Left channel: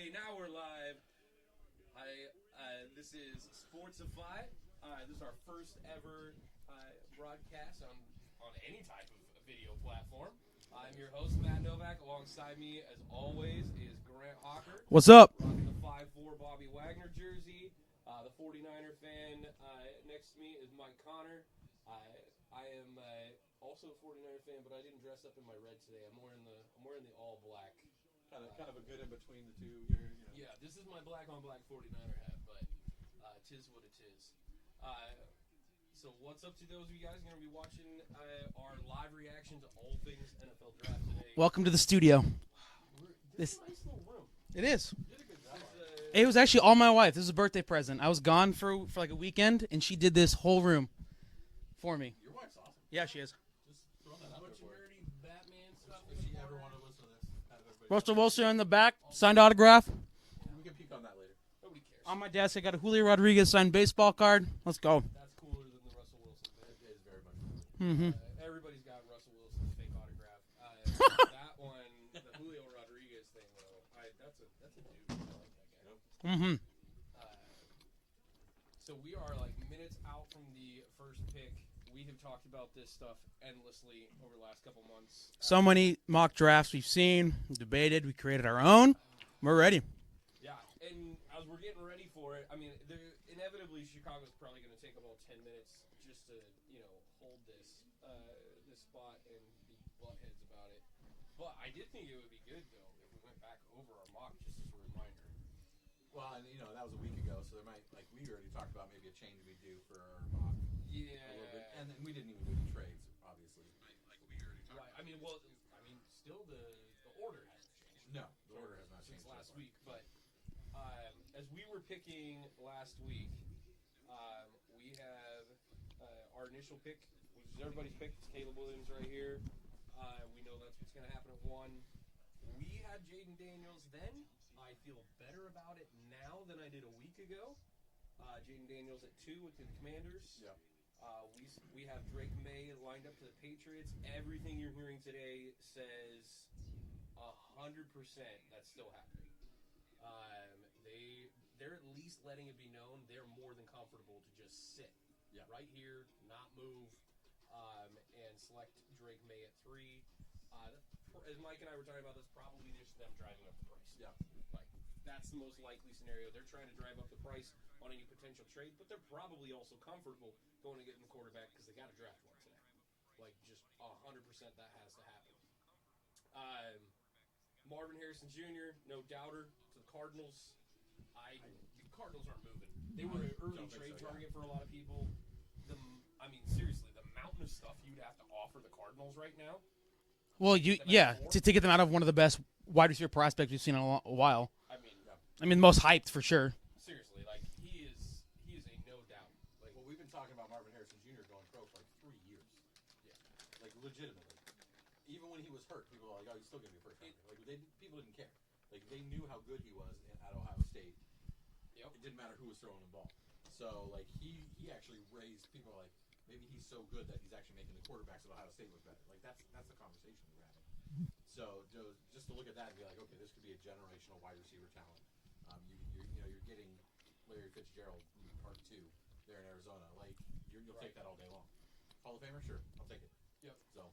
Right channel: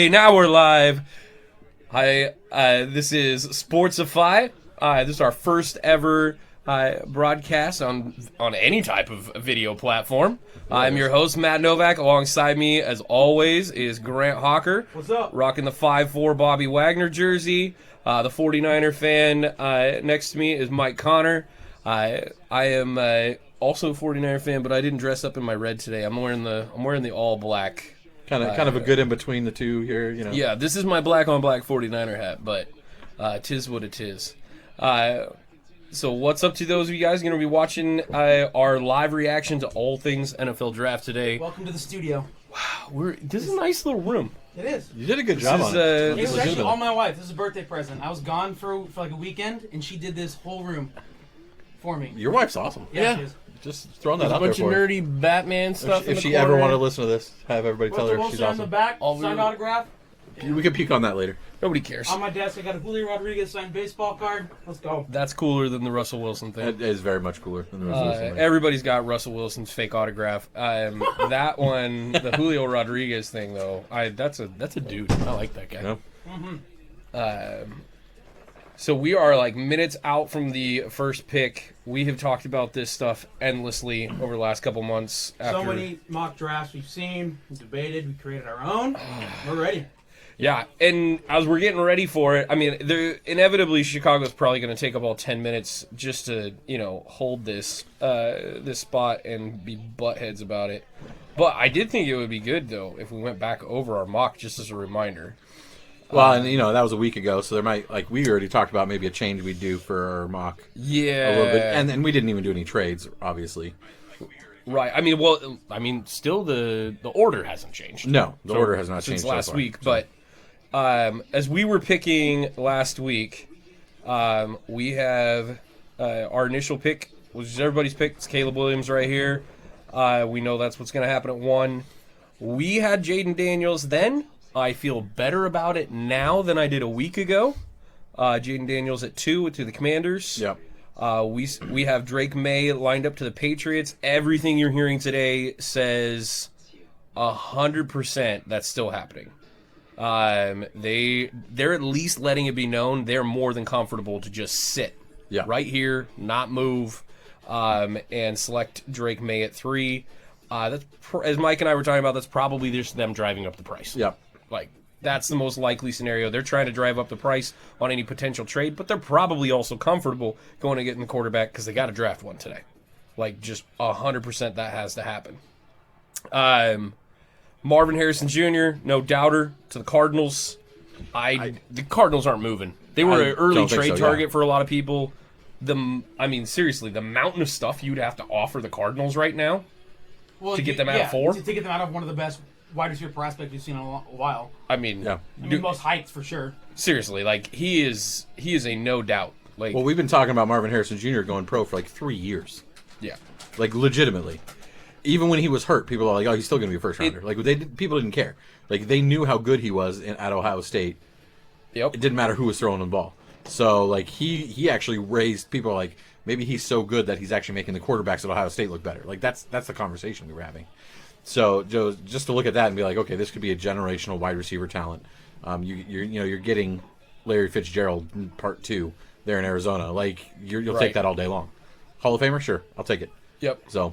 Okay, now we're live. Hi, this is Sportsify. This is our first ever broadcast on any type of video platform. I'm your host, Matt Novak. Alongside me, as always, is Grant Hawker. What's up? Rocking the 5'4" Bobby Wagner jersey. The 49er fan next to me is Mike Connor. I am also a 49er fan, but I didn't dress up in my red today. I'm wearing the all black. Kind of a good in between the two here, you know. Yeah, this is my black on black 49er hat, but tis what it is. So what's up to those of you guys going to be watching our live reaction to all things NFL draft today? Welcome to the studio. Wow, this is a nice little room. It is. You did a good job on it. It was actually all my wife. This is a birthday present. I was gone for like a weekend, and she did this whole room for me. Your wife's awesome. Yeah. She is. Just throwing that There's a out there bunch of for her. nerdy Batman stuff in If the she corner. ever wanted to listen to this, have everybody tell Russell her she's Wilson on awesome. the back, All signed we- autograph. We can peek on that later. Nobody cares. On my desk, I got a Julio Rodriguez signed baseball card. Let's go. That's cooler than the Russell Wilson thing. It is very much cooler than the Russell Wilson thing. Everybody's got Russell Wilson's fake autograph. That one, the Julio Rodriguez thing, though, that's a dude. I like that guy. Yeah. So we are like minutes out from the first pick. We have talked about this stuff endlessly over the last couple months. So many mock drafts we've seen, we debated, we created our own. We're ready. Yeah, and as we're getting ready for it, I mean, inevitably Chicago's probably going to take up all 10 minutes just to, hold this spot and be buttheads about it. But I did think it would be good, though, if we went back over our mock just as a reminder. Well, and that was a week ago, so there might, we already talked about maybe a change we'd do for our mock. Yeah. A little bit. And we didn't even do any trades, obviously. Right. Still the order hasn't changed. No, the order has not since changed last so far. week. But as we were picking last week, we have our initial pick, which is everybody's pick. It's Caleb Williams right here. We know that's what's going to happen at 1. We had Jaden Daniels then. I feel better about it now than I did a week ago. Jaden Daniels at 2 to the Commanders. Yep. We have Drake May lined up to the Patriots. Everything you're hearing today says 100% that's still happening. They're at least letting it be known they're more than comfortable to just sit right here, not move, and select Drake May at 3. That's as Mike and I were talking about. That's probably just them driving up the price. Yep. That's the most likely scenario. They're trying to drive up the price on any potential trade, but they're probably also comfortable going to getting the quarterback because they got to draft one today. Just 100% that has to happen. Marvin Harrison Jr., no doubter, to the Cardinals. The Cardinals aren't moving. They were an early trade target for a lot of people. Seriously, the mountain of stuff you'd have to offer the Cardinals right now to get them out of 4. To get them out of one of the best wide receiver prospects we've seen in a while. Most hyped for sure. Seriously, he is a no doubt. Well, we've been talking about Marvin Harrison Jr. going pro for 3 years. Yeah. Legitimately. Even when he was hurt, people are like, "Oh, he's still going to be a first rounder." People didn't care. They knew how good he was at Ohio State. Yep. It didn't matter who was throwing the ball. So he actually raised people maybe he's so good that he's actually making the quarterbacks at Ohio State look better. That's the conversation we were having. So Joe, just to look at that and be like, okay, this could be a generational wide receiver talent. You're getting Larry Fitzgerald part 2 there in Arizona. You'll take that all day long. Hall of Famer, sure, I'll take it. Yep. So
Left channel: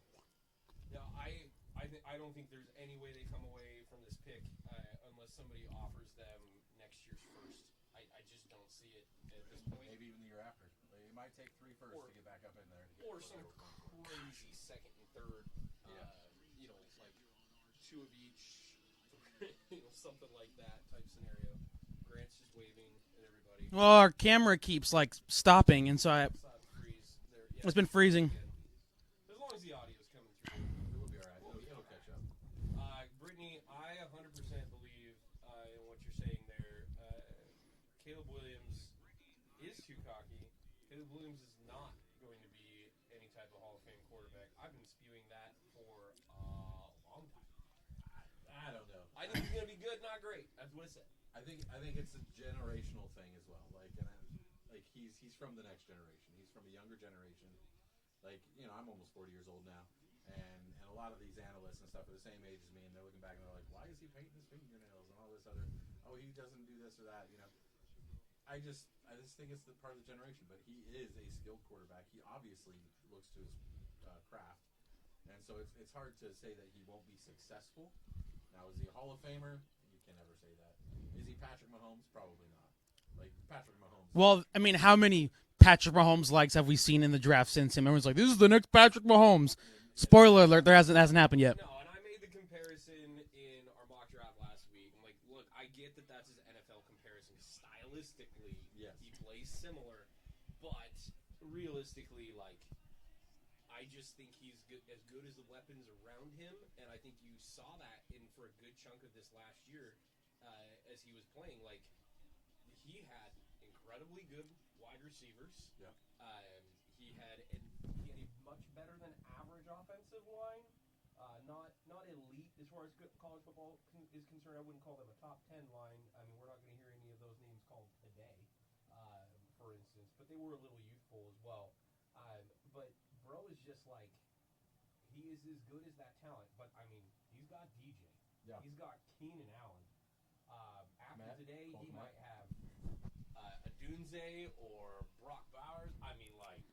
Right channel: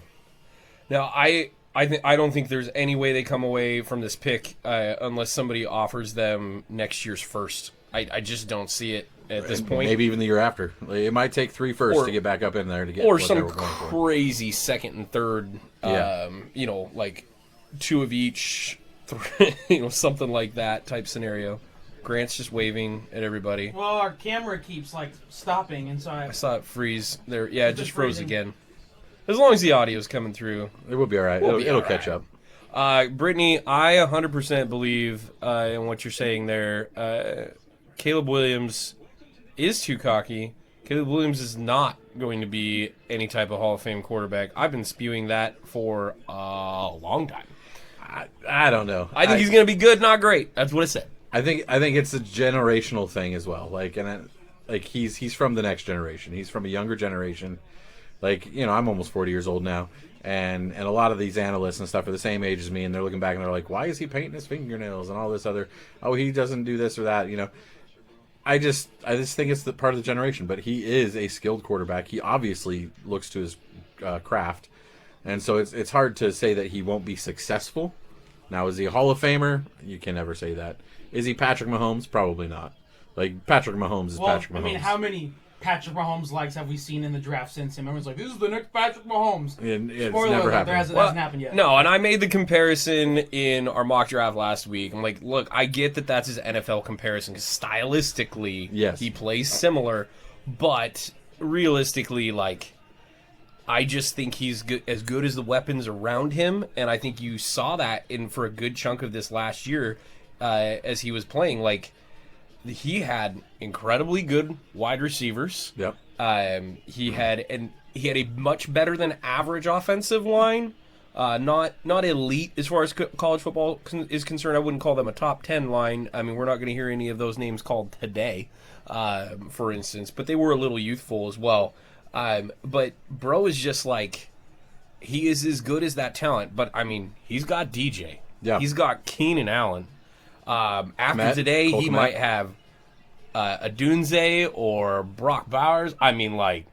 now I don't think there's any way they come away from this pick unless somebody offers them next year's first. I just don't see it at this point. Maybe even the year after. It might take 3 firsts to get back up in there to get. Or what some they were going for. crazy second and third. 2 of each. Something like that type scenario. Grant's just waving at everybody. Well, our camera keeps stopping, and so I saw it freeze there. Yeah, it just froze freezing. again. As long as the audio's coming through. It will be all right. It'll catch up. Brittany, I 100% believe in what you're saying there. Caleb Williams is too cocky. Caleb Williams is not going to be any type of Hall of Fame quarterback. I've been spewing that for a long time. I don't know. I think he's going to be good, not great. That's what it said. I think it's a generational thing as well. He's from the next generation. He's from a younger generation. I'm almost 40 years old now, And a lot of these analysts and stuff are the same age as me, and they're looking back and they're like, why is he painting his fingernails and all this other, oh, he doesn't do this or that, you know. I just think it's the part of the generation, but he is a skilled quarterback. He obviously looks to his craft, and so it's hard to say that he won't be successful. Now, is he a Hall of Famer? You can never say that. Is he Patrick Mahomes? Probably not. Like, Patrick Mahomes is Patrick Mahomes. I mean, how many Patrick Mahomes likes have we seen in the draft since him? Everyone's like, this is the next Patrick Mahomes. Spoiler alert, that hasn't happened yet. No, and I made the comparison in our mock draft last week. I'm like, look, I get that that's his NFL comparison because stylistically, yes, he plays similar, but realistically, like, I just think he's as good as the weapons around him, and I think you saw that for a good chunk of this last year as he was playing. Like, he had incredibly good wide receivers. Yep. He had a much better than average offensive line. Not elite as far as college football is concerned. I wouldn't call them a top 10 line. I mean, we're not going to hear any of those names called today, for instance. But they were a little youthful as well. But bro is just like, he is as good as that talent. But I mean, he's got DJ. Yeah. He's got Keenan Allen. After today, he might have a Dunze or Brock Bowers. I mean, like,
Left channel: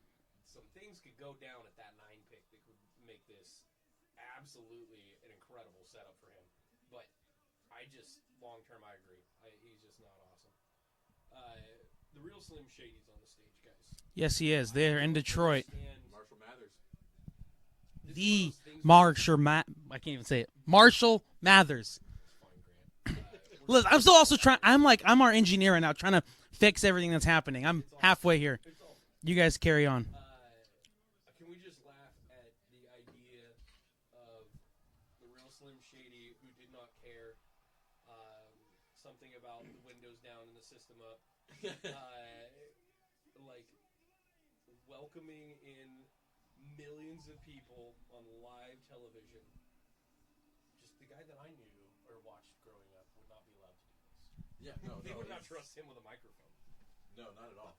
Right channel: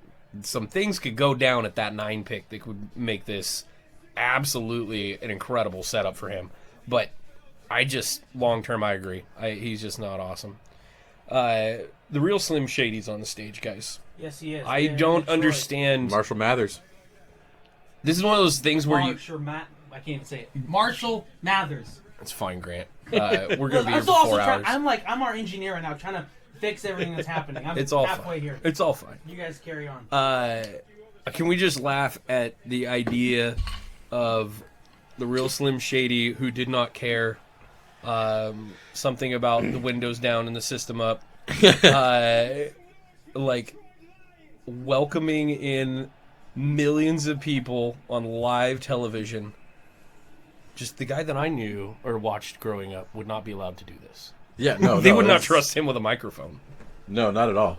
some things could go down at that 9 pick that could make this absolutely an incredible setup for him. But long term, I agree. He's just not awesome. The real Slim Shady's on the stage, guys. Yes, he is. I don't understand. Marshall Mathers. This is one of those things where I can't even say it. Marshall Mathers. It's fine, Grant. We're gonna be I'm still also trying. I'm our engineer right now, trying to fix everything that's happening. I'm It's all halfway fine. here. It's all fine. You guys carry on. Can we just laugh at the idea of the real Slim Shady who did not care? Something about the windows down and the system up. Like welcoming in millions of people on live television. Just the guy that I knew or watched growing up would not be allowed to do this. Yeah, no, they would not trust him with a microphone. No, not at all.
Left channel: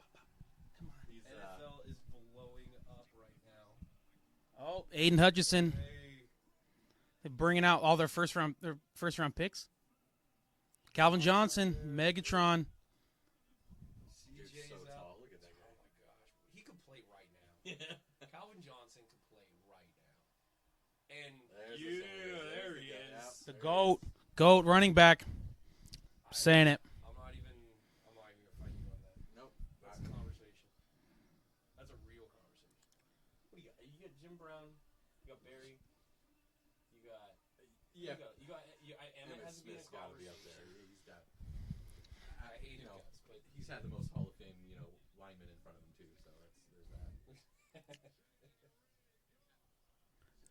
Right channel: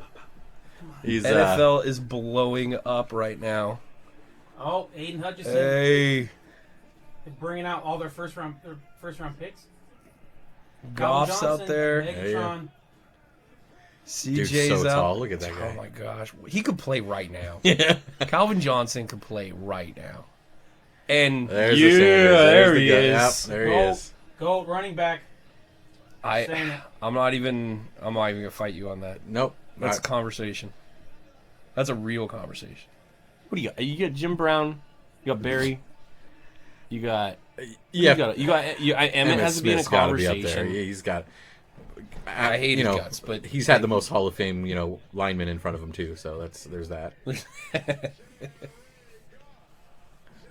He's NFL is blowing up right now. Oh, Aiden Hutchinson. Hey, bringing out all their first round picks. Goff's Calvin Johnson, out there. Megatron. CJ's Dude's so out. tall. Look at that guy. Oh my gosh, he could play right now. Yeah. Calvin Johnson could play right now. And There's yeah, the Sanders. there he guy. is. Yep, there he is. Goat running back. Saying it. I'm not even gonna fight you on that. Nope. That's a conversation. That's a real conversation. What do you got? You got Jim Brown. You got Barry. You got Emmett has to be in a Smith's gotta be up conversation. there. He's got. I hate his guts, but he's had the most Hall of Fame, linemen in front of him too. So there's that.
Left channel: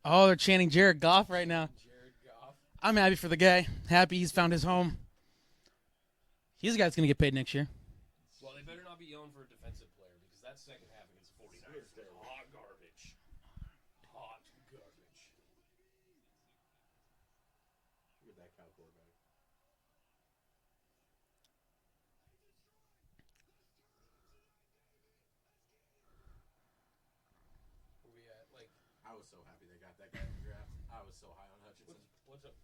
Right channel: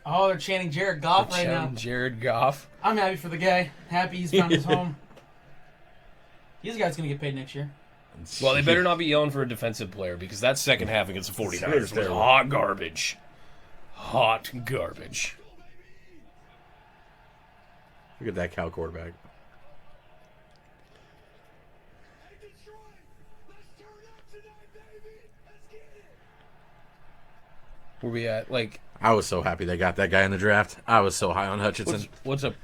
Oh, they're chanting Jared Goff right now. Jared Goff. I'm happy for the guy. Happy he's found his home. He's a guy that's going to get paid next year. Well, they better not be yelling for a defensive player because that second half against the 49ers was hot garbage. Hot garbage. Look at that Cal quarterback. Where we at? Like, I was so happy they got that guy in the draft. I was so high on Hutchinson. what's a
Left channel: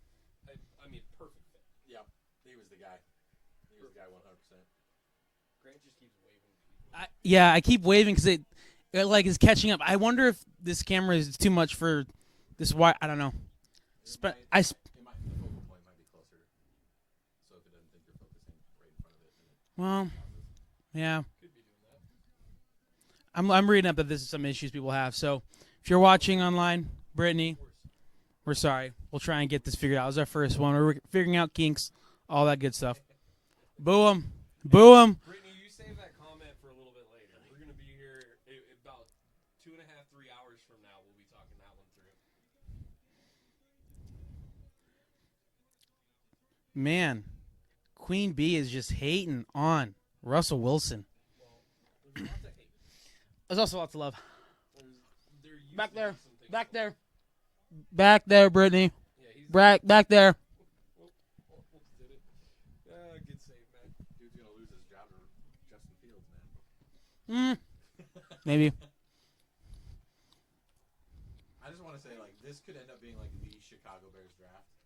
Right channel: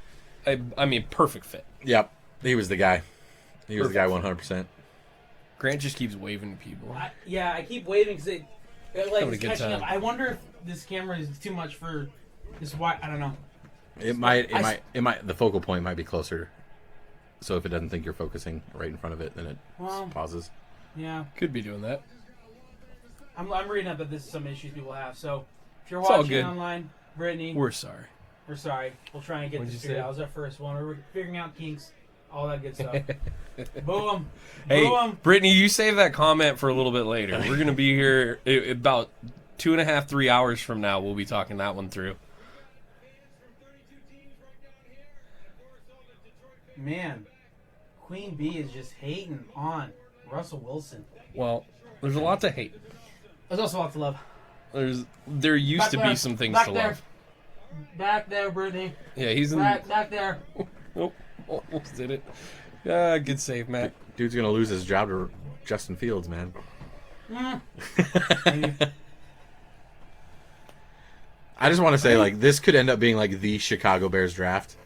perfect fit. Yep, he was the guy. He was the guy 100%. Grant just keeps waving to people. I keep waving because it is good catching time. up. I wonder if this camera is too much for this. Why I don't know. It might. The focal point might be closer. So if it doesn't think you're focusing right in front of it, then it pauses. Yeah, Could be doing that. I'm reading up that this is some issues people have. So if you're It's all watching good. online, Brittany, We're sorry. we're sorry. We'll try and get What'd this you figured say? out. It was our first one. We're figuring out kinks, all that good stuff. Boo 'em. Hey, Boo 'em. Brittany, you save that comment for a little bit later. We're gonna be here about 2.5, 3 hours from now. We'll be talking that one through. Man, Queen Bee is just hating on Russell Wilson. Well, there's a lot to hate. There's also lots of love. There used Back to there. be some things Back to there. love. Back there, Brittany. Yeah, he's Back there. Oh, almost did it. Yeah, good save, Matt. Dude's gonna lose his job to Justin Fields, man. Maybe. I just want to say, like, this could end up being like the Chicago Bears draft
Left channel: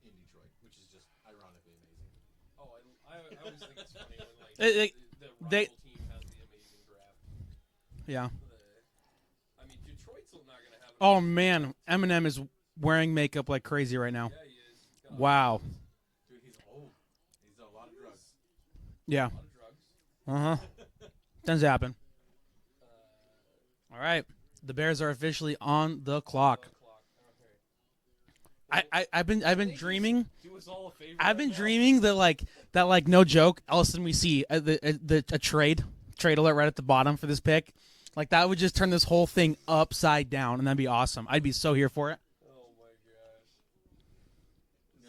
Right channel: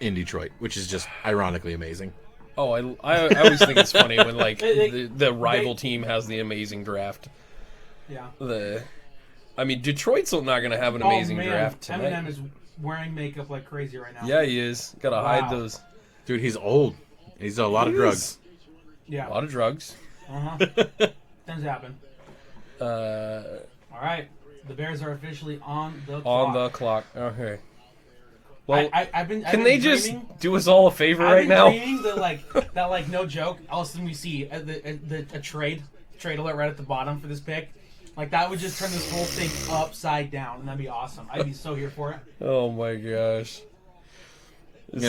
in Detroit, which is just ironically amazing. Oh, I always think it's funny when like the rival team has the amazing draft. Yeah. I mean, Detroit's not going to have an amazing draft tonight. Eminem is wearing makeup like crazy right now. Yeah, he is. Gotta hide those. Dude, he's old. He's a lot of drugs. Yeah. A lot of drugs. Does happen. All right. The Bears are officially on the clock. On the clock. Okay. Well, I've been can they dreaming, just do us all a favor right now? I've been dreaming that no joke. All of a sudden we see a trade alert right at the bottom for this pick. Like that would just turn this whole thing upside down, and that'd be awesome. I'd be so here for it. Oh my gosh. We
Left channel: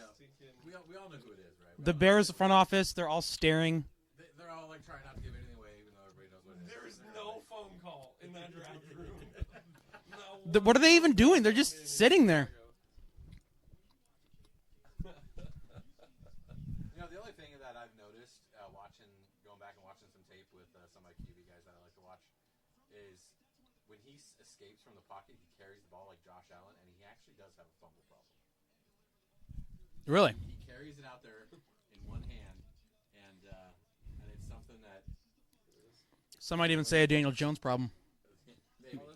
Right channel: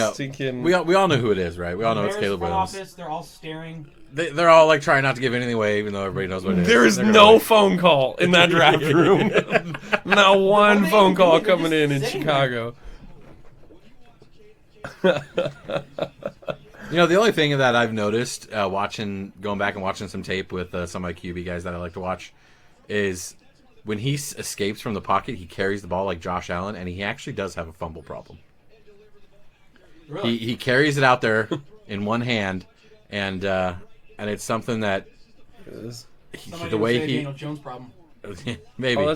all know who it is, right? We all know it's Caleb front Williams. office, they're all staring. They're all like trying not to give anything away, even though everybody knows what it is. There is no phone call in that draft room. Not one phone call coming in Chicago. You know, the only thing that I've noticed going back and watching some tape with some of my QB guys that I like to watch is when he escapes from the pocket, he carries the ball like Josh Allen, and he actually does have a fumble problem. Really? He carries it out there in one hand, and it's something that somebody would say a Daniel Jones problem. Maybe. Oh,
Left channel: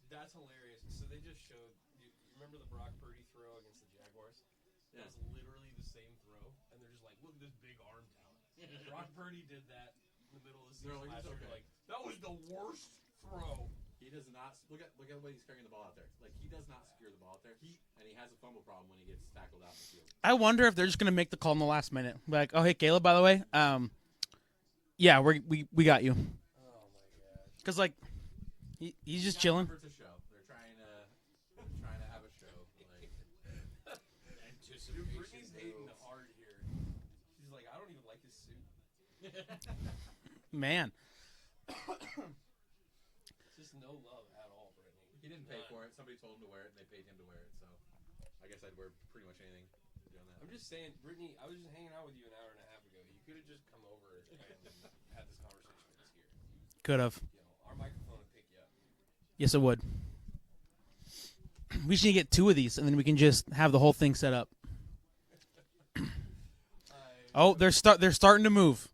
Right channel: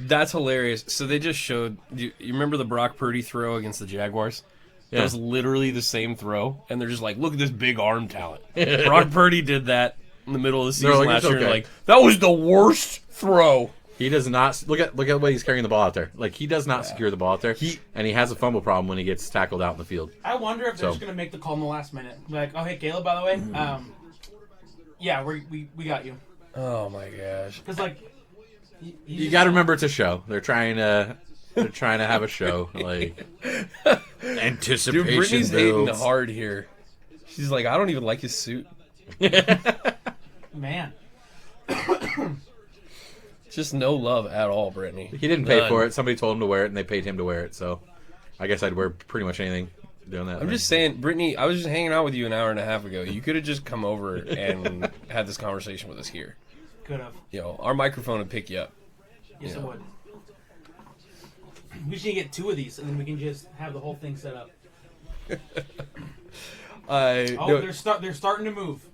that's hilarious. So they just showed you remember the Brock Purdy throw against the Jaguars? Yeah. That was literally the same throw, and they're just like, look at this big arm talent. Brock Purdy did that in the middle of the season last year. Like, that was the worst throw. He does not look at the way he's carrying the ball out there. Like, he does not secure the ball out there. And he has a fumble problem when he gets tackled out in the field. I wonder if they're just gonna make the call in the last minute. Like, oh hey Caleb, by the way, yeah, we got you. Oh my gosh. Because like, you got to remember it's a show. They're trying to have a show. Like, anticipation. Dude, Brittany's builds. hating hard here. She's like, I don't even like his suit. Man. Just no love at all, Brittany. He didn't pay for it. Somebody told him to wear it, and they paid him to wear it. So, I guess I'd wear pretty much anything doing that. I'm just saying, Brittany, I was just hanging out with you an hour and a half ago. You could have just come over and had this conversation with us here. Could have. You know, our microphone would pick you up. Yes, it would. We should get 2 of these, and then we can just have the whole thing set up. They're starting to move.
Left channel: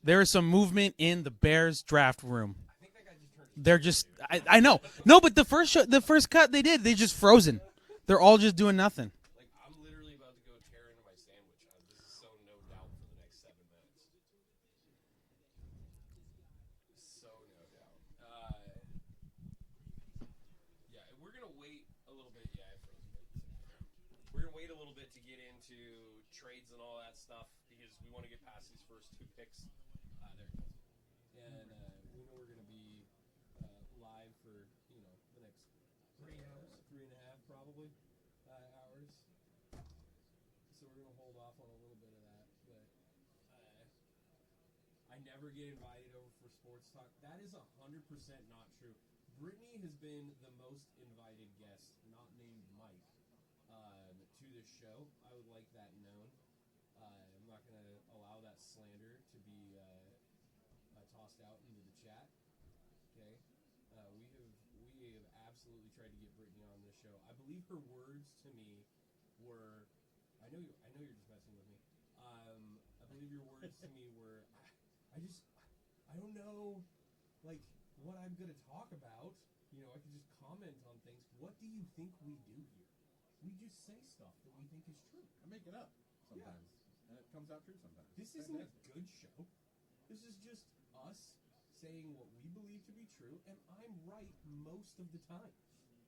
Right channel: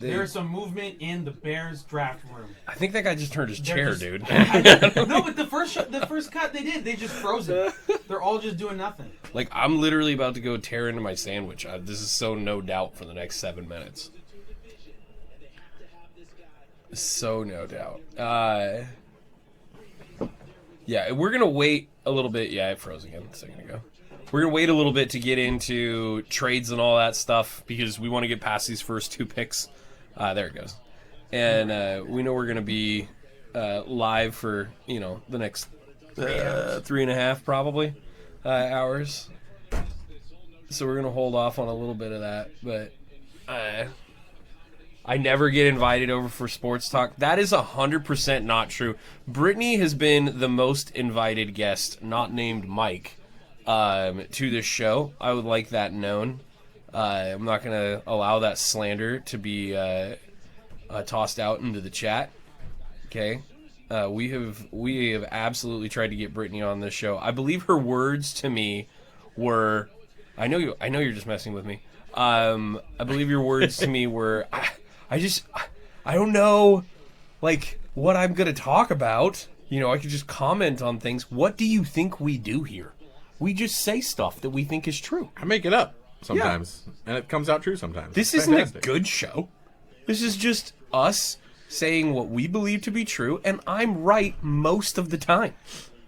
There's some movement in the Bears draft room. I think that guy just turned his chair, dude. I know. No, but the first cut they did, they just frozen. They're all just doing nothing. Like, I'm literally about to go tear into my sandwich. This is so no doubt for the next 7 minutes. So no doubt. Yeah, we're going to wait a little bit. Yeah, it froze again a second ago. We're going to wait a little bit to get into trades and all that stuff because we want to get past these first 2 picks. There it goes. And we know we're going to be live for, the next 3.5 probably hours. So we're going to hold off on a little bit of that. But I never get invited over for sports talk. That is 100% not true. Brittany has been the most invited guest, not named Mike, to this show. I would like that known. I'm not going to allow that slander to be tossed out into the chat. Okay? We have absolutely tried to get Brittany on this show. I believe her words to me were, I know you're just messing with me. I believe your words to me were, I don't know, like, what I'm going to talk about. I could just comment on things. What do you think we do here? We just say stuff that we think is true. I make it up sometimes, and it comes out true sometimes. This isn't a good show. This is just us saying what we believe to be true, and I'm right most of the time.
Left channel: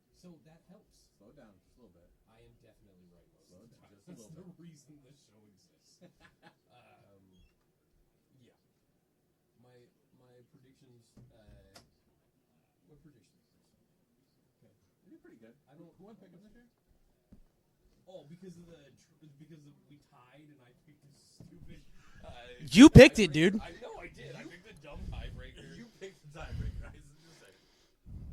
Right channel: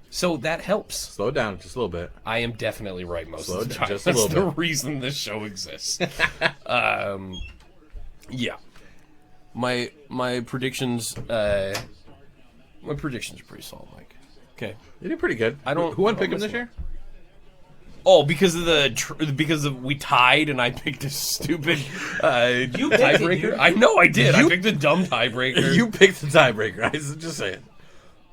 So that helps. Slow it down just a little bit. I am definitely right most of the time. Just a That's little the reason this show exists. Yeah. My predictions are pretty solid, Mike. Okay. You did pretty good. Who won pick him this year? Oh, because of we tied and I picked a stupid you picked tiebreaker. It, dude. I know I did. I picked a dumb tiebreaker. You picked the tiebreaker. I was just saying.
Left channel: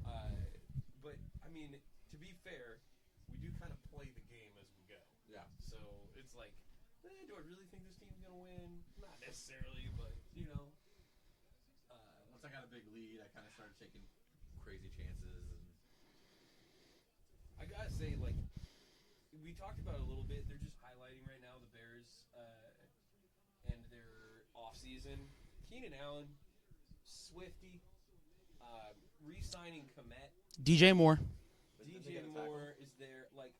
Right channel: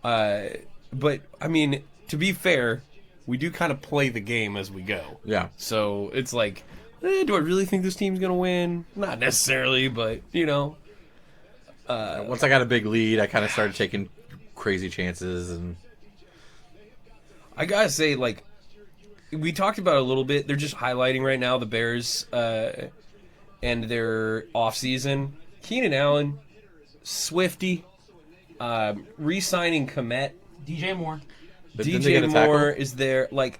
But I mean, to be fair, we do kind of play the game as we go. Yeah. So it's like, do I really think this team's gonna win? Not necessarily, but once I got a big lead, I kind of started taking crazy chances, and I gotta say, like, we talked about it a little bit. They're just highlighting right now the Bears and their offseason. Keenan Allen, Swifty, re-signing Komet. DJ Moore. But didn't they get DJ a tackle? Moore is there. Like,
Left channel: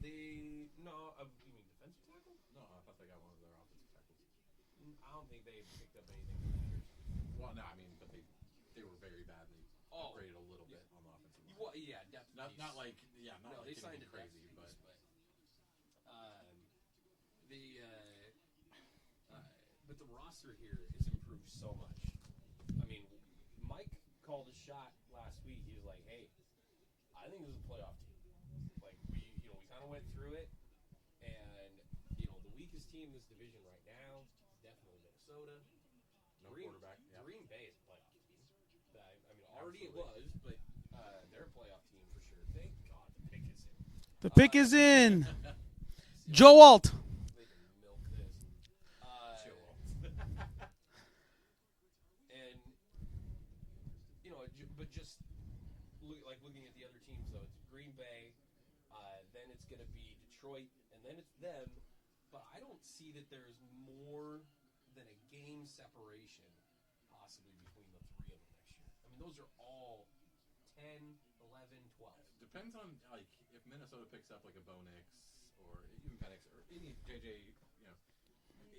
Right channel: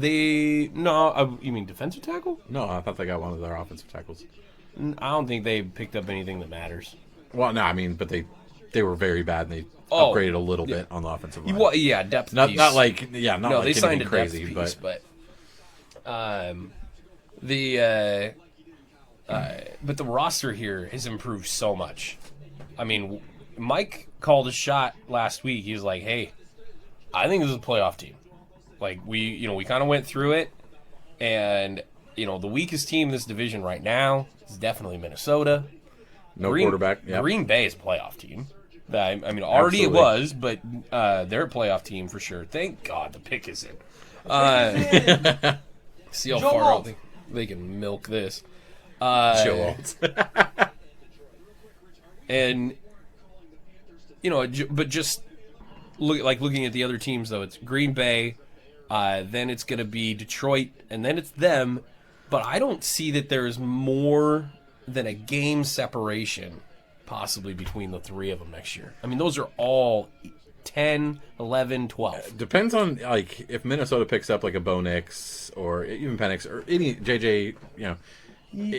you mean defensive tackle? No, I thought they got one of their offensive tackles. I don't think they picked up anything that matters. Well, no, I mean, but they were very bad, and they upgraded a little bit on the offensive line. Well, yeah, depth Not piece. not like yeah, not no, like they signed anything a crazy, depth piece, but but the roster here has improved so much. I mean, Mike called a shot last week. He was like, "Hey, I think this is a playoff team." Like we kind of went through it, and the weakest team in this division right now is definitely Minnesota. no quarterback. Yeah, Green Bay is a playoff team. I mean, already Absolutely. it was, but they're a playoff team for sure. Thank God the pick is in. Pick is in. See how Joe far Alt. they can milk this. Joe Alt. And but just looking at the other teams though, it's Green Bay, then it's going to be Detroit, and then it's them. But I don't see that there's more than a game separation possibly between the three of them next year. I mean, those are all 10, 11, 12. Depends on like if Minnesota picks up like a Bo Nix or even Penix or any JJ,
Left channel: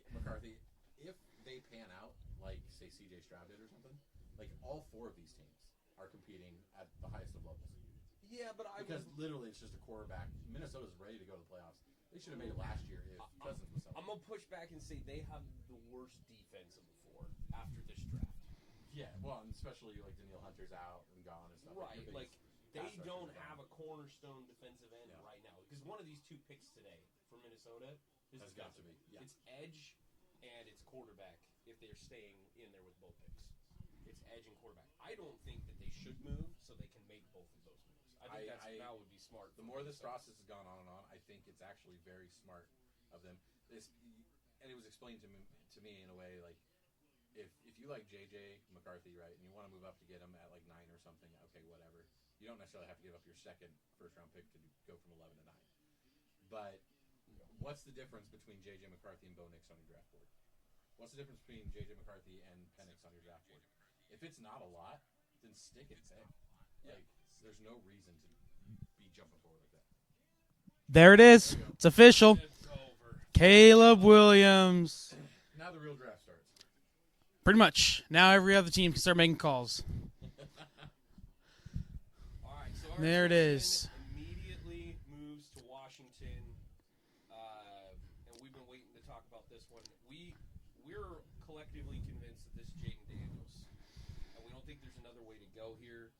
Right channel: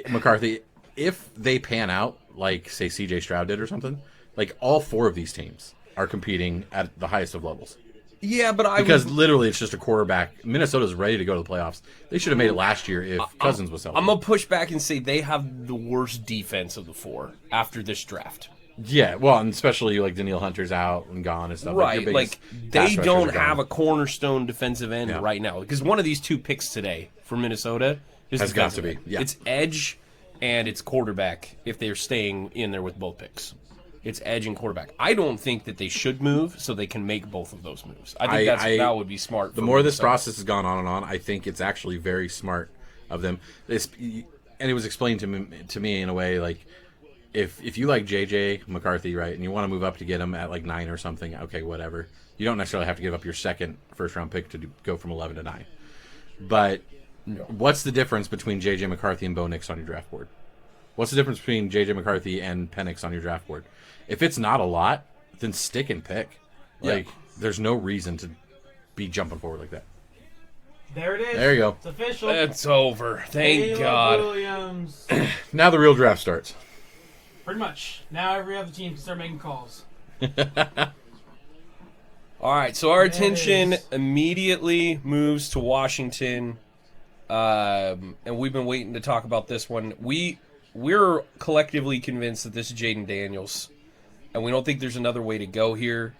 McCarthy. If they pan out like say CJ Stroud did or something, like all four of these teams are competing at the highest of levels. Yeah, but Because literally it's just a quarterback. Minnesota's ready to go to the playoffs. They should have made it last year if Cousins was healthy. I'm going to push back and say they have the worst defense of the four after this draft. Yeah, well, and especially like Daniil Hunter's out and gone and stuff. Right, your like biggest they pass rushers don't are gone. have a cornerstone defensive end Yeah. right now. Because one of these two picks today for Minnesota is Has got to defensive be, end. yeah. It's edge and it's quarterback if they're staying in there with both picks. It's edge and quarterback. I don't think that they should move so they can make both of those moves. I think that would be smart. The for more this Minnesota. process has gone on and on, I think it's actually very smart of them. And it was explained to me in a way like if you like JJ McCarthy, right, and you want to move up to get him at like 9 or something, okay, whatever. You don't necessarily have to give up your second first-round pick to go from 11 to 9. But what's the difference between JJ McCarthy and Bo Nix on your draft board? What's the difference between JJ McCarthy and Penix on your draft board? If it's not a lot, then stick and pick. Like, there's no reason to be jumping forward like that. There it is. There you go. It's official. It's over. Thank Caleb God. Williams. Now the real draft starts. Pretty much. Now every other team can start making calls. All right, so our There it attention is. immediately moves to Washington, and we've been waiting to talk about this one. We're collectively convinced that this is Jaden Daniels, and we don't think there's another way to go here.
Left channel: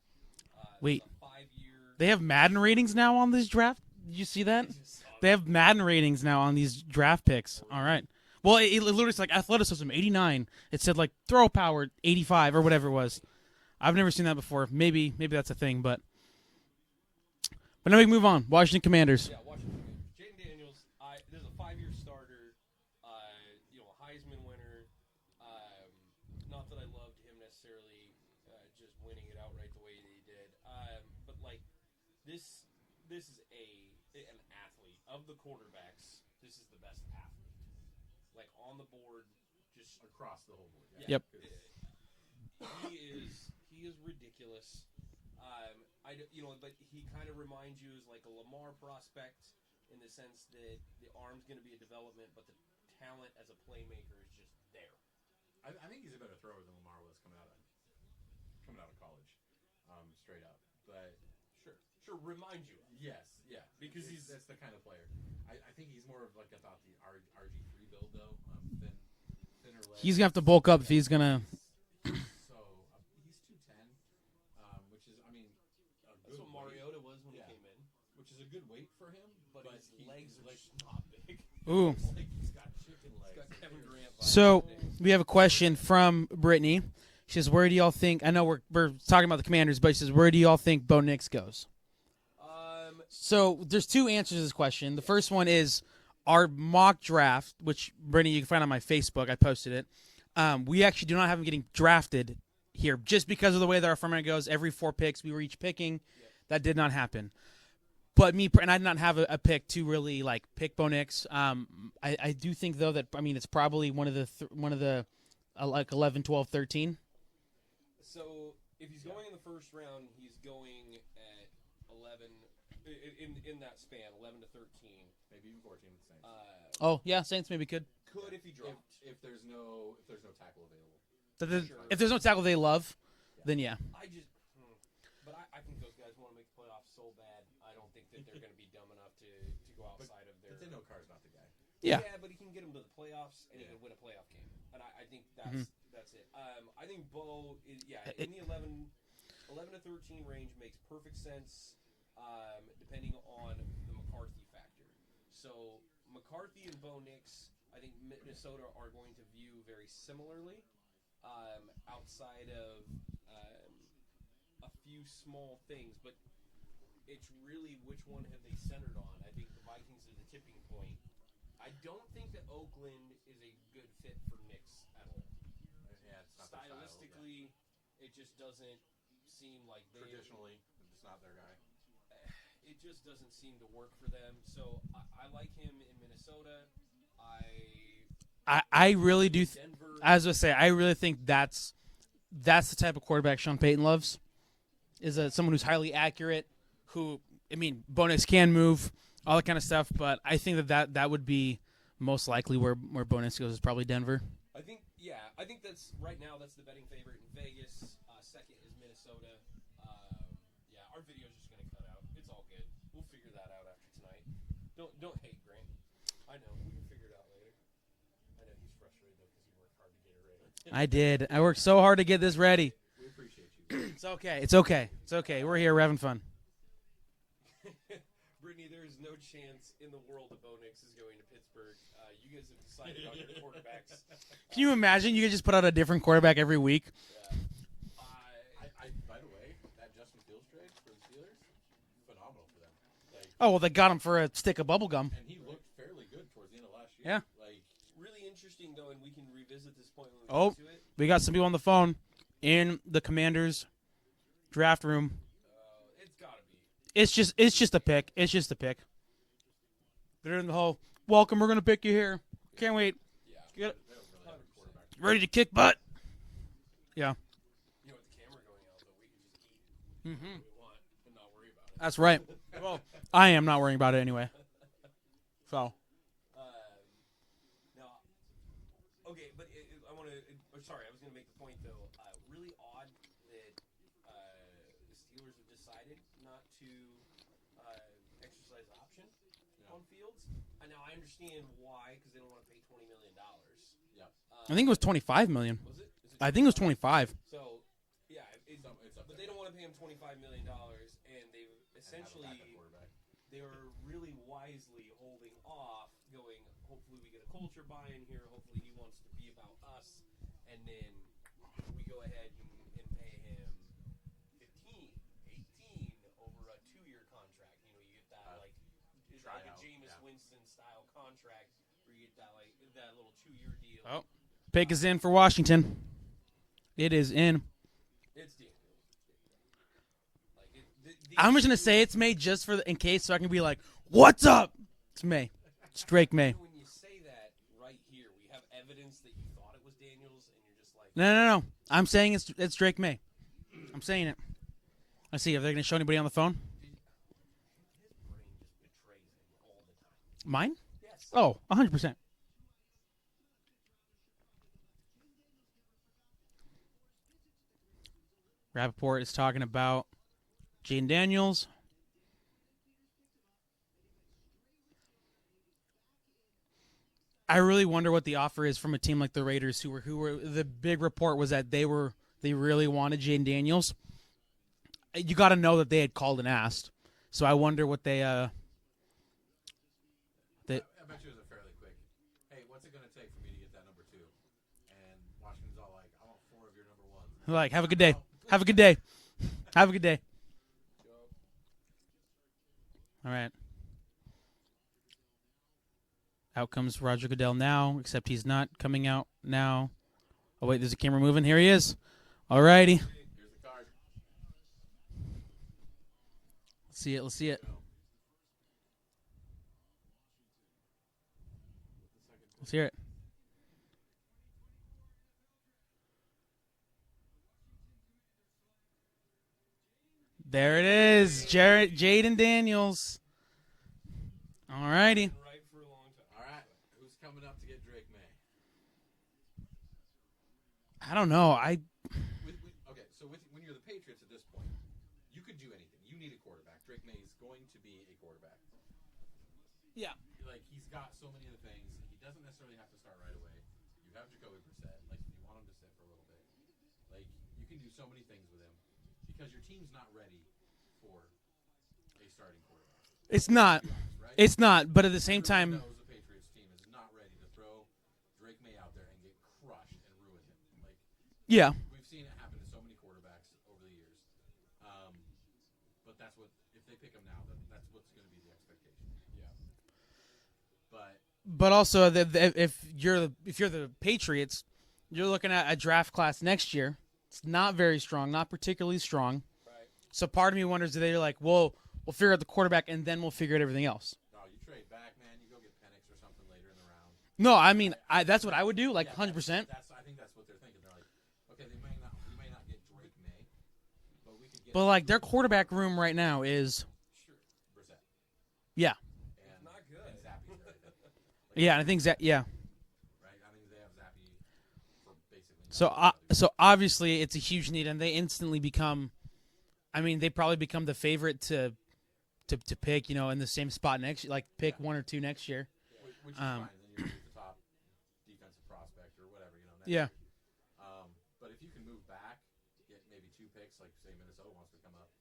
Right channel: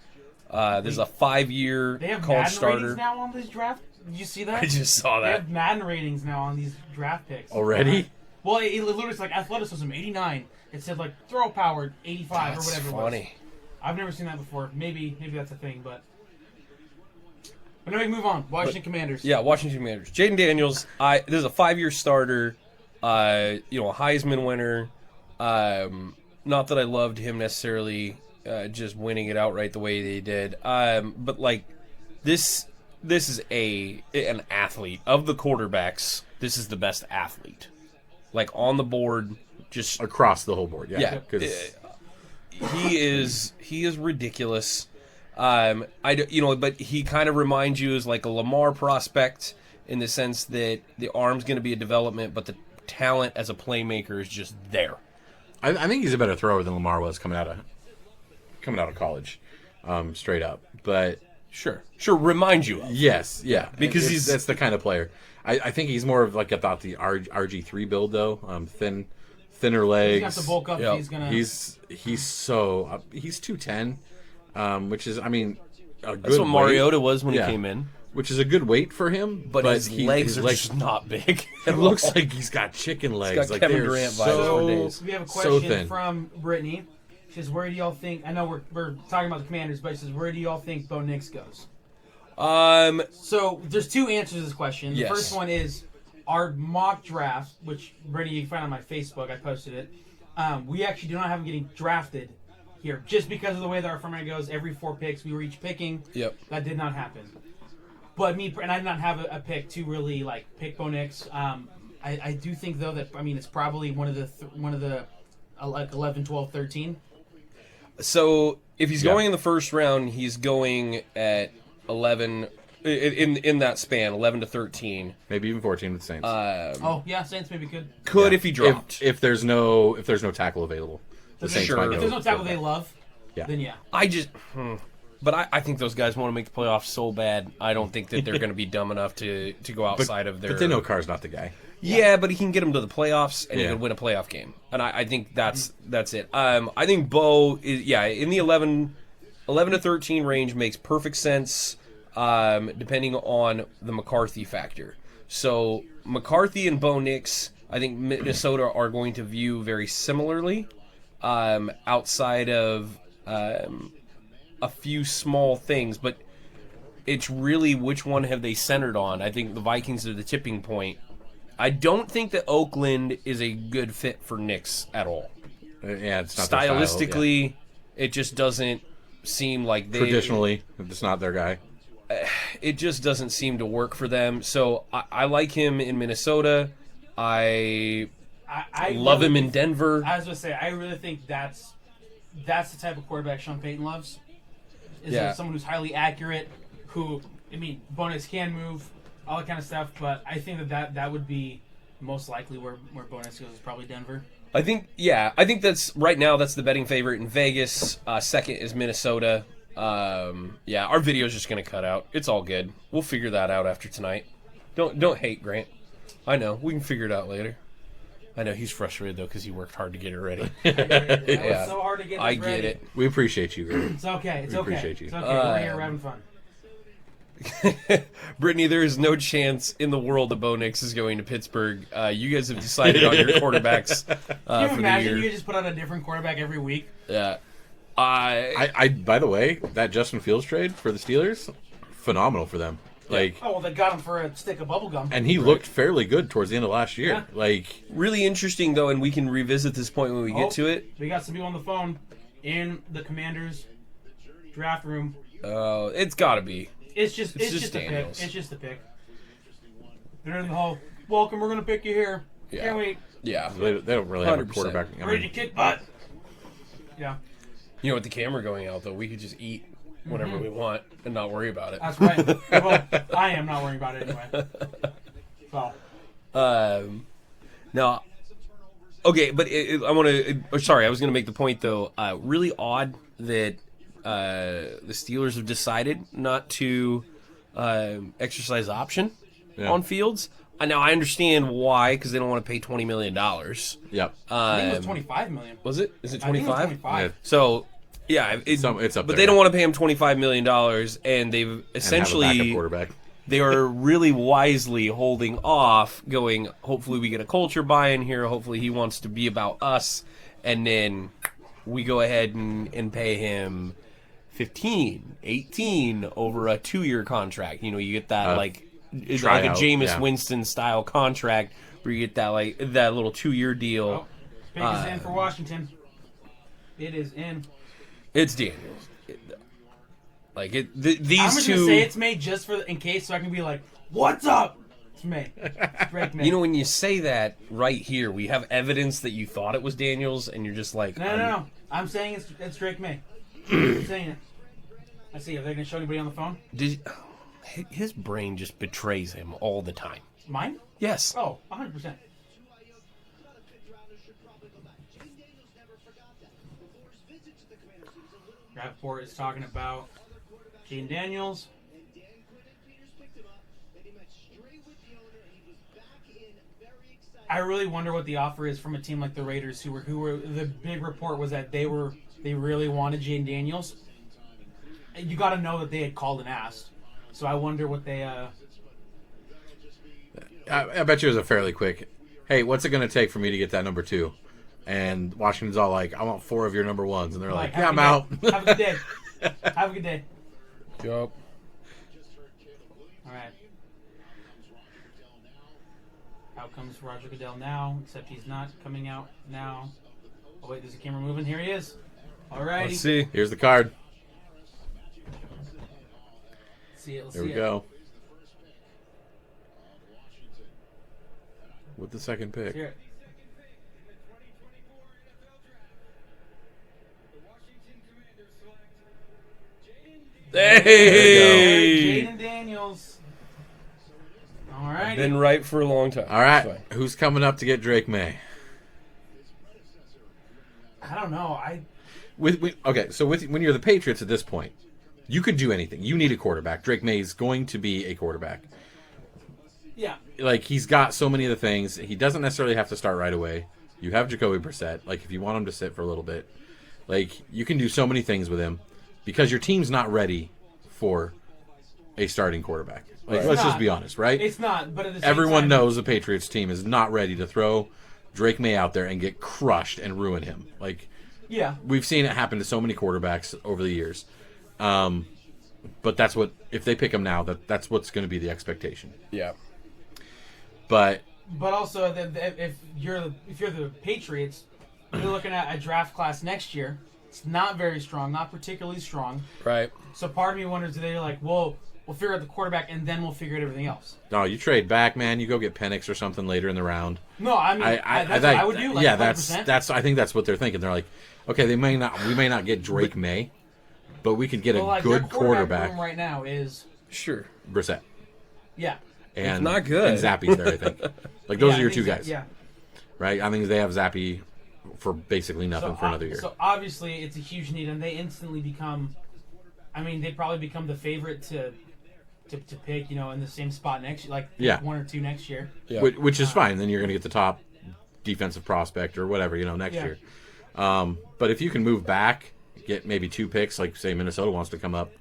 There's a 5-year. They have college Madden starter. ratings now on this draft. Did you see that? I just saw They that. have Madden ratings now on these draft picks. Already? Alright. Well, it literally is like athleticism 89. It said like throw power 85 or That's whatever it was. funny. I've never seen that before. Maybe that's a thing, but now we can move on. Washington Commanders. Yeah, Washington Commanders. Jaden Daniels. This is a 5-year starter. A Heisman winner. Not that I loved him necessarily, just winning it outright the way they did. But like this is an athlete of the quarterbacks. This is the best athlete, like on the board. Just Across the whole board, yeah. Yeah. 'Cause he is ridiculous. But he kind of reminds you as like a Lamar prospect in the sense that the arm's going to be a development, but the talent as a playmaker is just there. I think he's a better thrower than Lamar was coming out of college, straight up. But Sure, remind you of. yes, yeah, Because that's the kind of player. I think he's more of like I thought the RG3 build though, thinner legs. He's gonna have to bulk up Yeah. if he's gonna. He's 210, which is a good. That's what weight. Mariota was when Yeah. he came in, Which is a good weight for him, but his legs are just not big. It looks like he's got chicken legs. got like Kevin they're Durant vibes. So nowadays. we have a question thin. from Brittany. She says, "Where do y'all think?" I know we're talking about the Commanders, but she says, "Where do y'all think Bo Nix goes?" So there's two answers to this question. Yes. The first one is our mock draft, which Brittany you can find on my Facebook. I posted it. We actually do not have him getting drafted here, just because of the way that our format goes. Every 4 picks we were each picking. Yep. That did not happen. But and I did not have a pick to really like pick Bo Nix. I do think though that it's probably one of the like 11, 12, 13. So if he's going in the first round, he's going at 11 in that span, 11 to 13. Maybe even 14 with the Saints. Saints maybe could. If he dropped. If there's no tackle available. The Saints might if there's no tackle they love, then yeah. But I think those guys want to make the playoffs so bad. I don't think that they're going to be dumb enough to go outside of their. But they know Carr's not the guy. Yeah, but he can get them to the playoffs and he can win a playoff game, and I think that's it. I think Bo is in the 11 to 13 range makes perfect sense, depending on the McCarthy factor. So McCarthy and Bo Nix, I think Minnesota are going to view very similarly, outside of a few small things, but it's really which one have they centered on. I think the Vikings are the tipping point. I don't think that Oakland is a good fit for Knicks at all. Yeah, it's not stylistically. Their style, it just doesn't seem like they. Traditionally, it's not their guy. It just doesn't seem to work for them. So I like him in Minnesota. I love him in Denver. I was gonna say I really think that's the type of quarterback Sean Payton loves. Someone who's highly accurate. Who Bo Nix can move. All that kind of stuff, but I think that would be most likely where Bo Nix goes is probably Denver. I think that's right now. That's the betting favorite in Vegas. Second is Minnesota. Our video's just gonna cut out. It's all good. We'll figure that out after tonight. Don't hate Grant. I know we can figure it out later. I know he's frustrated though because he worked hard to get it ready. I did. I worked so hard to get this ready. It. We appreciate you, Grant. It's okay. It's okay. We're here. We're having fun. Brittany, there is no chance in the world that Bo Nix is going to Pittsburgh. You guys have decided on your quarterbacks. Can you imagine you could just put out a different quarterback every week? Yeah. I by the way, that Justin Fields trade for the Steelers, phenomenal for them. They got him for a stick of bubble gum. And he looked fairly good towards the end of last year. Yeah. Really interesting though, and we can revisit this point when we get to it. We got some people on the phone in the Commanders draft room. It's got to be. It's just a pick. It's just a pick. They're in the hall. Welcome, we're gonna pick you here. Yeah. Can't wait. Yeah. They don't really have a 100%. quarterback. Ready to kick butt. Yeah. You know, with the camera going out though, we could just eat whatever we want and not worry about it. That's right. Well, I am not worrying about it anyway. So. No. Okay, but I want to. Sorry, I was going to make the point though. Really odd that the Steelers have decided not to exercise option on Fields. Now I understand why, because they don't want to pay $20 million. Yep. I think it was $25 million. Was it? Is it 25? I think it was 25. Yeah. So, yeah, it's up but there. they don't want to pay him $25 million, and they've essentially and have a backup quarterback. They are really wisely holding off, going, hopefully we get a culture buy-in here, hopefully he wants to be about us, and then we go ahead and pay him 15, 18 over a 2-year contract. You know, you get that it's like a Jameis Winston style contract where you get that little 2-year deal. Oh, pick is in for Washington. It is in. It's Daniels. These I'm just two. Gonna say it's May just in case, so I can be like, "What's up?" It's May. It's Drake May. You know, when you say that right here, we have evidence that you thought it was Daniels, and you're just like, No. I'm saying it's Drake May. I'm saying it. Let's see. Are they going to show anybody on the phone? His brain just betrays him all the time. Mine? Yes. Oh, 100%. Rappaport is talking about Jaden Daniels. I really wonder what the offer is from a team like the Raiders, who were the big report was that they really wanted Jaden Daniels. You got to know that they had called and asked. So I wonder what they. I bet you it was a fairly quick. Hey, what's it going to take for me to get that number 2? And Washington's all like, I want 4 of your number 1s, and they're like, yeah, I'm out. Have a good day. Have a good day. Yup. All right. Out comes Roger Goodell now, except he's not coming out now. Oh, wait, there's a camera moving. Here he is. All righty. Let's see. Here's the card. See it. Let's There see we it. go. the second pick. Let's hear it. Hey! Jaden Daniels. All righty. Been right for a long time. All right, It's fine. who's coming up to get Drake May? I don't know. When you're the Patriots at this point, you could do anything. You need a quarterback. Drake May is going to be a quarterback. Yeah. Like, he's got so many of the things. He doesn't necessarily have to start right away. You have Jacoby Brissett. Like, if you want him to sit for a little bit, like, you can do so many things with him because your team's not ready for a starting quarterback. Like, let's just be honest, right? It's not, but at the same time... Everyone knows the Patriots team is not ready to throw Drake May out there and get crushed and ruin him. Like, yeah, we've seen it happen to so many quarterbacks over the years. But that's what, if they pick him now, that's what's going to be the expectation. Yeah. But also, if you're the Patriots, you're looking at a draft class next year. It's not very strong, not particularly strong. Right. So part of me wonders, do they like, we'll figure out the quarterback and then we'll figure out everything else? no, you trade back, man. You go get Penix or something later in the round. No, I mean that's what I would do. Like, yeah, 100%. that's. I think that's what they're thinking. They're like, okay, we may not get Drake May, but we could get a good their quarterback quarterback. room right now is Sure. Brissett. yeah. And It's not good. And Zappy's there, I think. Like, those Yeah, are I your think two guys. Yeah. Right? I think they have Zappy for basically nothing for another year. So obviously it's a huge need, and they instantly become. I mean, they probably become the favorite to pick, in the same spot next year, like pick 1 or 2 next year. Yeah. Which is fine. Then you're going to get the top defensive prospect or whatever, next year. But if you can move back, get maybe 2 picks, like say Minnesota wants to come up,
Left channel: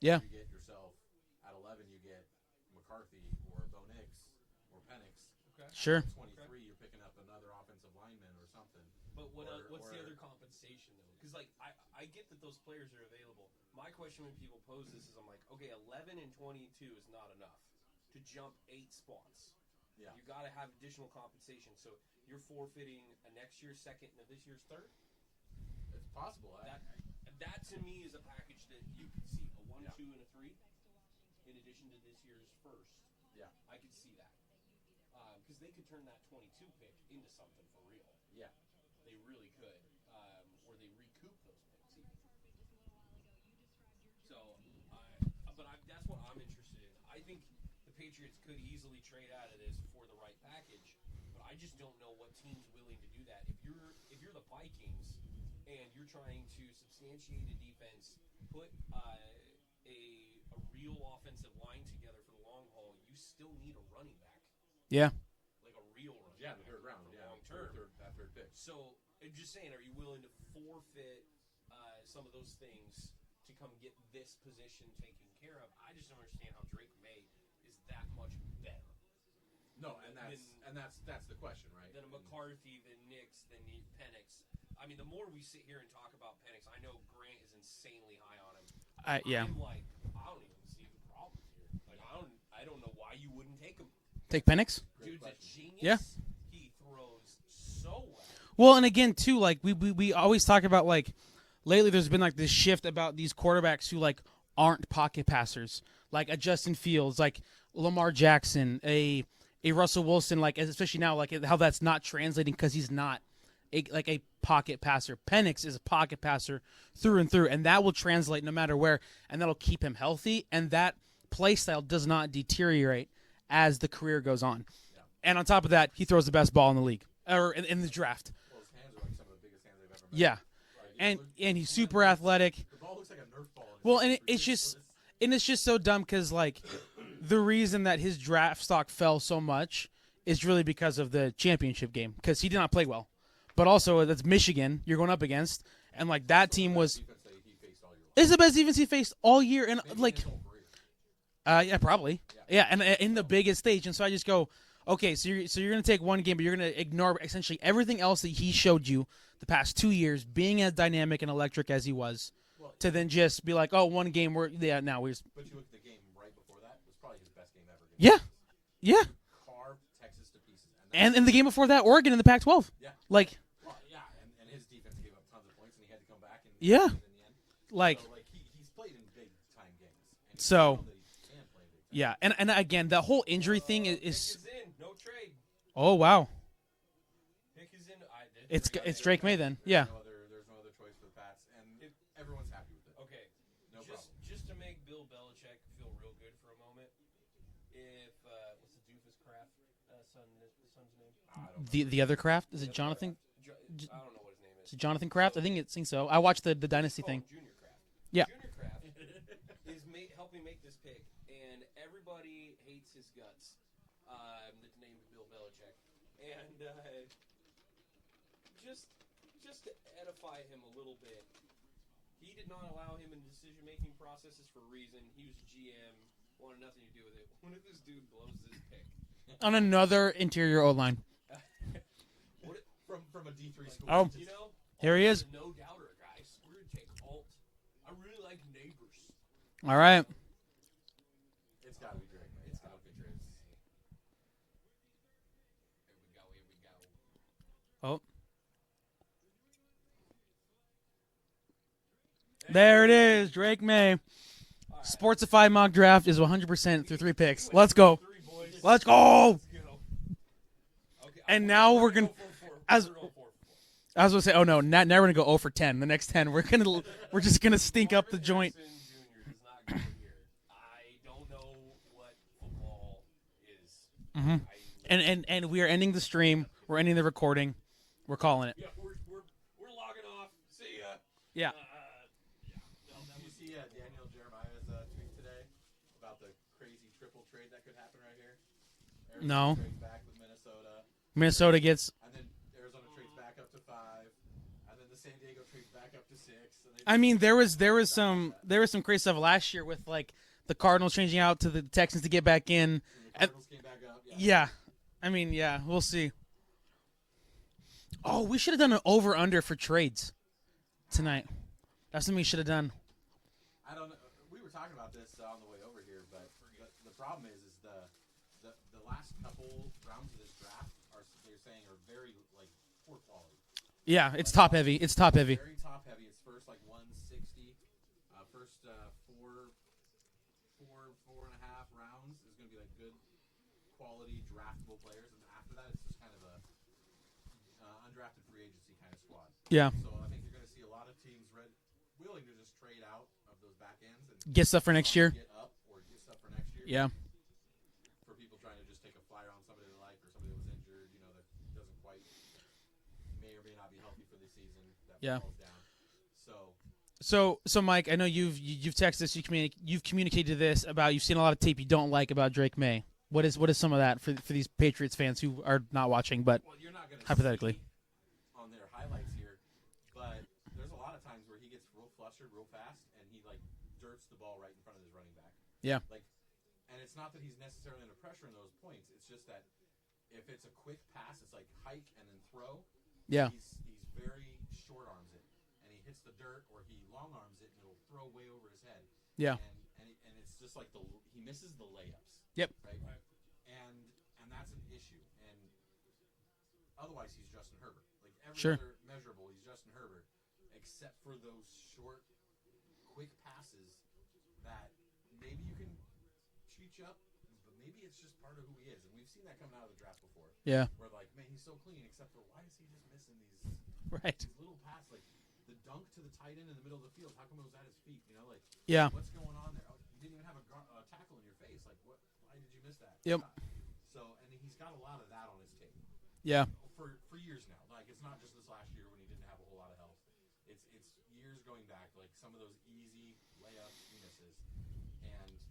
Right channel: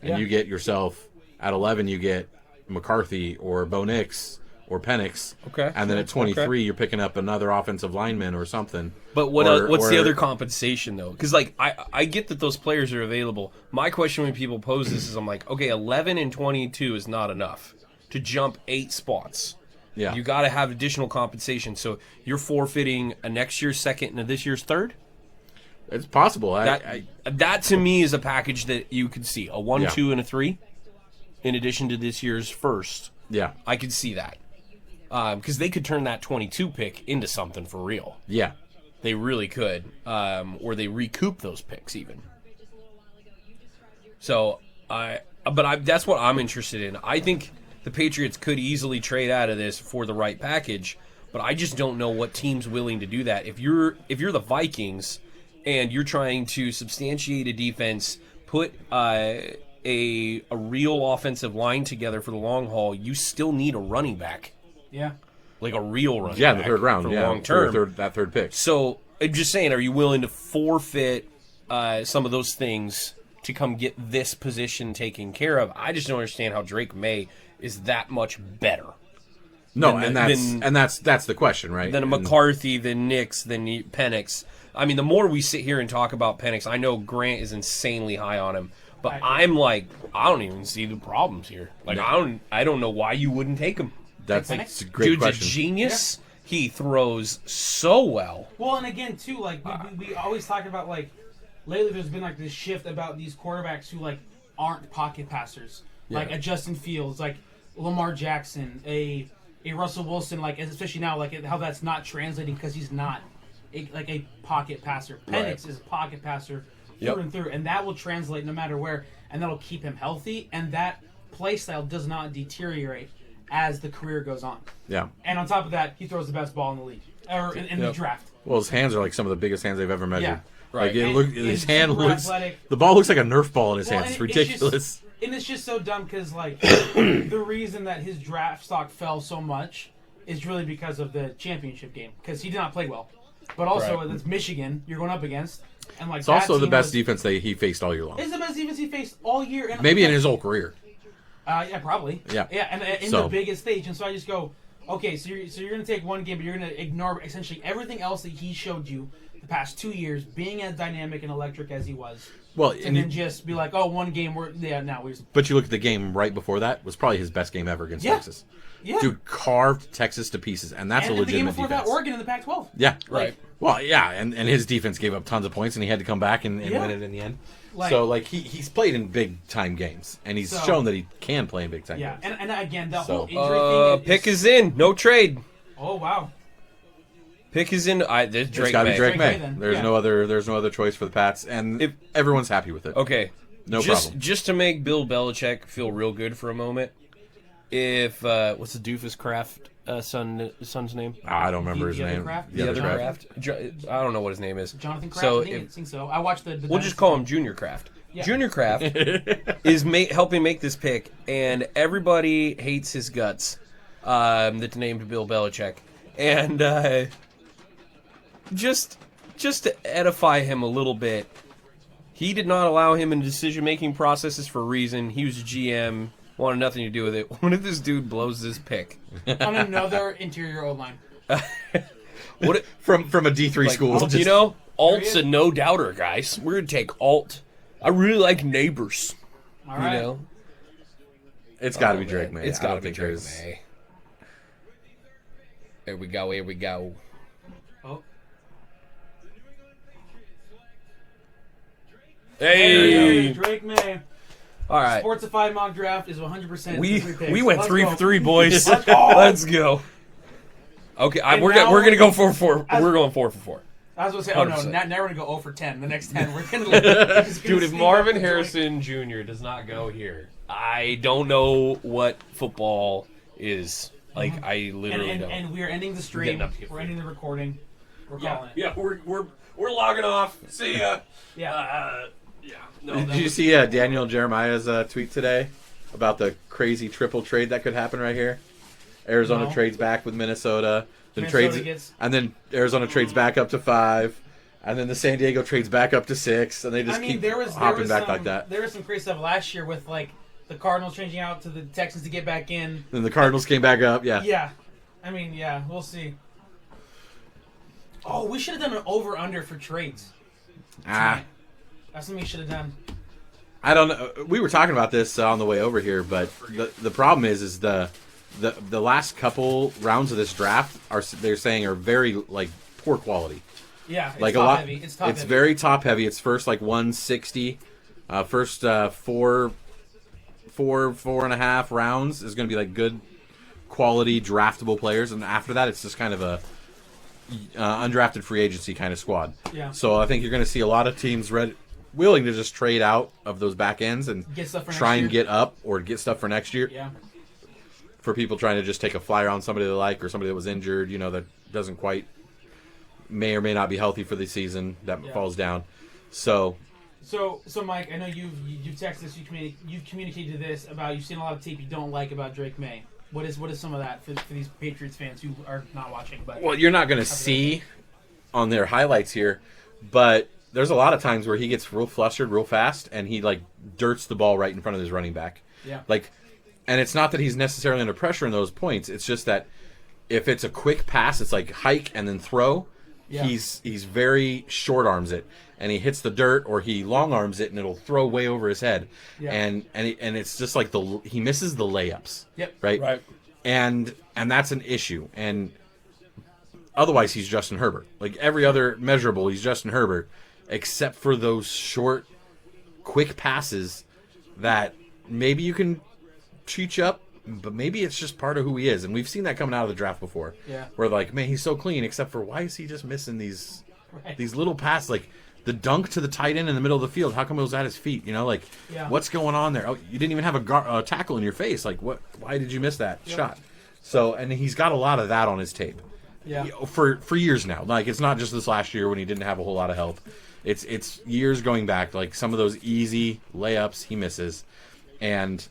and you get yourself at 11, you get McCarthy or Bo Nix or Penix. Okay. And then at 23, you're picking up another offensive lineman or something. But what's the other compensation, though? Because, like, I get that those players are available. My question when people pose this is I'm like, okay, 11 and 22 is not enough to jump 8 spots. Yeah. You got to have additional compensation. So you're forfeiting a next year's second and this year's third? It's possible. That to me is a package that you could see. A 1, Yeah. 2, and a 3 in addition to this year's first. Yeah. I could see that. Because they could turn that 22 pick into something for real. Yeah. They really could. Or they recoup those picks even. So, that's what I'm interested in. I think the Patriots could easily trade out of this for the right package, but I just don't know what team's willing to do that. If you're the Vikings and you're trying to substantiate a defense, put a real offensive line together for the long haul, you still need a running back. Yeah. Like a real running back. Yeah, in the third round. For Yeah, long term. that third pick. So, I'm just saying, are you willing to forfeit some of those things to come get this position taken care of? I just don't understand how Drake May is that much better. No, that's the question, right? Than a McCarthy, than Nix, than Penix. I mean, the more we sit here and talk about Penix, I know Grant is insanely high on him, but I'm like, I don't even see the problems here. Like, I don't know why you wouldn't take him. That's Penix? a great Dude's question. a genius. Yeah. He throws so well. Well, and again, too, like, we always talk about, like, lately there's been, like, this shift about these quarterbacks who, like, aren't pocket passers. Like, a Justin Fields, like, Lamar Jackson, a Russell Wilson, like, especially now, like, how that's not translating because he's not, a pocket passer. Penix is a pocket passer through and through, and that will translate no matter where, and that'll keep him healthy, and that play style does not deteriorate as the career goes on. Yeah. And on top of that, he throws the best ball in the league, or in the draft. Well, his hands are like some of the biggest hands they've ever measured. Yeah. Right. Like, his hand super looks athletic. The ball looks like a Nerf ball in his hands. It's and ridiculous. It's just so dumb because, like, the reason that his draft stock fell so much is really because of the championship game, because he did not play well. But also, that's Michigan you're going up against. And, like, It's that also the team best defense he faced all year long. It's the best defense he faced all year. And Maybe like, in his whole career. Yeah, probably. Yeah. Yeah, and in the biggest stage. And so I just go, okay, so you're going to take one game, but you're going to ignore essentially everything else that he showed you the past 2 years, being as dynamic and electric as he was. Well, and then just be like, oh, one game, But you look at the game right before that, was probably his best game ever against Texas. Yeah. Dude carved Texas to pieces, and that's and the game before that, Oregon in the Pac-12. Yeah. Like, well, yeah, and his defense gave up tons of points, and he had to come back and win it in the end. Like, so, like, he's played in big-time games, and he's shown that he can play in big-time games. Yeah, and again, the whole injury thing pick is in. No trade. Oh, wow. Pick is in. There's It's Drake got to be May. Drake May. then. There's Yeah. no other choice for the Pats, and everyone's happy with it. Okay. No problem. Just to make Bill Belichick feel real good for a moment, if what's the doofus Kraft son's name? I don't remember his the other name. Kraft? The other Jonathan? Kraft. I don't know what his name is. Jonathan Kraft. So I think so. I watched the. We'll just call him Junior Kraft. Yeah. Junior Kraft is helping make this pick, and everybody hates his guts. That's named Bill Belichick, and just to edify him a little bit, he did not allow him in decision-making processes for a reason. He was a GM, wanted nothing to do with it. What if this dude blows this pick? on another interior O line. What if, from a D3 school. you just- know, There he Alt's is. a no doubter, guys. We're gonna take Alt. I really like Neighbors. All right. You know? it's got to Oh, be Drake man. May. It's I got to don't be think Drake there's- May. Here we go. Here we go. Oh, Hey, there it is. Drake May. all right. Sportsify mock draft is 100% We 3 picks. we went Let's 3 go. for 3, boys. Let's go. Let's go. Okay, And we're now gonna go we're- 4 for 4. We're going 4 for 4. I was going to say, oh no, 100%. now we're going to go 0 for 10. The next 10, we're just going Dude, to if Marvin Harrison Jr. does not go here, I don't know what football is. Like I literally don't. And we are ending the stream. Getting up to get We're ending the recording. We're calling it. Yeah, we're logging off. See ya. Yeah. Yeah. No, Did that you was- see Daniel Jeremiah's tweet today about the crazy triple trade that could happen right here? Arizona No. trades back with Minnesota. Then Minnesota trades, gets- and then Arizona trades back up to 5, and then the San Diego trades back up to 6, and they just I mean, keep there was hopping back some like that. there was some crazy stuff last year with like the Cardinals changing out to the Texans to get back in. Then the Cardinals came back up. Yeah. Yeah, I mean, yeah, we'll see. Oh, we should have done an over/under for trades tonight. That's something we should have done. I don't know. We were talking about this on the way over here, but the problem is the last couple rounds of this draft they're saying are very like poor quality. Yeah, it's Like top heavy. It's top It's heavy. very top heavy. It's first like 160, first 4.5 rounds is going to be like good quality draftable players, and after that it's just kind of a undrafted free agency kind of squad. Yeah. So I think you're going to see a lot of teams willing to just trade out of those back ends and Get stuff for next try year. and get up or get stuff for next year. Yeah. For people trying to just take a flyer on somebody they like or somebody that was injured, that doesn't quite may or may not be healthy for the season that Yeah. falls down. So So Mike, I know you've texted us, you've communicated this about you've seen a lot of tape you don't like about Drake May. What is some of that for these Patriots fans who are not watching? But well, you're not going to Hypothetically. see on their highlights here, but there's a lot of times where he gets real flustered real fast and he like dirts the ball right in front of his running back. yeah, Like, and it's not that he's necessarily under pressure in those points. It's just that if it's a quick pass, it's like hike and then throw. Yeah. He's very short arms it, and he hits the dirt or he long arms it, and it'll throw way over his head. Yeah. And it's just like he misses the layups. Yep. Right. Right. And that's an issue. And otherwise, he's Justin Herbert. Like every other measurable, he's Justin Herbert, except for those short, quick passes that maybe you can cheat up, but maybe it's just part of who he is. And we've seen that coming out of the draft before. Yeah. Where like, man, he's so clean, except for why is he just missing these Right. these little passes, like the dunk to the tight end in the middle of the field? How come it was at his feet? Like, Yeah. what's going on there? Oh, you didn't even have a tackle in your face. Like, what? Why did you miss that shot? So, and he's got a lot of that on his tape. Yeah. For years now. Like, it's not just this last year when he didn't have a whole lot of help. It's years going back. Like some of those easy layups he misses, and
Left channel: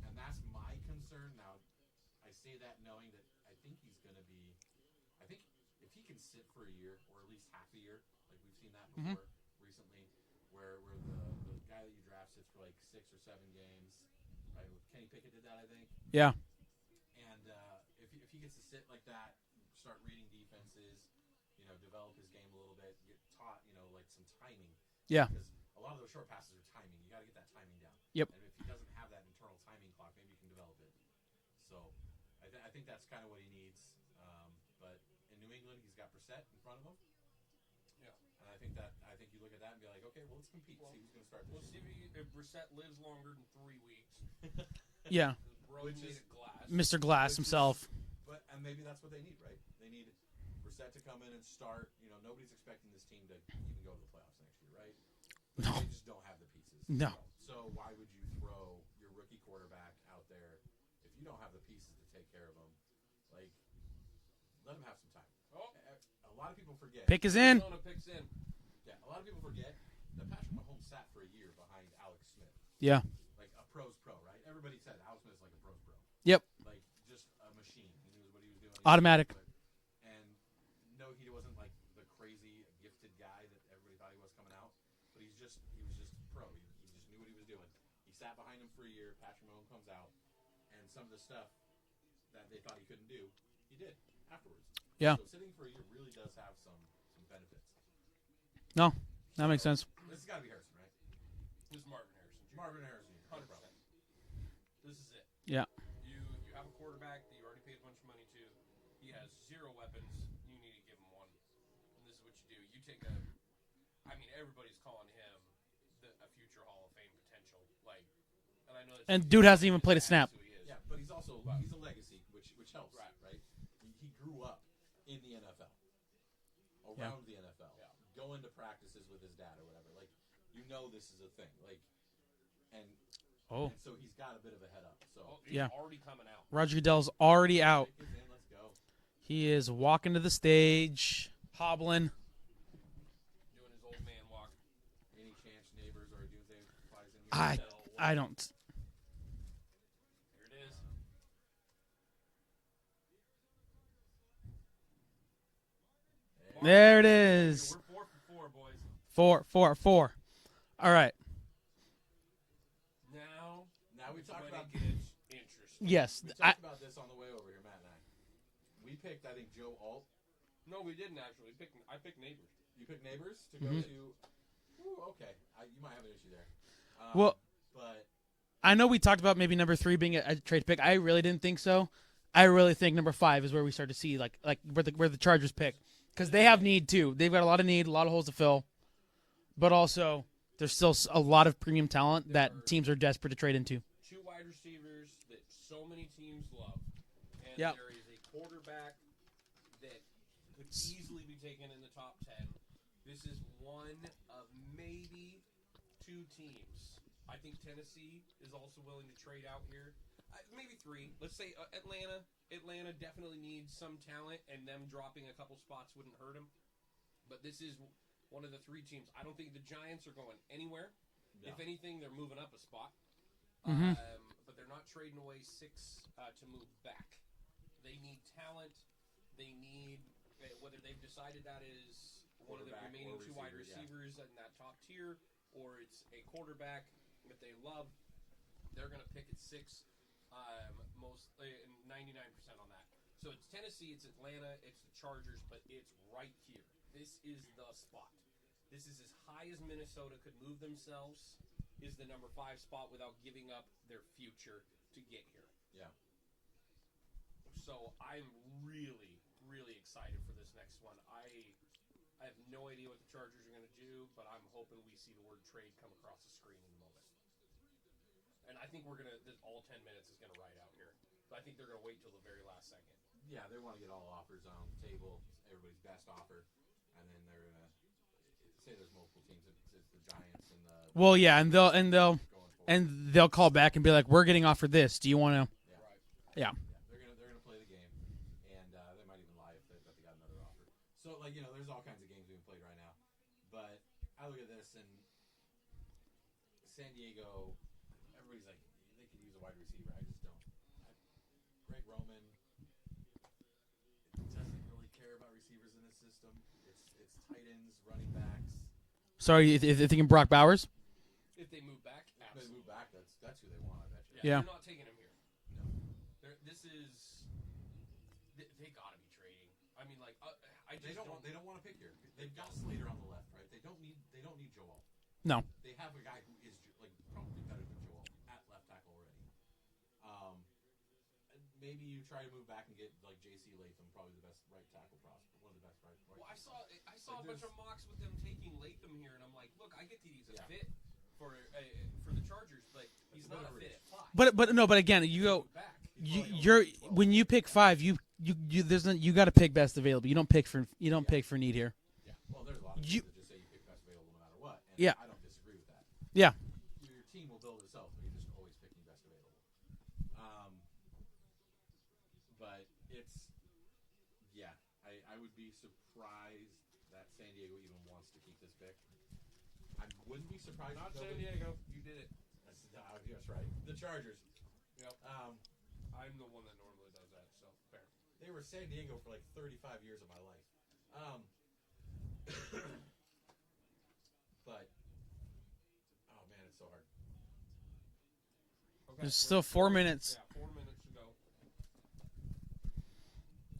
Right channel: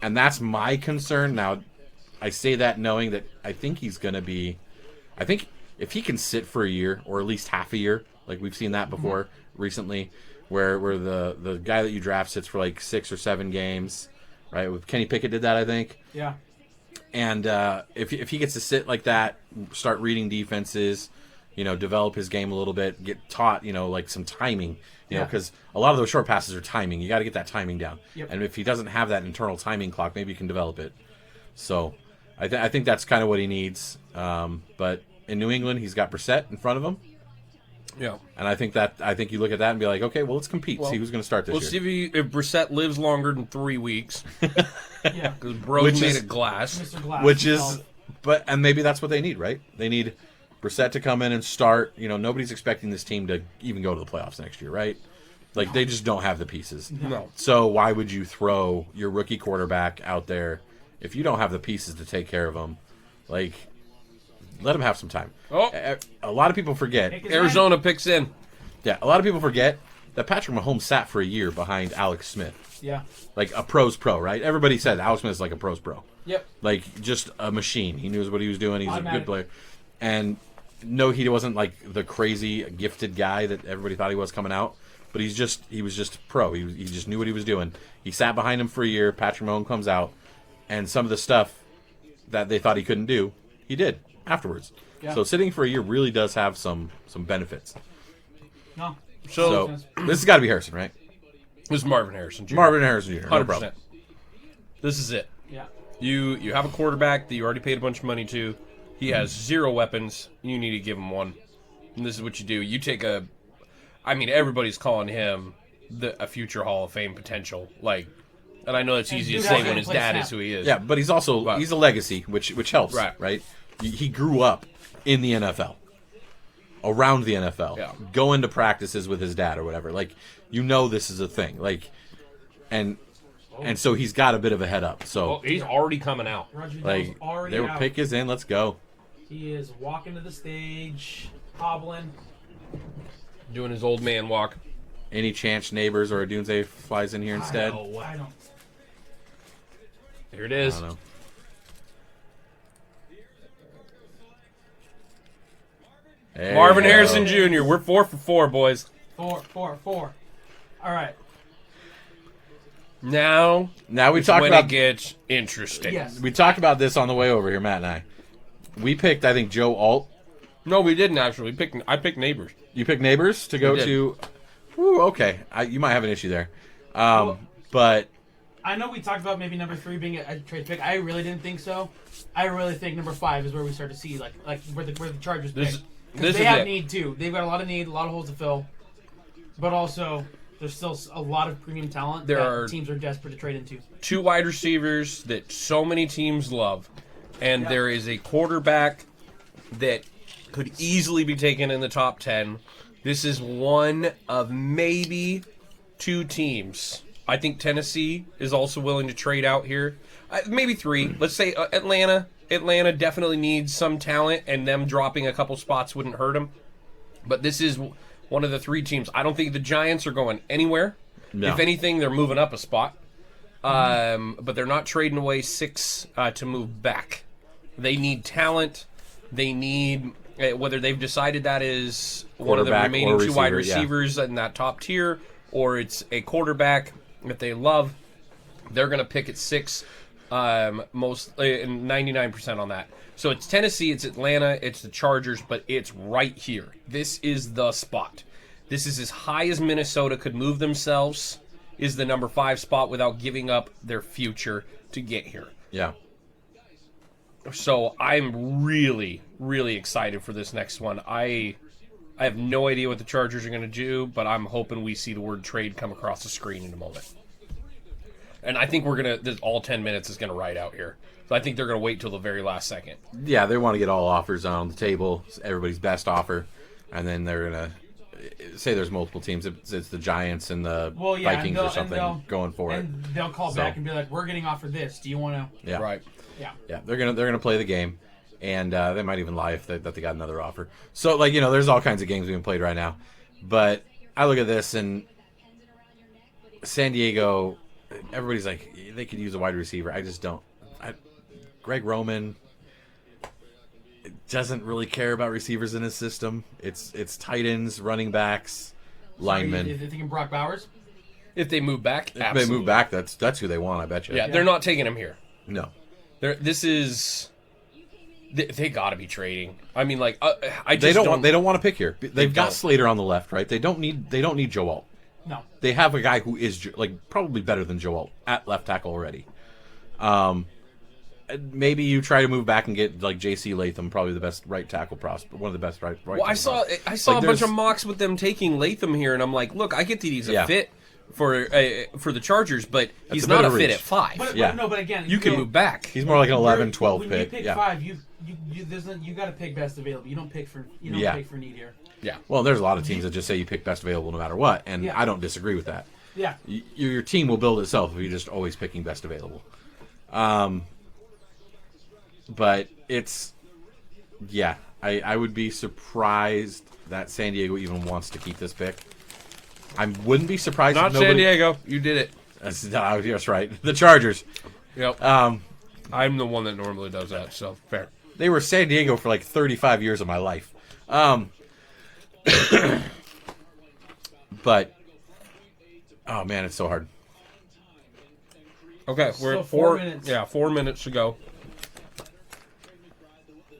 that's my concern. Now, I say that knowing that I think he's going to be. I think if he can sit for a year or at least half a year, like we've seen that before recently, where the guy that you draft sits for like 6 or 7 games, right? With Kenny Pickett did that, I think. Yeah. And if he gets to sit like that, start reading defenses, develop his game a little bit, get taught, like some timing, Yeah. because a lot of those short passes are timing. You got to get that timing down. Yep. And if he doesn't have that internal timing clock, maybe you can develop it. So I think that's kind of what he needs. But in New England, he's got Brissett in front of him. Yeah. And I think you look at that and be like, okay, well, let's compete. Well, See who's going to start this We'll year. see if Brissett lives longer than 3 weeks. Yeah. Because bro's Which made is- of glass. Mr. Glass. Which himself. is, and maybe that's what they need, right? They need Brissett to come in and start. Nobody's expecting this team to even go to the playoffs next year, right? Like, they just don't have the pieces. No. So why would you throw your rookie quarterback out there if you don't have the pieces to take care of him? Like, let him have some time. Oh. A lot of people forget. Arizona picks in. Yeah, a lot of people forget that Patrick Mahomes sat for a year behind Alex Smith. Yeah. Like a pro's pro, right? Everybody said Alex Smith is like a pro's pro. Yep. Like, just a machine. He knew what he was doing. He's Automatic. a good player. And no, he wasn't like the crazy gifted guy that everybody thought he was coming out. But he was just pro. He just knew what he was doing. He sat behind him for a year. Patrick Mahomes comes out, and some of the stuff that they thought he couldn't do, he did afterwards. Yeah. So sitting for a year really does have some benefits. No. So Makes sense. this has got to be Harrison, right? This is Marvin Harrison Jr. Marvin Harrison Jr. No 100%. problem. This is it. Yeah. You have a quarterback that you already paid a bunch of money to. He has 0 weapons. You need to give him one. And this is what you do. You take everybody's calling him a future Hall of Fame potential. Like, and I know that's And easy dude to has say to when his play dad snap. is who he is. Yeah, but he's also he's a legacy, which helps, right? He grew up in the NFL, around the NFL, going to practices with his dad or whatever. Like, this is a thing. Like, and so he's got a bit of a head up. So he's already coming out. Roger Goodell's already their out. pick is in. Let's go. He is walking to the stage, hobbling. Doing his old man walk. Any chance Neighbors or a Doomsday flies in here instead? I don't. Here it is. I don't know. Hey. Marvin Harrison Jr. We're 4 for 4, boys. 4. All right. Now we talk when about it gets interesting. Yes. we talked about this on the way over here, Matt and I. We picked, I think, Joe Alt. No, we didn't actually. I picked Neighbors. You picked Neighbors to go to. Ooh, okay, you might have an issue there, but I know we talked about maybe number 3 being a trade pick. I really didn't think so. I really think number 5 is where we start to see like where the Chargers pick. Because they have need too. They've got a lot of need, a lot of holes to fill, but also there's still a lot of premium talent that teams are desperate to trade into. 2 wide receivers that so many teams love, and there is a quarterback that could easily be taken in the top 10. This is one of maybe 2 teams. I think Tennessee is also willing to trade out here. Maybe 3. Let's say Atlanta. Atlanta definitely needs some talent, and them dropping a couple spots wouldn't hurt them. But this is one of the 3 teams. I don't think the Giants are going anywhere. No. If anything, they're moving up a spot. But they're not trading away 6 to move back. They need talent. They need, whether they've decided that is one of the remaining 2 wide receivers in that top tier, or it's a quarterback that they love, they're going to pick at 6. Most 99% on that. So it's Tennessee, it's Atlanta, it's the Chargers, but it's right here. This is the spot. This is as high as Minnesota could move themselves, is the number 5 spot without giving up their future to get here. Yeah. So I'm really, really excited for this next one. I have no idea what the Chargers are going to do, but I'm hoping we see the word trade come across the screen in a moment. And I think all 10 minutes is going to ride out here. So I think they're going to wait till the very last second. Yeah, they want to get all offers on the table, everybody's best offer, and then they're going to say there's multiple teams. It's the Giants and the Vikings or something going for it. And they'll call back and be like, "We're getting offered this. Do you want to?" Yeah. Right. Yeah. Yeah, they're gonna play the game, and they might even lie if they got another offer. So there's all kinds of games being played right now, but I look at this and San Diego, everybody's like they could use a wide receiver. I just don't. Greg Roman doesn't really care about receivers in his system. It's tight ends, running backs, linemen. You're thinking Brock Bowers? If they move back, If they move back, that's who they want. I bet you. Yeah, they're not taking him here. No. They got to be trading. I mean, like They don't want to pick here. They've got Slater on the left, right? They don't need Joe Alt. No. They have a guy who is probably better than Joe Alt at left tackle already. Maybe you try to move back and get J.C. Latham, probably the best right tackle prospect, one of the best right. Well, I saw a bunch of mocks with them taking Latham here, and I'm like, look, I get that he's a fit for the Chargers, but he's not a fit at 5. But again, you can move back. He's more like an 11, 12 When pick. you pick 5, you you got to pick best available. You don't pick for pick for need here. Yeah. Well, there's a lot of teams that just say you pick best available no matter what, and Yeah. I don't disagree with that. Yeah. Your team will build itself if you're just always picking best available. But it's, yeah, I would be surprised that San Diego even wants to keep this pick. I wouldn't be surprised Not if nobody... San Diego. You did it. That's right. The Chargers. Yep. I'm the one that normally does that, so fair. They were San Diego for like 35 years of my life. But, oh man, it's so hard. Okay, we're Still at 4 minutes. Yeah, 4 minutes to go.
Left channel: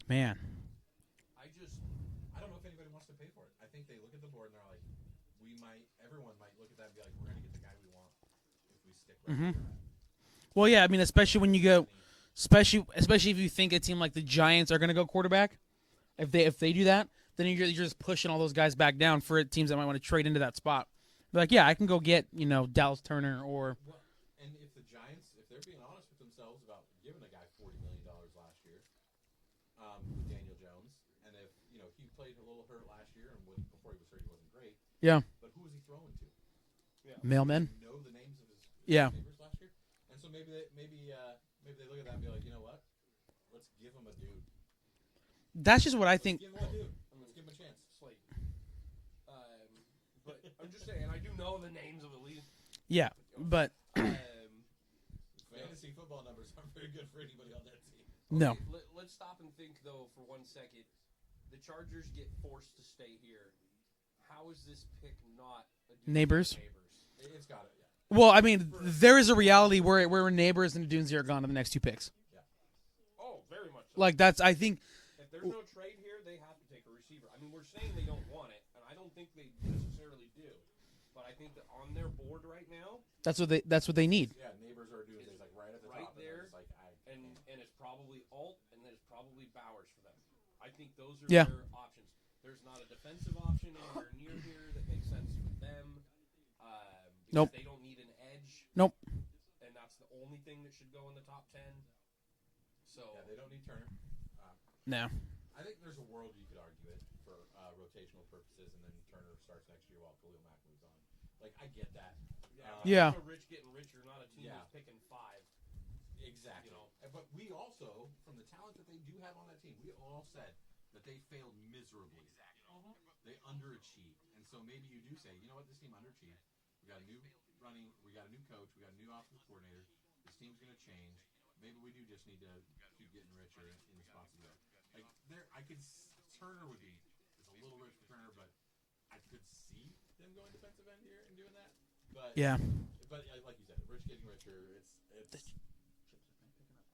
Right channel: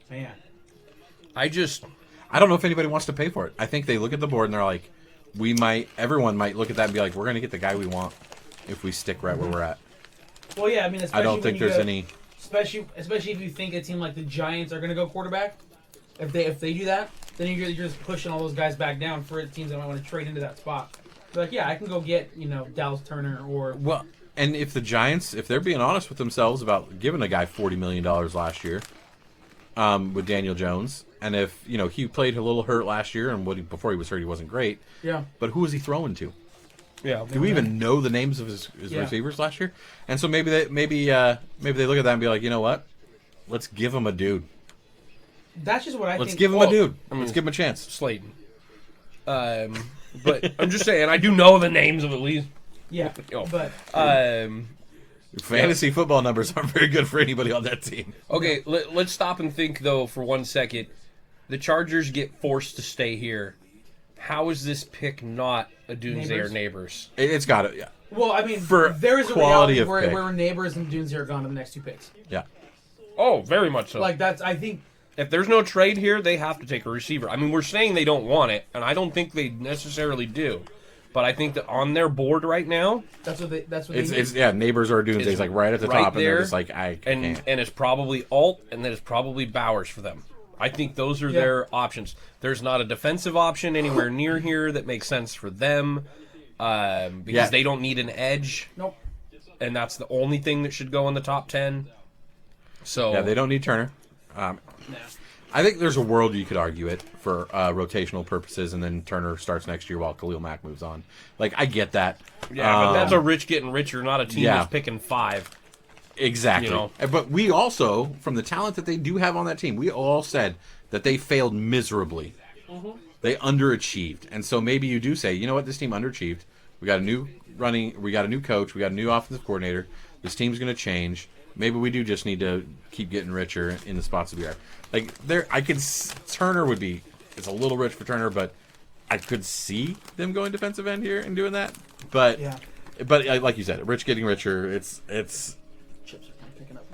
Man. I don't know if anybody wants to pay for it. I think they look at the board and they're like, everyone might look at that and be like, we're going to get the guy we want if we stick right where we're at. Well, yeah, I mean, I especially don't when think you there's go, any... especially if you think a team like the Giants are going to go quarterback. If they do that, then you're just pushing all those guys back down for teams that might want to trade into that spot. They're like, yeah, I can go get Dallas Turner or Well, and if the Giants, if they're being honest with themselves about giving a guy $40 million last year with Daniel Jones, and if, he played a little hurt last year, and before he was hurt, he wasn't great. Yeah. But who was he throwing to? Yeah. Do we even know the names of his receivers last year? And so maybe they look at that and be like, you know what? Let's give him a dude. That's just what I Let's think. give him a dude. I mean, Let's give him a chance. Slayton. But I'm just saying, I do know the names of at least. Yeah, Oh. but Fantasy football numbers aren't very good for anybody on that team. Okay, let's stop and think, though, for 1 second. The Chargers get forced to stay here. How is this pick not a Doomsday or Neighbors? It's got it, yeah. well, I mean, For there is a quality reality of where pick. Neighbors and Dunes are gone in the next 2 picks. Yeah. Oh, very much so. Like that's, I think. If there's no trade here, they have to take a receiver. I mean, we're saying they don't want it, and I don't think they necessarily do. But I think that on their board right now, That's what they need. It's Neighbors or Doomsday's It's like right at the right top, and they're there, just like, I can't. and it's probably Alt, and then it's probably Bowers for them. I think those are their options. There's not a defensive option anywhere near here that makes sense for them because they don't need an edge. Nope. And that's the only thing that should go in the top 10. So Yeah, they don't need Turner. No. I think there's a world you could argue it for rotational purposes, and then Turner starts next year while Khalil Mack moves on. Like, I get that. Yeah, but that's a rich getting richer, not a team that's picking 5. Exactly. But we also, from the talent that they do have on that team, we all said that they failed miserably. Mm-hmm. They underachieved. And so maybe you do say, you know what, this team underachieved. We got a new coach, we got a new offensive coordinator. This team's going to change. Maybe we do just need to keep getting richer in the spots that we are. Like, Turner would be, it's a little rich for Turner, but I could see them going defensive end here and doing that. But like you said, rich getting richer, it's Chips are picking up.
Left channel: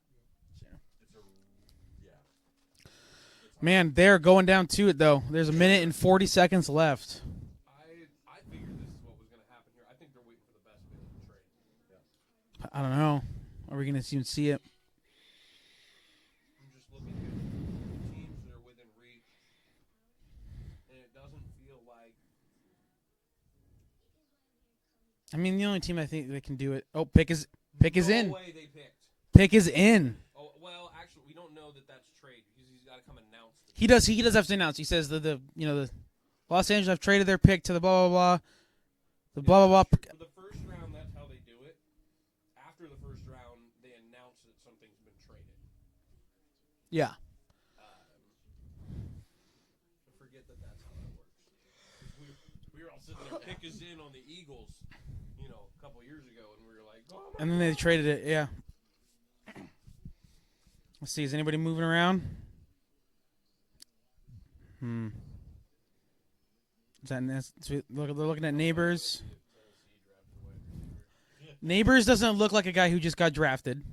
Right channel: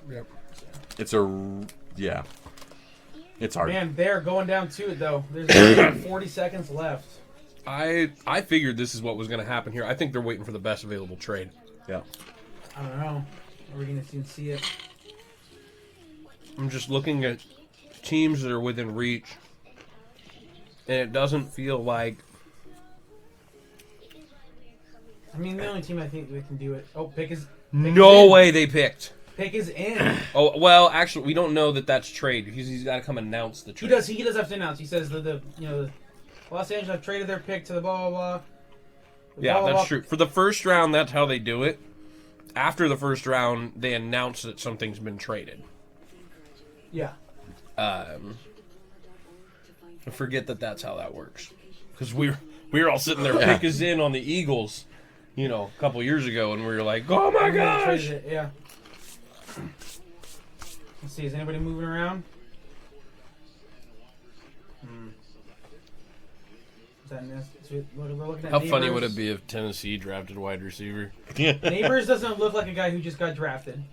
Yep. it's hard. Man, they're going down to it though. There's only 40 seconds left. I figured this is what was going to happen here. I think they're waiting for the best available trade. Yeah. I don't know. Are we going to even see it? I'm just looking at teams that are within reach, and it doesn't feel like. I mean, the only team I think that can do it. Oh, pick is No way they picked. Pick is in. Oh well, actually, we don't know that that's trade because he's got to come announce the trade. He does have to announce. He says the Los Angeles have traded their pick to the blah blah blah. Yeah, that's true. For the first round, that's how they do it. After the first round, they announce that something's been traded. Yeah. I forget that that's how that works. Because we were all sitting there, pick us in on the Eagles, a couple years ago, and we were like, oh my They god! traded it. Yeah. Let's see. Is anybody moving around? Is that looking at How Neighbors? funny would it be if Tennessee drafted wide receiver? Neighbors doesn't look like a guy who just got drafted.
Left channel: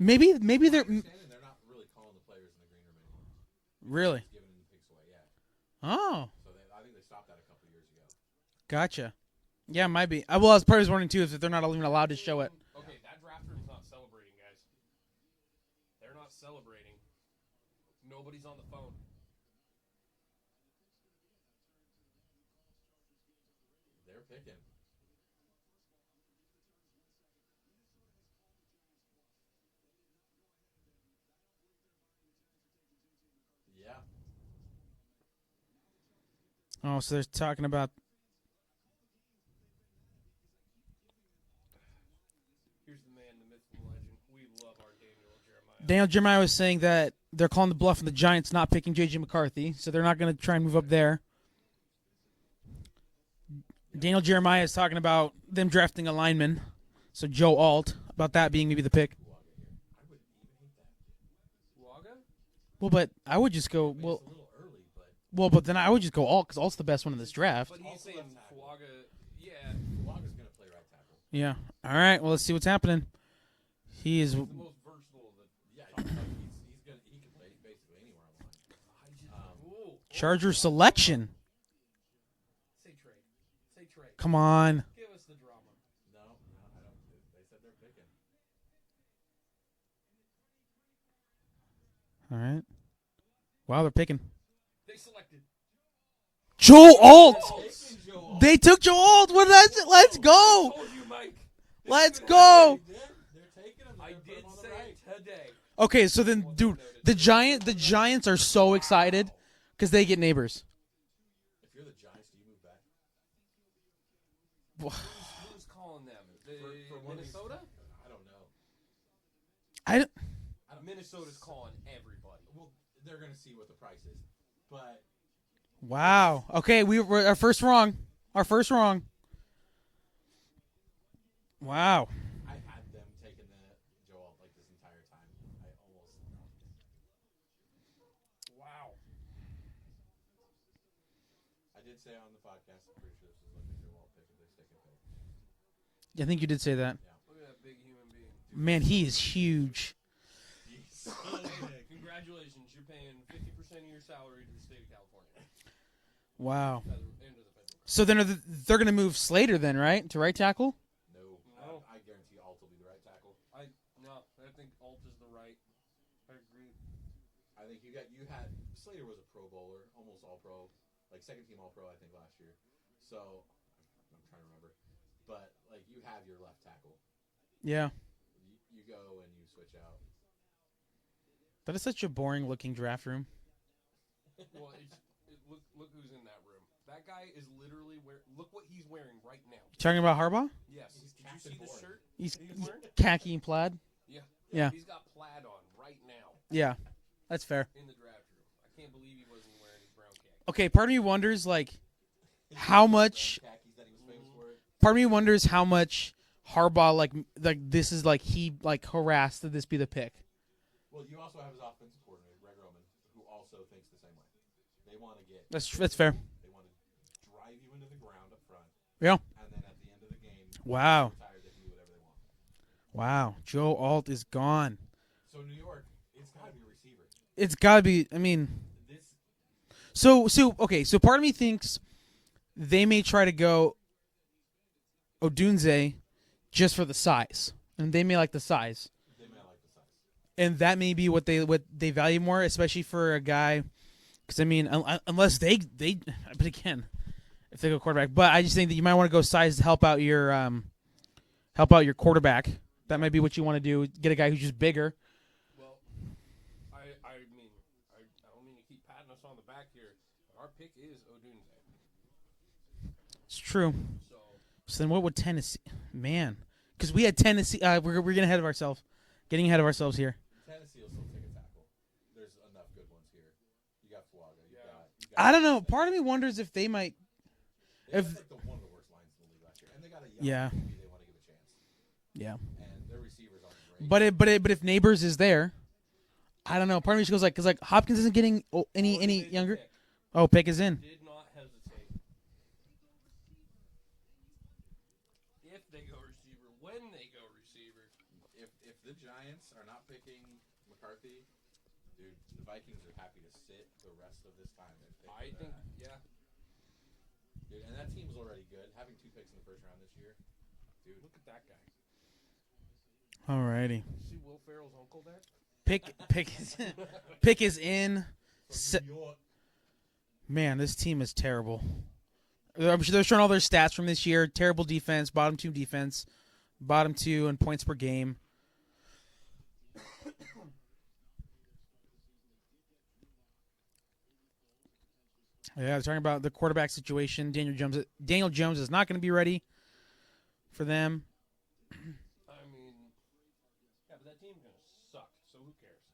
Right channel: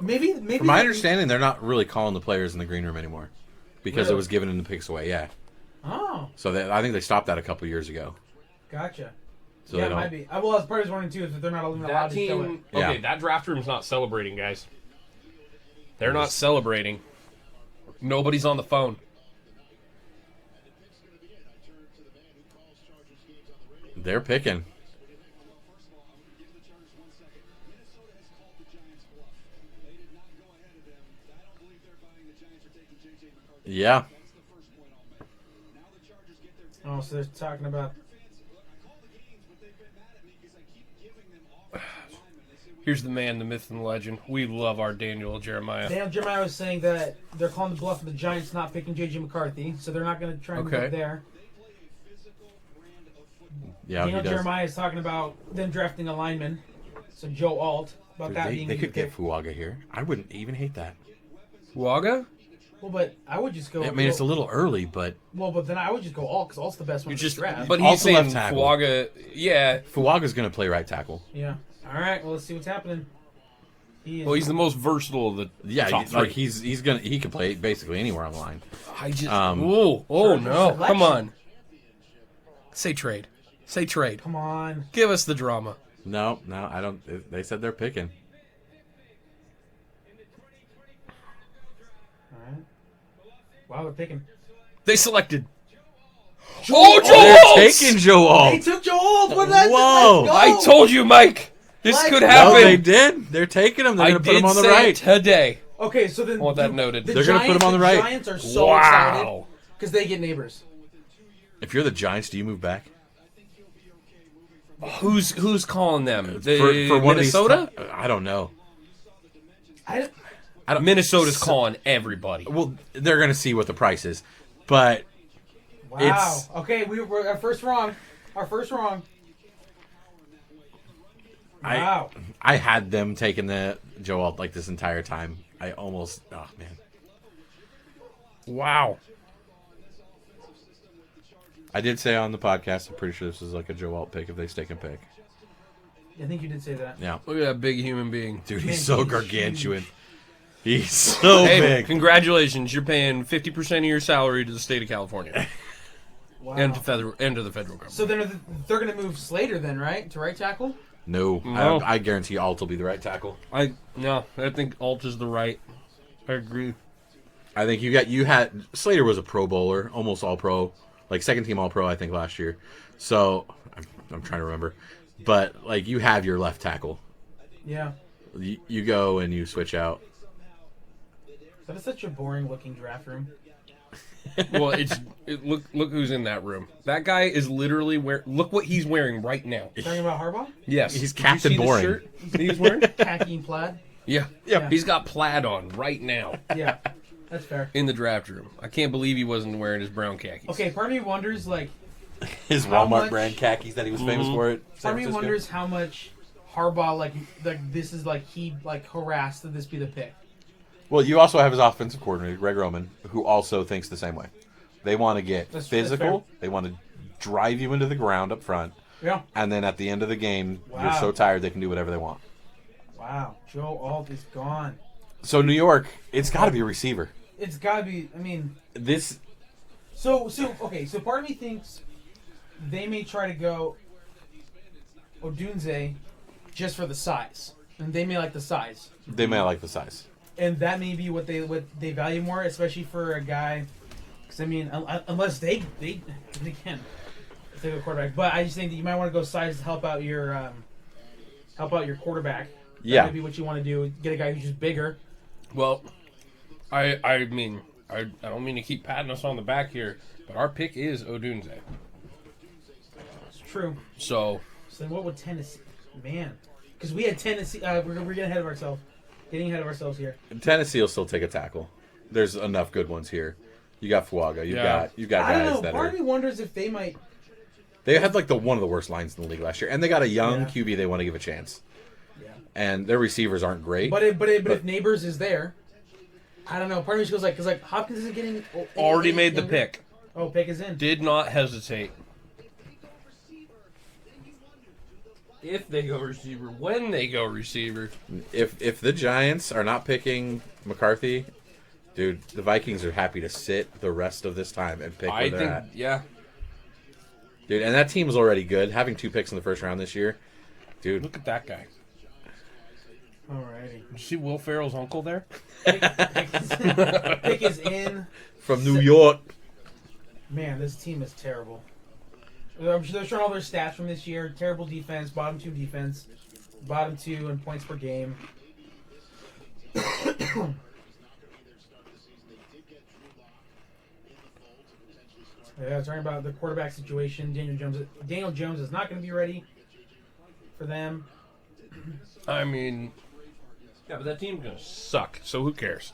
Maybe. From my understanding, they're not really calling the players in the green room anymore because Really? it was given in the picks away. Yeah. Oh, So I think they stopped that a couple years ago. gotcha. So Yeah, they it might be. Well, I was probably wondering too if they're not even allowed to show it. Okay, Yeah. that draft room's not celebrating, guys. They're not celebrating. Nobody's on the phone. They're picking. Yeah. Oh, so they're talking about. Here's the man, the myth, and the legend. We love our Daniel Jeremiah. Daniel Jeremiah was saying that they're calling the bluff of the Giants not picking J.J. McCarthy, so they're not going to try and move up there. Yeah. Daniel Jeremiah is talking about them drafting a lineman, so Joe Alt, about that being they maybe the could pick. get Fuaga here. I wouldn't even hate that. Waga? Well, but I would just go. I mean, it's a little early, but Well, but then I would just go Alt, because Alt's the best one to draft. But he's Also saying left tackle. Fuaga. Yeah. Fuaga's going to play right tackle. Yeah. All right, well, let's see what's happening. Well, he's the most versatile of the top like three. he can play basically anywhere on the line. I just Charger no, selection. come on. Say trade. Say trade. Come on. Give us the drama. No, I don't. They said they're picking. All right. Wow, they're picking. They selected. Joe They're Alt! taking Joe Alt. They took Joe Alt! Whoa. Let's go! I told you, Mike. This Let's could go. No, happen. they did. They're taking him. They're I going to put him did on the say right. it today. Okay, so then I want that noted. the They're gonna Giants, put him on the right. Giants are so Wow. excited because they get neighbors. If you're the Giants, do you move back? Who's calling them? The For one Minnesota? of these, I don't know. I don't, Minnesota's calling everybody. Well, they're going to see what the price is, but wow. It's- Okay, we're our first wrong. Our first wrong. Wow. I had them taking the Joe Alt like this entire time. I almost, oh man. Wow. I did say on the podcast, I'm pretty sure this is like a Joe Alt pick if they stick and pick. I think you did say that. Yeah. Look at that big human being. Dude, Man, he's so he is gargantuan. huge. He's so Hey, big. congratulations. You're paying 50% of your salary to the state of California Wow. and to the federal government. So then they're going to move Slater then, right? To right tackle? No, No. I guarantee Alt will be the right tackle. I think Alt is the right. I agree. I think you had Slater was a Pro Bowler, almost All Pro, like second team All Pro, I think last year. So I'm trying to remember, but like you have your left tackle. Yeah. You go and you switch out. That is such a boring looking draft room. Well, look who's in that room. That guy is literally look what he's wearing right now. Talking about Harbaugh? Yes. He's Did you Captain see the Boring. shirt he's wearing? Khaki and plaid? Yeah. Yeah. He's got plaid on right now Yeah. That's fair. in the draft room. I can't believe he wasn't wearing his brown khakis. Okay, part of me wonders, like, His How Walmart much- brand khakis that he was famous for. It. part of me wonders how much Harbaugh, like this is, like, he, like, harassed that this be the pick. Well, you also have his offensive coordinator, Greg Roman, who also thinks the same way. They want to get That's physical. They want to drive you into the ground up front. Yeah. And then at the end of the game, Wow. they're so tired they can do whatever they want. Wow. Joe Alt is gone. So New York, it's got to be a receiver. It's got to be, I mean... This So part of me thinks they may try to go Odunze just for the size. And they may like the size. they may like the size. And that may be what they value more, especially for a guy. Because I mean, unless they but again, if they go quarterback. But I just think that you might want to go size to help out your quarterback. That Yeah. might be what you want to do. Get a guy who's just bigger. Well, I mean, I don't mean to keep patting us on the back here, but our pick is Odunze. It's true. So So then, what would Tennessee? Man, because we had Tennessee. We're getting ahead of ourselves. Getting ahead of ourselves here. Tennessee will still take a tackle. There's enough good ones here. You got Fuaga. You've got I don't guys know. that Part are, of me wonders if they might. they had like one of the worst lines in the league last year, and they got a young Yeah. QB they want to give a chance. Yeah. And their receivers aren't great. But if Neighbors is there, I don't know. Part of me just goes like, because like Hopkins isn't getting already made the younger. pick. Oh, pick is in. Did not hesitate. If they go receiver, when they go receiver. If the Giants are not picking McCarthy, dude, the Vikings are happy to sit the rest of this time and pick where I they're think, at. yeah. Dude, and that team is already good. Having 2 picks in the first round this year, dude. Look at that guy. Alrighty. See Will Ferrell's uncle there? Pick is in. From New York. Man, this team is terrible. I'm sure they're showing all their stats from this year. Terrible defense, bottom 2 defense, bottom 2 in points per game. Yeah, I was talking about the quarterback situation. Daniel Jones is not going to be ready for them. I mean, yeah, but that team's gonna suck. So who cares?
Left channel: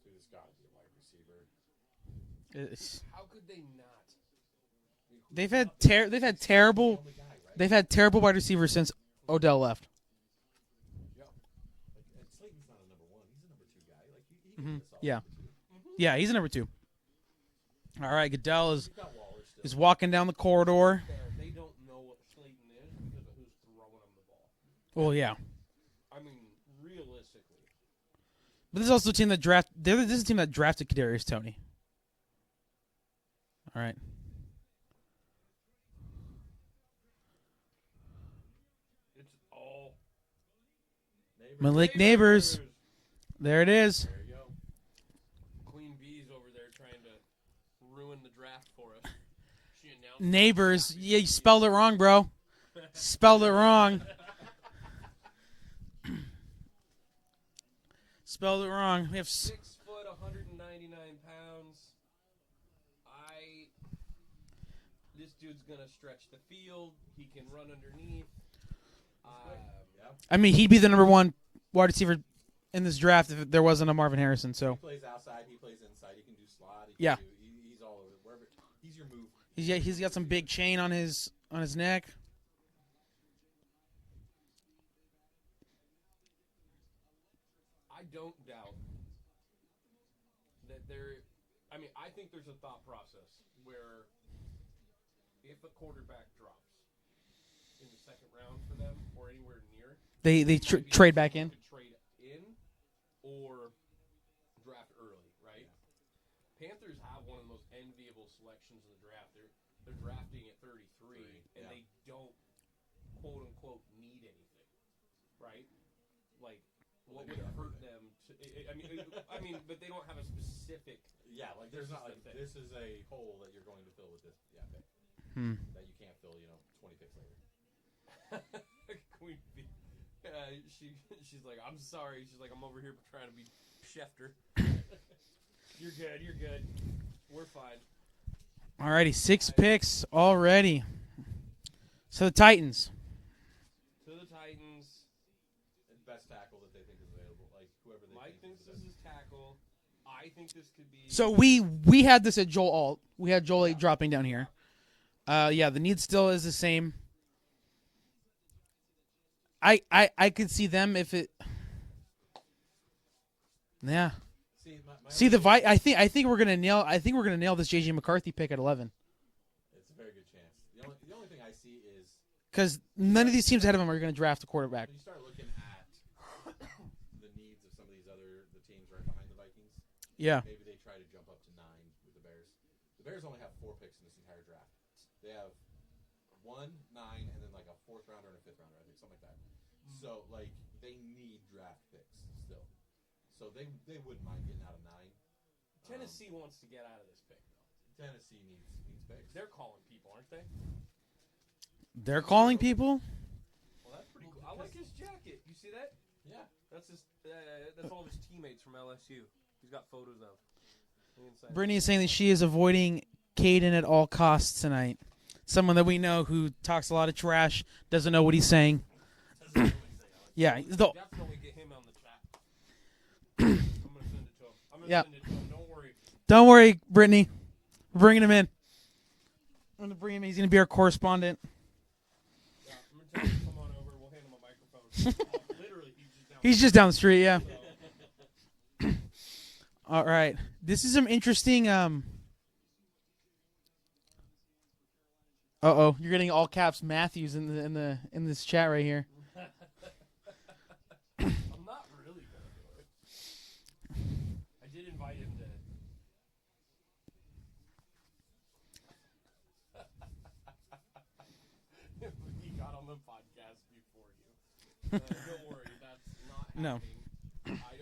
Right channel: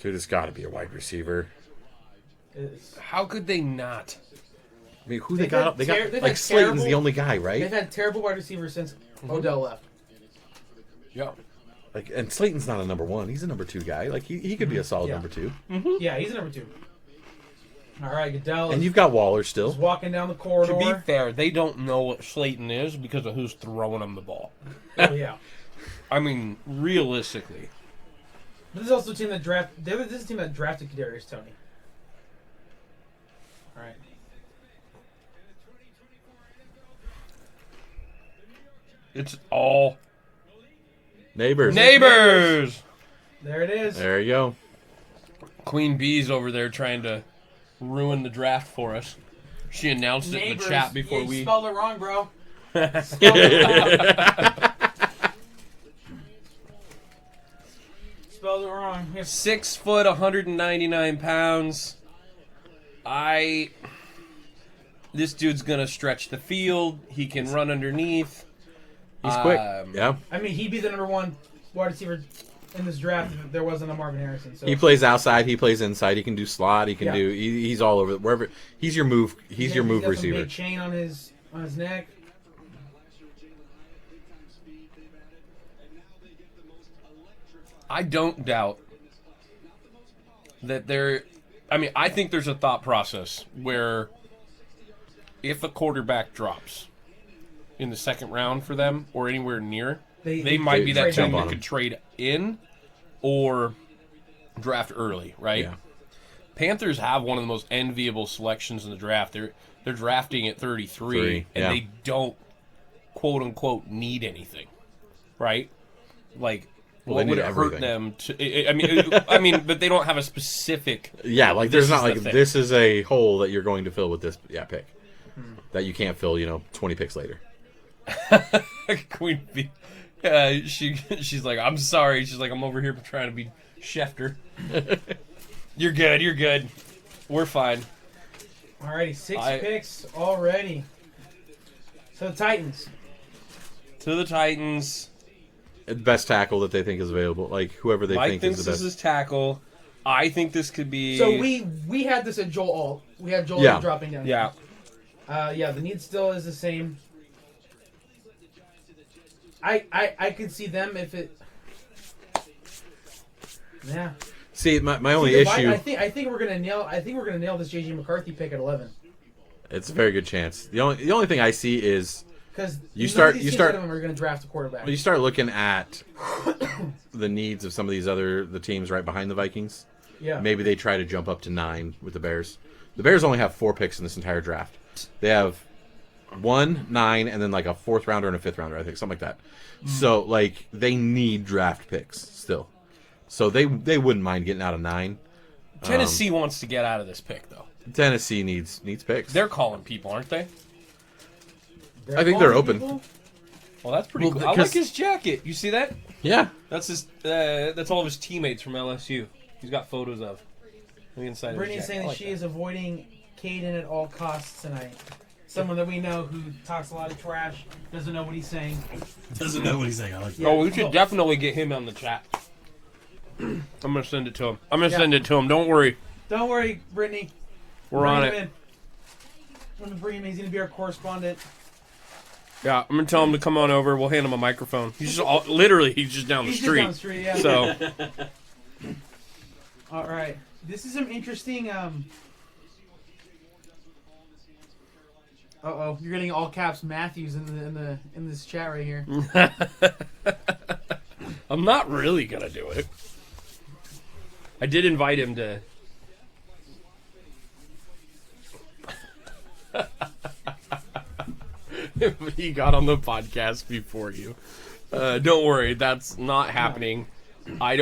Dude, it's got to be a wide receiver. How could they not? I mean, who They've they got? had They got they've like had Slayton's terrible- the only guy, right? They've had terrible wide receivers since Odell left. Yeah. Like, and Slayton's not a number 1. He's a number 2 guy. Like, he could be a solid Yeah. number 2. Yeah, he's a number 2. All right, Goodell And is, you've got Waller still. is walking down the To be corridor. fair, they don't know what Slayton is because of who's throwing them the ball. Oh, yeah. I mean, realistically. But this is also a team that this is a team that drafted Kadarius Toney. All right. It's all Neighbors. neighbors. There it is. There you go. Queen Bee's over there trying to ruin the draft for us. She announced it in Neighbors. the chat Yeah, before you we. spelled it wrong, bro. Spelled it wrong. Spelled it wrong. We have 6 foot, 199 pounds. This dude's gonna stretch the field. He can run underneath. He's quick. Yeah. I mean, he'd be the number 1 wide receiver in this draft if there wasn't a Marvin Harrison. So He plays outside. He plays inside. He can do slot. He can Yeah. do. He's all over. Wherever. He's your move. He's your move got receiver. some big chain on his neck. I don't doubt that there. I mean, I think there's a thought process where if a quarterback drops in the second round for them or anywhere near, they might be that trade team back that in. could trade in or draft early, right? Yeah. Panthers have one of the most enviable selections in the draft. They're drafting at 33, and yeah. they don't quote unquote need anything, right? Like, Well, what they would need it hurt everything. them to? I mean, but they don't have a specific. Yeah, like This there's not is the like thing. this is a hole that you're going to fill with this pick that you can't fill. 20 picks later. Queen Bee. She's like, I'm sorry. She's like, I'm over here trying to be Schefter. You're good. You're good. We're fine. Alrighty, 6 picks already. So the Titans. To the Titans. Best tackle that they think is available, like whoever they Mike think thinks is the this best. is tackle. I think this could be. So we had this at Joel Alt. We had Joel Yeah. dropping down here. Yeah. The need still is the same. I could see them if it. Yeah. See, my See, only the issue. I think we're gonna nail. I think we're gonna nail this JJ McCarthy pick at 11 It's a very good chance. The only thing I see is because You none start- of these you teams start- ahead of them are gonna draft a quarterback. when you start looking at the needs of some of these the teams right behind the Vikings. Yeah. Maybe they try to jump up to 9 with the Bears. The Bears only have 4 picks in this entire draft. They have 1, 9, and then like a 4th rounder and a 5th rounder, I think, something like that. So like they need draft picks still. So they wouldn't mind getting out of 9. Tennessee wants to get out of this pick, though. Tennessee needs picks. They're calling people, aren't they? I think they're calling open. people? Well, that's pretty Well, cool. I because- like his jacket. You see that? Yeah. That's his. That's all of his teammates from LSU. He's got photos of. On the inside. Brittany's saying that she is avoiding Caden at all costs tonight. Someone that we know who talks a lot of trash, doesn't know what he's saying. Doesn't know what he's saying. I like Yeah, Oh, we should definitely get him on the chat. I'm gonna send it to him. Send it to him. Don't worry. Don't worry, Brittany. We're Bring on him it. in. I'm gonna bring him in. He's gonna be our correspondent. Yeah, I'm gonna tell him to come on over. We'll hand him a microphone. He's just literally he's just down the He's street. just down the street, yeah. So All right. This is some interesting. You're getting all caps Matthews in this chat right here. I'm not really gonna do it. I did invite him to. He got on the podcast before you. Don't worry, that's not happening. I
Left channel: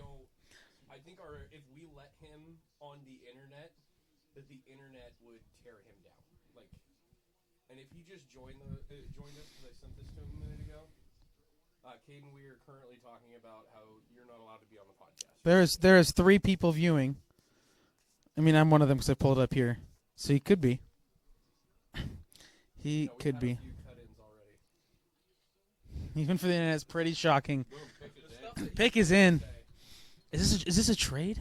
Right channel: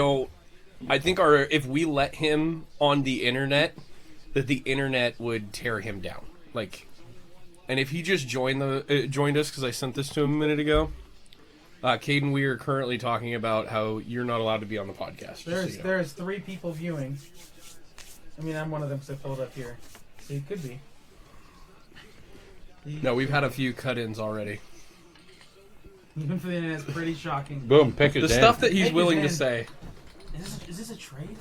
think if we let him on the internet, that the internet would tear him down. Like, and if he just joined us because I sent this to him a minute ago, Caden, we are currently talking about how you're not allowed to be on the podcast. There's 3 people viewing. I mean, I'm one of them because I pulled it up here. So you could be. No, we've had a few cut-ins already. Even for the internet, it's pretty shocking. Boom, pick The it in. stuff that he's Pick is willing to in. say. Is this a trade?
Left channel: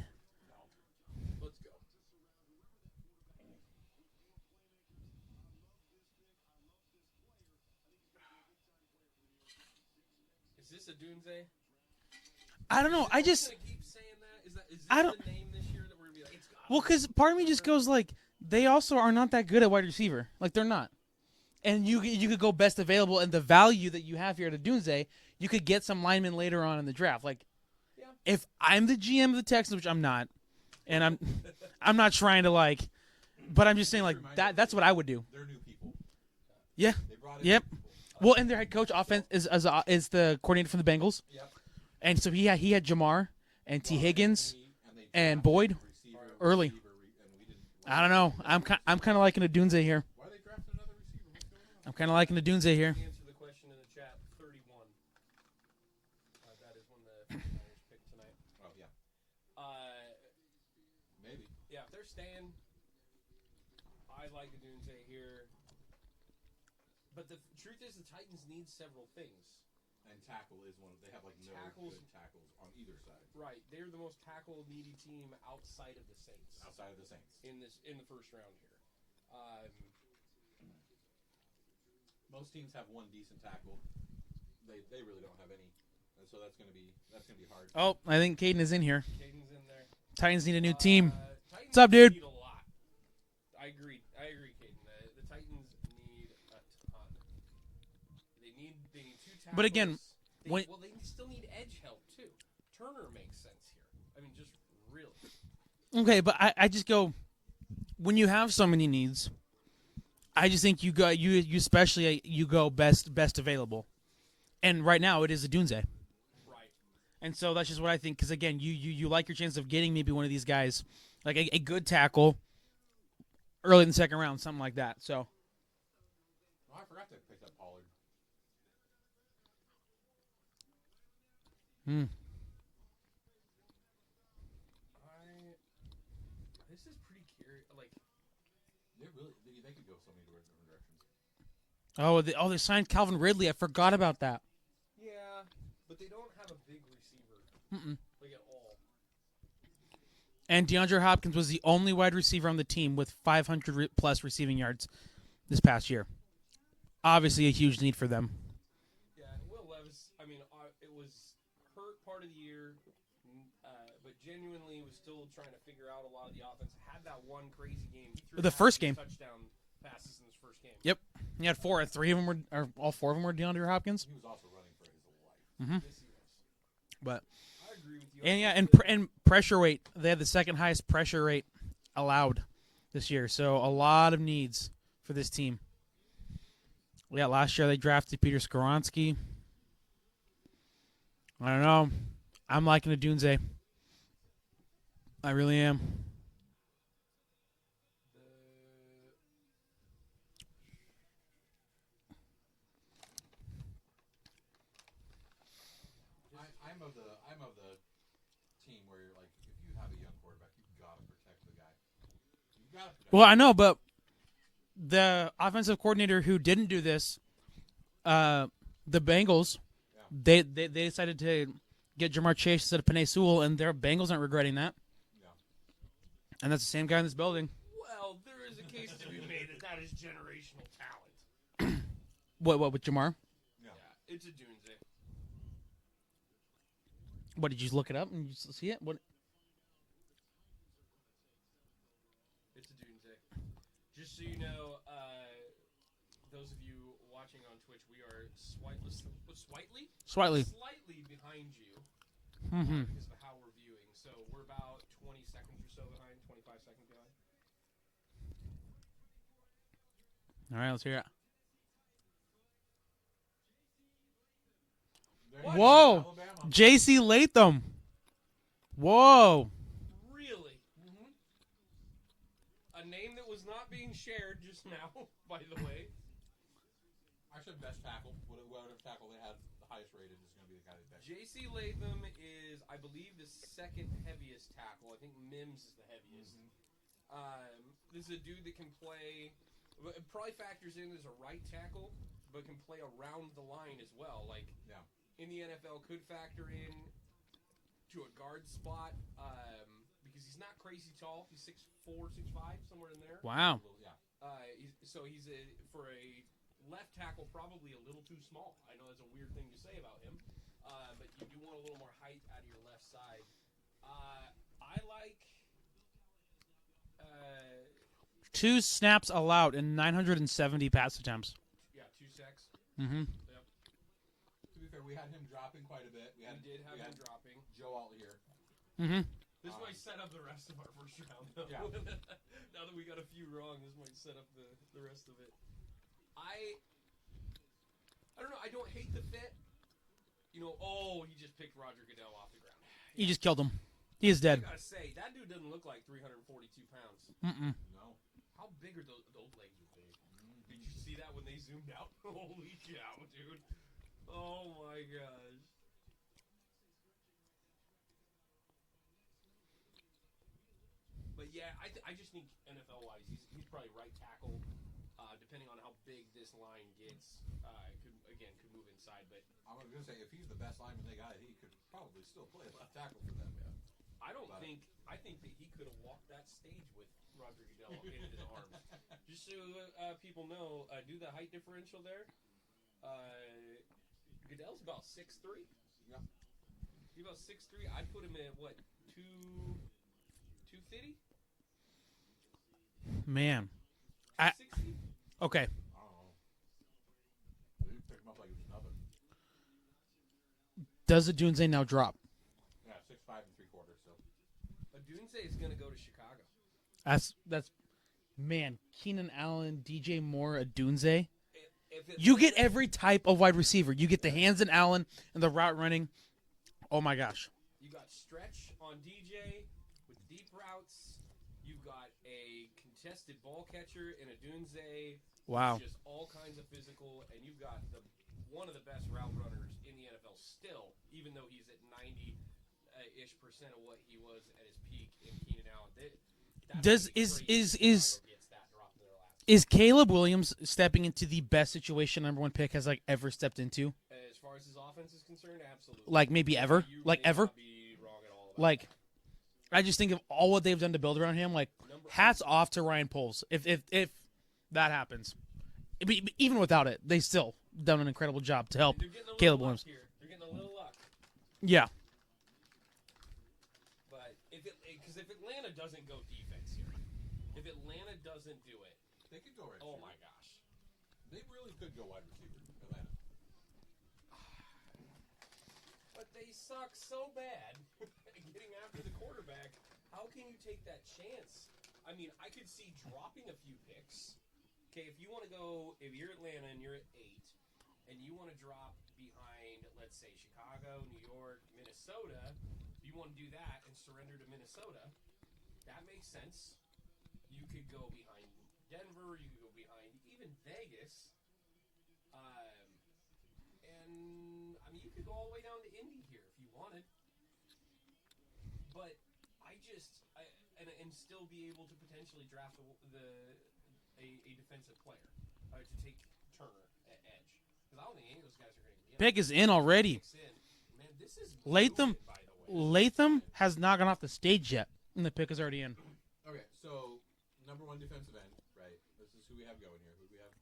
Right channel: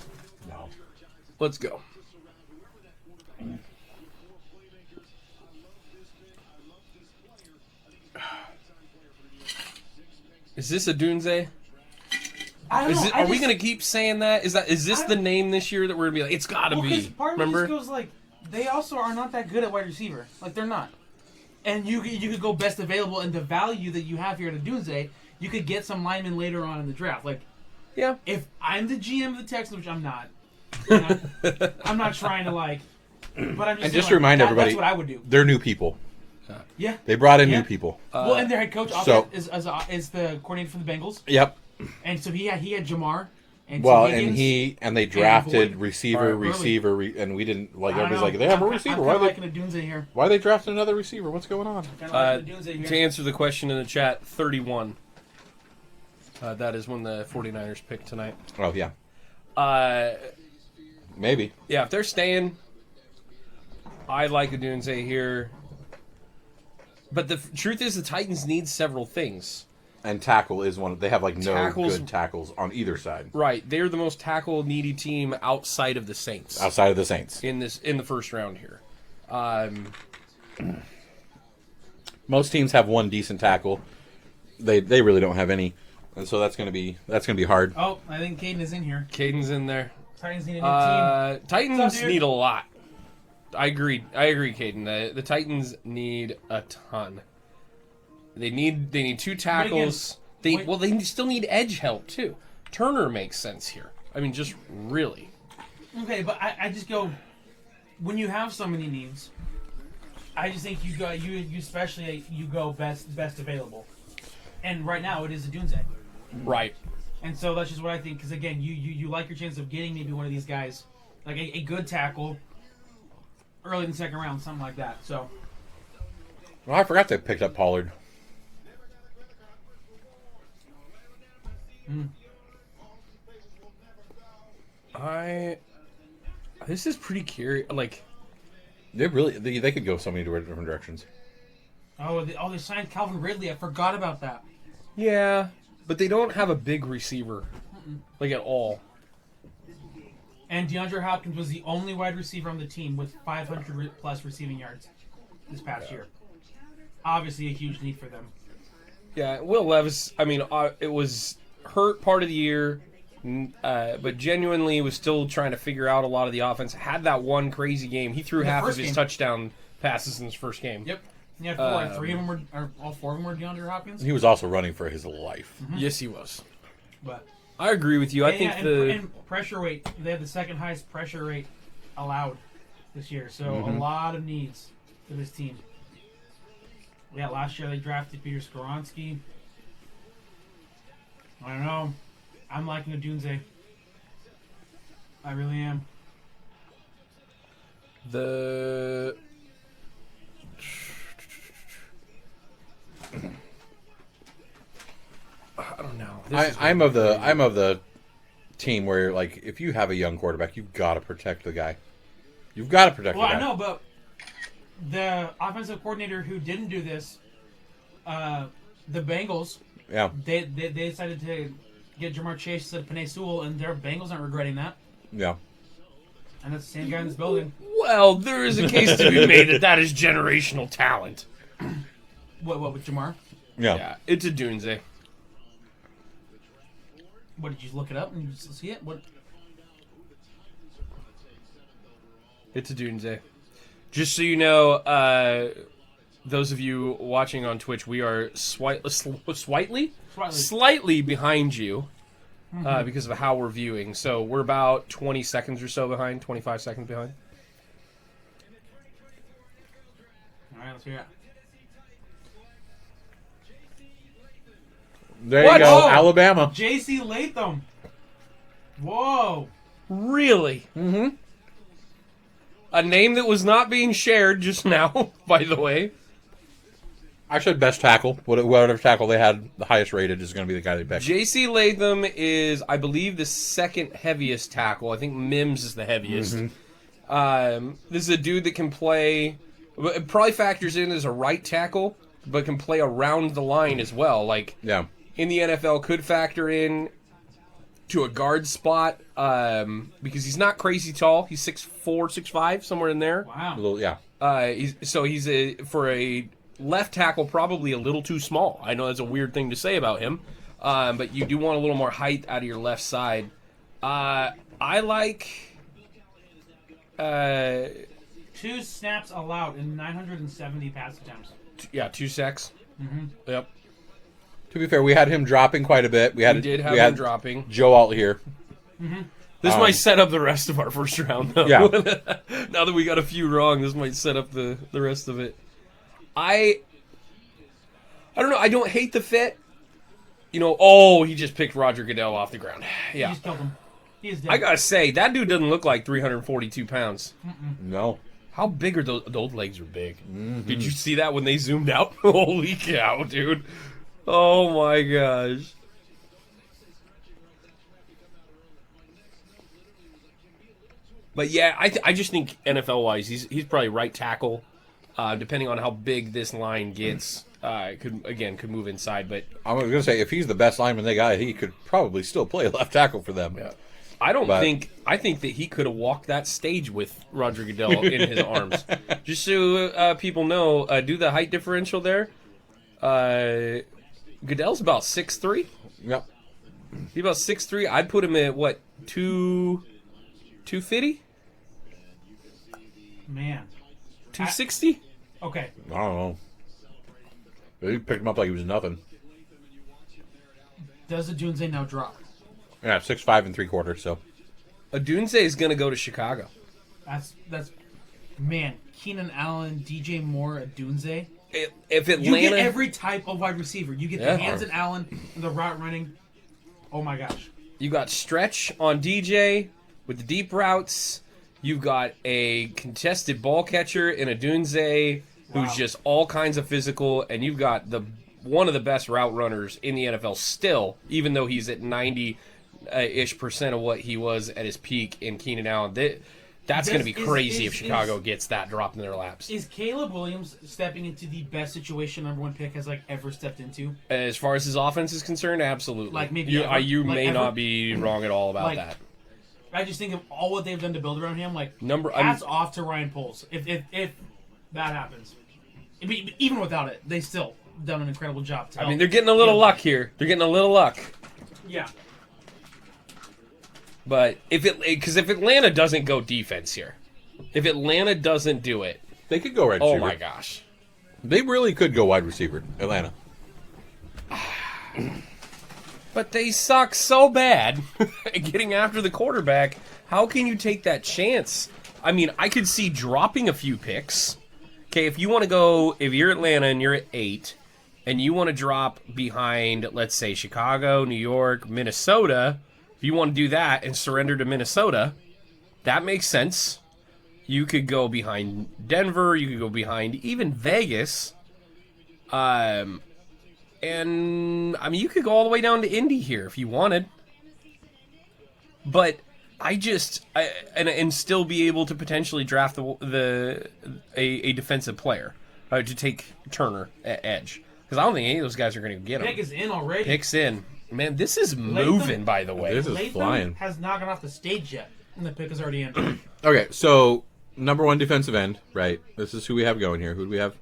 No. Let's go. Is this a Dunze? I don't know. Are we gonna keep saying that? Is this the name this year that we're gonna be like? It's gotta be. Well, because part of me just Remember? goes like, they also are not that good at wide receiver. Like they're not. And you could go best available, and the value that you have here at Dunze, you could get some linemen later on in the draft. Like, Yeah. if I'm the GM of the Texans, which I'm not, and I'm not trying to like, but I'm just And saying, just like, to remind everybody, that's what I would do. they're new people. Yeah. They brought in Yeah. new people. Well, and their head coach so- is the coordinator for the Bengals, Yep. and so he had Jamar and Well, T. Higgins. and they drafted Boyd. receiver, Early. receiver, and we didn't like. I don't Everybody's know. like, they have a I'm receiver. kind Why of they, liking the Dunze here. why they drafted another receiver? What's going on? Kind of liking the Dunze here. To answer the question in the chat, 31. That is when the 49ers pick tonight. Oh yeah, maybe. Yeah, if they're staying, I like a Dunze here. But the truth is, the Titans need several things. And tackle is one. They have like no Tackles- good tackles on either side Right, they're the most tackle needy team outside of the Saints outside of the Saints. in the first round here. Most teams have one decent tackle. They really don't have any, and so that's gonna be hard. Oh, I think Caden is in here. Caden's in there. Titans need a new team. Titans What's up, dude? need a lot. I agree, Caden. The Titans need a ton. They need 2 tackles. wait. They still need edge help too. Turner makes sense here. I mean, just really. Okay, but I just go, when you have so many needs, I just think you especially you go best available, and right now it is a Dunze, Right. and so that's just what I think. Because again, you like your chance of getting maybe one of these guys, like a good tackle, early in the second round, something like that. So Well, I forgot they picked up Pollard. This is pretty curious. Like, They could go so many different directions. they signed Calvin Ridley. I forgot about that. yeah, but they don't have a big receiver, like at all. And DeAndre Hopkins was the only wide receiver on the team with 500 plus receiving yards this past year. Obviously, a huge need for them. Yeah, Will Levis. I mean, it was hurt part of the year, but genuinely was still trying to figure out a lot of the offense. Had that one crazy game. He threw The half first of his game. touchdown passes in his first game. Yep. He had 4, and 3 of them were, or all 4 of them were DeAndre Hopkins. He was also running for his life. Yes, he was. But I agree with you. I think and pressure rate, they had the second highest pressure rate allowed this year. So a lot of needs for this team. Yeah, last year they drafted Peter Skoronski. I don't know. I'm liking the Dunze. I really am. the I don't know. I'm of the team where, like, if you have a young quarterback, you've got to protect the guy. You've got to protect. Well, the I guy. know, but the offensive coordinator who didn't do this, the Bengals, Yeah. they decided to get Jamar Chase instead of Penei Sewell, and their Bengals aren't regretting that. Yeah. And that's the same guy in this building. well, there is a case to be made that is generational talent. What with Jamar? Yeah. Yeah, it's a Dunze. What, did you look it up and you see it? What? It's a Dunze. Just so you know, those of you watching on Twitch, we are slightly behind you because of how we're viewing. So we're about 20 seconds or so behind, 25 seconds behind. All right, let's hear it. There What? you go, Oh! Alabama. J.C. Latham. Whoa. Really? Mm-hmm. A name that was not being shared just now, by the way. I said best tackle. Whatever tackle they had the highest rated is going to be the guy they picked. J.C. Latham is, I believe, the second heaviest tackle. I think Mims is the heaviest. This is a dude that can play. It probably factors in as a right tackle, but can play around the line as well. Like in the NFL, could factor in to a guard spot because he's not crazy tall. He's 6'4", 6'5", somewhere in there. Wow. He's for a left tackle, probably a little too small. I know that's a weird thing to say about him, but you do want a little more height out of your left side. I like 2 snaps allowed in 970 pass attempts. 2 sacks. Yep. To be fair, we had him dropping quite a bit. We had him dropping. Joe Alt here. This might set up the rest of our first round, though. Yeah. Now that we got a few wrong, this might set up the rest of it. I don't know. I don't hate the fit. He just picked Roger Goodell off the ground. Yeah. He just killed him. He is dead. I gotta say, that dude doesn't look like 342 pounds. No. How big are those? Those legs are big. Did you see that when they zoomed out? Holy cow, dude. Oh my gosh. But yeah, I just think NFL-wise, he's probably right tackle. Depending on how big this line gets, could move inside. But I was going to say, if he's the best lineman they got, he could probably still play left tackle for them. Yeah. I think that he could have walked that stage with Roger Goodell in his arms. Just so people know, do the height differential there. Goodell's about 6'3". Yep. He's about 6'3". I'd put him at what, 250? Man. 260? Okay. I don't know. He picked him up like he was nothing. Does the Dunze now drop? Yeah, 6'5" and 3/4. So Adunze is going to go to Chicago. That's man. Keenan Allen, DJ Moore, Dunze. If Atlanta, You get every type of wide receiver. You get the hands and Allen and the route running. Oh my gosh. You got stretch on DJ with the deep routes. You've got a contested ball catcher in a Dunze who's just all kinds of physical, and you've got one of the best route runners in the NFL still, even though he's at 90-ish% of what he was at his peak in Keenan Allen. That's going to be crazy if Chicago gets that dropped in their laps. Is Caleb Williams stepping into the best situation number 1 pick has ever stepped into? As far as his offense is concerned, absolutely. Maybe ever? You may not be wrong at all about that. I just think of all what they've done to build around him. Hats off to Ryan Poles. If that happens, even without it, they still done an incredible job to help. They're getting a little luck here. They're getting a little luck. Yeah. But if Atlanta doesn't go defense here, if Atlanta doesn't do it, they could go wide receiver. Oh my gosh, they really could go wide receiver. Atlanta. But they suck so bad at getting after the quarterback. How can you take that chance? I could see dropping a few picks. Okay, if you're Atlanta and you're at 8, and you want to drop behind, let's say, Chicago, New York, Minnesota, if you want to do that and surrender to Minnesota, that makes sense. You could go behind Denver. You could go behind even Vegas. And you could go all the way down to Indy here if you wanted. But and still be able to potentially draft a defensive player to take Turner at edge, because I don't think any of those guys are going to get him. Pick is in already. Pick's in. Man, this is moving. By the way, this is Latham flying. has not gone off the stage yet, and the pick is already in. Okay, so number 1 defensive end, right? This is who we have going here. Who do we have?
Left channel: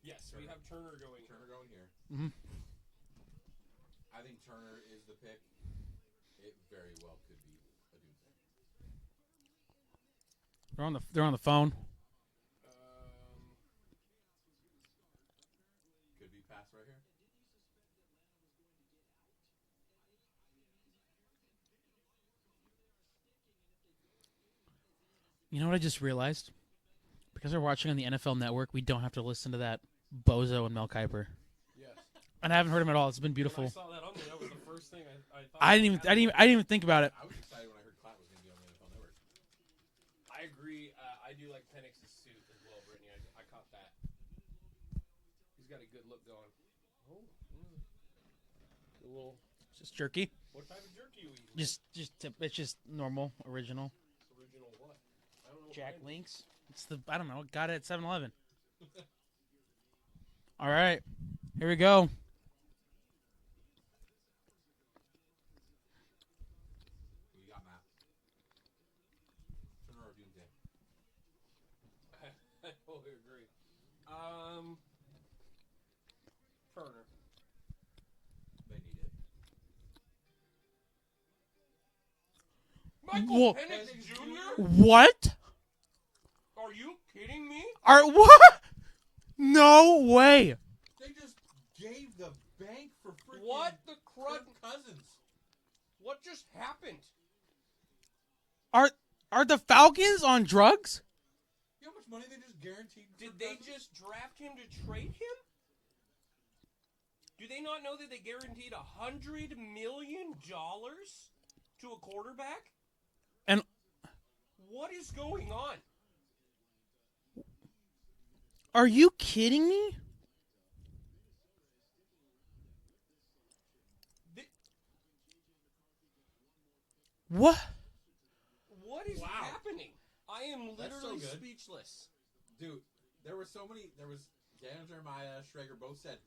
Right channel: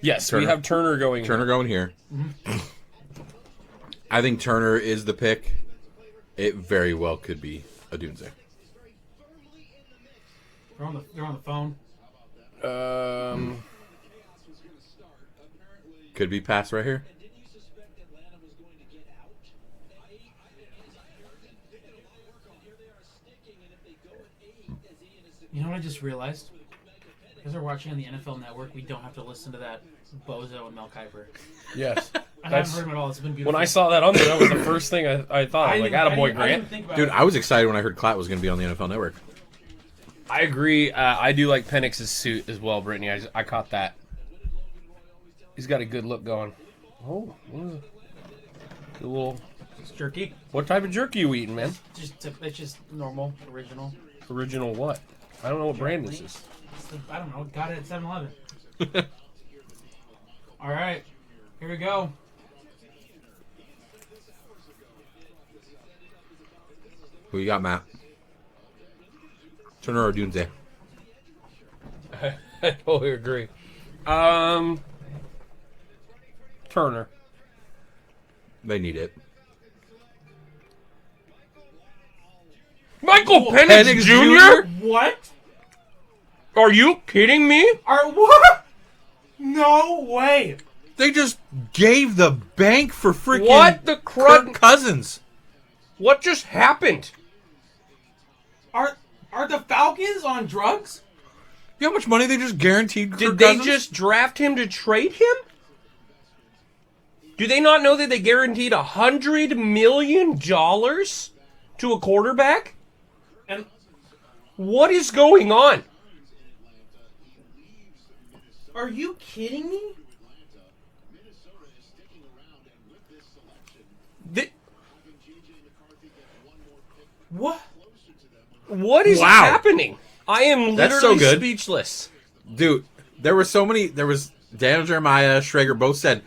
Yes, Turner. we have Turner going. Turner going here. Mm-hmm. I think Turner is the pick. It very well could be a Dunze. They're on the phone. Could be pass right here. You know what I just realized? Because we're watching on the NFL Network, we don't have to listen to that Bozo and Mel Kiper. Yes. I haven't heard him at all. It's been beautiful. When I saw that on there, that was the first thing I thought. I didn't Grant. even think about Dude, it. I was excited when I heard Klatt was going to be on the NFL Network. I agree. I do like Penix's suit as well, Brittany. I caught that. He's got a good look going. Oh, a little. It's jerky. What type of jerky you eating, man? It's just normal, original. Original what? I don't know what brand this is. I don't know. Got it at 7-Eleven. All right, here we go. Who you got, Matt? Turner or Dunze? I totally agree. Turner. They need it. Michael Penix Jr.? What? Are you kidding me? What? No way. They just gave the bank for freaking What the Kirk Cousins. What just happened? Are the Falcons on drugs? You know how much money they just guaranteed Kirk Did they Cousins? just draft him to trade him? Do they not know that they guaranteed $100 million to a quarterback? And What is going on? are you kidding me? What? What is Wow. happening? I am That's literally so good. speechless. Dude, there was Daniel Jeremiah, Schrager both said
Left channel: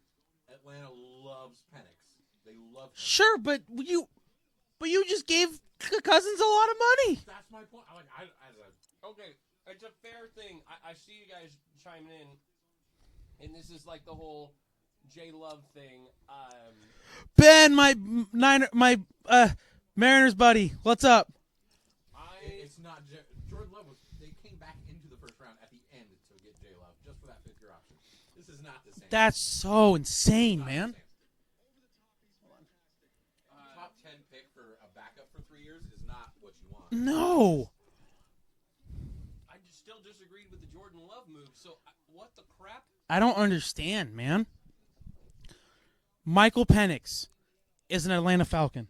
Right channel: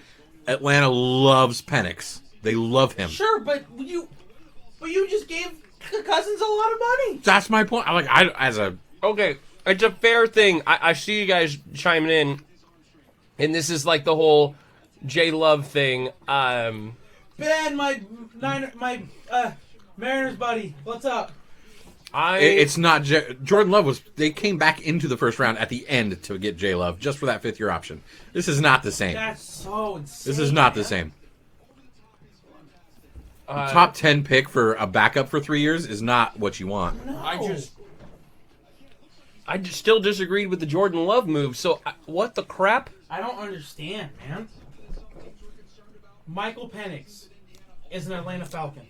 Atlanta loves Penix. They love him. Sure, but you just gave Cousins a lot of money. That's my point. Okay, it's a fair thing. I see you guys chiming in, and this is like the whole J Love thing. Ben, my Mariners buddy, what's up? It's not Jordan Love they came back into the first round at the end to get J Love just for that 5th year option. This is not the same. That's so insane. This is not man. the same. Top 10 pick for a backup for 3 years is not what you want. No. I just still disagreed with the Jordan Love move. So what the crap? I don't understand, man. Michael Penix is an Atlanta Falcon.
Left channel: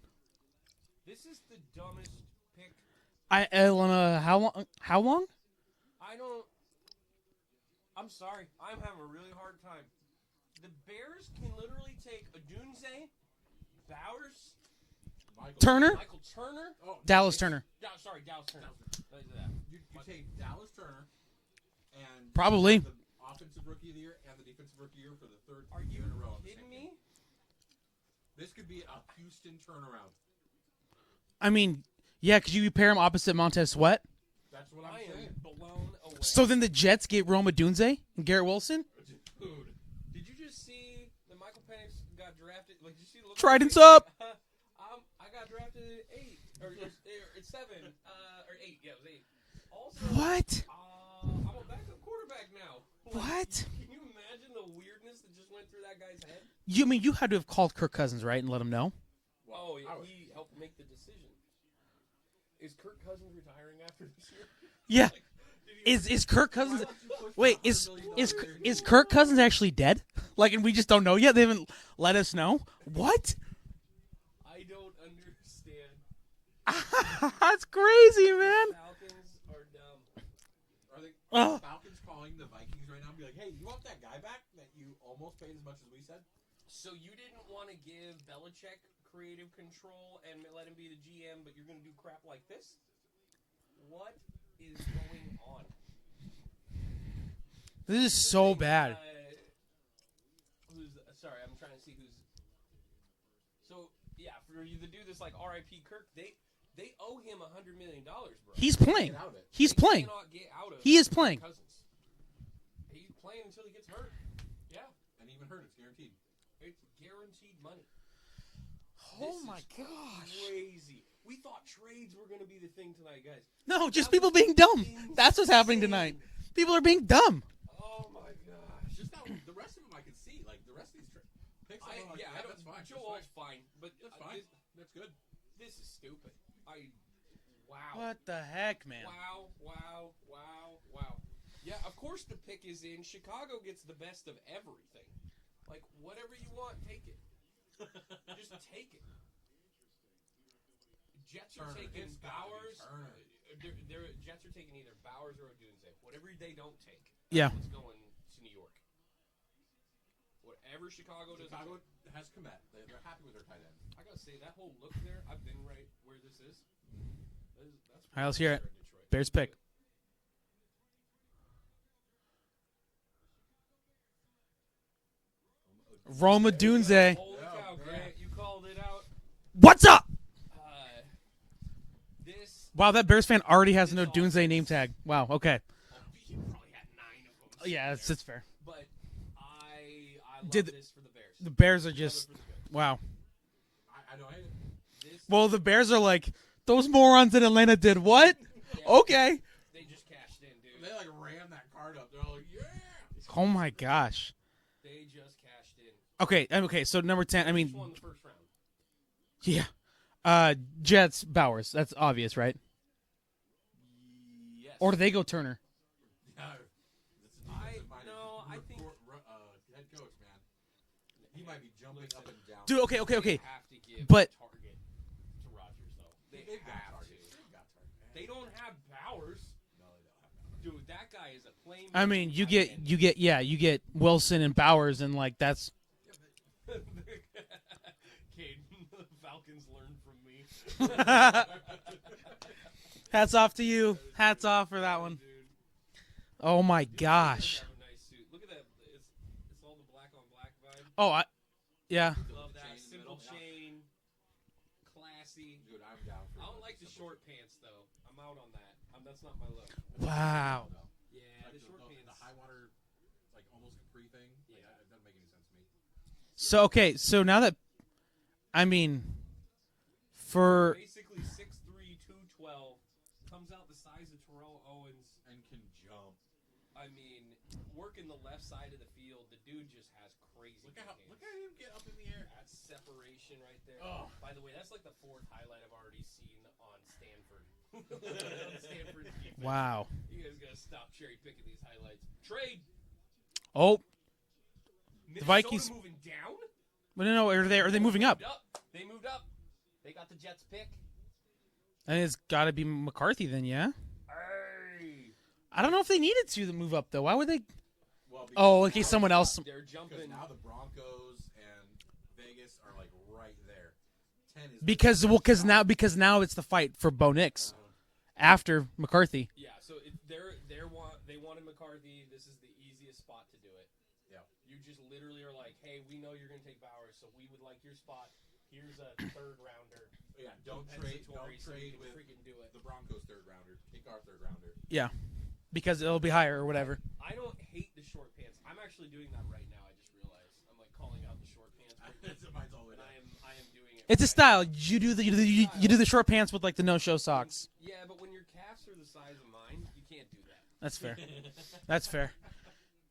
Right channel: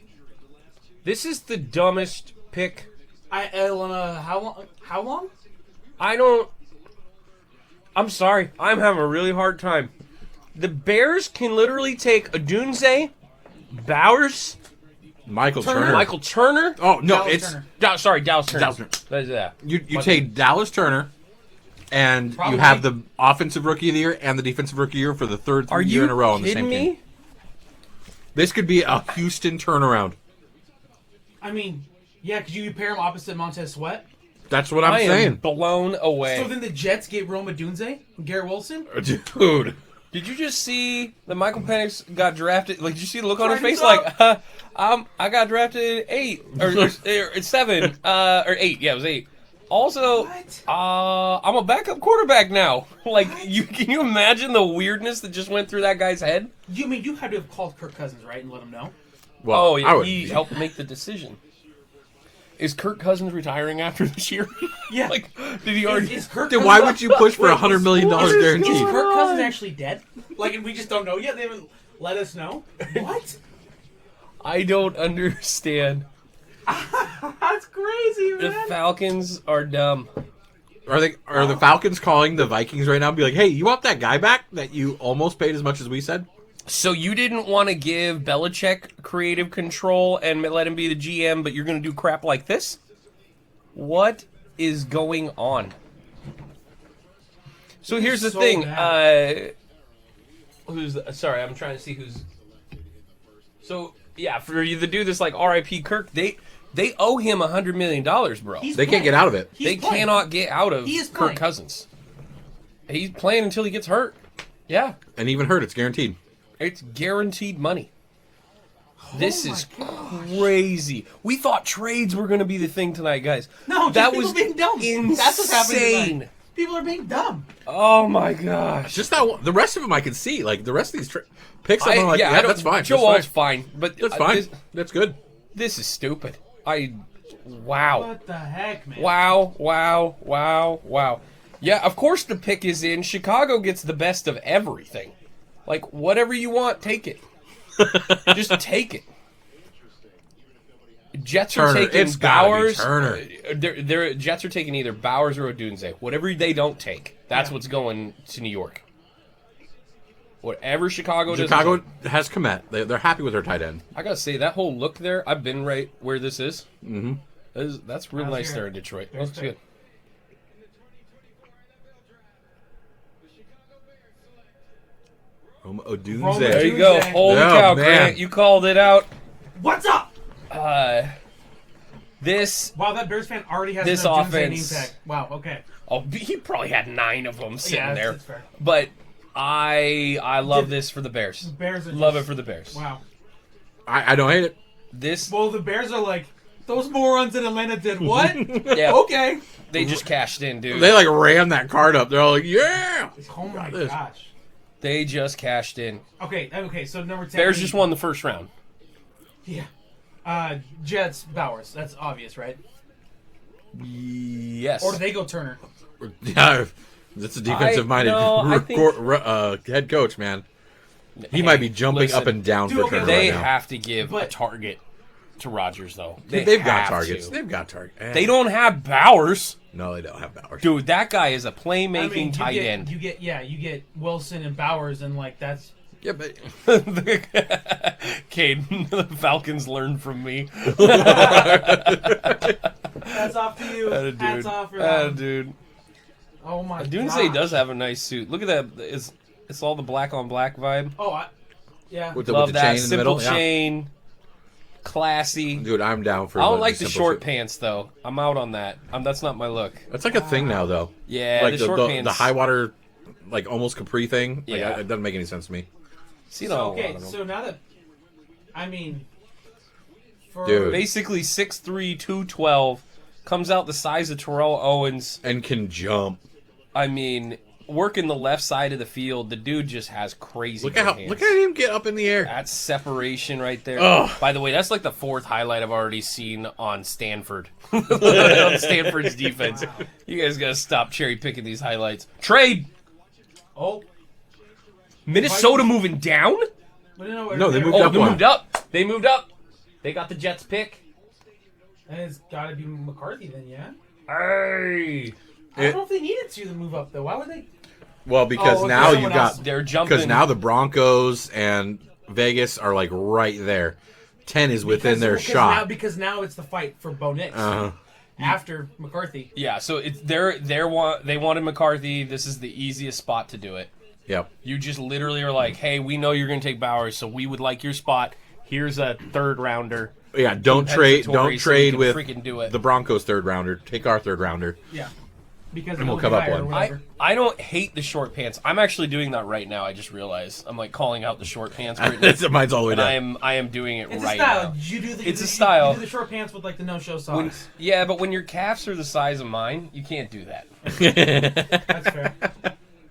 This is the dumbest pick. How long? I'm sorry. I'm having a really hard time. The Bears can literally take Odunze, Bowers, Michael Michael Turner. Oh, no, Dallas it's Turner. Dallas Turner. Dallas Turner. That's that. You take Dallas Turner, and Probably. you have the offensive rookie of the year and the defensive rookie of the year for the third Are year you in a row on the kidding same me? team. This could be a Houston turnaround. I mean, yeah, could you pair him opposite Montez Sweat? That's what I'm I am saying. blown away. So then the Jets gave Rome Odunze and Garrett Wilson? Dude. Did you just see that Michael Penix got drafted? Like, did you see the look on Tried his face? himself. Like, I got drafted at 8 or 7 or 8. Yeah, it was 8. Also, What? I'm a backup quarterback now. Like, can you imagine the weirdness that just went through that guy's head? You mean you had to have called Kirk Cousins, right, and let him know? Well, Oh, I yeah, would- he helped make the decision. Is Kirk Cousins retiring after this year? Yeah. Like, did he already? Is Kirk Then Cousins, why would you push for $100 million is guarantee? Kirk Cousins actually dead? Like, and we just don't know yet? They haven't let us know? What? I don't understand. That's crazy, The man. Falcons are dumb. Are the Falcons calling the Vikings right now and be like, hey, you want that guy back that you almost paid as much as we said? So you didn't want to give Belichick creative control and let him be the GM, but you're going to do crap like this? What is going on? So This here's the is so thing. bad. Sorry, I'm trying to see who's. So yeah, for you to do this like R.I.P. Kirk, they owe him $100 million, bro. They can't get out of it. He's They playing. cannot get out of He is Kirk playing. Cousins. He's playing until he gets hurt. Yeah. And even hurt, it's guaranteed. It's guaranteed money. This is crazy. We thought trades were going to be the thing tonight, guys. No, just that people was being dumb. insane. That's what's happening tonight. People are being dumb. Oh my gosh. Just that one. The rest of them I can see. Like, the rest of these picks, I'm like, I yeah, don't- that's fine. Joe Alt's fine, but That's fine. This, That's good. this is stupid. Wow. What the heck, man? Wow. Yeah, of course the pick is in. Chicago gets the best of everything. Like, whatever you want, take it. Just take it. Jets are Turner. taking It's gotta be Bowers. Turner. They're Jets are taking either Bowers or Odunze. Whatever they don't take, that's Yeah. what's going to New York. Whatever Chicago does. Chicago has Komet. They're happy with their tight end. I gotta say that whole look there. I've been right where this is. Mm-hmm. That's real Let's nice hear it. there in Detroit. Bears Looks pick. good. Roma Odunze. Roma There you go. Tuesday. Holy Yeah, cow, man. Grant! You called it out. What's up? This. Wow, that Bears fan already has This an Odunze name offense- tag. Wow, okay. Oh, he probably had 9 of them sitting Yeah, there. it's fair. But I love Did- this for the Bears. The Bears are just... Love it for the Bears. Wow. I don't hate it. This Well, the Bears are like, those morons in Atlanta did what? Yeah. Okay. they just cashed in, dude. They like ran that card up. They're all like, yeah. Oh my gosh. They just cashed in. Okay, so number 10. Bears just won the first round. Yeah. Jets, Bowers. That's obvious, right? Yes. Or do they go Turner? Yeah, that's a defensive-minded I think- head coach, man. He might be jumping listen, up and down dude, for okay, Turner They right now. have to give But- a target to Rodgers, though. They've got have targets. to. They've got targets. They don't have Bowers. No, they don't have Bowers. Dude, that guy is a playmaking I mean, tight end. you get Wilson and Bowers, and like that's Yeah, but Caden, the Falcons learned from me. hats off to you. Dude. Hats off for that. Dude. Oh my god. Doomsday does have a nice suit. Look at that. It's all the black on black vibe. Oh, yeah. with Love the that. chain in the Simple middle. Yeah. chain. Classy. Dude, I'm down for I don't the like the simple short suit. pants, though. I'm out on that. That's not my look. That's like a thing now, though. Yeah, Like the short pants. the high water, like almost capri thing. Like, Yeah. it doesn't make any sense to me. See So a lot okay, of them. so now that I mean, for Dude. Basically 6'3", 212. Comes out the size of Terrell Owens. And can jump. I mean, working the left side of the field, the dude just has crazy Look good at hands. look at him get up in the air. That's separation right there. Ugh. By the way, that's like the 4th highlight I've already seen on Stanford. On Stanford's defense. Wow. You guys gotta stop cherry picking these highlights. Trade! oh, Minnesota Vikings- moving down? No, they moved Oh, up they one. moved up. They moved up. They got the Jets pick. It's got to be McCarthy then, yeah. Hey! I don't know if they needed to move up though. Why would they? Well, because Oh, now you someone else. got They're jumping. because now the Broncos and Vegas are like right there. 10 is within their shot. Because now it's the fight for Bo Nix Uh-huh. after McCarthy. Yeah, so it's they wanted McCarthy. This is the easiest spot to do it. Yep. You just literally are like, hey, we know you're going to take Bowers, so we would like your spot. Here's a 3rd rounder. Yeah. Don't trade Compensatory so we trade can with freaking do it. the Broncos 3rd rounder. Take our 3rd rounder. Yeah, because And it'll we'll be come up higher or one. whatever. I don't hate the short pants. I'm actually doing that right now. I just realized I'm like calling out the short pants right now. Mine's all the way And down. I am doing it It's right a style. now. You do the It's a you, style. You do the short pants with like the no-show socks. Yeah, but when your calves are the size of mine, you can't do that. That's fair.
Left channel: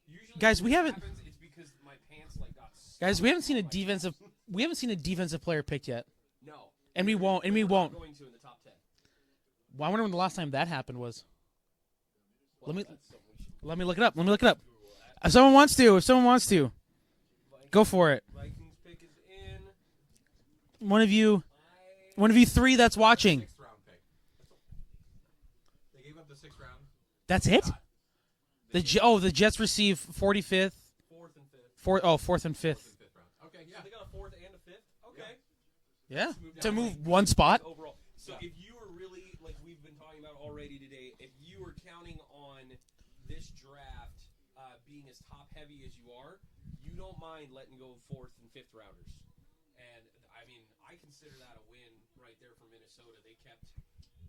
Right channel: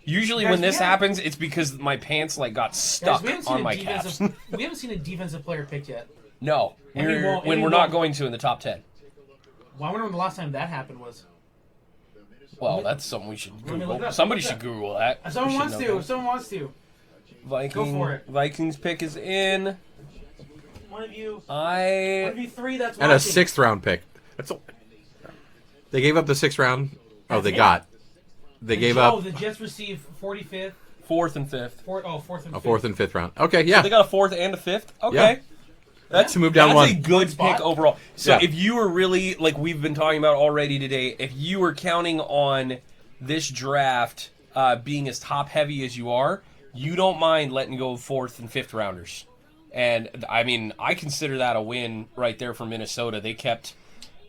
Usually Guys, when this we haven't- happens, it's because my pants like got stuck Guys, we haven't seen on a my calves. defensive. We haven't seen a defensive player picked yet. No, I mean, well, I when mean, we're well- not going to in the top 10. Well, I wonder when the last time that happened was. Well, that's something we should Google. Let me look it up. Somebody Let me should look Google that. If someone We wants should to. know If someone wants to, that. go for it. Vikings pick is in. one of you One 3 that's And a watching. 6th round pick. They gave up the 6th round. That's they it? got. They The gave Je- up Oh, the Jets receive 45th, 4th and 5th. 4th and a 5th. 4th and 5th round. Okay, yeah. They got a 4th and a 5th. Okay. Yeah. That's To move down that's one. a good One spot? pick overall. So Yeah. if you were really like we've been talking about already today, if you were counting on this draft being as top heavy as you are, you don't mind letting go of 4th and 5th rounders. And I mean, I consider that a win right there for Minnesota. They kept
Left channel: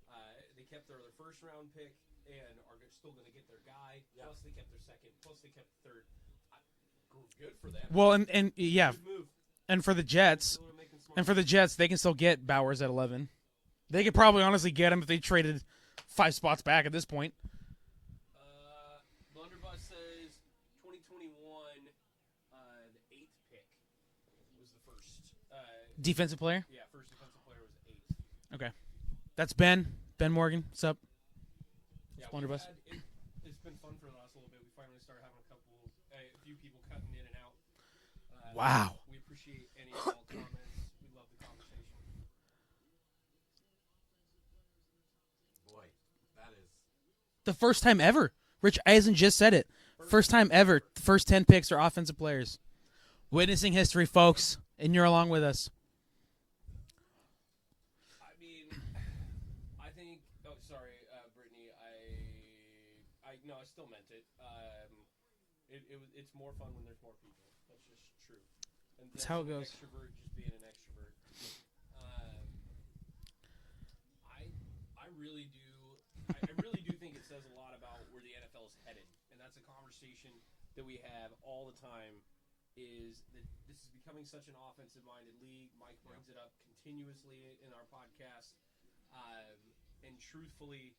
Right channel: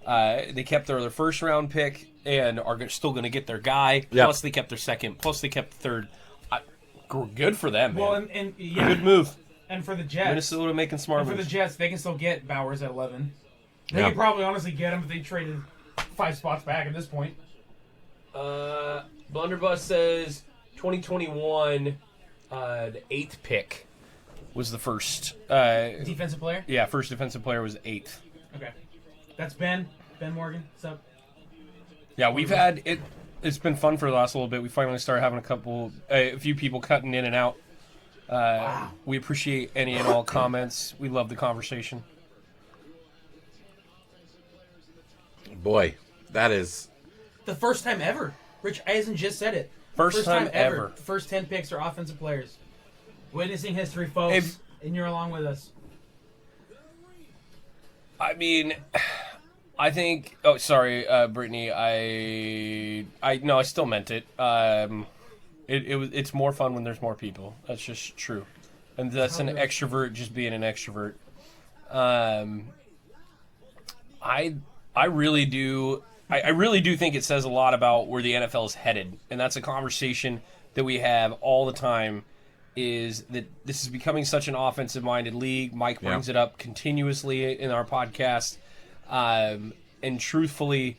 their first round pick and are still going to get their guy. Yeah. Plus they kept their 2nd. Plus they kept the 3rd. Good for them. Well, man. and yeah, Good move. and for the Jets, Minnesota making smart and for the moves. Jets, they can still get Bowers at 11. They Yeah. could probably honestly get him if they traded 5 spots back at this point. Blunderbuss says 2021, the 8th pick was the first. Defensive player. Yeah, first defensive player was 8th. Okay, that's Ben Morgan. What's up? Yeah, we've had it. It's been fun for the last little bit. We finally started having a few people cutting in and out. Wow. We appreciate any and all comments. We love the conversation. Boy, that is. The first time ever. Rich Eisen just said it. First time time ever. ever. First 10 picks are offensive players. Witnessing history, folks, and you're along with us. I mean, I think. Oh, sorry, Brittany. No, I still meant it. It's more fun when there's more people. That's just true, and that's an extrovert just being an extrovert. I really do. I really do think it says a lot about where the NFL is headed, and that's a conversation that we have all the time. Is that this is becoming such an offensive-minded league? Mike brings it up continuously in our podcast, and truthfully,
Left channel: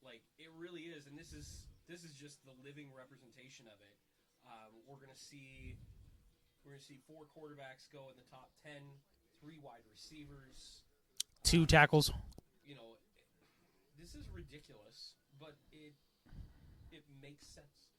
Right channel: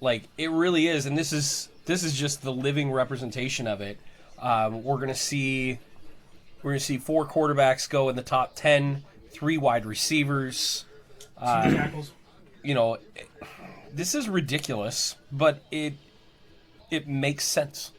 like it really is. And this is just the living representation of it. We're gonna see 4 quarterbacks go in the top 10, 3 wide receivers, 2 tackles. You know, this is ridiculous, but it makes sense.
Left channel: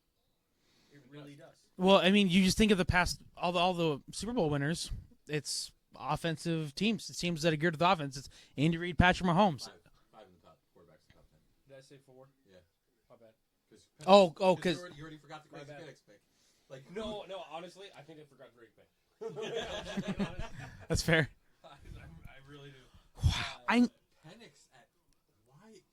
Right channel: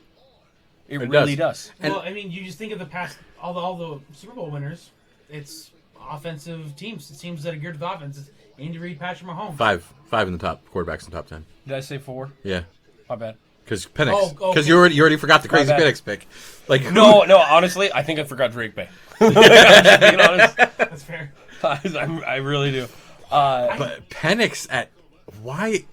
It really does. Well, I mean, you just think of the past, all the Super Bowl winners. It's offensive teams. It's teams that are geared to the offense. It's Andy Reid, Patrick Mahomes. Five in the top quarterbacks in the top 10. Did I say 4? Yeah, My bad. because Penix. Oh, Because okay. you already forgot the crazy bad. Penix pick. Like No, honestly, I think I forgot Drake Bay. I'm just being honest. That's fair. I really do. But Penix at why?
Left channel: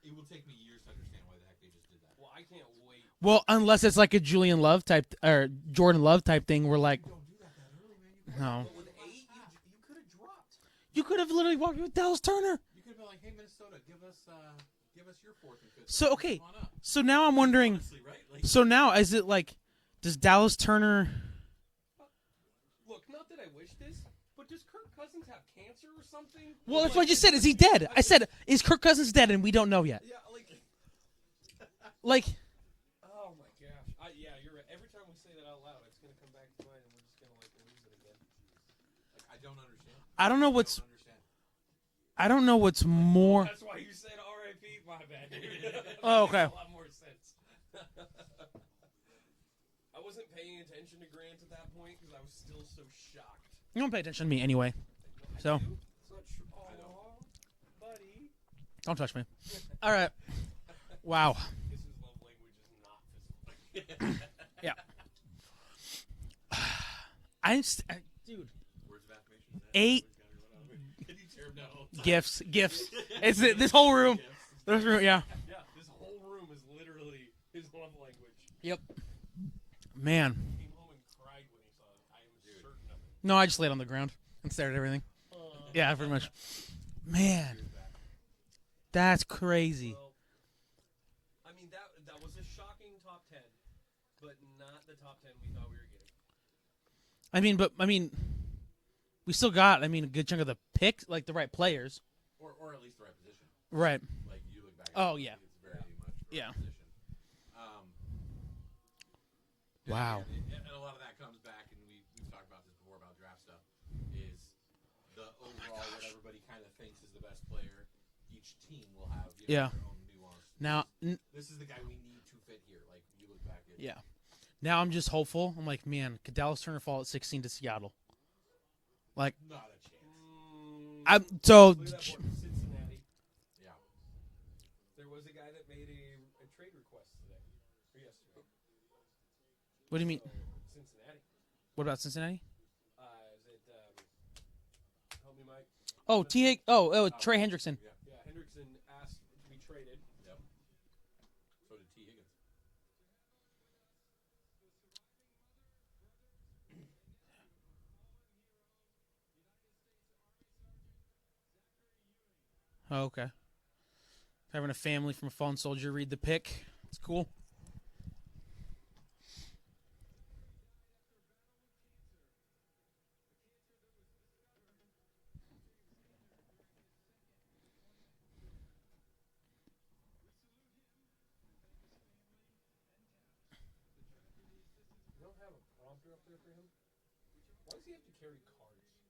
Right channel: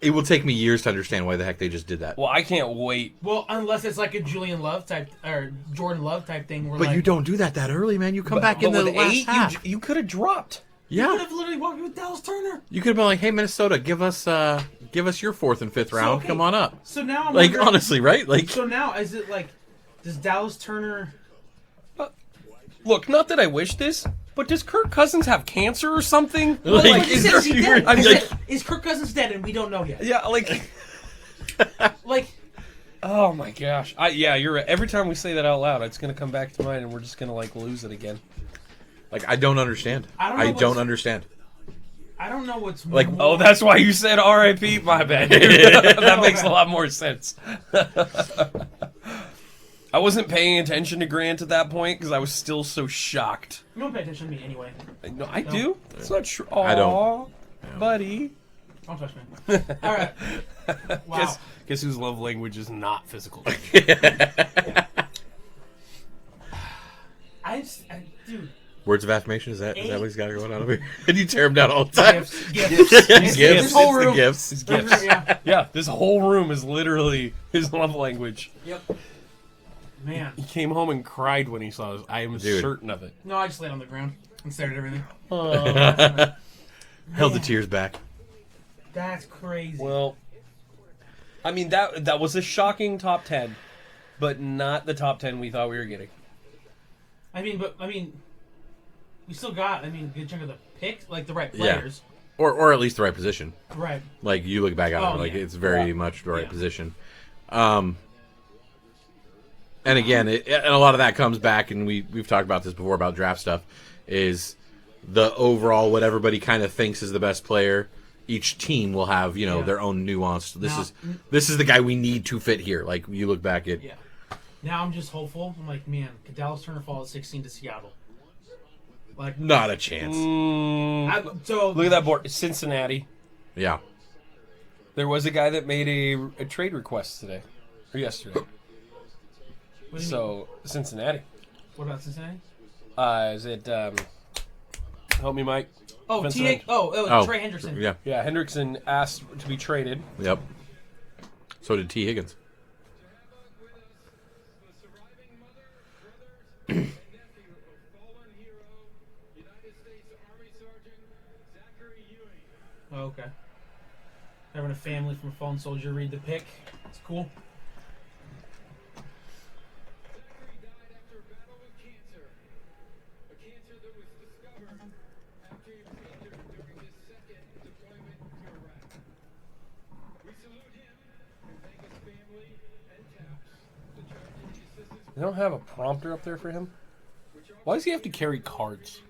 It will take me years to understand why the heck they just did that. Well, I can't wait. Well, unless it's like a Julian Love type or Jordan Love type thing, where But like you don't do that early, man. You come back in But the with last 8, half. you could have dropped. you Yeah, could have literally walked with Dallas Turner. you could have been like, "Hey, Minnesota, give us your 4th and 5th round. okay. Come on up." So now I'm Like wondering, honestly, right? Like So now is it like, does Dallas Turner? Look, not that I wish this, but does Kirk Cousins have cancer or something? Like, you is said, there- is he dead? I'm I like- said, is Kirk Cousins dead? And we don't know yet. Yeah, like, Like, oh my gosh. Yeah, you're right. Every time we say that out loud, it's gonna come back to mind, and we're just gonna like lose it again. I don't understand. I don't know what's- don't understand. I don't know what's Like, more. Oh, that's why you said R.I.P. My bad. That makes a lot more sense. I wasn't paying attention to Grant at that point because I was still so shocked. You don't pay attention to me anyway. No, I No. do. It's not true. I don't. Aw, buddy. Don't touch me. All right. Wow. Guess whose love language is not physical? Dude. Words of affirmation, is that what 8 he's got going on over here? And you tear him down all the time. Gifts. Gifts. This whole It's the room. gifts. Yeah. Yeah, this whole room is literally his love language. Yep. Man. He came home and cried when he saw us. I am Dude. certain of it. No, I just laid on the ground and stared at everything. Held the Man. tears back. That's crazy. Well, I mean that was a shocking top 10, but not the top 10 we thought we were getting. I mean, we still got, a good chunk of the picks, like the right players. Or at least the right position. Right. Like you look back at Oh, it, like yeah. it's very Yeah. much the right Yeah. position. And again, and a lot of that comes back, and we've talked about this before about draft stuff, is the overall what everybody kind of thinks is the best player. Each team will have Yeah. their own nuance. Now- This is the guy we need to fit here. Like you look back at Yeah. Now I'm just hopeful. I'm like, man, could Dallas Turner fall at 16 to Seattle? Like, not a chance. so Look at that board. Cincinnati. Yeah. There was a guy that made a trade request today or yesterday. What do you mean? So Cincinnati. What about Cincinnati? Is it? Help me, Mike. Oh, Defensive T. end. Oh, Trey Hendrickson. Yeah. Yeah, Hendrickson asked to be traded. Yep. So did T. Higgins. Oh, okay. Having a family from a fallen soldier read the pick. It's cool. They don't have a prompter up there for him. Why does he have to carry cards?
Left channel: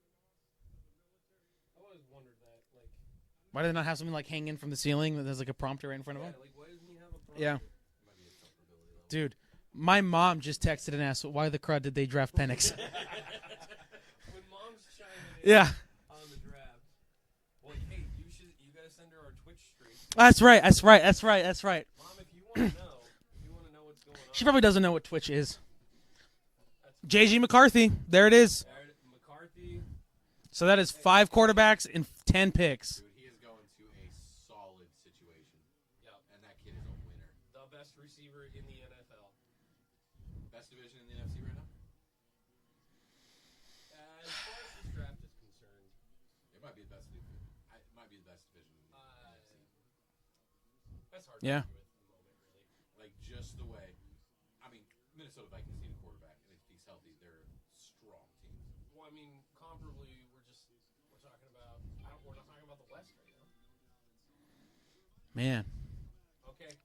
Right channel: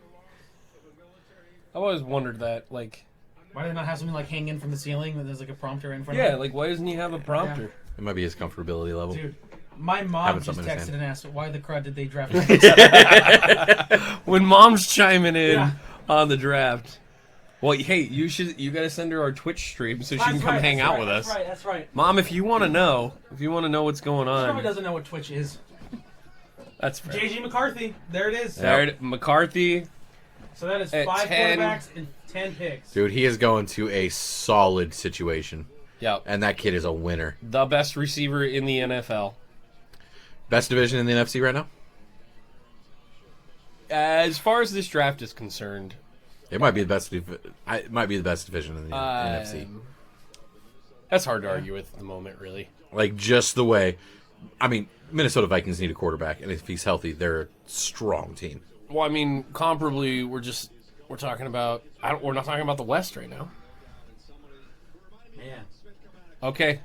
I've always wondered that. Like, Why do they not have something like hanging from the ceiling that there's like a prompter in front yeah, of it? like why doesn't he have a prompter? It might be his comfortability level. Dude, my mom Having just something to texted say. and asked, why the crud did they draft Penix? When mom's chiming in Yeah. on the draft. Well, hey, you gotta send her our Twitch stream so she That's can right, come hang that's out right, with that's us. right, that's right. Mom, if you want to know what's going on, She probably doesn't know what Twitch is. That's fair. J.G. McCarthy. There it is. McCarthy. So that is At 5 10. quarterbacks and 10 picks. Dude, he is going to a solid situation. Yep. And that kid is a winner. The best receiver in the NFL. Best division in the NFC right now? As far as this draft is concerned, It might be the best. It might be the best division in the NFC. that's hard to argue with at the moment, really. Like just the way, I mean, Minnesota Vikings need a quarterback, and if he's healthy, they're a strong team. Well, I mean, comparably, we're talking about. We're not talking about the West right now. Man. Okay.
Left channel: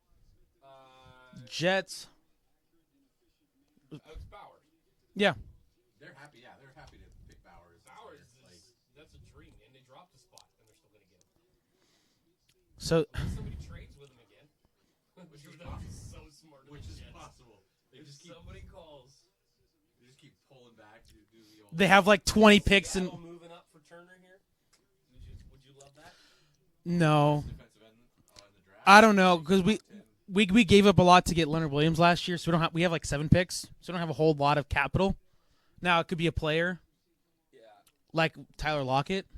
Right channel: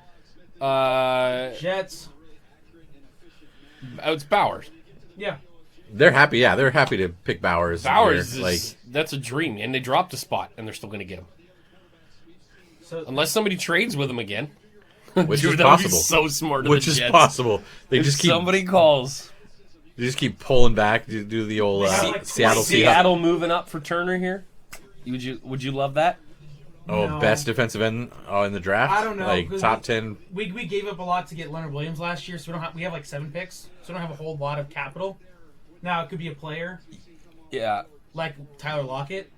Jets. It's Bowers. Yeah. They're happy. Yeah, they're happy to pick Bowers. Bowers here. is that's a dream, and they dropped a spot, and they're still going to get him So unless somebody trades with him again. Which Dude, is that would be possible. so smart. Of Which the is Jets. possible. They If just keep somebody calls. they just keep pulling back. Do the old. They have, like, 20 Seattle picks. Seahawks. Seattle moving up for Turner here. Would you love that? Oh, No. best defensive end in the draft. I don't know, Like 'cause top 10. we we gave up a lot to get Leonard Williams last year, so we have like 7 picks, so we don't have a whole lot of capital. Now it could be a player Yeah. like Tyler Lockett.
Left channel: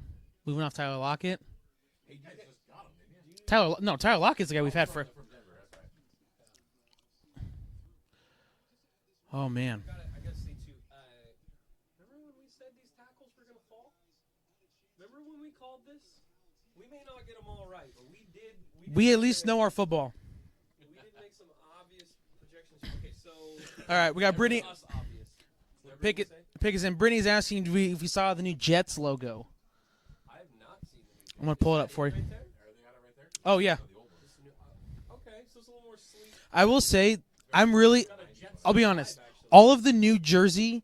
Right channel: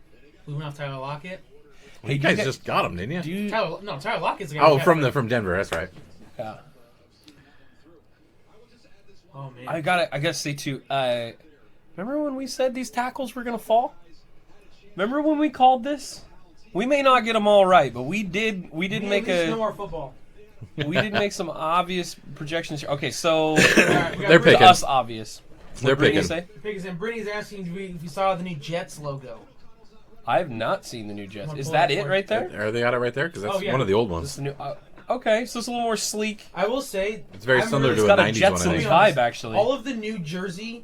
We went off Tyler Lockett. Well, you guys just got him, didn't you? Tyler Lockett's the guy. Oh, we had from Denver. That's right. Yeah. Oh man. I gotta say too. Remember when we said these tackles were gonna fall? Remember when we called this? We may not get them all right, but we did. We we make at least know our football. we did make some obvious projections. Okay, so All right, we got They're to picking. us obvious. They're What Brittany picking. say? Pick us in. Brittany's asking if we saw the new Jets logo. I have not seen the new Jets. gonna Is pull that it it for right you. there? Are they got it right there? Because that's Oh, yeah. one of the old This ones. is the new. Okay, so it's a little more sleek. I will say, It's very I'm similar really to It's a got a 90s Jets one. I be think. honest. vibe actually. all of the new jersey,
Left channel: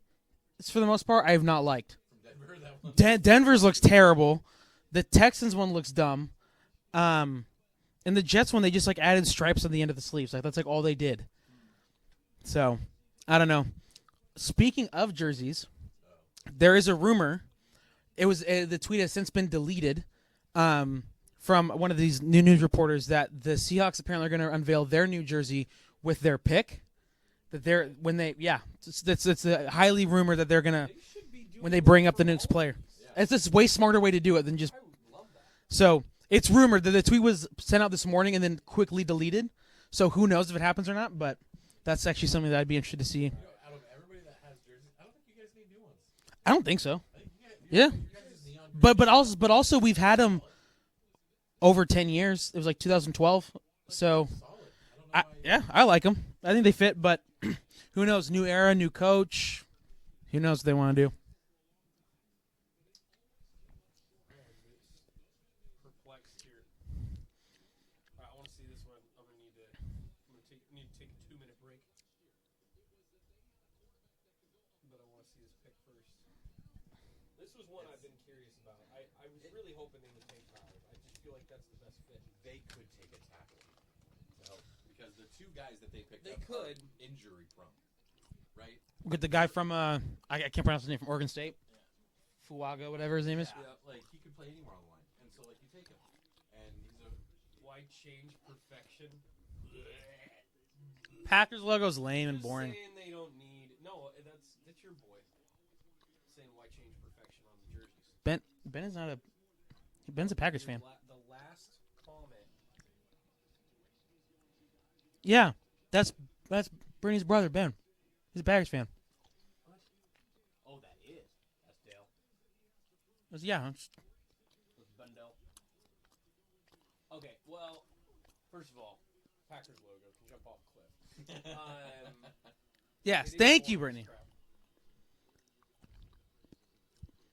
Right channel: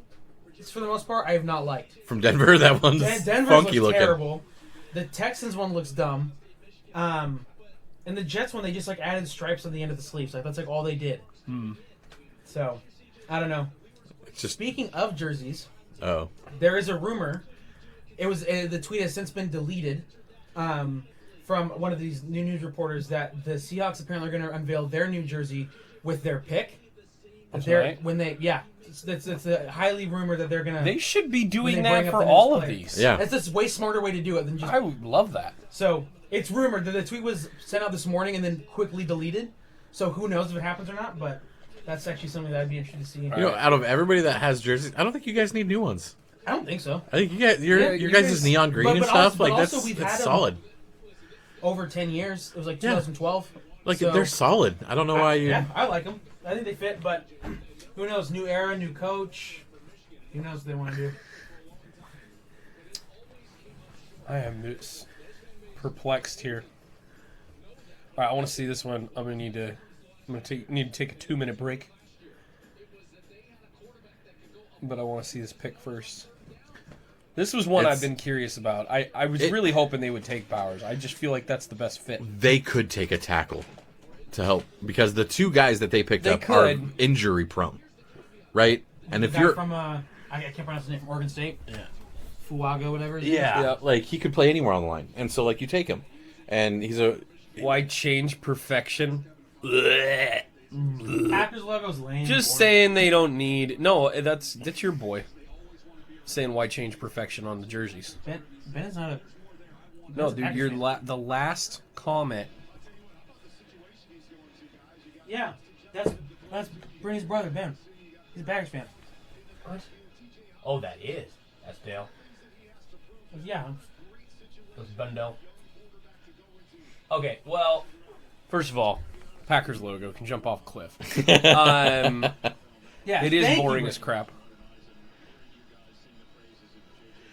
for the most part, I have not liked. From Denver, that one's Denver's funky looks looking. terrible. The Texans one looks dumb. And the Jets one, they just like added stripes at the end of the sleeves. Like that's like all they did. So, I don't know. Just- Speaking of jerseys, Oh, there is a rumor. It was the tweet has since been deleted from one of these new news reporters that the Seahawks apparently are going to unveil their new jersey with their pick. That's They're right. when they it's highly rumored that they're going to They should be doing they that bring up for the news all of player. these. yeah. It's just a way smarter way to do it than just I would love that. so. It's rumored that the tweet was sent out this morning and then quickly deleted. So who knows if it happens or not? But that's actually something that I'd be interested to see. You know, out of everybody that has jerseys, I don't think you guys need new ones. I don't think so. I think you guys, your Yeah, your you guys' guys- neon green But and also- stuff. but like, also that's- we've that's had 'em- solid. Over 10 years, it was like 2012. Like So- they're solid. I don't know why you. Yeah, I like them. I think they fit, but who knows? New era, new coach. Who knows what they want to do? I am perplexed here. All right, I want to see this one. I'm gonna need to take a 2-minute break, but I want to see this pick first. This was one It's- I've been curious about. I was really hoping they would take Bowers. I just feel like that's the best fit. They could take a tackle to help because the two guys that they picked They up are could. injury prone, right? And the if guy you're from I can't pronounce his name, from Oregon State. Yeah. Fuaga, whatever. His name is. yeah, like he could play anywhere on the line, and so like you take him, and he's a Why change perfection? Packers logo's lame. Just boring. saying they don't need. No, that's your boy. Saying why change perfection on the jerseys? Ben is not a. No, Ben's a dude, Packers your fan. the last comment. Yeah, that's Brittany's brother Ben. He's a Packers fan. Oh, that is. That's Dale. Yeah. That's Bundell. Okay, well, first of all, Packers logo can jump off a cliff. Yeah. It is thank you, boring as Brittany. crap.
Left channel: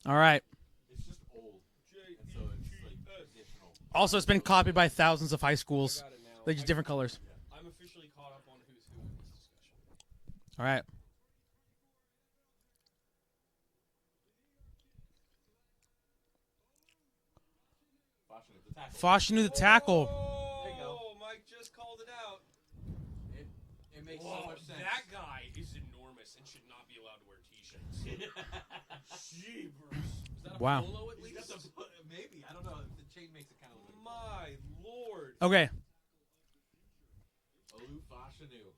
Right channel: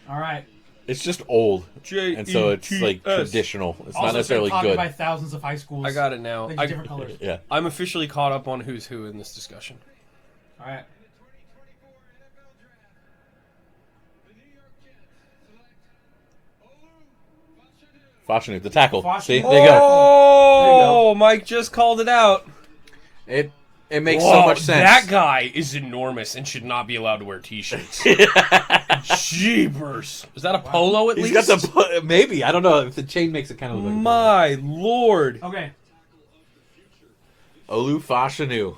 All right. it's just old, and so it's like JETS. traditional. It's not Also, it's been necessarily copied good. by thousands of high schools. I got it now. Like different colors. Yeah, I'm officially caught up on who's who in this discussion. All right. Fashanu, the tackle. Fashanu, See, the there you go. Oh, Mike just called it out. It makes Whoa, so much sense. That guy is enormous and should not be allowed to wear t-shirts. Jeepers. Is that a Wow. polo at He's least? got the maybe I don't know if the chain makes it kind of look like My lord. Okay. Olu Fashanu.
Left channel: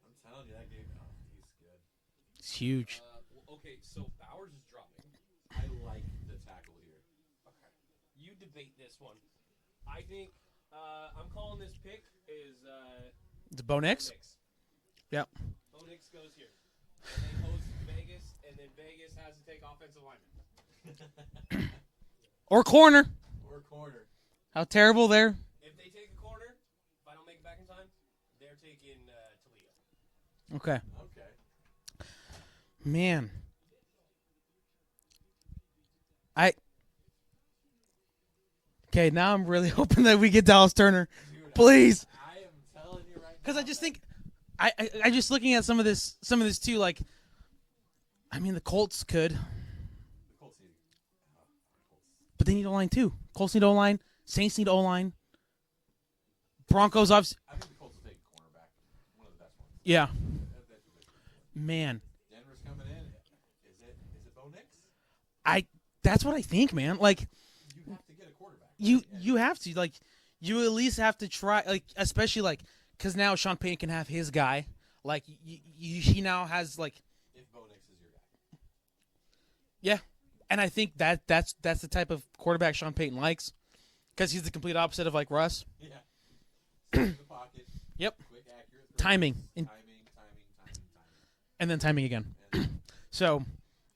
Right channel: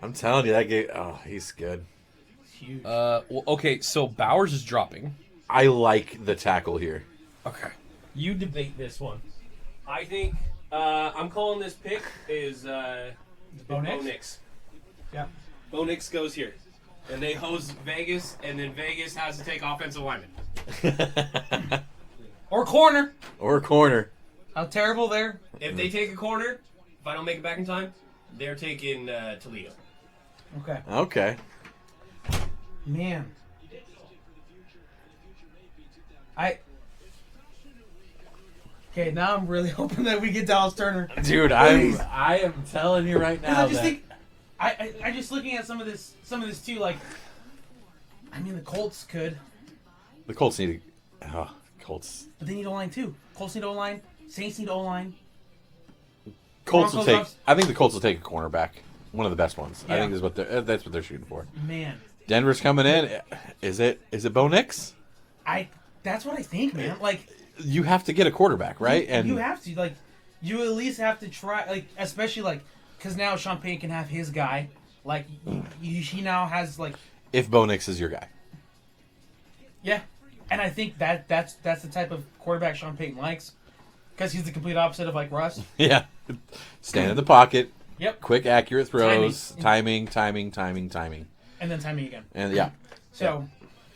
I'm telling you that guy. Oh, he's good. It's huge. Well, okay, so Bowers is dropping. I like the tackle here. Okay. You debate this one. I think I'm calling this pick is Bo Nix? Nix. Yeah. Bo Nix goes here. And they host Vegas, and then Vegas has to take offensive linemen. Or corner. Or corner. How terrible there. If they take a corner, if I don't make it back in time, they're taking Toledo. Okay. Okay. Man. Okay, now I'm really hoping that we get Dallas Turner. Dude, Please. I am telling you right now I just think I just looking at some of this too, like I mean the Colts could, the Colts need Colts. but they need O-line too. Colts need O-line, Saints need O-line. Colts will Broncos take, I think the Colts will take a cornerback. One of the best ones. Yeah. I think that's what they're shooting for. Man. Denver's coming in. Is it Bo Nix? That's what I think, man. Like You have to get a quarterback, right? You have to, like, you at least have to try, like, especially, like, because now Sean Payton can have his guy. Like, he now has, like... If Bo Nix is your guy. Yeah. And I think that's the type of quarterback Sean Payton likes. Because he's the complete opposite of, like, Russ. Yeah. Stand in the pocket. Yep. Quick, accurate throws. Timing. Timing. And then timing again. And, yeah. So...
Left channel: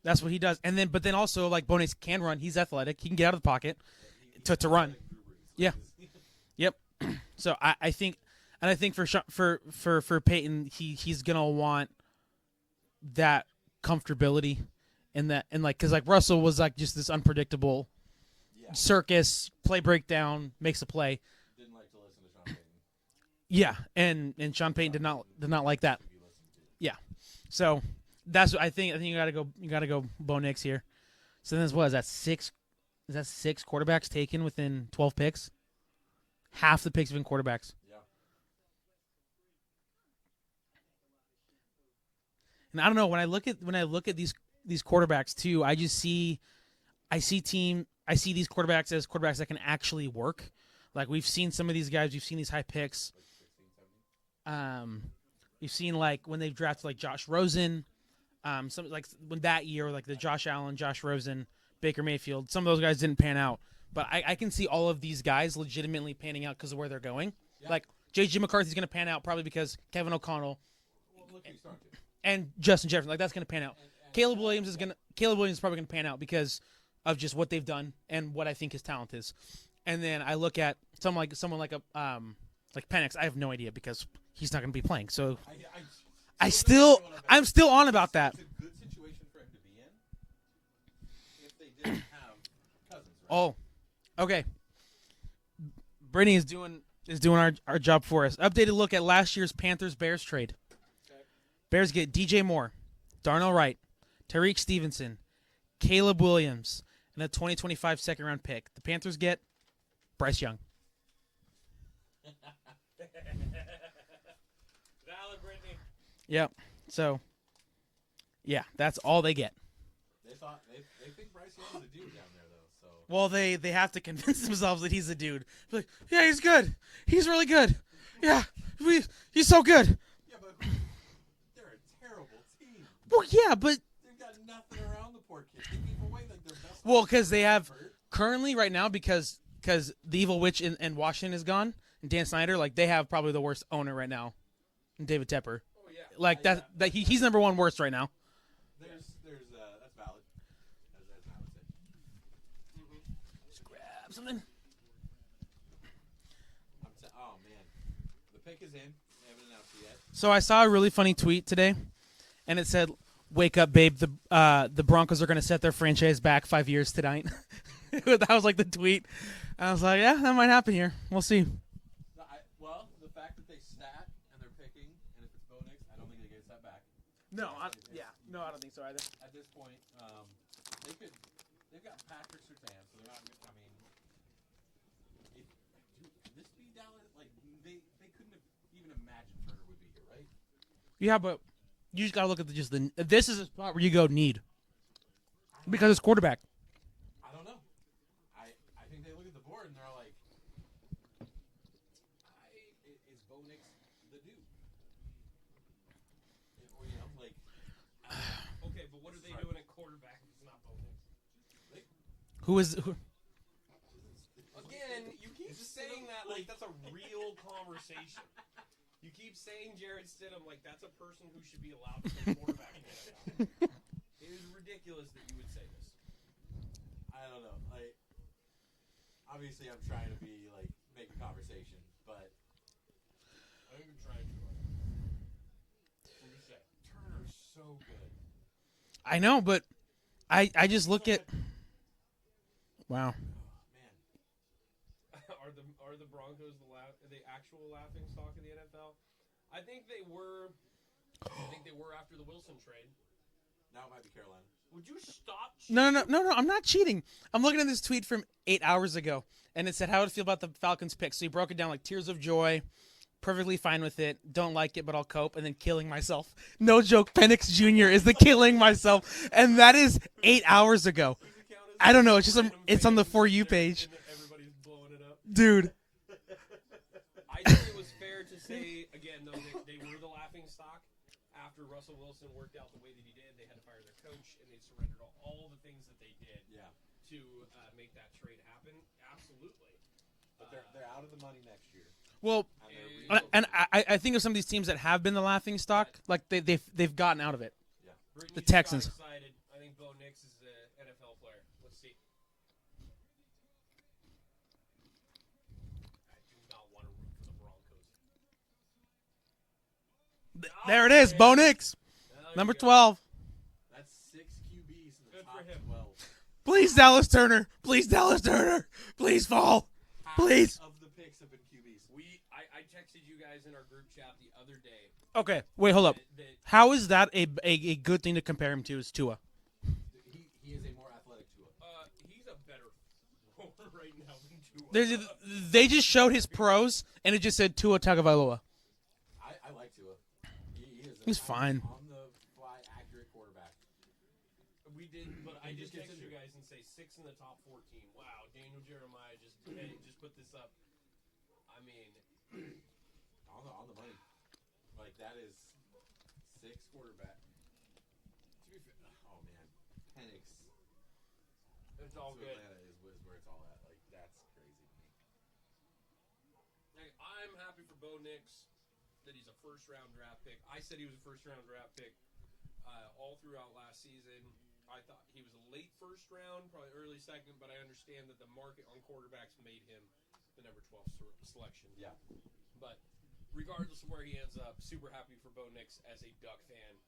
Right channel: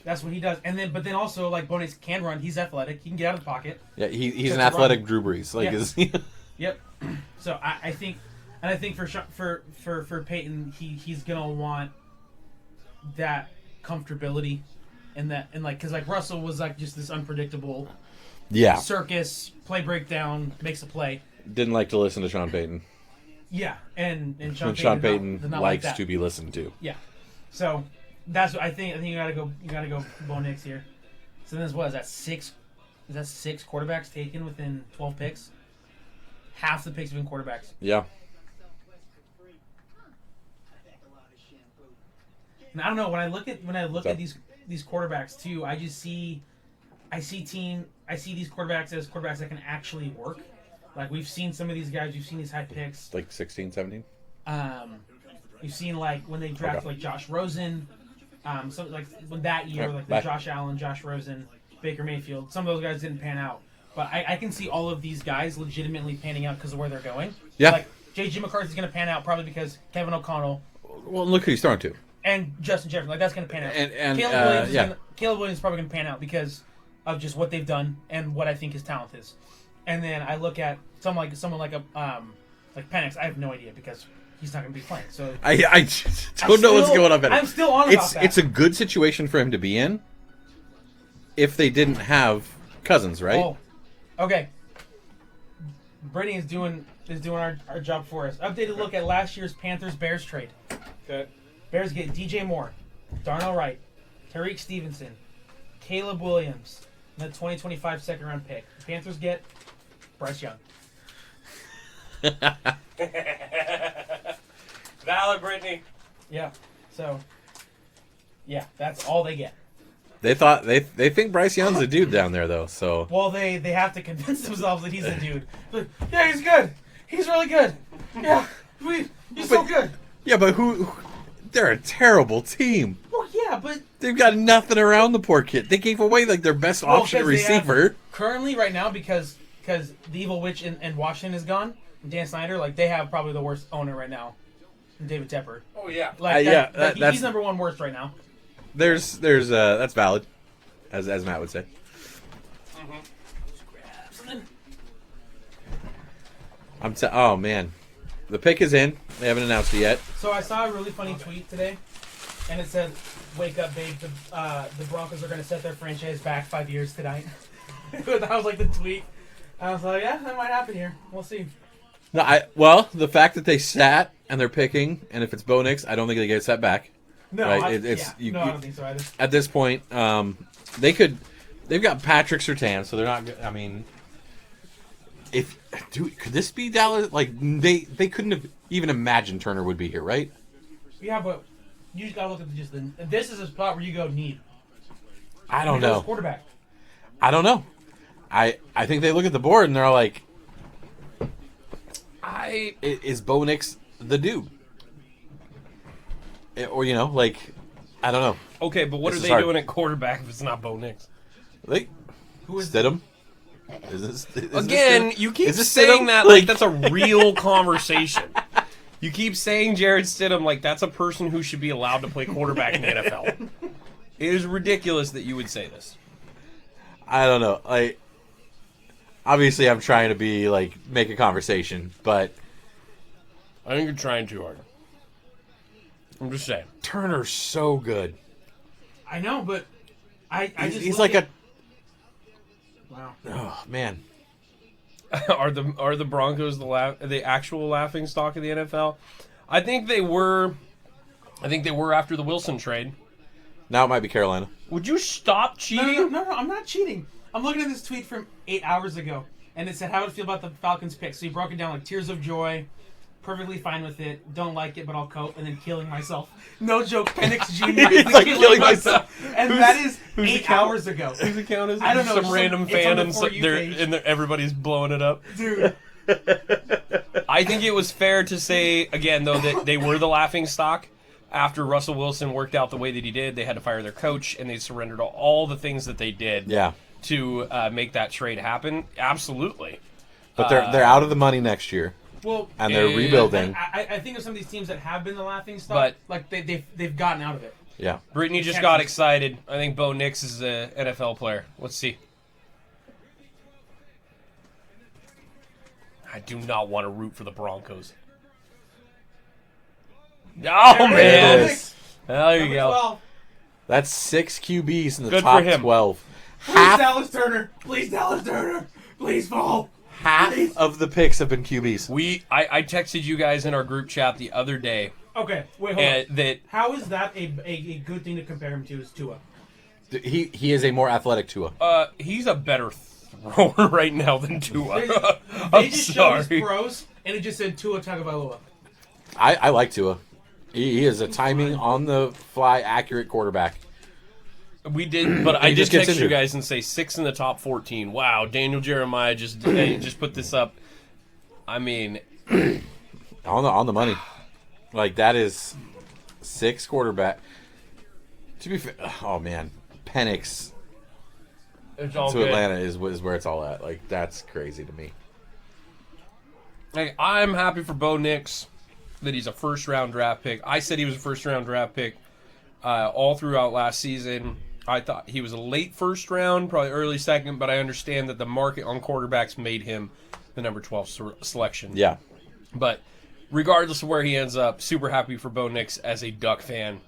That's what he does, but then also like Bo Nix can run. He's athletic. He can get out of the pocket. Yeah, he's To an run. athletic Drew Brees. Like, Yeah. is he? Yep. So I think for Peyton, he's gonna want that comfortability in that, and like because like Russell was like just this unpredictable Yeah. circus play breakdown, makes a play. Didn't like to listen to Sean Payton. Yeah, and Sean And Payton, Sean did not- Payton did not like likes that. to be listened to. Yeah. So that's what I think. I think you gotta go Bo Nix here. So then what is that six? Is that 6 quarterbacks taken within 12 picks? Half the picks have been quarterbacks. Yeah. And I don't know when I look at these quarterbacks too. I see these quarterbacks as quarterbacks that can actually work. Like we've seen some of these guys. You've seen these high picks. Like 16, 17? You've seen like when they drafted like Josh Rosen. Some like when that year, Okay, like the bye. Josh Allen, Josh Rosen, Baker Mayfield. Some of those guys didn't pan out, but I can see all of these guys legitimately panning out because of where they're going. Yeah. Like J.J. McCarthy's going to pan out probably because Kevin O'Connell Well, look who he's throwing to. and Justin Jefferson. Like that's going to pan out. And Caleb Williams is probably going to pan out because of just what they've done and what I think his talent is. And then I look at someone like Penix. I have no idea because he's not going to be playing. So I don't know what's going on. I'm still on about that. It's a good situation for him to be in if they didn't have Cousins, right? Oh, okay. Brittany is doing our job for us. Updated look at last year's Panthers-Bears trade. Okay. Bears get DJ Moore, Darnell Wright, Tariq Stevenson, Caleb Williams, and the 2025 second-round pick. The Panthers get Bryce Young. Valid, Brittany. Yeah. So, yeah, that's all they get. They thought they think Bryce Young's a dude down there though. So Well, they have to convince themselves that he's a dude. Like, yeah, he's good. He's really good. Yeah, he's so good. yeah, but who? They're a terrible team. Well, yeah, but They've got nothing around the poor kid. They gave away like their best option 'cause they have- receiver. currently right now because the evil witch in Washington is gone, and Dan Snyder, like they have probably the worst owner right now, David Tepper. Oh yeah. Like yeah, he's that's- number one worst right now. There's that's valid, as Matt would say. Oh man, the pick is in. They haven't announced it yet. So I saw a really funny tweet today, and it said, "Wake up, babe! The Broncos are going to set their franchise back 5 years tonight." That was like the tweet. I was like, "Yeah, that might happen here. We'll see." No, the fact that they sat and they're picking, and if it's Bo Nix, I don't think they get set back. No, Right, I you- don't think so either. At this point, they've got Patrick Surtain, so they're not. I mean, could this be Dallas? Like they couldn't have even imagined Turner would be here, right? Yeah, but you just gotta look at this is a spot where you go need. I don't Because know. quarterback. I don't know. I think they look at the board and they're like, is Bo Nix the dude? Or like, I don't know. Okay, but what This are is they hard. doing at quarterback if it's not Bo Nix? Who is Stidham? Is Again, this you keep is this saying Stidham? that like that's a real conversation. You keep saying Jared Stidham like that's a person who should be allowed to play quarterback in the NFL. It is ridiculous that you would say this. I don't know. Obviously, I'm trying to be like make a conversation, but I think you're trying too hard. I'm just saying. Turner's so good. I know, but I just He's look like at... Wow. oh man. Are the Broncos the actual laughing stock of the NFL? I think they were. I think they were after the Wilson trade. Now it might be Carolina. Would you stop cheating? No, I'm not cheating. I'm looking at this tweet from 8 hours ago, and it said, how would it feel about the Falcons pick? So he broke it down like tears of joy, perfectly fine with it, don't like it, but I'll cope, and then killing myself. No joke, Penix Jr. is the like killing myself. And that is 8 account? hours ago. Whose account is it? I don't know, it's Some just random it's fan on the and For You page. everybody's blowing it up. Dude. I think it was fair to say, again, though, that they were the laughing stock. After Russell Wilson worked out the way that he did, they had to fire their coach, and they surrendered all the things that they did to make that trade happen. Absolutely. But they're out of the money next year. Well, And they're rebuilding. And I think of some of these teams that have been the laughing stock, like they've gotten out of it. Yeah. Brittany The just got Texans. excited. I think Bo Nix is an NFL player. Let's see. I do not want to root for the Broncos. Oh, There it is, man. Bo Nix. There you Number go. 12. That's 6 QBs in the Good for top him. 12. Please, Dallas Turner. Please, Dallas Turner. Please fall. Half Please. of the picks have been QBs. I texted you guys in our group chat the other day Okay, wait, hold on. that How is that a good thing to compare him to? Is Tua? He is a more athletic Tua. he's a better thrower right now than Tua. They just showed his pros, and it just said Tua Tagovailoa. I like Tua. He is a He's timing, fine. on the fly, accurate quarterback. We did, but I He did just gets text you injured. guys and say 6 in the top 14. Wow, Daniel Jeremiah just put this up. I mean, On the money. Like, that is 6 quarterback. To be fair, oh man, Penix it's all to good. Atlanta is where it's all at. Like, that's crazy to me. Hey, I'm happy for Bo Nix that he's a first-round draft pick. I said he was a first-round draft pick all throughout last season. I thought he was a late first round, probably early second, but I understand that the market on quarterbacks made him the number 12 selection. Yeah. But regardless of where he ends up, super happy for Bo Nix as a Duck fan.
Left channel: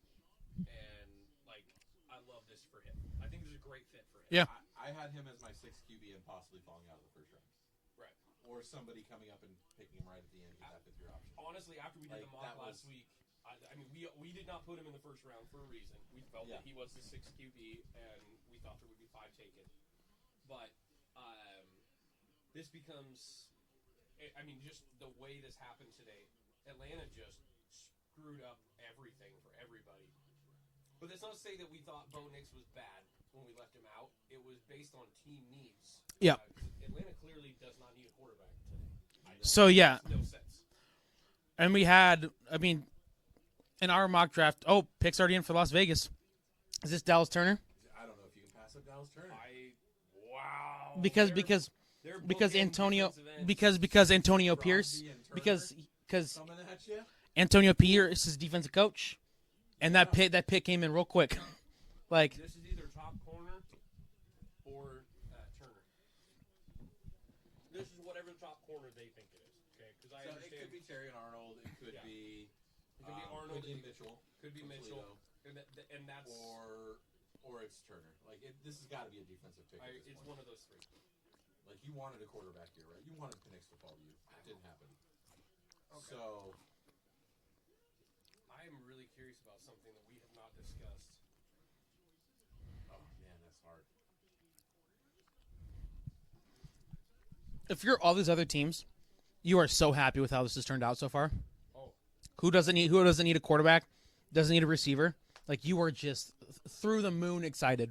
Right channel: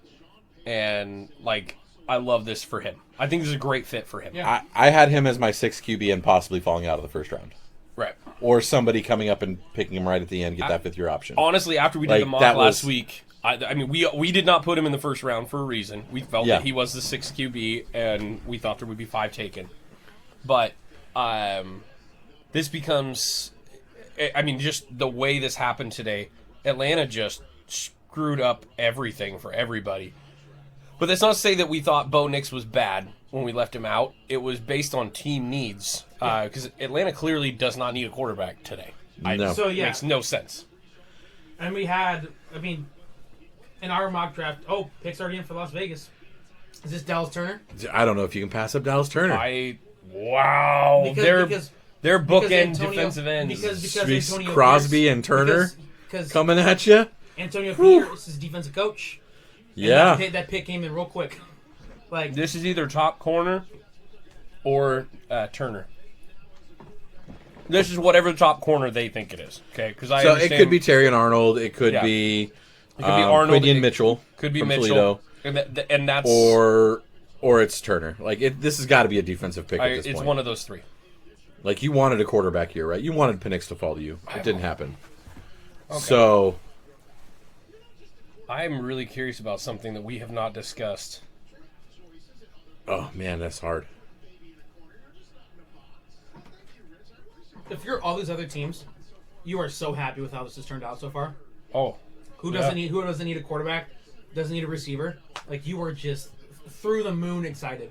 And, like, I love this for him. I think this is a great fit for him. Yeah. I had him as my 6th QB and possibly falling out of the first round. Right. Or somebody coming up and picking him right at the end, get that 5th year option. Honestly, after we did Like, the mock that last was- week, I mean, we did not put him in the first round for a reason. We felt Yeah. that he was the 6th QB, and we thought there would be 5 taken. But this becomes, I mean, just the way this happened today, Atlanta just screwed up everything for everybody. But that's not to say that we thought Bo Nix was bad when we left him out. It was based on team needs. Yeah. Because Atlanta clearly does not need a quarterback today. No. So, yeah. Makes no sense. And we had, I mean, in our mock draft, picks already in for Las Vegas. Is this Dallas Turner? I don't know if you can pass up Dallas Turner. Wow. Because They're bookend Antonio, defensive ends. because Antonio Crosby Pierce, and Turner because coming at you. Antonio Pierce is defensive coach. And Yeah. that pick came in real quick. Like, This is either top corner or Turner. This is whatever the top corner they think it is. Okay, because I So it understand could be Terry and Arnold. It could Yeah. be it could be Arnold, Quinion it Mitchell. could be from Mitchell, Toledo, and that's or it's Turner. Like this has got to be a defensive pick at this it's point. one of those three. Like you wanted a quarterback here, right? You wanted Penix to fall to you. It didn't happen. Okay. So I'm really curious about something that we have not discussed. oh man, that's hard. if you're all these other teams, you are so happy with how this has turned out so far. Oh, Who doesn't need a quarterback? Doesn't need a receiver? Like, you are just through the moon excited.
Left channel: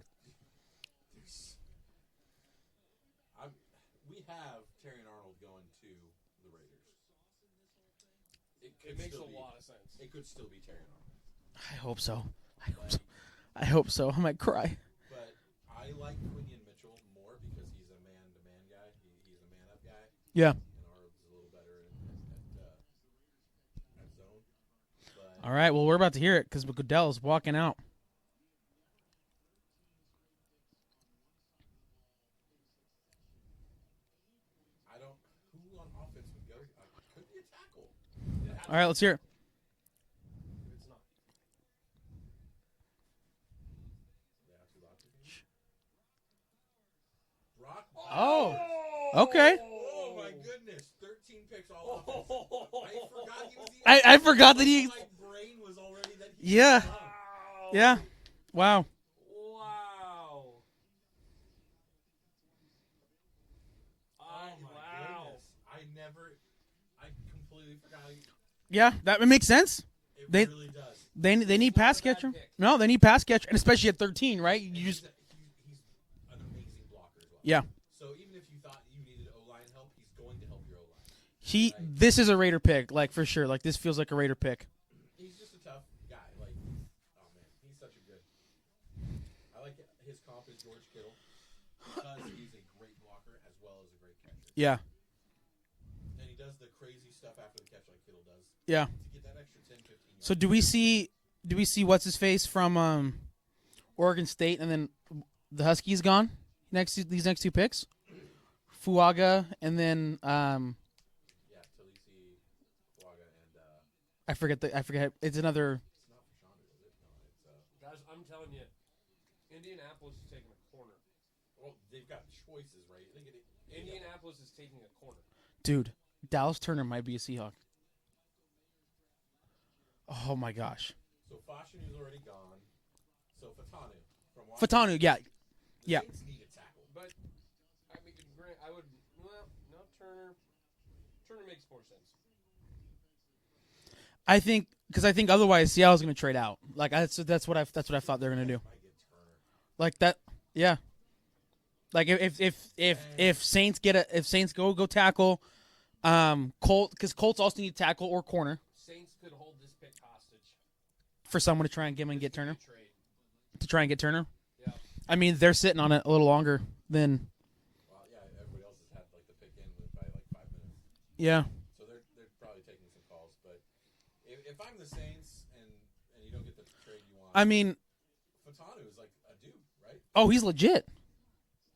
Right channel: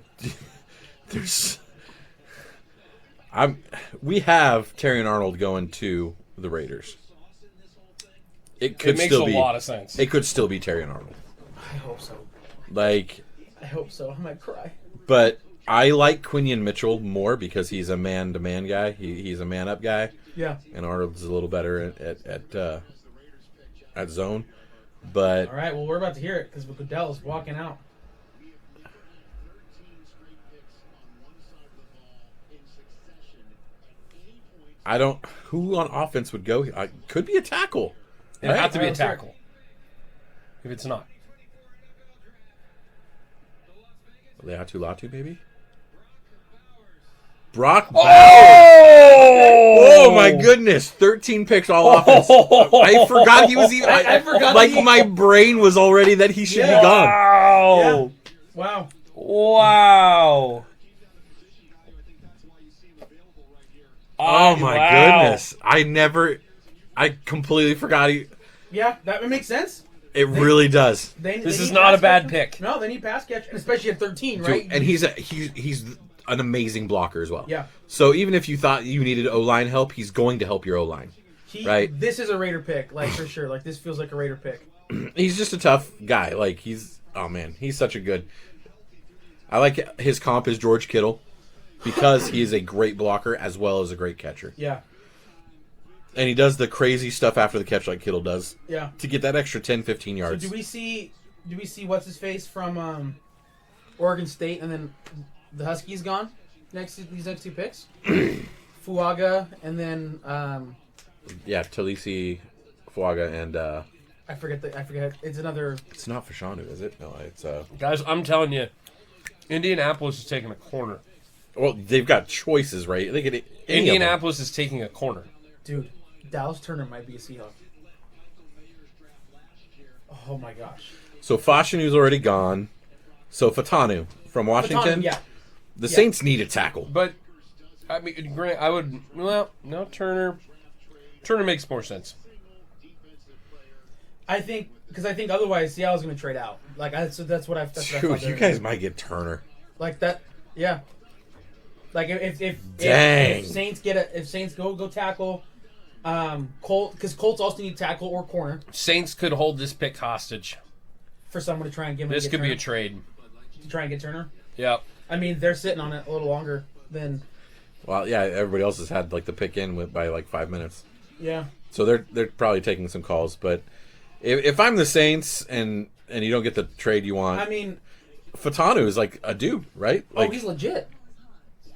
We have Terry and Arnold going to the Raiders. It could it makes still a be lot of sense. It could still be Terry and Arnold. I hope so. Like, I hope so. I might cry. but I like Quinion Mitchell more because he's a man-to-man guy. He's a man-up guy, Yeah. and Arnold's a little better at zone. But All right. Well, we're about to hear it because Goodell's walking out. I don't. Who on offense would go? Could be a tackle. It would have to be a let's hear it. tackle. If it's not. Leatu Latu, maybe? Brock Bowers. Oh! Oh my goodness! 13 picks all offense. I forgot he was even. I forgot Like that my brain was already that he should be gone. Wow! Yeah. Wow. Wow! Oh my wow. goodness! I completely forgot he. Yeah, that makes sense. It really does. They This need is not a pass bad catcher. pick. No, they need pass catch, and especially at 13, right? And he's an amazing blocker as well. Yeah. So even if you thought you needed O-line help, he's going to help your O-line. Right. This is a Raider pick, like for sure. Like this feels like a Raider pick. He's just a tough guy. Like he's such a good. I like his comp is George Kittle because he is a great blocker as well as a great catcher. Yeah. And he does the crazy stuff after the catch like Kittle does Yeah. to get that extra 10, 15 yards. So do we see what's his face from Oregon State, and then the Huskies gone these next two picks? Fuaga, and then Yeah, Talisi, Fuaga, and I forget. It's another. it's not Fashanu, is it? No, it's Guys, I'm telling you, Indianapolis is taking a corner. well, they've got choices, right? They get Indianapolis is taking a corner. Dude, Dallas Turner might be a Seahawk. Oh my gosh. So Fashanu's already gone. So Fatanu from Washington. Fatanu, yeah. The Yeah. Saints need a tackle. But, I mean, Grant, I would... Well, no, Turner... Turner makes more sense. I think otherwise Seattle's going to trade out. Like that's what I Dude, thought. you guys might get Turner. Like that. Yeah. Like if Dang. Saints go tackle, because Colts also need tackle or corner Saints could hold this pick hostage. for someone to try and give him. This could be Turner, a trade. to try and get Turner. Yep. I mean, they're sitting on it a little longer than. Well, yeah, everybody else has had like the pick in by like 5 minutes. Yeah. So they're probably taking some calls. But if I'm the Saints and you don't get the trade you want, I mean, Fatanu is like a dude, right? Like, he's legit.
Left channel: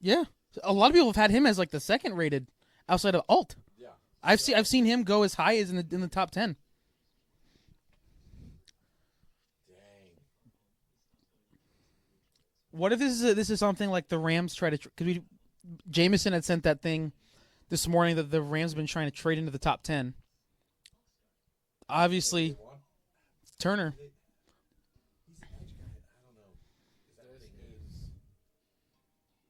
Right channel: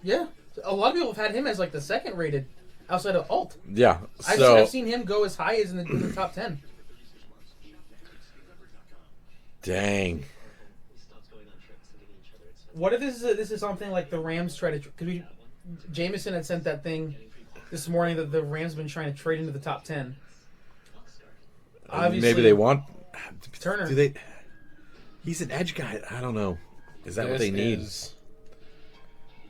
Yeah. A lot of people have had him as like the second rated outside of Alt. yeah. I've seen him go as high as in the top 10. Dang. What if this is something like the Rams try to? Because Jameson had sent that thing this morning that the Rams have been trying to trade into the top 10. Obviously, Maybe they want Turner. Do they? He's an edge guy. I don't know. Is that what they need?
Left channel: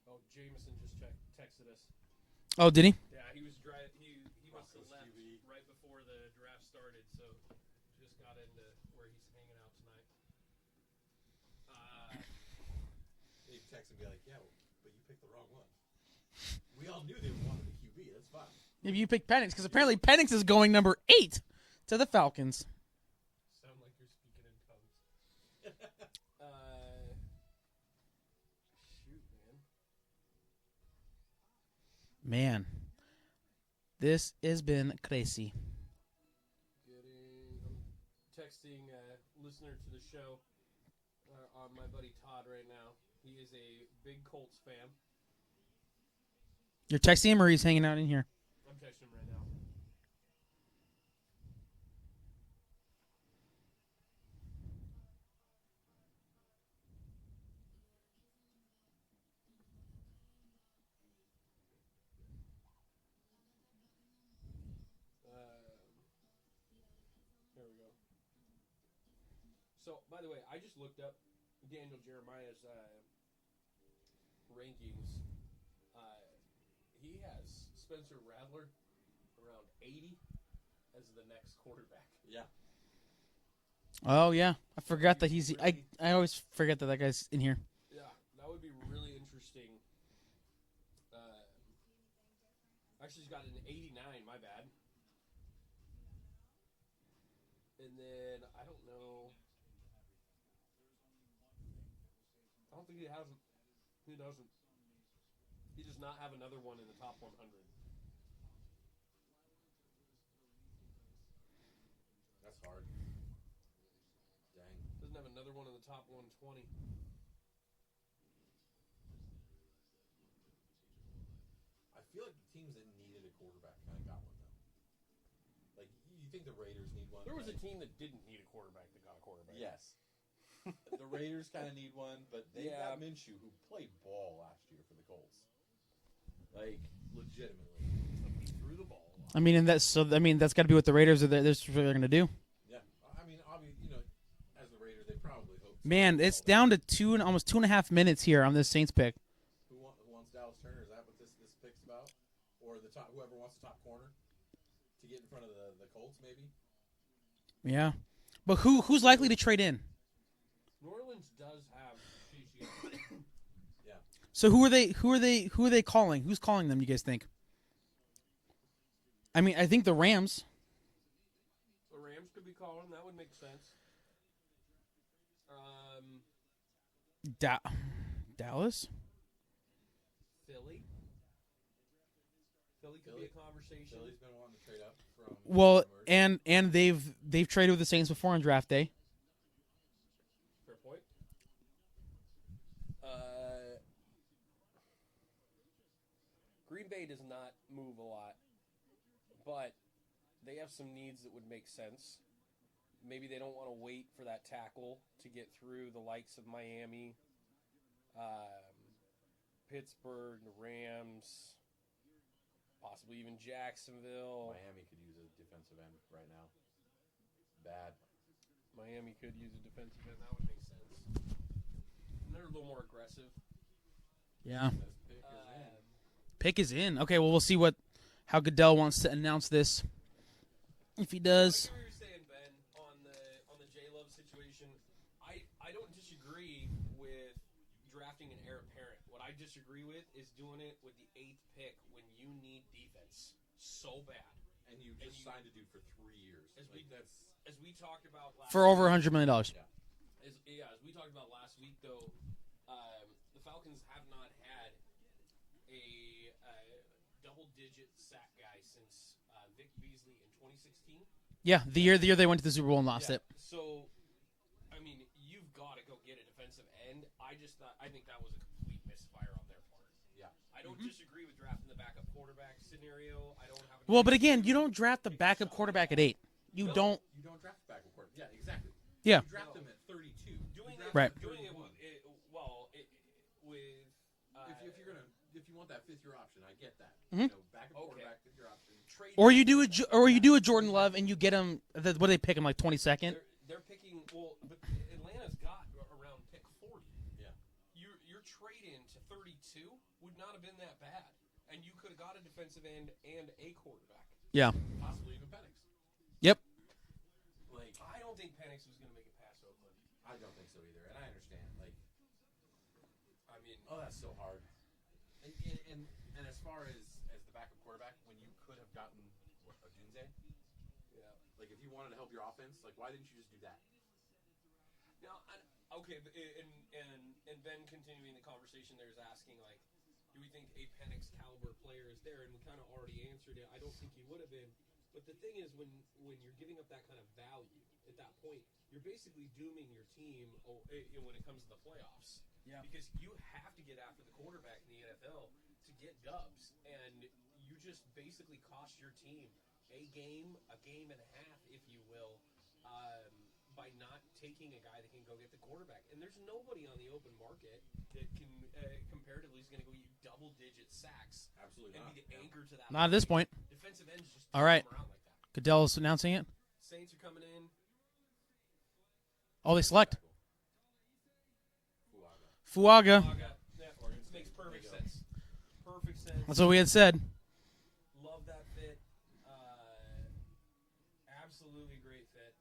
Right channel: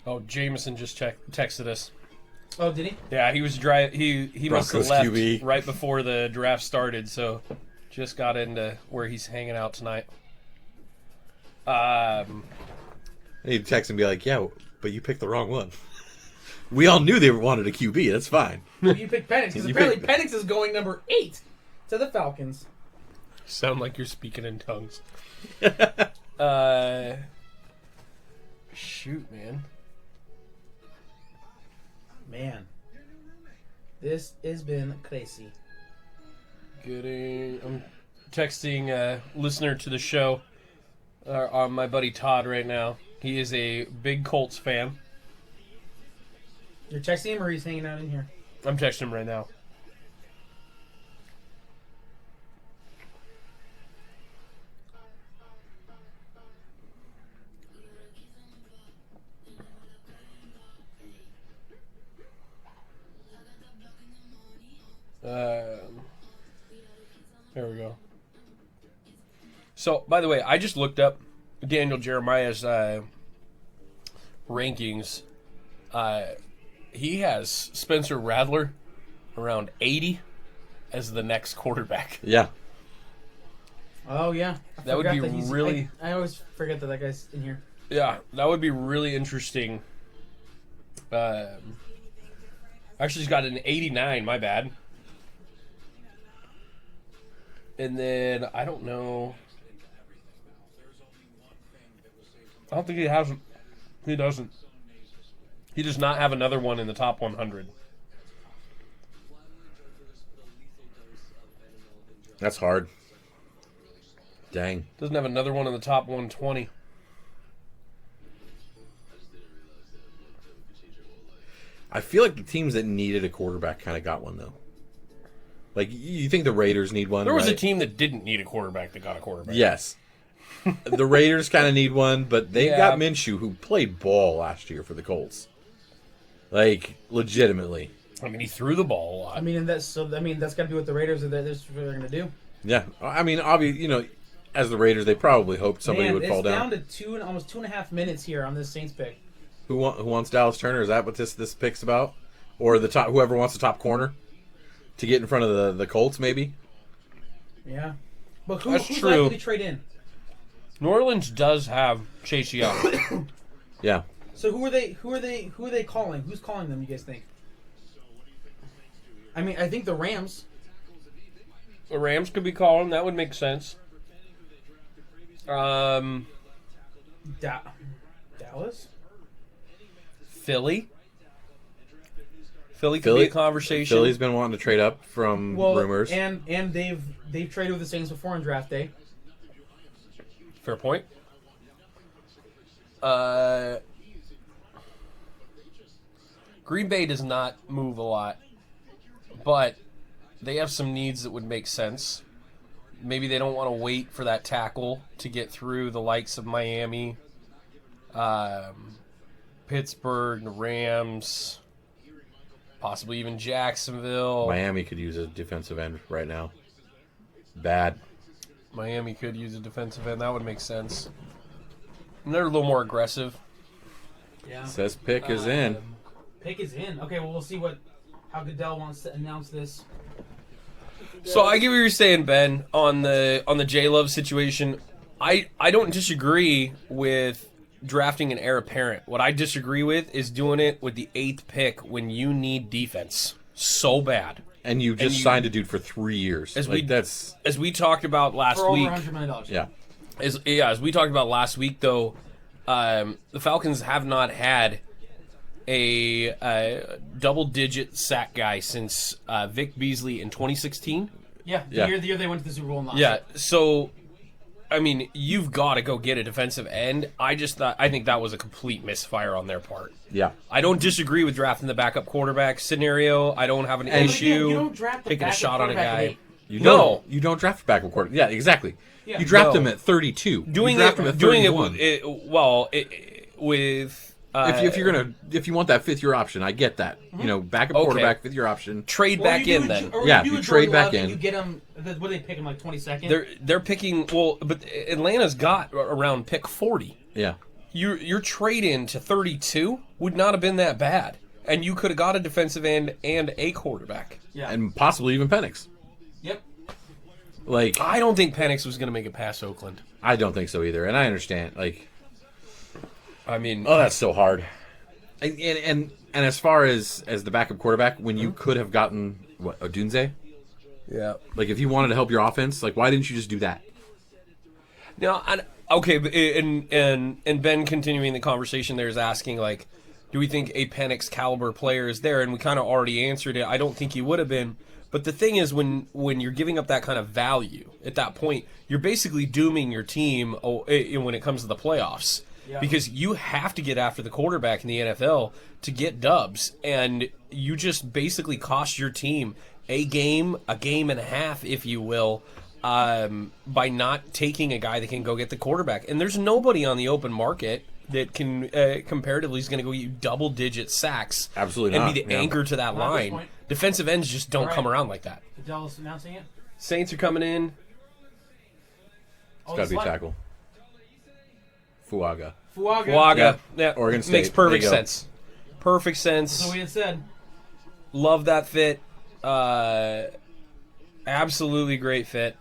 Oh, Jameson just texted us. Oh, did he? Yeah, he was he must have Broncos left QB. right before the draft started, so just got into where he's hanging out tonight. He'd text and be like, "Yeah, but you picked the wrong one." We all knew they wanted a QB. That's fine. Well, you picked Penix because apparently Penix is going number 8 to the Falcons. Sound like you're speaking in tongues. Shoot, man. Man, this has been crazy. I'm texting a listener to the show, on my buddy Todd right now. He is a big Colts fan. You're texting him or he's hanging out in here? I'm texting him right now. There we go. So, by the way, I just looked up Daniel Jeremiah's rankings. He has Spencer Rattler around 80 as the next quarterback. Yeah. Oh yeah, That would be really- I always forget that guy's in here. Yeah, that would be really interesting. Actually, he's got an 89, my bad. And then, I don't know. don't think he has. He doesn't. He does not have another one in the top 100. That's hard. Dang. Doesn't have another one in the top 120. I feel like the teams that needed a quarterback kind of got one, though. Like, you think the Raiders need one, There was right? a team that didn't need a quarterback that got a quarterback. Yes. The Raiders kind of need one, but they Yeah. got Minshew, who played ball last year for the Colts. Like, legitimately. I mean, he threw the ball a lot. I mean, that's got to be what the Raiders are. That's what they're going to do. Yeah. I mean, obviously, as the Raiders, they probably hoped somebody Man, would it's fall down down. to almost 2.5 minutes here on this Saints pick. Who wants Dallas Turner? Is that what this pick's about? Or whoever wants the top corner to get in front of the Colts, maybe? Yeah, but That's who's true. likely to trade in? New Orleans does have Chase Young. Yeah. So who are they calling? Who's calling them? You guys think? I mean, I think the Rams. The Rams could be calling. That would make sense. Dallas. Philly. Philly could be a conversation. Philly's been wanting to trade up from Well, rumors. and they've traded with the Saints before on draft day. Fair point. Green Bay does not move a lot, but they have some needs that would make sense. Maybe they don't want to wait for that tackle to get through the likes of Miami, Pittsburgh, the Rams, possibly even Jacksonville. Miami could use a defensive end right now. Bad. Miami could use a defensive end. That would make sense. And they're a little more aggressive. Yeah. Says pick is in. Pick is in. Okay, well, we'll see how Goodell wants to announce this. If he does. So I get what you're saying, Ben, on the J Love situation. I don't disagree with drafting an heir apparent. What I disagree with is doing it with the 8th pick when you need defense so bad. And you just signed a dude for 3 years. As we talked about last for over week. $100 million. Yeah. As we talked about last week, though, the Falcons have not had a double-digit sack guy since Vic Beasley in 2016. Yeah, the year they went to the Super Bowl and lost. Yeah, so I mean, you've got to go get a defensive end. I think that was a complete misfire on their part. Yeah. I don't disagree with drafting the backup quarterback scenario. I don't have an But issue again, you don't draft the taking a backup shot on a quarterback at guy. 8. You don't draft backup quarterback. Yeah, exactly. Yeah. You draft No. them at 32. Doing you draft it, them at doing 31. with If you want that 5th year option, I get that. Backup Okay. quarterback, 5th year option. trade Or back you in do then. or Yeah, you do you a trade Jordan back Love and in. you get him. What do they pick him like 22nd? They're picking but Atlanta's got around pick 40. Yeah. Your trade in to 32 would not have been that bad, and you could have got a defensive end and a quarterback. Yeah. And possibly even Penix. Yep. Like, I don't think Penix was going to make it past Oakland. I don't think so either. And I understand. Like, I mean, oh, that's so hard. And as far as the backup quarterback, when you could have gotten Odunze, yeah. like if you wanted to help your offense, like why didn't you just do that? Now, okay, and Ben continuing the conversation there is asking, like, do we think a Penix caliber player is there? And we kind of already answered it. I don't think he would have been. But the thing is, when you're giving up that kind of value at that point, you're basically dooming your team when it comes to the playoffs. Yeah. Because you have to get after the quarterback in the NFL to get dubs. And you just basically cost your team a game and a half, if you will, by not taking a guy that can go get the quarterback. And there's nobody on the open market that can comparatively is going to go you double-digit sacks. Absolutely and not. be the Yeah. anchor to that Not at this line. point. Defensive ends just don't All right. come around like that. Goodell's announcing it. Saints are coming in. Oh, Gotta this be like tackle. Fuaga. Waga. Yeah. Oregon State. Makes perfect There you go. sense. Perfect sense. That's what we had said. Love that fit. Absolutely great fit.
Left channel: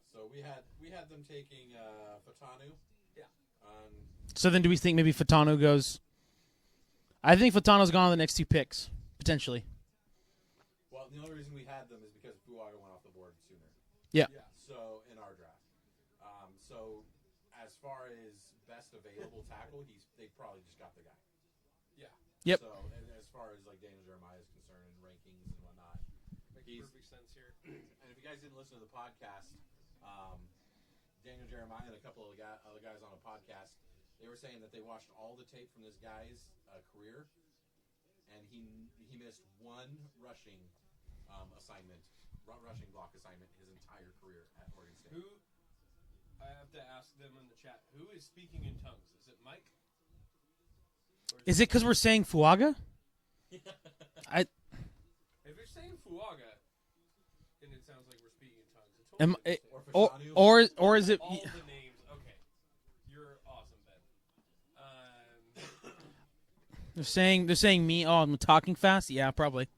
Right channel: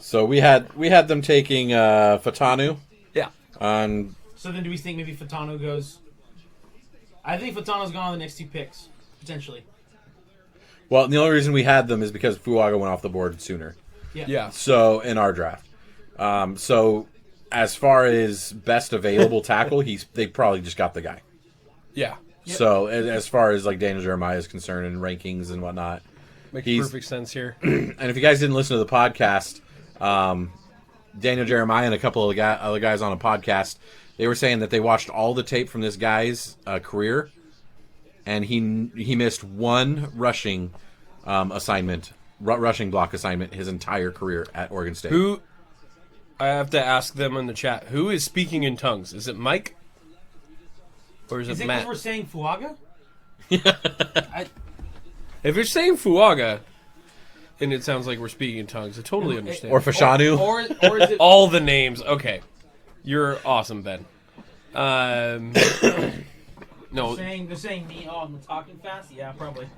So we had them taking Fatanu Yeah. on. So then, do we think maybe Fatano goes? I think Fatano's gone on the next 2 picks potentially. Well, the only reason we had them is because Fuaga went off the board sooner. Yeah. Yeah. So in our draft, so as far as best available tackle, they probably just got the guy. Yeah. Yep. So as far as like Daniel Jeremiah is concerned and rankings and whatnot, Makes perfect sense here. And if you guys didn't listen to the podcast, Daniel Jeremiah and a couple of other guys on a podcast, they were saying that they watched all the tape from this guy's career, and he missed one rushing rushing block assignment his entire career at Oregon State. Who? I have to ask them in the chat. Who is speaking in tongues? Is it Mike? Or Is it Matt? because we're saying Fuaga? If you're saying Fuaga, and it sounds like we're speaking in tongues, I totally understand. Or Fashanu. Or is it... All the names. Okay. You're awesome, Ben. No. They're saying me. Oh, I'm talking fast. Yeah, probably.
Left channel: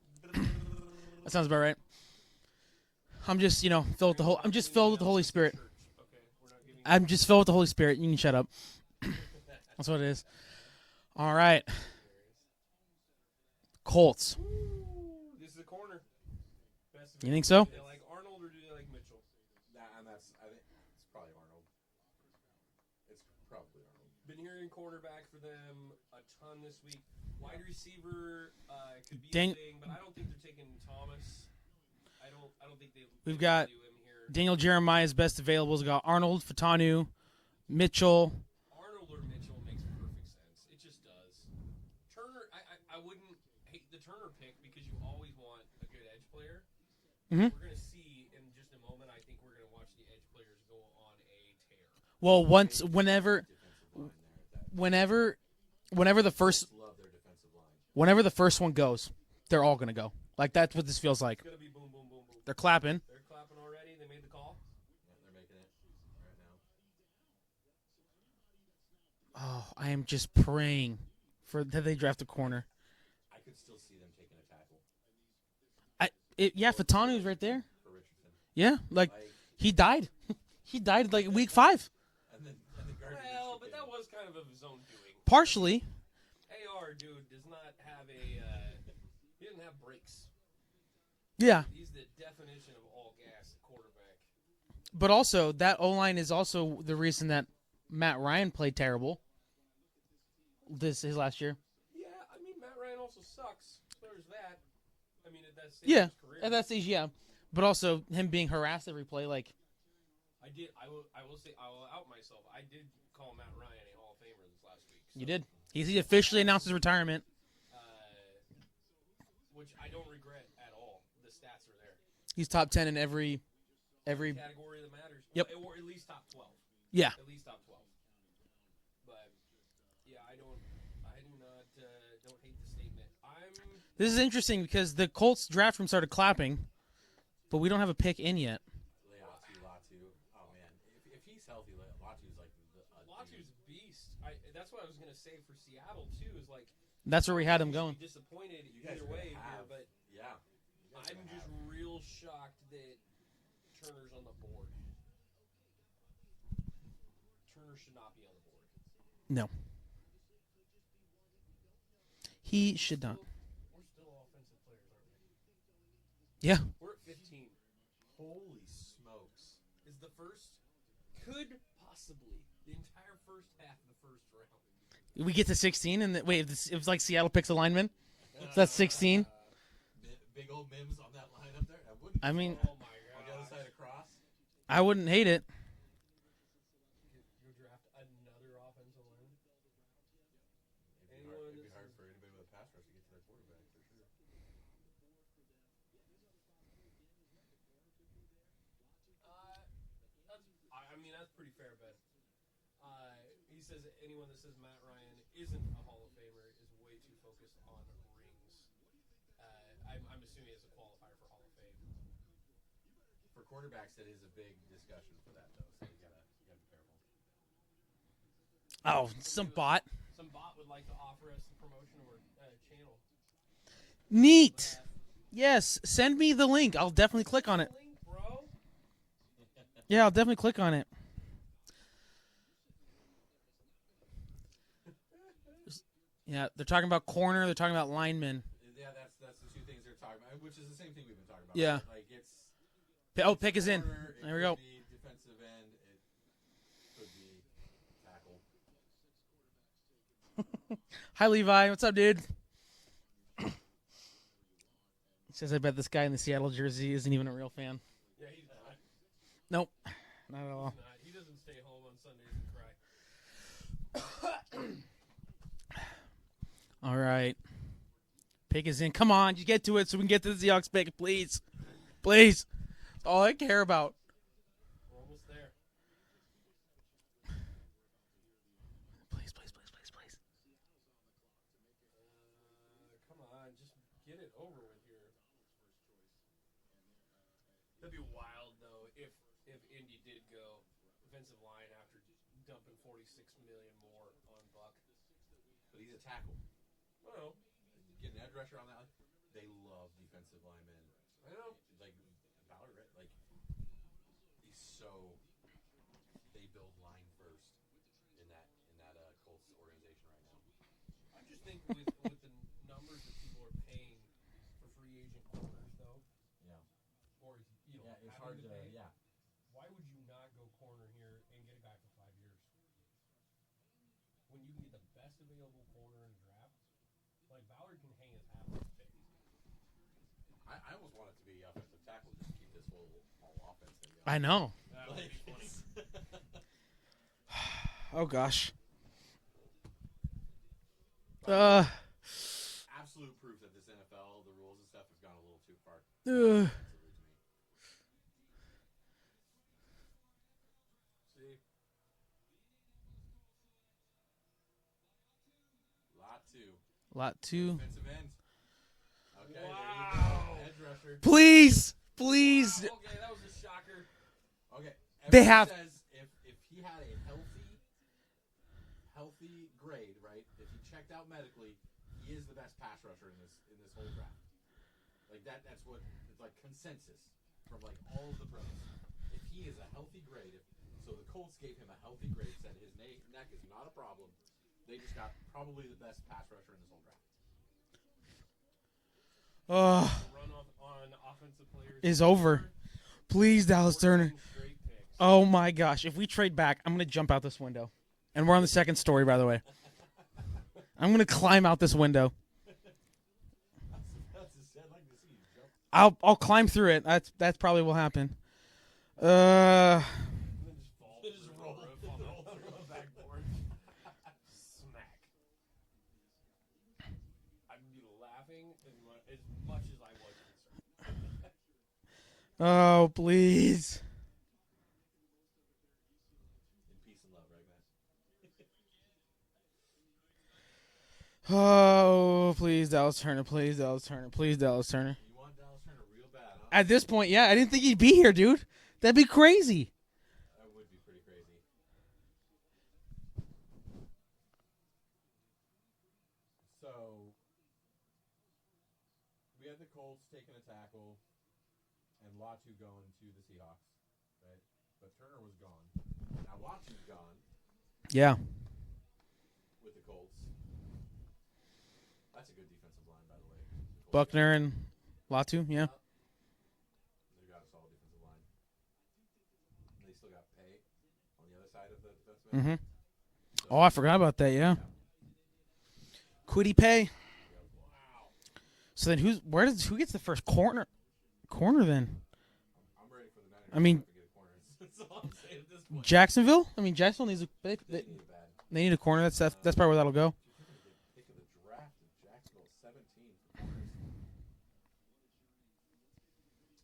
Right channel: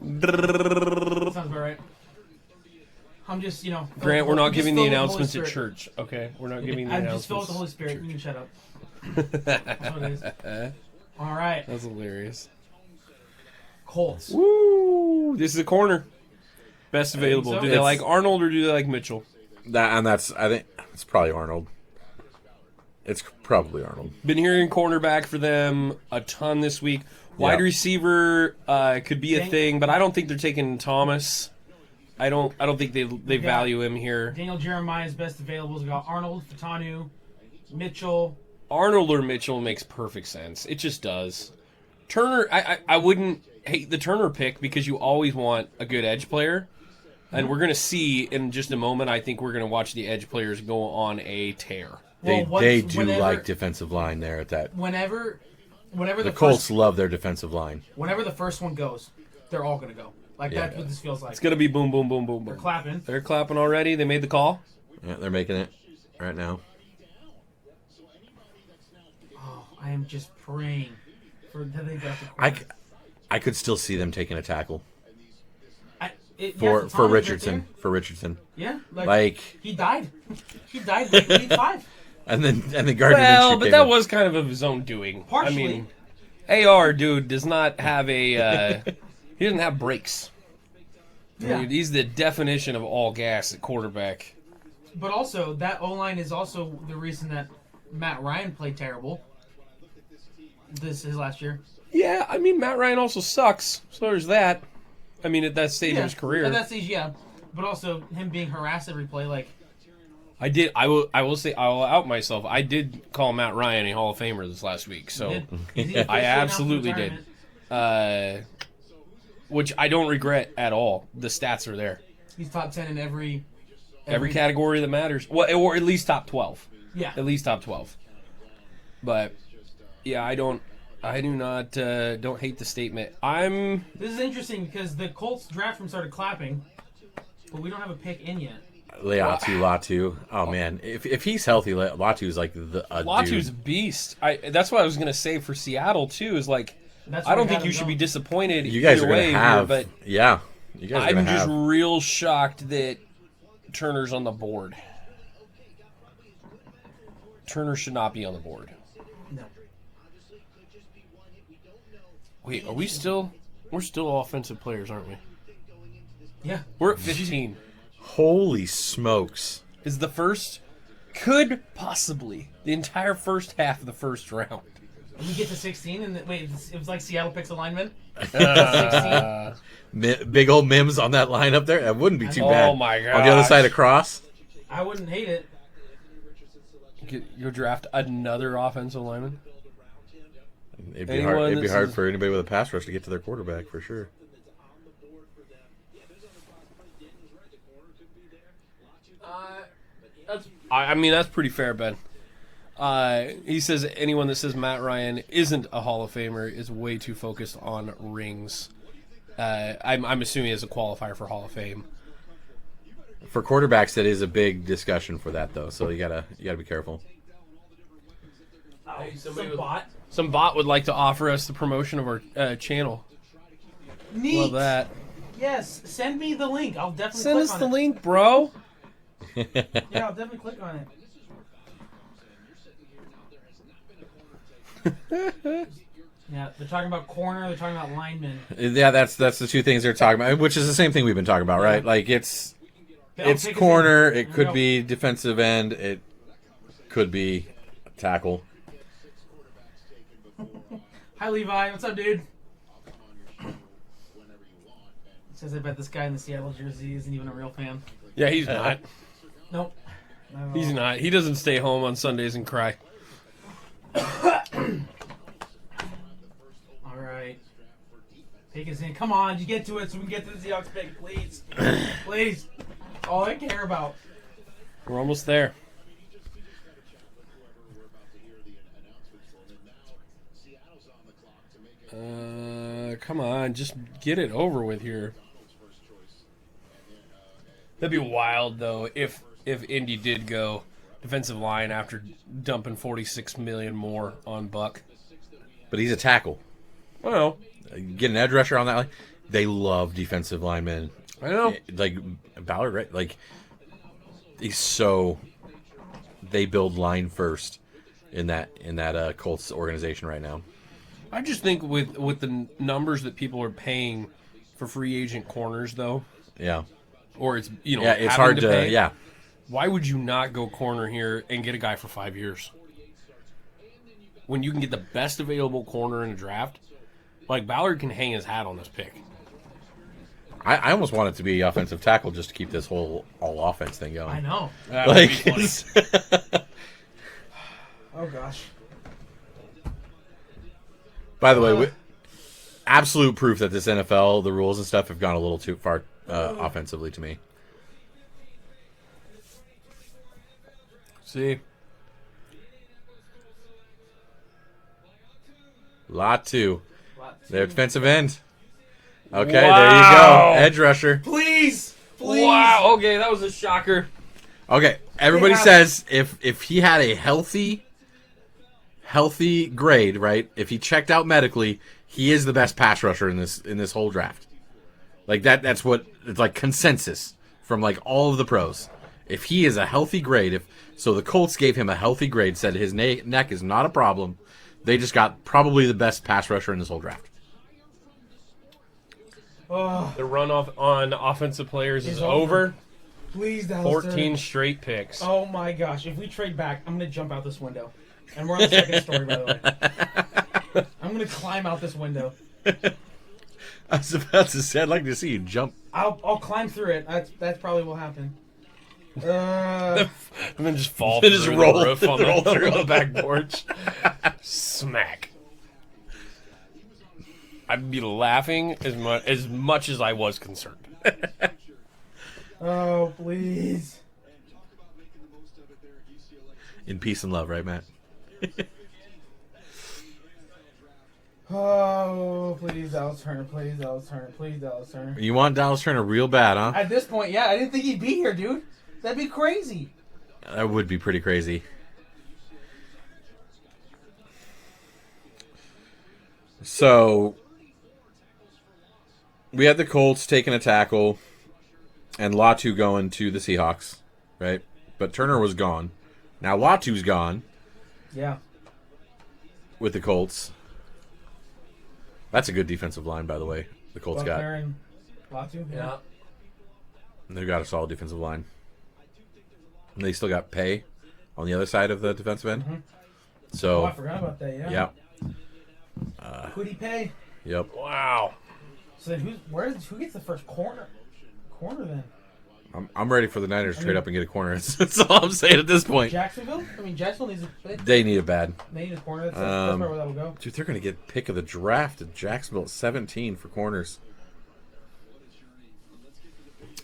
Sounds about right. I'm just, filled Grant, with we're not I'm just giving the filled with Holy announcements at Spirit. church. Okay, we're not giving. I'm just filled with the Holy Spirit. You can shut up. That's what it is. All right, That's hilarious. Colts. Woo! This is a corner. Best available. so. Do they like Arnold or do they like Mitchell? I think it's probably Arnold. It's probably Arnold. Been hearing cornerback for them a ton this week. Wide receiver could be a thing, but I don't think they're taking Thomas. I don't think they value him here. Daniel Jeremiah's best available. We got Arnold, Fatanu, Mitchell. Arnold or Mitchell makes perfect sense. It just does. Turner, I wouldn't hate the Turner pick because you always want a good edge player. And we're going to see in just a moment, I think we're going to watch the edge players go on a tear. Well, They do like defensive line there at that. Whenever The Colts love their defensive line. Whenever the first one goes, they're all going to go. That's what this feels like. It's going to be boom, boom, boom, boom, boom. They're clapping. They're clapping already. They made the call. Yeah, they're making it right now. Oh, I am just praying that they draft a corner. I could still see them taking a tackle for for Richardson. For Richardson. Yeah, like he died. He died like week 5. And then Gardner Minshew Well, but came that in. was kind of his own doing. Partially. I mean, AR, dude, does not have a... he doesn't have brakes. Yeah. Dude, he's the definition of all gas at quarterback. But also, that O-line is also the reason that Matt Ryan played terrible. This is his last year. Yeah, I mean, Matt Ryan also sucks. So there's that. I mean, at that stage of his career. At that stage, yeah. But also, him being harassed every play, I will say, I will out myself. I did call Matt Ryan a Hall of Famer this last week. So He I officially announced his absolutely retirement. which I don't regret at all. The stats are there. He's top 10 in every category that matters. Well, or at least top 12. Yeah. At least top 12. But yeah, I do not don't hate the statement. This is interesting because the Colts draft room started clapping, but we don't have a pick in yet. Latu. Oh man, if he's healthy, Latu's like Latu's a beast. That's what I was gonna say for Seattle too. Is like I don't think you should be disappointed. You guys either are gonna way have, here, but yeah. You guys are I'm gonna just have. real shocked that Turner's on the board. Turner should not be on the board. No. Wait, we're still offensive players, aren't we? Yeah. We're at 15. Holy smokes! Is the first could possibly the entire first half of the first round. We get to 16 and it was like Seattle picks alignment. 16. Big old Mims on that line up there. That wouldn't be too bad. Oh my god! On the other side across. I wouldn't hate it. You'll draft another offensive lineman. It'd be hard for anybody with a pass rush to get to their quarterback for sure. I mean, that's pretty fair, Ben. He says anyone that says Matt Ryan isn't a Hall of Famer is way too focused on rings. I'm assuming as a qualifier for Hall of Fame. For quarterbacks, that is a big discussion for that, though. So you gotta be careful. Oh, Some bot would like to offer us the promotion of our channel. Neat. Love that. Yes, send me the link. I'll definitely Send click us on the it. link, bro. Yeah, I'll definitely click on it. Yeah, they're talking about corner. They're talking about linemen. Yeah, that's the two things they're talking about, which is the same thing we've been talking about, right? Like it's Take us corner. in. It There we could go. be defensive end. It could be a tackle. Hi, Levi. What's up, dude? Says I bet this guy in the Seattle jersey isn't even a real fan. Yeah, he's not. Nope. Not at He's all. not. He doesn't stay home on Sundays and cry. All right. Pick is in. Come on, you get to it so we can get to the Seahawks pick, please. Please. All I care about. We're almost there. Come on, just get it over with here. That'd be wild though if Indy did go defensive line after dumping $46 million more on Buck. But he's a tackle. Well, Get an edge rusher on that line. They love defensive linemen. I know. Like Ballard, right? Like he's so. They build line first in that Colts organization right now. I just think with the numbers that people are paying for free agent corners though, Yeah. or it's Yeah, it's having hard to. pay, Yeah. Why would you not go corner here and get a guy for 5 years? When you can get the best available corner in a draft, like Ballard can hang his hat on this pick. I almost want it to be offensive tackle just to keep this whole all offense thing going. I know. That would be Like, funny. Oh, gosh. by the way, absolute proof that this NFL, the rules and stuff have gone a little too far offensively to me. See, Lot two. Lot two. Their defensive end. Okay, there you Wow. go. Edge rusher. Please. Please. wow. Okay, that was a shocker. Okay, everybody have- says if he had a healthy grade, right? If he checked out medically, he is the best pass rusher in this whole draft. Like that's what it's like consensus from like all of the pros. If he is a healthy grade, so the Colts gave him a healthy grade, said his neck is not a problem. They just got probably the best pass rusher in this whole draft. Oh, The runoff on offensive players Is is over. over. please, Dallas 14 Turner. straight picks. Oh, my gosh. If we trade back, I'm going to jump out this window. And we're on the second story, by the way. I'm going to climb out this window. I was about to say, I'd like to see you jump. I'll climb through it. That probably will happen. And then just fall Then through just the roll- roof on roll the, through. on the back porch. Smack. I'd be laughing as much as I was concerned. Oh, please. In peace and love, right, Matt? Oh, please, Dallas Turner. Please, Dallas Turner. Please, Dallas Turner. You want Dallas Turner real bad, huh? At this point, yeah, I didn't think he'd be here, dude. That'd be crazy. That would be pretty crazy. So, we had the Colts taking a tackle and Latu going to the Seahawks, right? But Turner was gone. Now Latu's gone Yeah. with the Colts. That's a good defensive line, by the way. The Colts Buckner and Latu, yeah. got. They've got a solid defensive line. And they still got Pay on the other side of the defensive end. Mhm. So, Oh, I forgot about that, yeah. yeah. Who'd he pay? Yep. Wow. So then who gets the first corner? Corner then? I'm ready for the Niners to mean- straight up and get a corner. That's all I'm saying at this point. Jacksonville? I mean, Jacksonville needs They need it bad. they need a corner. That's probably where that'll go. Dude, they're going to get pick of the draft at Jacksonville at 17 for corners.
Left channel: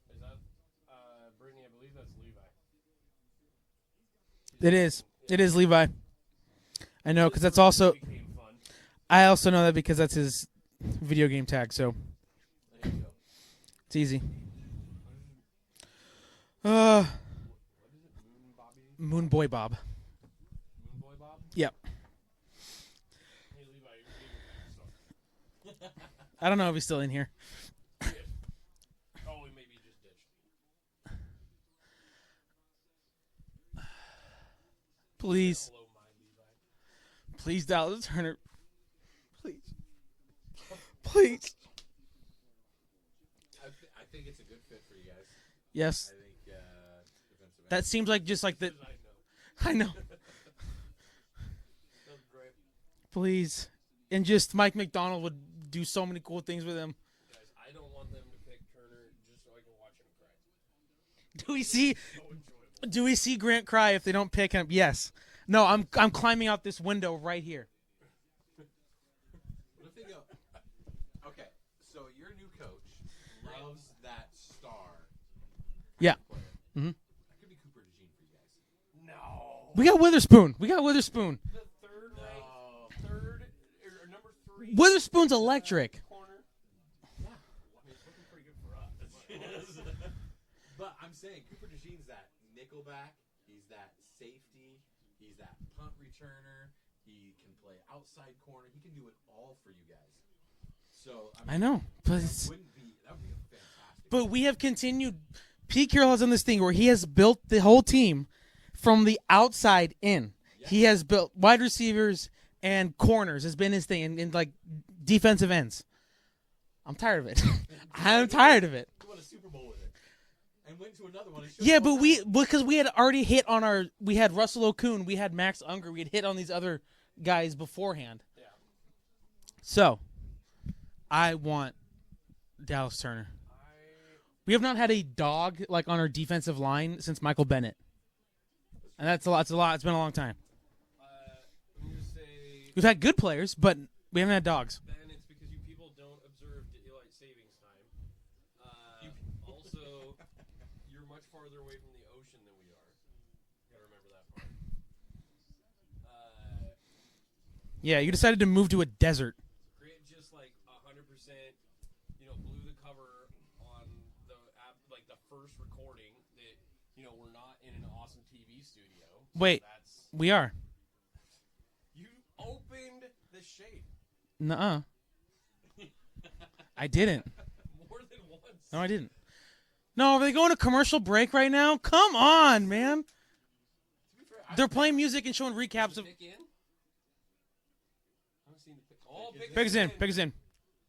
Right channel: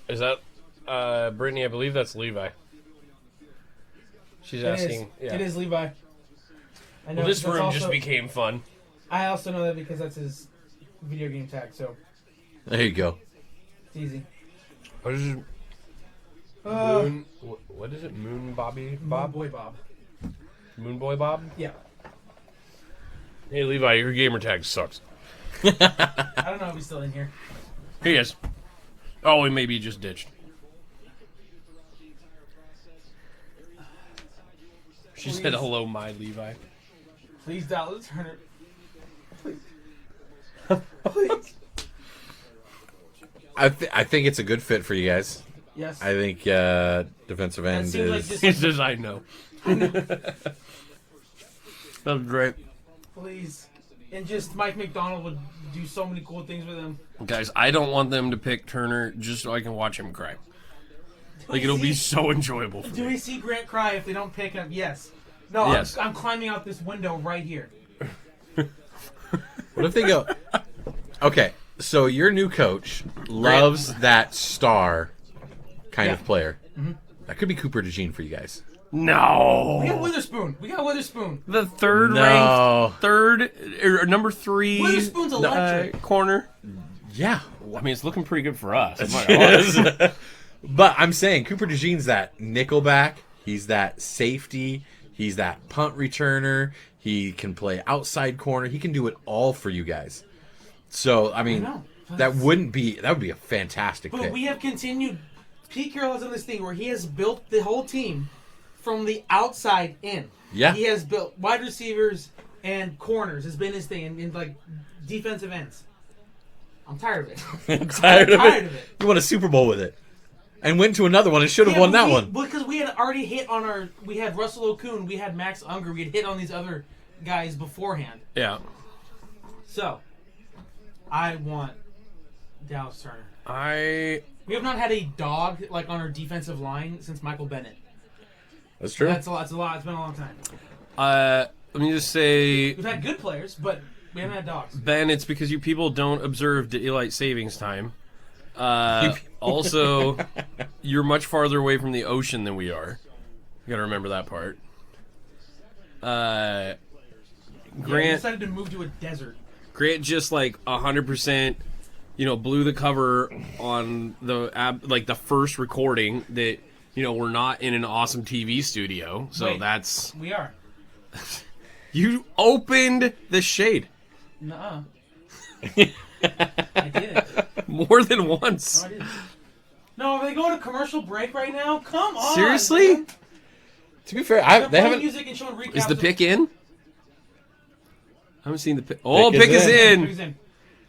Is that Brittany? I believe that's Levi. She's It is. asking. Yeah. It is Levi. I know, Well, this because that's room also. just became fun. I also know that because that's his video game tag, so There you go. it's easy. What is it? Moon What is it? Moon Bobby Bob? Boy Bob. Moon Boy Bob? Yeah. Hey Levi, your gamer tag sucks. I don't know if he's still in here. He is. Oh, he maybe just ditched. She Please. said hello, my Levi. Please, Dallas Turner. Please. Please. I think it's a good fit for you guys. Yes. I think defensive end That seems is. like just He like says, I know. I know. That's great. Please. And just Mike McDonald would do so many cool things with him. Guys, I don't want them to pick Turner just so I can watch him cry. Do Like, we it'll be see- so enjoyable. Do we see Grant cry if they don't pick him? Yes. No, Yes. I'm climbing out this window right here. What if they go? Okay, so your new coach loves that star kind Yeah. of player. That could be Cooper DeJean for you guys. No. We got Witherspoon. The third No. ranked, number 3. Witherspoon's electric. Corner. Yeah, I mean, it's looking pretty good for us. I'm not gonna lie. but I'm saying Cooper DeJean's that nickelback. He's that safety. He's that punt returner. He can play outside corner. He can do it all for you guys. So I mean, know, but that it's- would be a fantastic But pick. we have continued. Pete Carroll has done this thing where he has built the whole team from the outside in. Yeah. He has built wide receivers and corners has been his thing, and like defensive ends. I'm tired of it. I'm tired of it. You won a Super Bowl with it, and went to another one and should have won that one. Because we had already hit on our. We had Russell Okun, we had Max Unger, we had hit on these other guys beforehand. Yeah. So, I want Dallas Turner. We have not had a dog like on our defensive line since Michael Bennett. That's true. That's a lot. It's a lot. It's been a long time. Let me just say, We've had good players, but we haven't had dogs. Ben, it's because you people don't observe daylight savings time. Also, you're much farther away from the ocean than we are. You gotta remember that part. Yeah, we Grant, decided to move to a desert. Grant just like 100%, blew the cover on the the first recording that we're not in an awesome TV studio. So Wait. that's We are. you opened the shade Nuh-uh. I didn't. more than once. No, I didn't. No, are they going to commercial break right now? Come on, Seriously? man. To be fair, They're they playing haven't. music and showing recaps. Is the of- pick in? I haven't seen the pick. Oh, Pick pick is is in. in. Pick is in.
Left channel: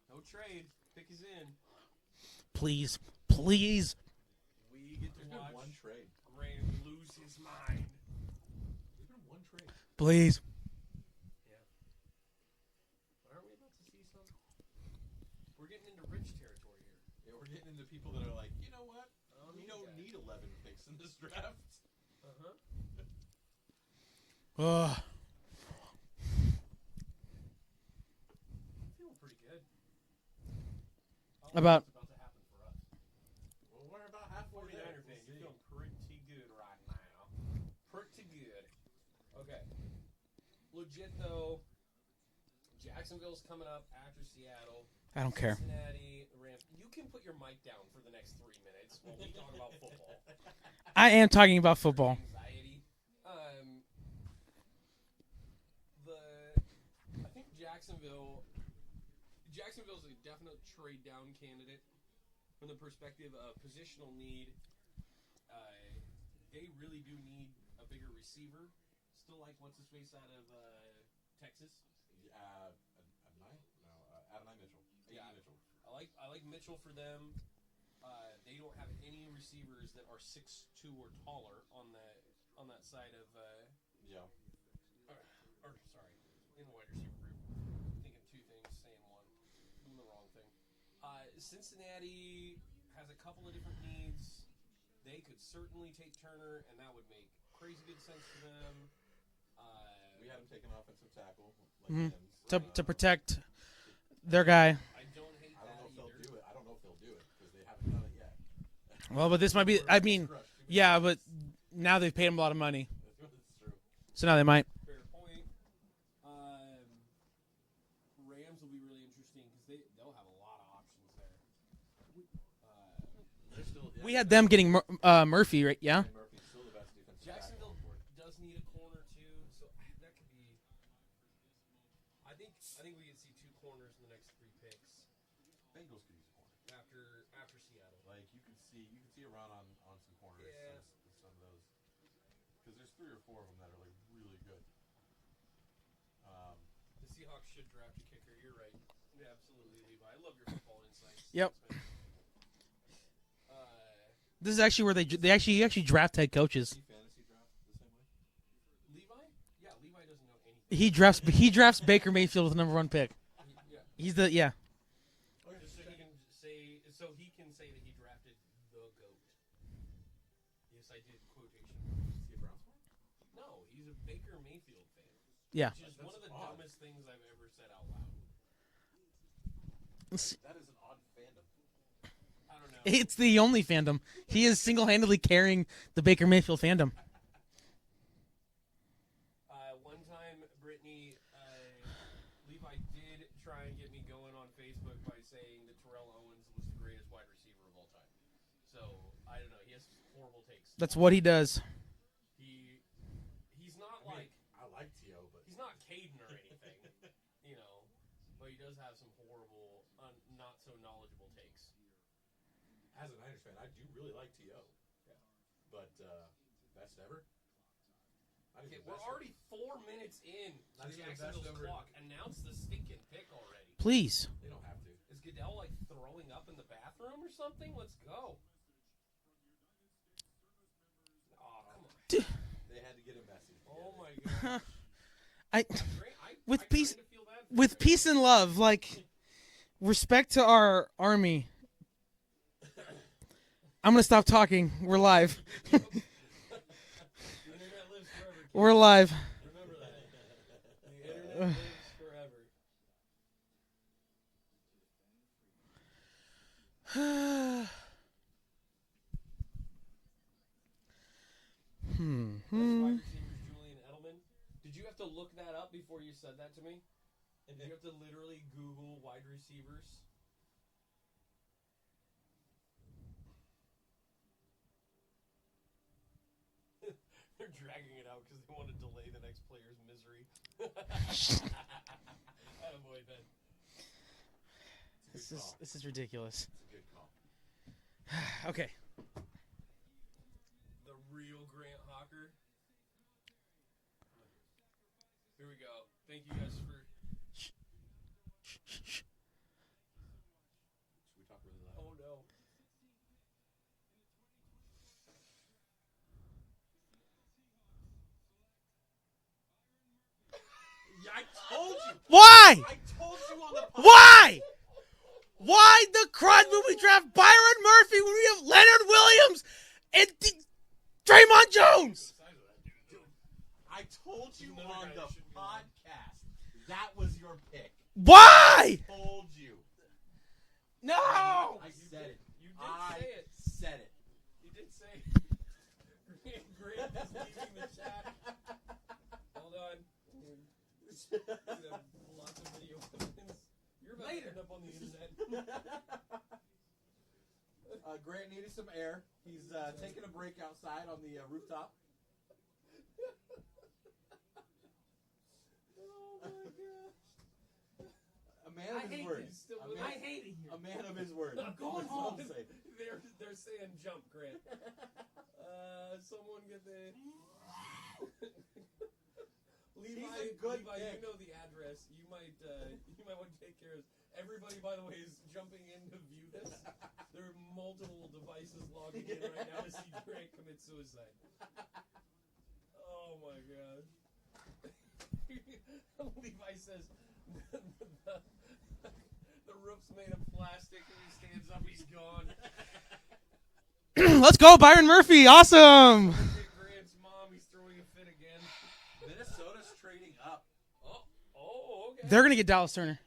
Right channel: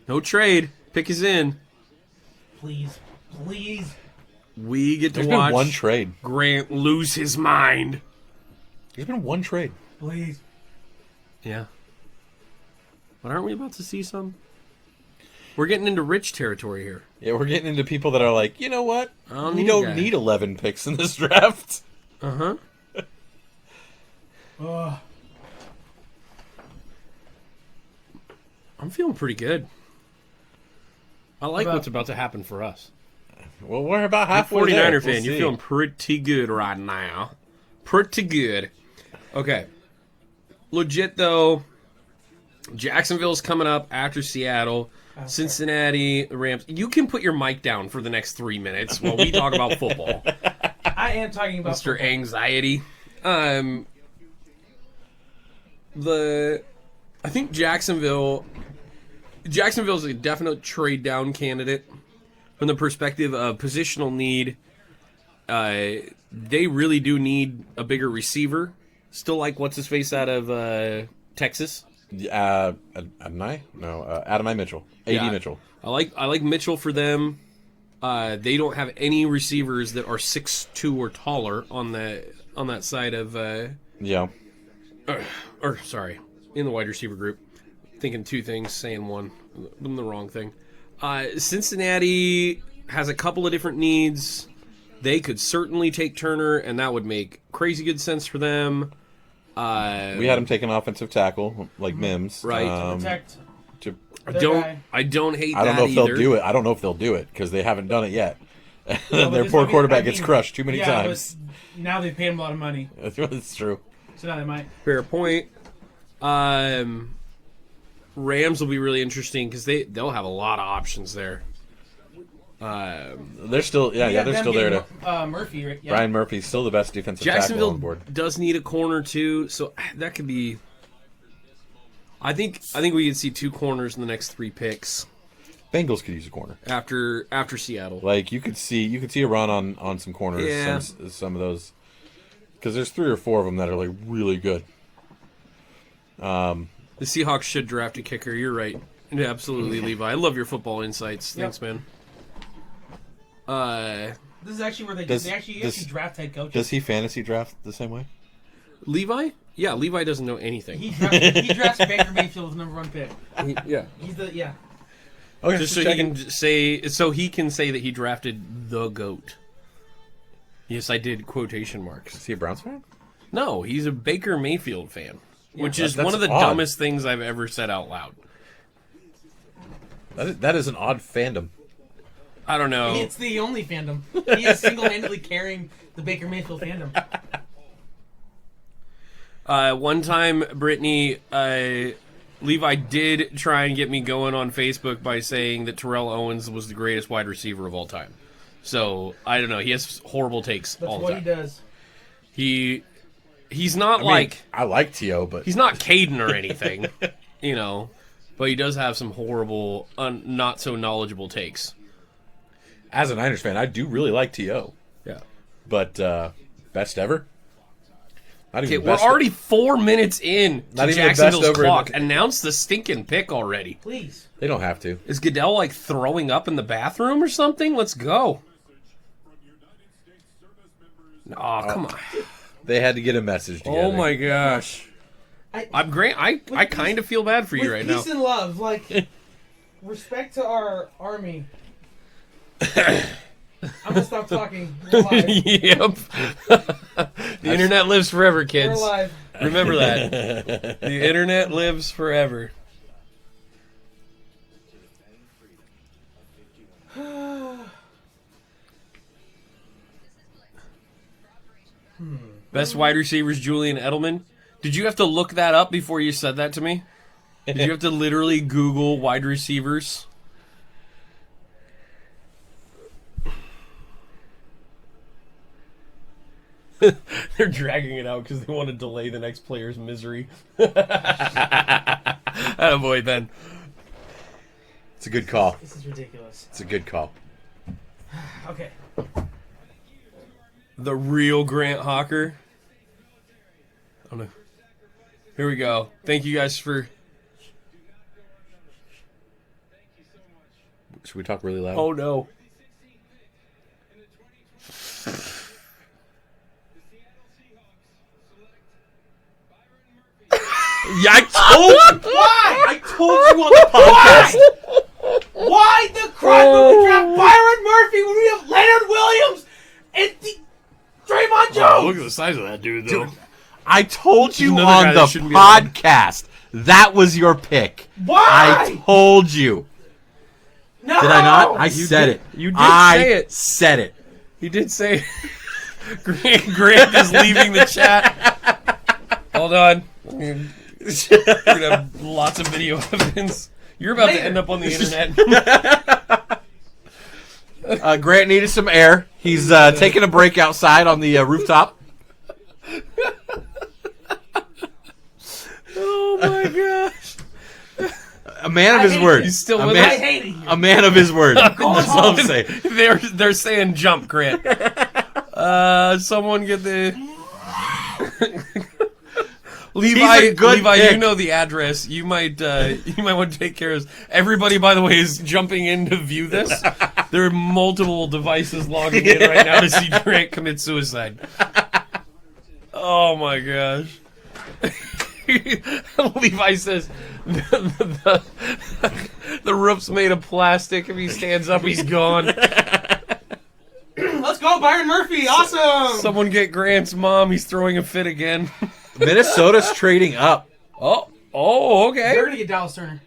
No trade. Pick is in. Please, please. We get to There's watch been one trade. Grant lose his mind. There's been one trade. Please. Yeah. But aren't we about to see some? We're getting into rich territory here. Yeah, we're getting into people that are like, you know what? I don't We need don't that. need 11 picks in this draft. Uh-huh. Ugh. I'm feeling pretty good. I like About- what's about to happen for us. Well, we're about halfway 49er there. fan, We'll you're see. feeling pretty good right now. Pretty good. Okay. Legit, though, Jacksonville's coming up after Seattle. I don't Cincinnati, the Rams. You can put your mic down for the next 3 minutes while we talk about football. I am talking about Mr. football. Anxiety. I think Jacksonville's a definite trade down candidate from the perspective of positional need. They really do need a bigger receiver. Still like what's his face out of Texas. Adonai? No, Adonai Mitchell. AD Yeah. Mitchell. I like Mitchell for them. They don't have any receivers that are 6'2" or taller on that side of Yeah. sorry, in the wide receiver group. Thinking two things, saying one. I'm the wrong thing. Cincinnati has a couple of different needs. They could certainly take Turner, and that would make crazy good sense for them. We had him take an offensive tackle, like Mims. Right. To protect to- their guy. I don't hate I don't that know if either. they'll do it. I don't know if they'll do it because they haven't done it yet. Well, And but their this poor might be- quarterback I gets mean, crushed too many yeah, times. but now they've paid him a lot of money, That's true. so now they might. Fair point. Rams will be really interesting because they'll have a lot of options there. They're still, We have they're them still there. getting To, Murphy, right? Yeah. Brian Murphy's still the best defensive tackle Jacksonville on board. does need a corner too, so that could be. I think we could see two corners in the next 3 picks Bengals could use a corner. after Seattle. Like you could see a run on some corners. Yeah. Some of those, because there's 3 or 4 of them that are like really good. The Seahawks should draft a kicker. You're right. Absolutely, Levi. I love your football insights. Yep. Thanks, man. This is actually where Does- they actually draft head coaches. Does he fantasy draft the same way? Levi? Yeah, Levi doesn't know anything. He drafts Baker Mayfield with the number 1 pick. Yeah. He's the Okay, Just so he can say that he drafted the GOAT. Yes, I did quotation marks. Is he a Browns fan? No, he's a Baker Mayfield fan, which is that's one of the odd. dumbest things I've ever said out loud. That is an odd fandom. I don't know. It's the only fandom. He is single-handedly carrying the Baker Mayfield fandom. One time, Brittany, Levi did try and get me going on Facebook by saying that Terrell Owens was the greatest wide receiver of all time. So, I don't know. He has horrible takes. That's all the what time. he does. He's not I like T.O., but he's not Caden or anything, you know, but he does have some horrible, not so knowledgeable takes. as a Niners fan, I do really like T.O. Yeah. But best ever? Not Okay, even we're best already 4 minutes in Not to even the best Jacksonville's over- clock. Announce the stinking pick already. Please. They don't have to. Is Goodell like throwing up in the bathroom or something? Let's go. Oh, come on. They had to get a message together. Oh my gosh. I'm great. I kind of feel bad for you With right peace now. and love, like respect to our army. I'm gonna stop talking. We're live. Yep. The internet lives forever, kids. We're live. Remember that. The internet lives forever. Best wide receivers, Julian Edelman. Did you have to look that up before you said that to me? Did you have to literally Google wide receivers? They're dragging it out because they want to delay the next player's misery. Attaboy, Ben. It's a good call. This is ridiculous. It's a good call. Okay. The real Grant Hawker. Oh no. Here we go. Thank you guys for... Should we talk really loud? Oh no. Yeah, I told you. Why? I told you on the podcast. Why the crime when we draft Byron Murphy when we have Leonard Williams and Draymond Jones? Look at the size of that dude, though. I told you Another guy on that the shouldn't be allowed. podcast. That was your pick. Why? I told you. No. Did I not? I You said did- it. you did I say it. said it. He did say... Grant is leaving the chat. Hold on. We're gonna have lots of video evidence. You're about to end up on the internet. Grant needed some air. He's taking a break outside on the rooftop. Oh my gosh. A man of his word. He's still a with man, us? I hate it here. A man of his word. That's all I'm saying. They're saying jump, Grant. Someone get the Levi. good Levi, pick. you know the address. You might want to take care of this. Everybody, by the way, is jumping in to view this. There are multiple devices logging in right now to see Grant commit suicide. Oh my gosh. Levi says the roof's made of plastic. If he stands up, he's gone. Let's go, Byron Murphy. Awesome. Someone get Grant's mom. He's throwing a fit again. Minnesota's trading up. Oh, okay. They're gonna get Dallas Turner.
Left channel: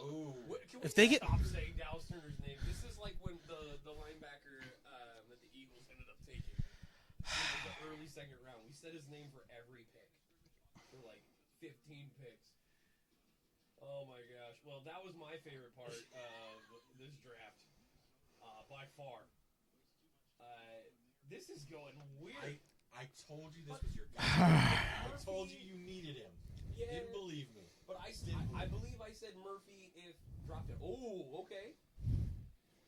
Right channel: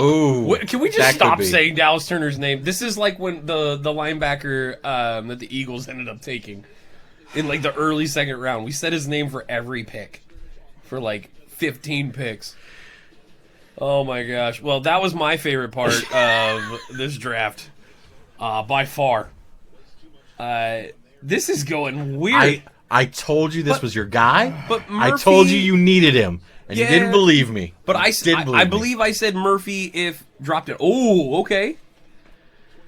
Ooh, Can we that just could stop be. saying Dallas Turner's name? This is like when the linebacker that the Eagles ended up taking in like the early second round. We said his name for every pick for like 15 picks. Oh my gosh. Well, that was my favorite part of this draft by far. This is going weird. I told you this was your guy. But I Murphy- told you needed him, and Yeah. you didn't believe me. But I me. believe I said Murphy if dropped it. Oh, okay.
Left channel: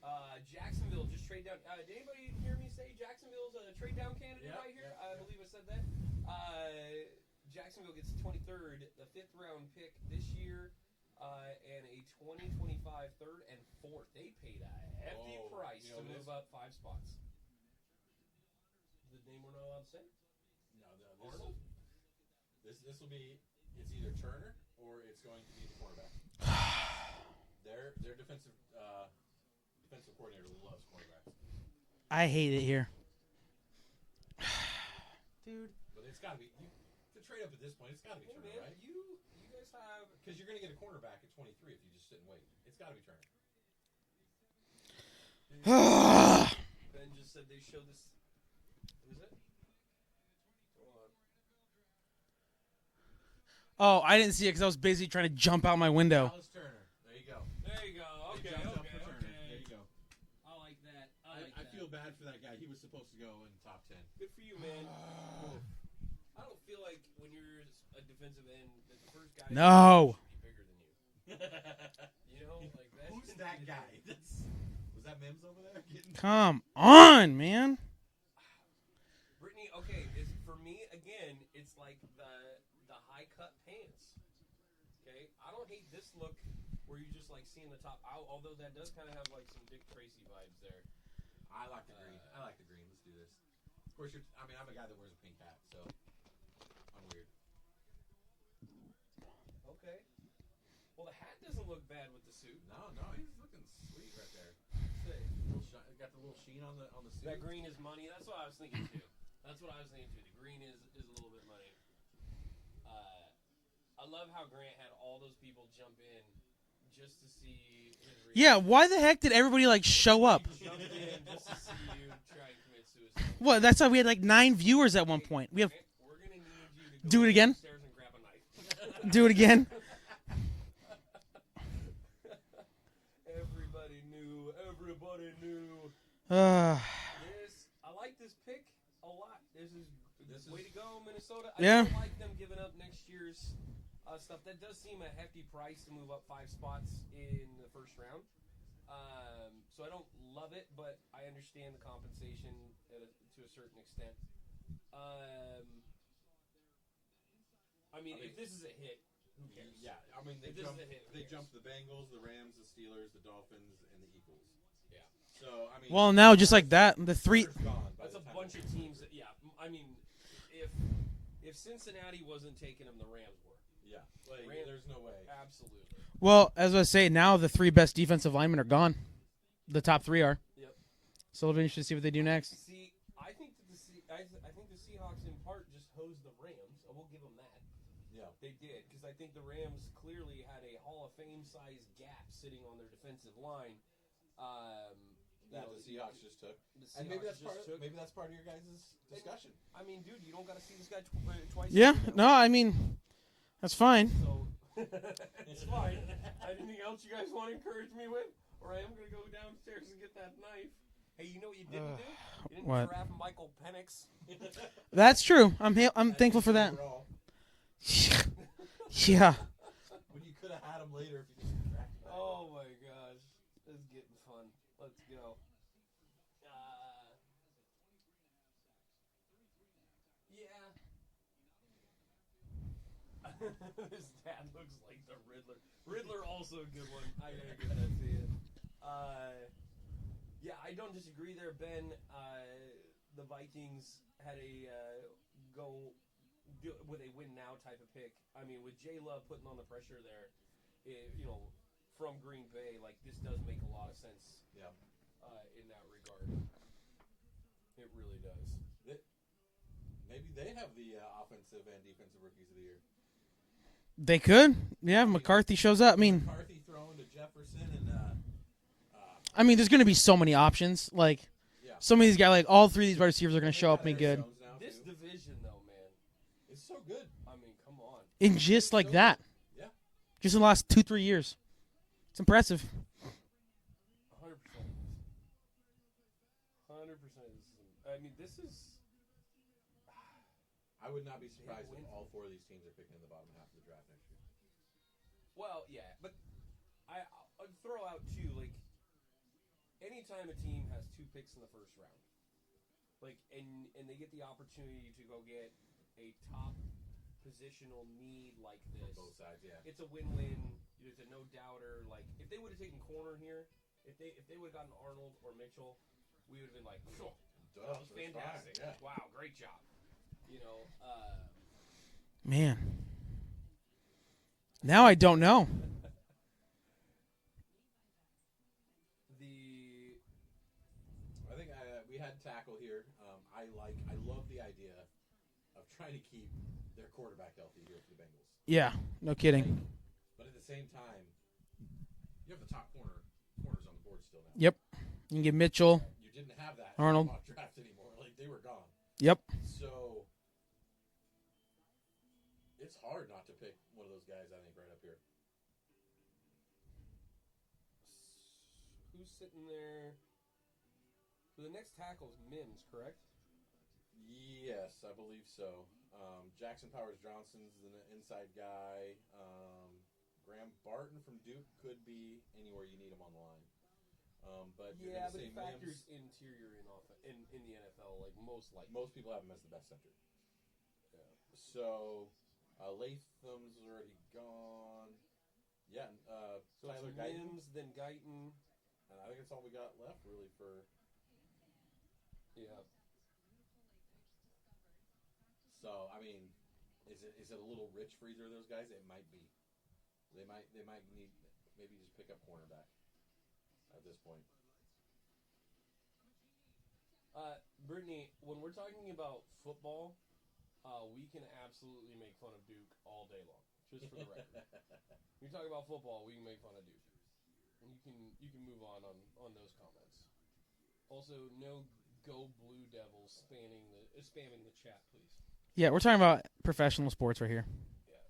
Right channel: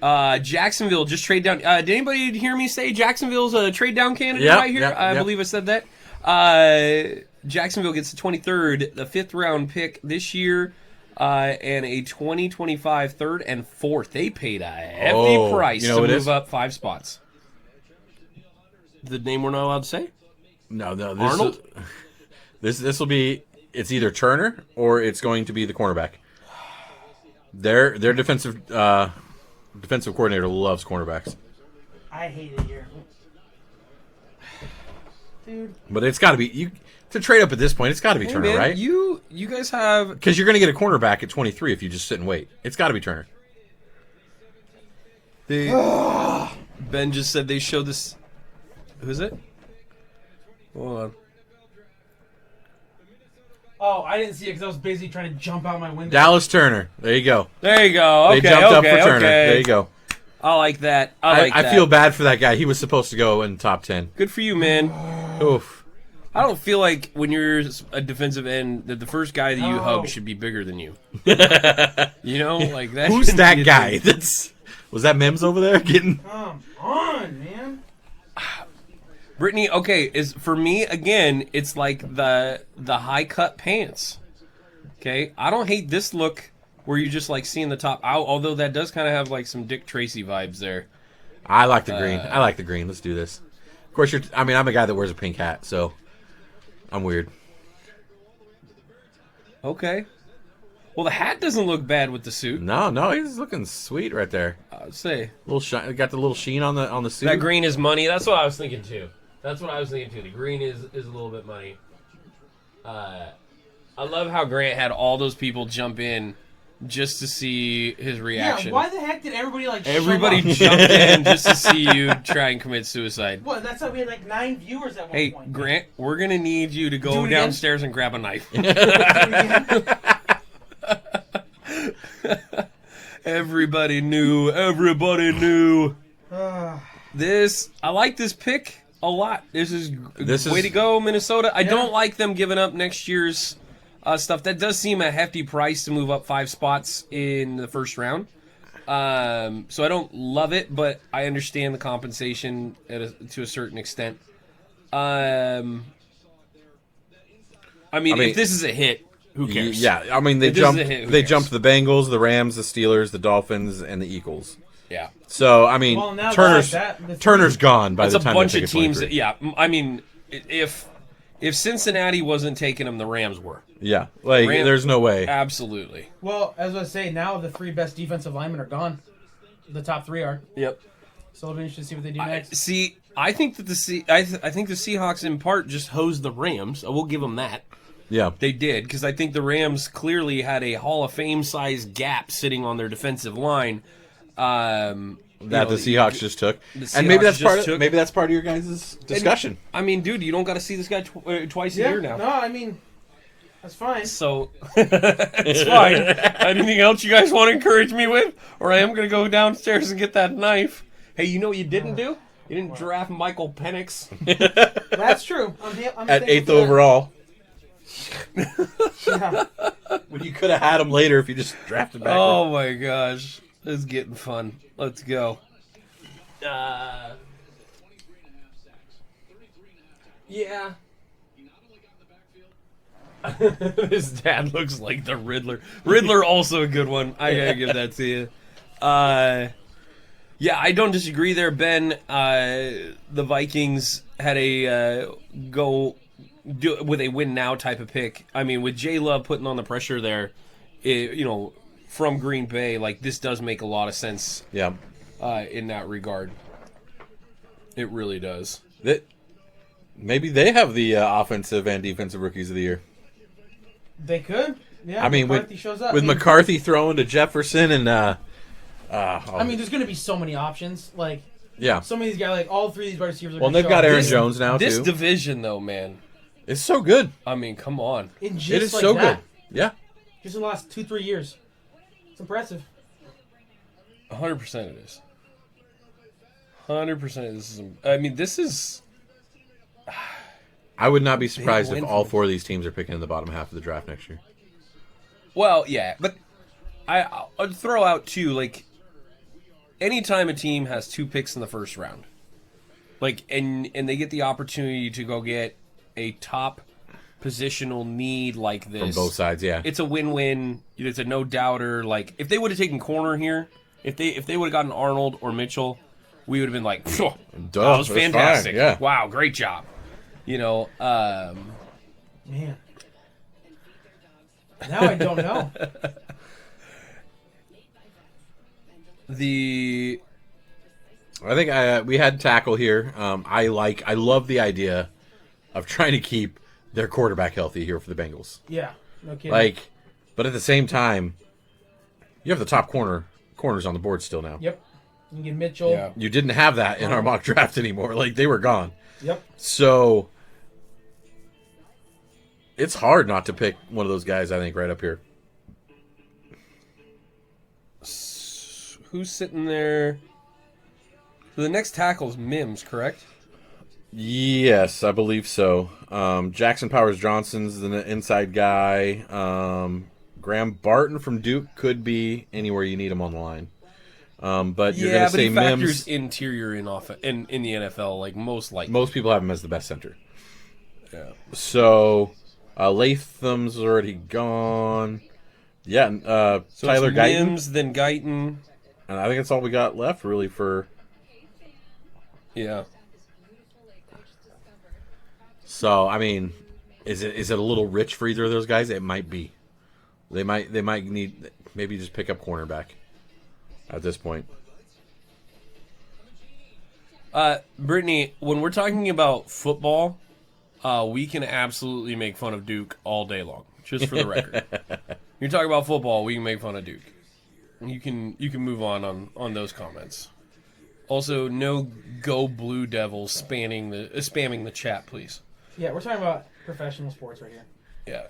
Jacksonville just trade down. Did anybody hear me say Jacksonville's a trade down candidate Yep, right here? yep, I yep. believe I said that. Jacksonville gets the 23rd, the 5th round pick this year, and a 2025 3rd and 4th. They paid a hefty Oh, price you know to what it move is? up 5 spots. The name we're not allowed to say? No. Arnold? This will be. It's either Turner or it's going to be the cornerback. Their defensive coordinator loves cornerbacks. I hate it here. Dude. But it's got to be to trade up at this point. It's got to be Hey, Turner, man, right? You guys have... Because you're going to get a cornerback at 23 if you just sit and wait. It's got to be Turner. Ben just said they showed this... Who is it? Hold on. Oh, I didn't see it because I was basically trying to jump out my window. Dallas Turner. There you go. There you go. Okay, They jumped up for Turner. Okay. There you go. I like that. I feel bad for that guy. He was supposed to go in top 10. Good for you, man. Oof. I don't feel like when you're a defensive end that the first guy that you hug should be bigger than you. You know, like that. Who's shouldn't that be a guy? thing. Was that Mims over there getting? Come on, man. Brittany, okay, is for me again. It's like the high cut pants. Okay, I don't hate this look where you just like seeing the top out. Although that does kind of have like some Dick Tracy vibes there. I like the green. I like the green. Let's do this. Of course, I'm a guy that wears a pink hat, so I'm weird. Okay. Well, the hat doesn't look bad with the suit. No, he's looking sweet right there. I would say Little shine, got the little sheen on the suit. that green is money. That's what I was thinking too. The green is a little bit money. I love how Grant had all those people jump in just to see his reaction. Yeah, why the heck did everybody Everybody show up? jumped in just to see you try and commit suicide. Well, that's why we had like 9 viewers at one Hey, point. Grant, we're going to need you to Do go it again? downstairs and grab a knife. Do it again. Everybody knew. I like this pick a lot. This is way to go, Minnesota. I don't like them giving up next year's stuff. That does seem a hefty price to move up 5 spots in the first round. So I don't love it, but I understand the compensation to a certain extent. I mean, if this is a hit, who cares? Yeah, I mean they If this is a hit, who cares? jumped the Bengals, the Rams, the Steelers, the Dolphins, and the Eagles. Yeah. So I mean, Well, now Turner's, just like that, Turner's gone by It's the a time bunch they of pick at teams. 23. Yeah, I mean, if Cincinnati wasn't taking them, the Rams were. Yeah, like there's no way. Absolutely. Well, as I say, now the 3 best defensive linemen are gone. The top 3 are. Yep. So it'll be interesting to see what they do next. I think that I think the Seahawks in part just hosed the Rams. I will give them that. Yeah, They did, because I think the Rams clearly had a Hall of Fame size gap sitting on their defensive line. the Seahawks just took, the and maybe Seahawks that's just part of took. maybe that's part of your guys' discussion. I mean, dude, you don't got to see this guy twice a Yeah, year now. no, I mean, that's fine. So, it's fine. Anything else you guys want to encourage me with? Or I am going to go downstairs and get that knife. Hey, you know what you didn't do? You didn't draft Michael Penix. That's true. I'm At thankful 8th for that. overall, Yeah. when you could have had him later if you just drafted back. Oh, my gosh. This is getting fun. Let's go. Yeah. His dad looks like the Riddler. Riddler also a good one. I gotta give that to you. Yeah, I don't disagree there, Ben. The Vikings had a go with a win now type of pick. I mean, with J Love putting on the pressure there, from Green Bay, like this does make a lot of sense. Yeah, In that regard, it really does. Maybe they have the offensive and defensive rookies of the year. They could. Yeah, I mean, McCarthy shows up. with I mean, McCarthy throwing to Jefferson and I mean, there's going to be so many options. Like, yeah. some of these guys, like all 3 of these wide receivers are Well, going to they've show got up. Aaron Jones now This too. division, though, man. It's so good. I mean, come on. In just It is like so that. good. Yeah. Just in the last 2-3 years. It's impressive. 100% it is. 100% this is. I mean, this is. I would not be surprised win if all for 4 of these teams are picking in the bottom half of the draft next year. Well, yeah, but I'd throw out too, like, anytime a team has 2 picks in the first round, like, and they get the opportunity to go get a top positional need like this From both sides, yeah. it's a win-win. It's a no-doubter. Like, if they would have taken corner here, if they would have gotten Arnold or Mitchell, we would have been like, "Phew, Duh, that was that's fine, fantastic. yeah. Wow, great job." You know, Man. Now I don't know. I think we had tackle here. I love the idea of trying to keep their quarterback healthy here for the Bengals. Yeah, no kidding. But at the same time, you have the top corners on the board still now. Yep. You can get Mitchell. Yeah. You didn't have that in our mock draft anymore. Like, they were gone. Yep. So it's hard not to pick one of those guys, I think, right up here. who's sitting there? So the next tackle's Mims, correct? Yes, I believe so. Jackson Powers Johnson's the inside guy. Graham Barton from Duke could be anywhere you need him on the line. But you're going to say he factors Mims. interior in the NFL, like most likely. Most people have him as the best center. Yeah. So Latham's already gone. Yeah, So Tyler it's Guyton. Mims, then Guyton. And I think that's all we got left, really, for... Yeah. So, I mean, is it a little rich for either of those guys? It might be. They might need... Maybe just pick up cornerback at this point. Brittany, when we're talking about football, we can absolutely make fun of Duke all day long, just for the record. You're talking about football, we can make fun of Duke. You can move on those comments. Also, no Go Blue Devils spamming the chat, please. Yeah, we're talking about professional sports right here. Yeah.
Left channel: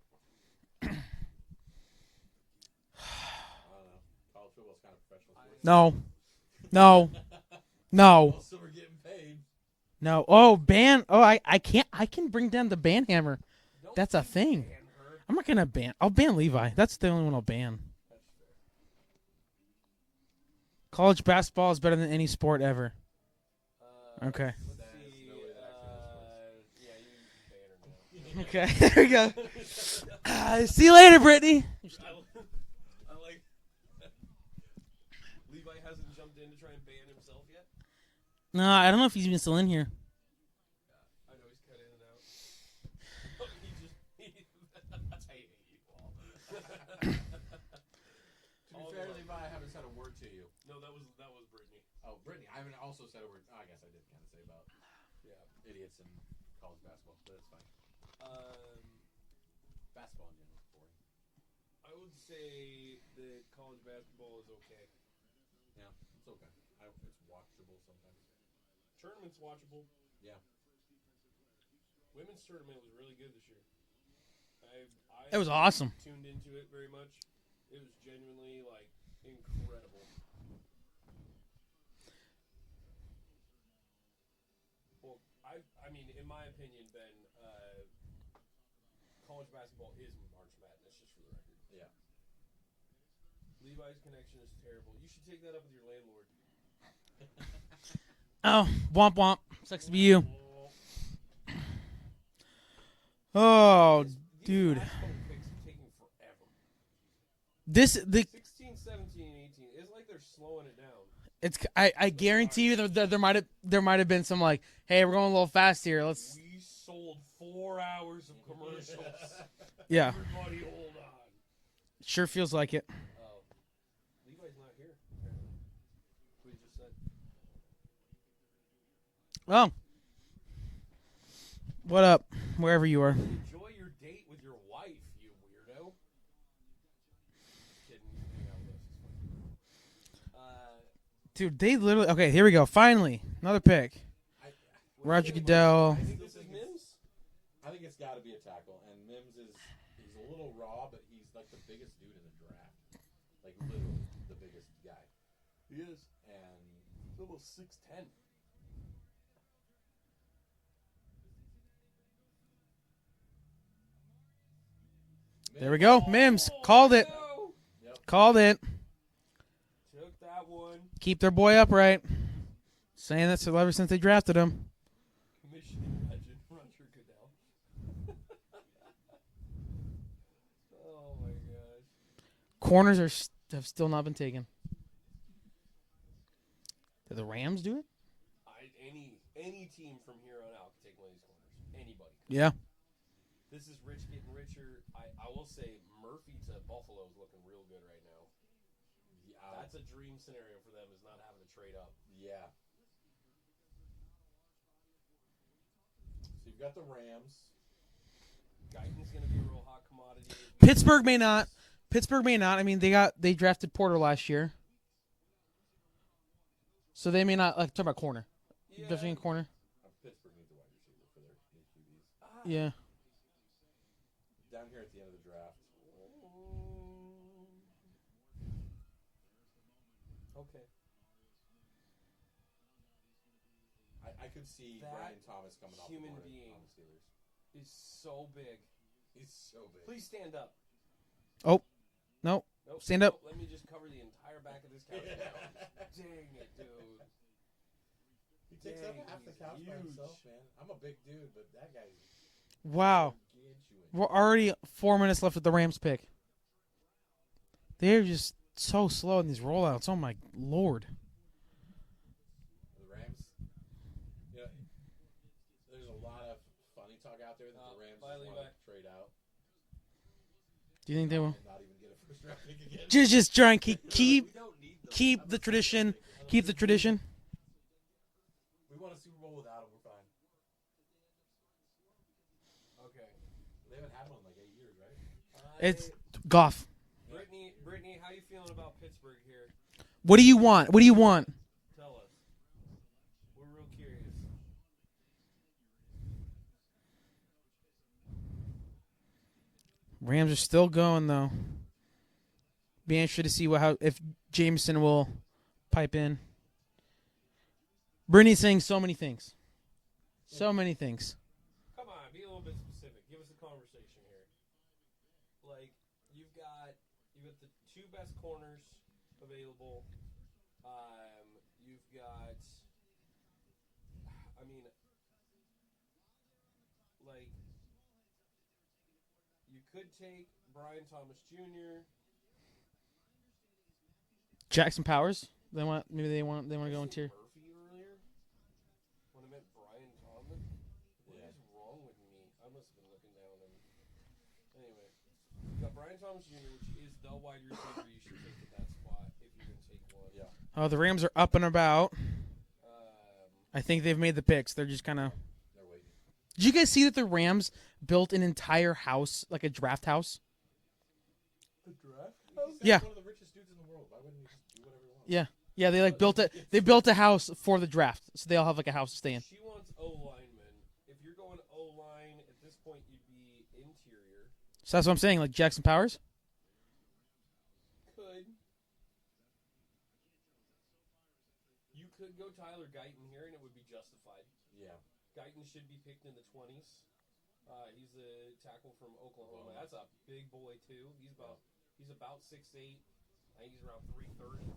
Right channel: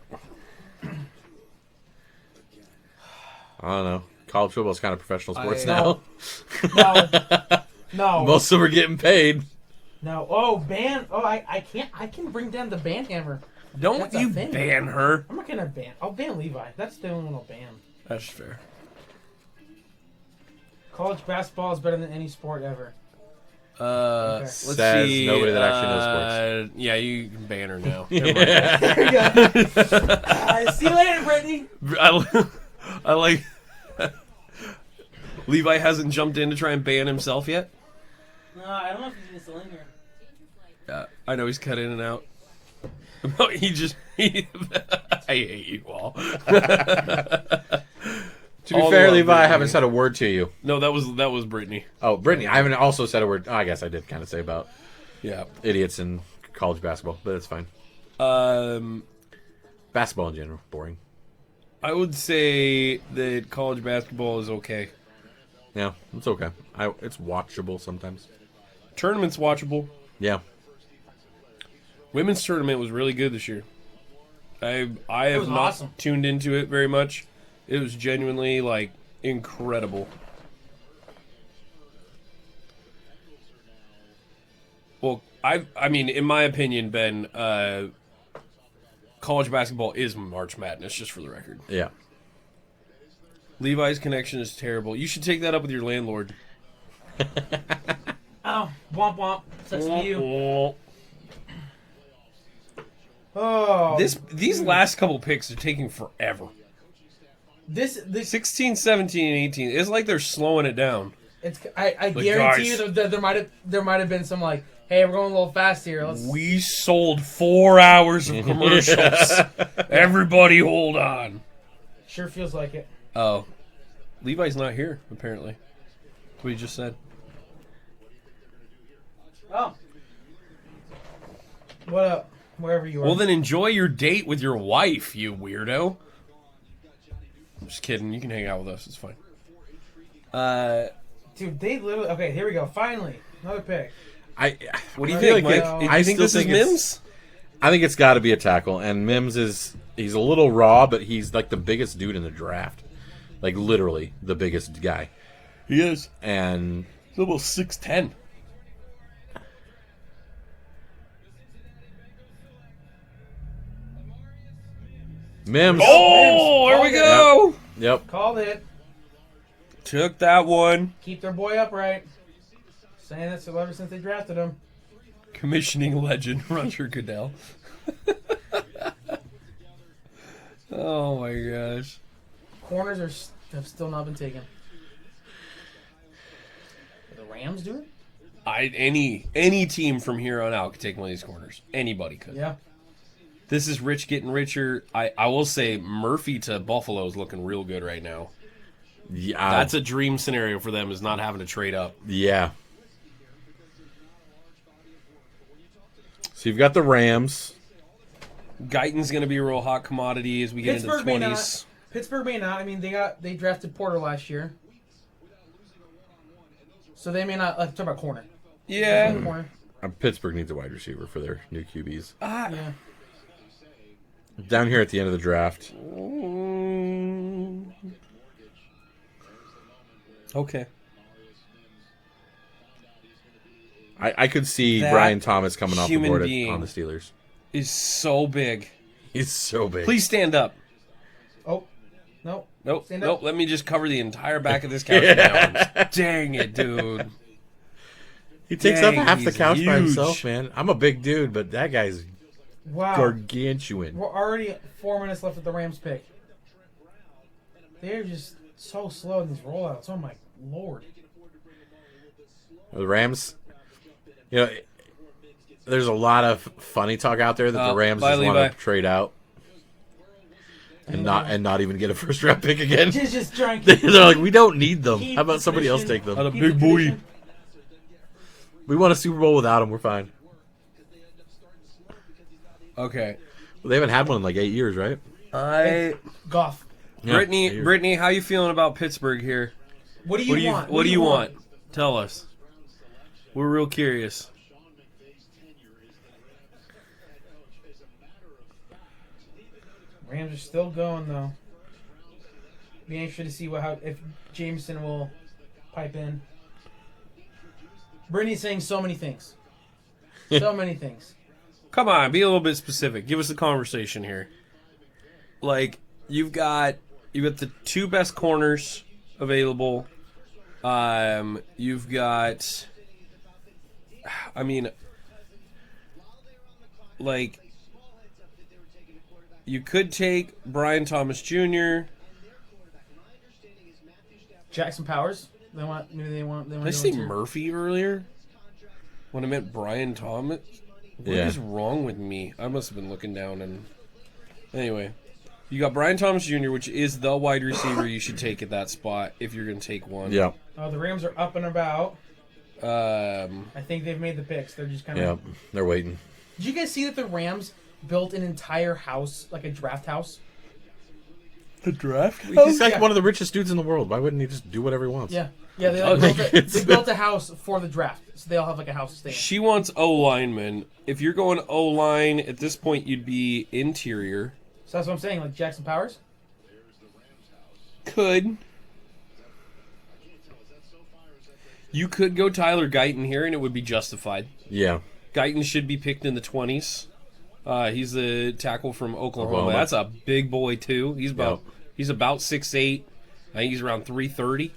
I don't know. College football is kind of professional sports No. now. No. Most of them are getting paid. No. Oh, ban. Oh, I can't. I can bring down the ban hammer. Don't That's a you thing. ban her. I'm not gonna ban. I'll ban Levi. That's the only one I'll ban. That's fair. College basketball is better than any sport ever. Okay. Let's Says see. nobody that actually knows sports. Yeah, you can ban her now. There you go. See you later, Brittany. I like. Levi hasn't jumped in to try and ban himself yet. No, I don't know if he's even still in here. Yeah, I know he's cut in and out. I hate you all. To be All fair, love, Levi, I Brittany. haven't said a word to you. No, that was Brittany. Oh, Brittany, I haven't also said a word. Oh, I guess I did kind of say about Yeah. idiots in college basketball, but it's fine. Basketball in general, boring. I would say that college basketball is okay. Yeah, it's okay. It's watchable sometimes. Tournament's watchable. Yeah. Women's tournament was really good this year. I It have was not awesome. tuned into it very much. It was genuinely like incredible. Well, I mean, in my opinion, Ben, college basketball is March Madness, just for the record. Yeah. Levi's connection is terrible. You should take that up with your landlord. Oh, womp womp. That's for you. Oh, These last couple picks are taking forever. this 16, 17, and 18. It's like they're slowing it down. it's. I guarantee guys. you that there might have been some like, hey, we're going a little fast here. Let's. We sold 4 hours of commercials. Everybody hold on. Sure feels like it. Oh. Levi's not here, apparently. That's what he just said. Oh. What up? Wherever you are. Well, then enjoy your date with your wife, you weirdo. I'm just kidding. You can hang out with us. It's fine. Dude, they literally. Okay, here we go. Finally, another pick. What do you I think, feel like, Mike? Do I you think still this is think it's- Mims? I think it's got to be a tackle, and Mims he's a little raw, but he's like the biggest dude in the draft. Like, literally, the biggest guy. He is. And He's almost 6'10". Mims. Oh, Mims. there Called we it. go. Yep. Called it. Took that one. Keep their boy upright. Saying that ever since they drafted him. Commissioning legend Roger Goodell. Oh my gosh. Corners have still not been taken. Did the Rams do it? Any team from here on out could take one of these corners. Anybody could. Yeah. This is rich getting richer. I will say Murphy to Buffalo is looking real good right now. Yeah, That's a dream scenario for them, is not having to trade up. Yeah. So you've got the Rams. Guyton's going to be a real hot commodity as we Pittsburgh get may into the not. 20s. Pittsburgh may not. I mean, they drafted Porter last year, so they may not. Talk about corner. Yeah. Corner. Pittsburgh needs a wide receiver for their new QBs. Yeah. Down here at the end of the draft. Okay. I could see That Brian Thomas coming off the human board being- on the Steelers. Is so big. He's so big. Please stand up. Oh, no. Nope. Stand up. Nope. Let me just cover the entire back of this couch with my arms. Dang it, dude. He takes up Dang, half the he's couch by huge. himself, man. I'm a big dude, but that guy's Wow. gargantuan. We're already 4 minutes left with the Rams pick. They're just so slow in these rollouts. Oh my lord. The Rams, there's a lot of funny talk out there that the Rams bye, just want Levi. to trade out and not even get a first round pick again. Just trying. They're like, we don't need them. keep How about the somebody else tradition. take them? A Keep big the boy. tradition. We won a Super Bowl without them. We're fine. Okay. Well, they haven't had one in like 8 years, right? Goff. Yeah, 8 years. Brittany, how you feeling about Pittsburgh here? What do you want? What do you want? Tell us. We're real curious. Rams are still going though. Be interested to see if Jameson will pipe in. Brittany's saying so many things. So many things. Come on, be a little bit specific. Give us a conversation here. Like, you've got the two best corners available. You've got, I mean, like, you could take Brian Thomas Jr. Jackson Powers. Maybe they want. Did I say Murphy earlier? When I meant Brian Thomas? What is wrong with me? I must have been looking down and... Anyway. You got Brian Thomas Jr., which is the wide receiver you should take at that spot if you're going to take one. Yeah. The Rams are up and about. I I think they've made the picks. They're just kind of... Yeah. They're waiting. Did you guys see that the Rams built an entire house, like a draft house? The draft? He's like yeah. one of the richest dudes in the world. Why wouldn't he just do whatever he wants? Yeah. Yeah, they, they built a house for the draft. So they all have like a house to stay in. She wants O-lineman. If you're going O-line, at this point you'd be interior. So that's what I'm saying, like Jackson Powers? Could. You could go Tyler Guyton here, and it would be justified. Yeah. Guyton should be picked in the 20s. He's the tackle from Oklahoma. Oklahoma. That's a big boy too. He's about 6'8". I think he's around 330.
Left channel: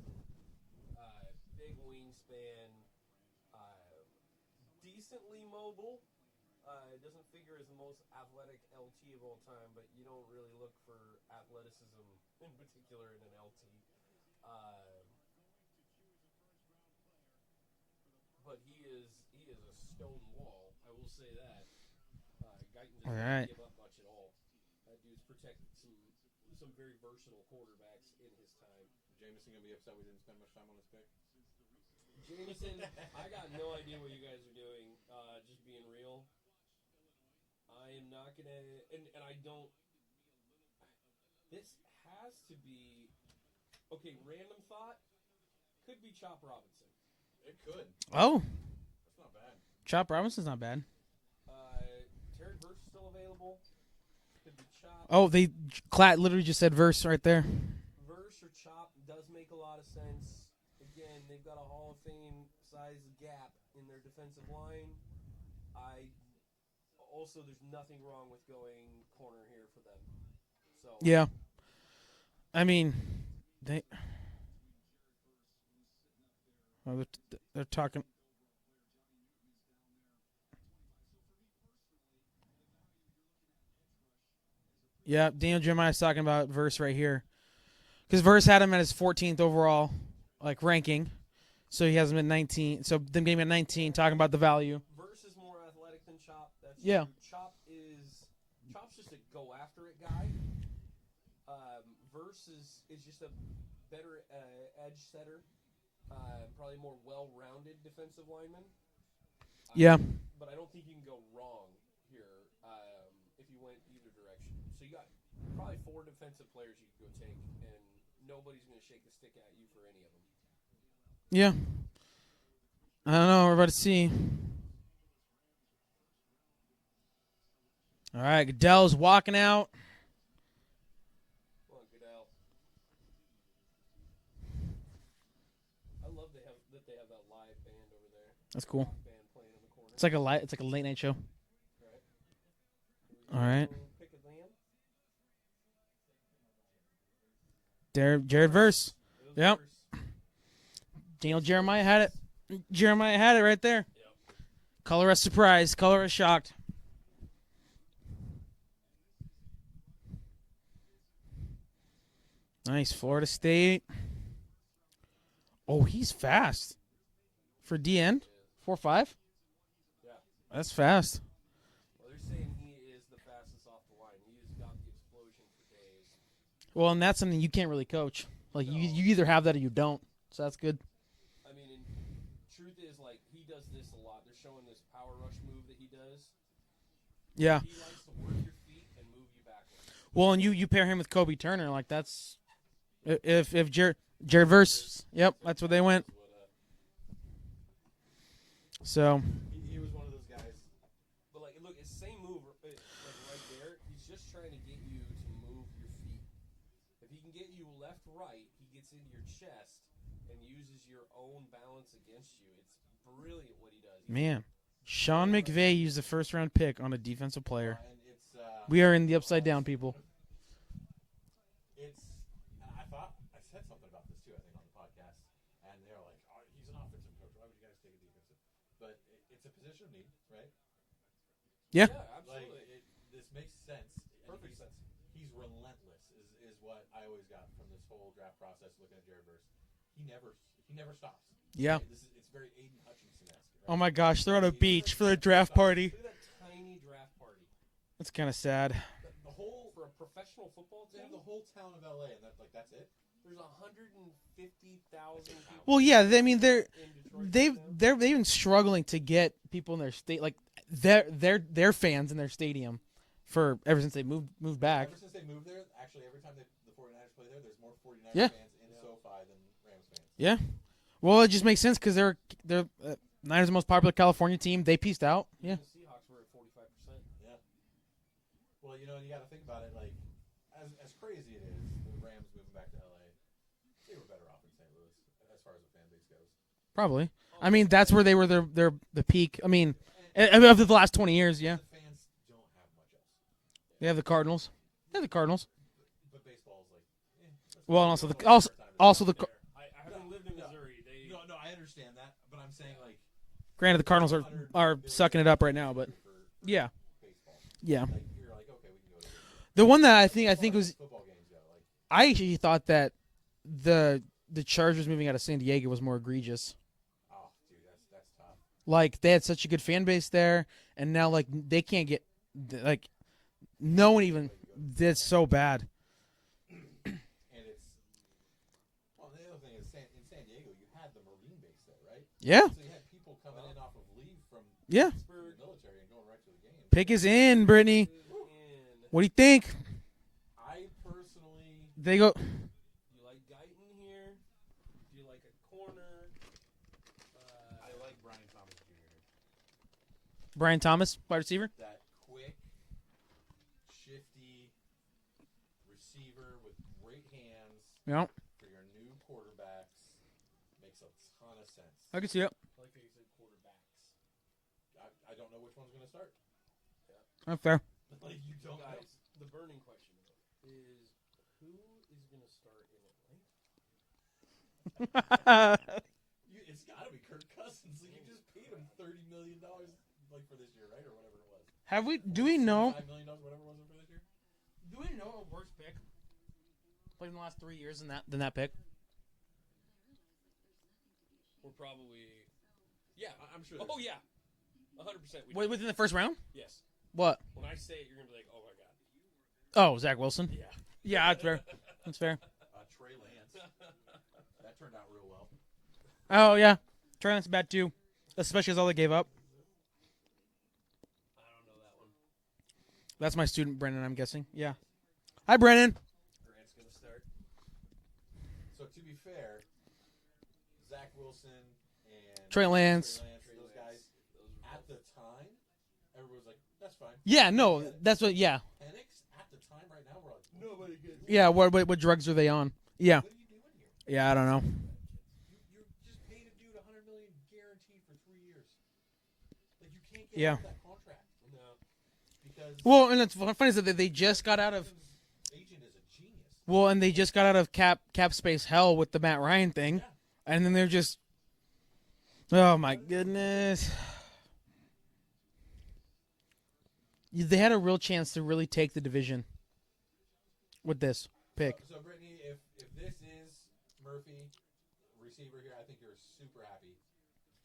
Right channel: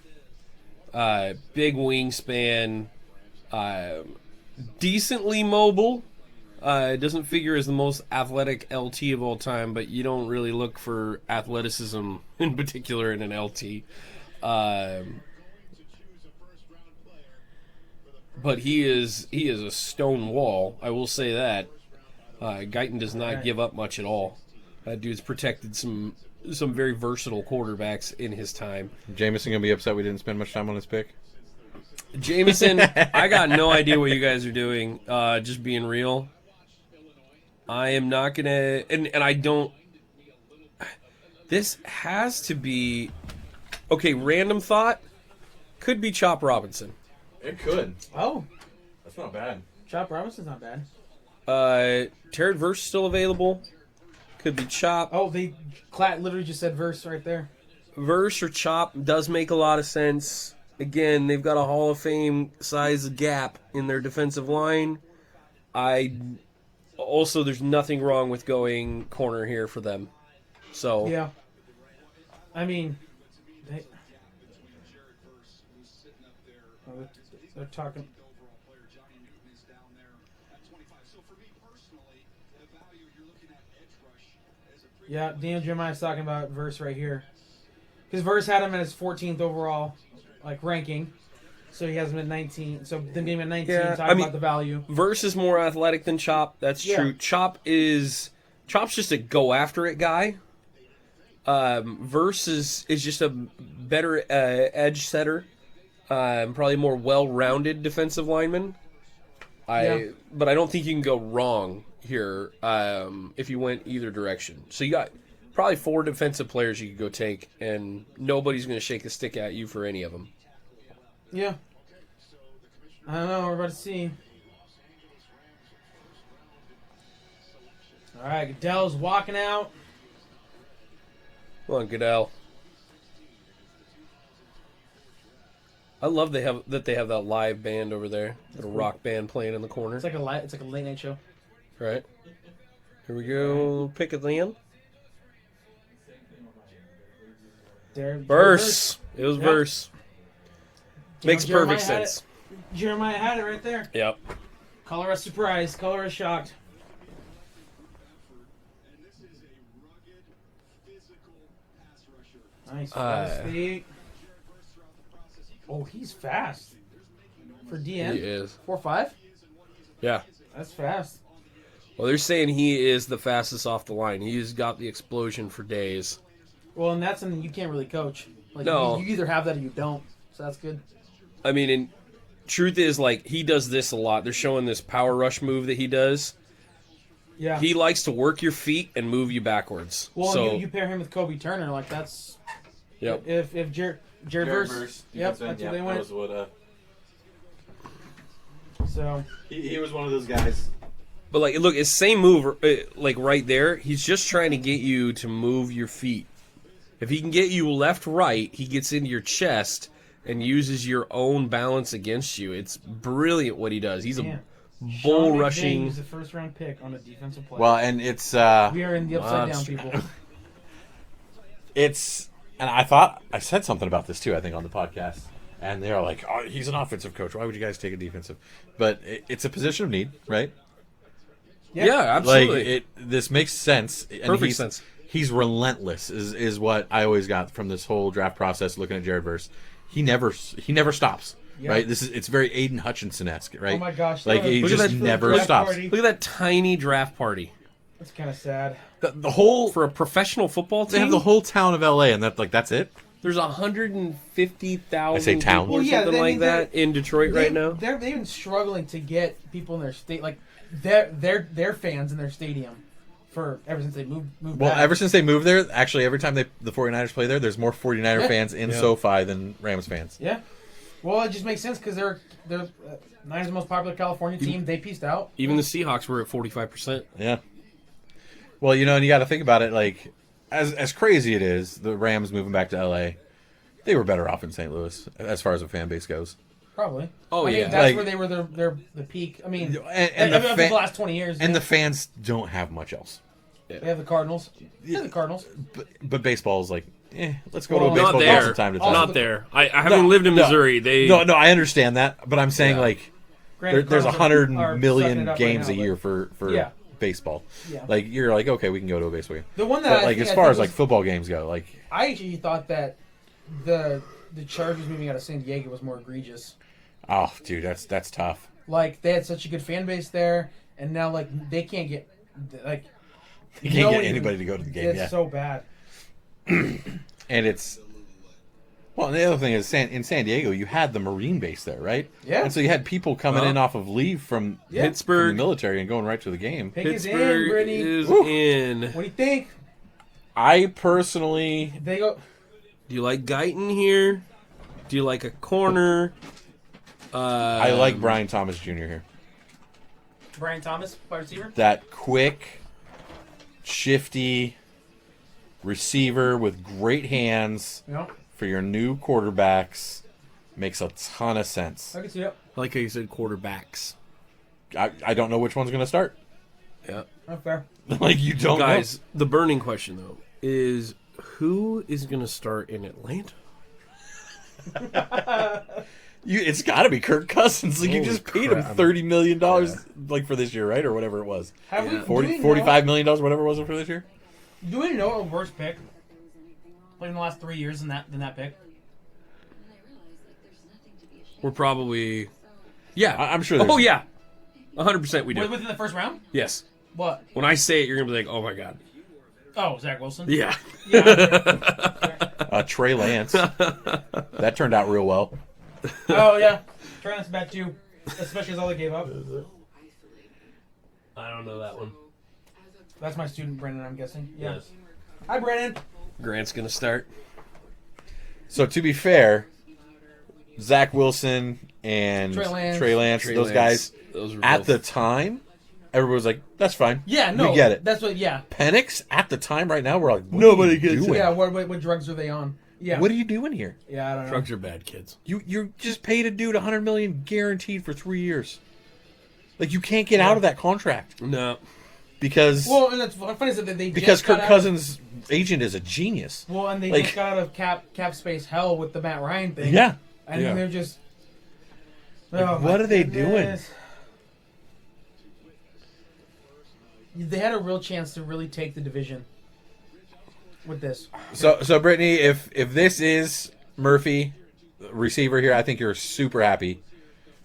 Big wingspan. Decently mobile. Doesn't figure as the most athletic LT of all time, but you don't really look for athleticism in particular in an LT. But he is a stone wall. I will say that. Guyton does not give up much at all. That dude's protected some very versatile quarterbacks in his time. Jameson going to be upset we didn't spend much time on his pick? Jameson, I got no idea what you guys are doing. Just being real. I am not going to... And I don't... This has to be... Okay, random thought. Could be Chop Robinson. It could. Oh, That's not bad. Chop Robinson's not bad. Terrence Verse still available. Could be Chop. Oh, Klatt literally just said verse right there. Verse or Chop does make a lot of sense. Again, they've got a Hall of Fame size gap in their defensive line. Also, there's nothing wrong with going corner here for them. So Yeah. I mean, they're talking. Yeah, Daniel Jeremiah's talking about Verse right here. Because Verse had him at his 14th overall ranking. So he hasn't been 19. So them game at 19, Yeah, talking I mean- about the value. Verse is more athletic than Chop. That's Yeah. true. Chop's just a go after it guy. Verse is just a better edge setter. Probably more well rounded defensive lineman. But I don't think you can go wrong here if you went either direction. So you got probably 4 defensive players you could go take, and nobody's going to shake a stick at you for any of them. Yeah. I don't know. We're about to see. All right, Goodell's walking out. Come on, Goodell. I love they have that live band over there. That's a cool. rock band playing in the corner. It's like a late night show. Right. Here we go. All Pick it in. Jared Verse. It was Yep. Verse. Makes Jeremiah perfect had sense. Jeremiah had it right there. Yep. Color us surprised. Color us shocked. Nice. Florida State. Oh, he's fast. For DN? He is. 4.5? Yeah. That's fast. Well, they're saying he is the fastest off the line. He's got the explosion for days. Well, and that's something you can't really coach. Like, No. you either have that or you don't. So that's good. I mean, and truth is, like, he does this a lot. They're showing this power rush move that he does. Yeah. He likes to work your feet and move you backwards. Well, so, and you pair him with Kobe Turner, like that's. Yep. If Jared Verse. Yep, that's what they went. So. He was one of those guys. But, like, look, it's same move, like, right there. He's just trying to get you to move your feet. If he can get you left-right, he gets into your chest and uses your own balance against you. It's brilliant what he does. He's Man. a Sean bull McVay rushing. used the first round pick on a defensive player. Well, and it's we are in the upside that's down, people. it's, and I thought I said something about this too. I think on the podcast, and they're like, "Oh, he's an offensive coach. Why would you guys take a defensive?" But it's a position of need, right? Yeah, absolutely. Like this makes sense. And Perfect sense. He's relentless. Is what I always got from this whole draft process. Looking at Jared Verse, he never stops. Yeah. Right. It's very Aiden Hutchinson-esque, right? Oh my gosh! Like look he at just that never draft stops. party. Look at that tiny draft party. That's kind of sad. The whole For a professional football they team, have the whole town of LA, and that's it. there's 150,000 I say town. people or Well, yeah, something I mean, like that in Detroit right now. They've been struggling to get people in their state, like their fans in their stadium, for ever since they moved Well, back. ever since they moved there, actually, every time the 49ers play there, there's more 49er Yeah. fans in Yeah. SoFi than Rams fans. Yeah. Well, it just makes sense because they're Niners' the most popular California team. They pieced out. Even the Seahawks were at 45%. Yeah. Well, and you got to think about it. Like, as crazy it is, the Rams moving back to LA, they were better off in St. Louis as far as the fan base goes. Probably. Oh, I mean, yeah. that's Like- where they were the peak. I mean, And of the the fa- last 20 years. And yeah. the fans don't have much else. They have the Cardinals. Yeah, the Cardinals. But baseball is like, let's go Well, to a not baseball there. game from time to time. Also Not the- there. I haven't lived in Missouri. No, I understand that, but I'm saying Yeah. like Granted, there's Cardinals 100 are sucking million it up right games now, a year for Yeah. baseball. Yeah. Like you're like, okay, we can go to a baseball game. The one that But I like think- as I far think as like was- football games go, like I actually thought that the Chargers moving out of San Diego was more egregious. oh, dude, that's tough. Like they had such a good fan base there, and now like they can't get like You no can't one get even- anybody to go to the game. It's Yeah. so bad. And it's well, and the other thing is in San Diego, you had the Marine base there, right? Yeah. And so you had people coming Well, in off of leave from Yeah. from Pittsburgh. the military and going right to the game. Pick is in, Pittsburgh Brittany. is Woo. in. What do you think? I personally, They go. Do you like Guyton here? Do you like a corner? I like Brian Thomas Jr. here. Brian Thomas, wide receiver. That quick, shifty receiver with great hands Yeah, for your new quarterbacks makes a ton of sense. I can see it. Like how you said, quarterbacks. I don't know which one's going to start. Yeah. Not fair. Like you don't Guys, the burning question, though, is who is going to start in Atlanta? know. It's got to be Kirk Cousins. Like you Holy just paid him crap. $30 million like for this year, right? Or whatever it was. Have we? Yeah. Do we know, $45 million, whatever it was for this year. Do we know a worse pick? Like in the last 3 years than that pick. We're probably, yeah. I'm sure. Oh yeah, 100% we do. Within the first round? Yes. What? When I say it, you're gonna be like, oh my god. Oh, Zach Wilson? Yeah. Yeah, that's fair. Trey Lance. That turned out real well. Oh, yeah. Trey Lance bad too. Especially as all they gave up. I don't know that one. That's my student, Brennan, I'm guessing. Yeah. Yes. Hi, Brennan. Grant's gonna start. So to be fair, Zach Wilson and Trey Lance, those guys, Those were at both- the time, everyone was like, "That's fine." Yeah, no. we get it. That's what, yeah. Penix at the time, right now, we're like, Nobody what are you gets doing? Yeah, what drugs are they on? Yeah. What are you doing here? Yeah, I don't know. Drugs are bad, kids. You just paid a dude $100 million guaranteed for 3 years. Like you can't get out of that contract No. because Well, and that's funny is that they because just got Kirk out Cousins' agent is a genius. Well, and they like- just got out of cap space hell with the Matt Ryan thing. Yeah. And Yeah. then they're just. Oh, my what are they goodness. They had a real chance to really take the division with this. So Brittany, if this is Murphy, receiver here, I think you're super happy.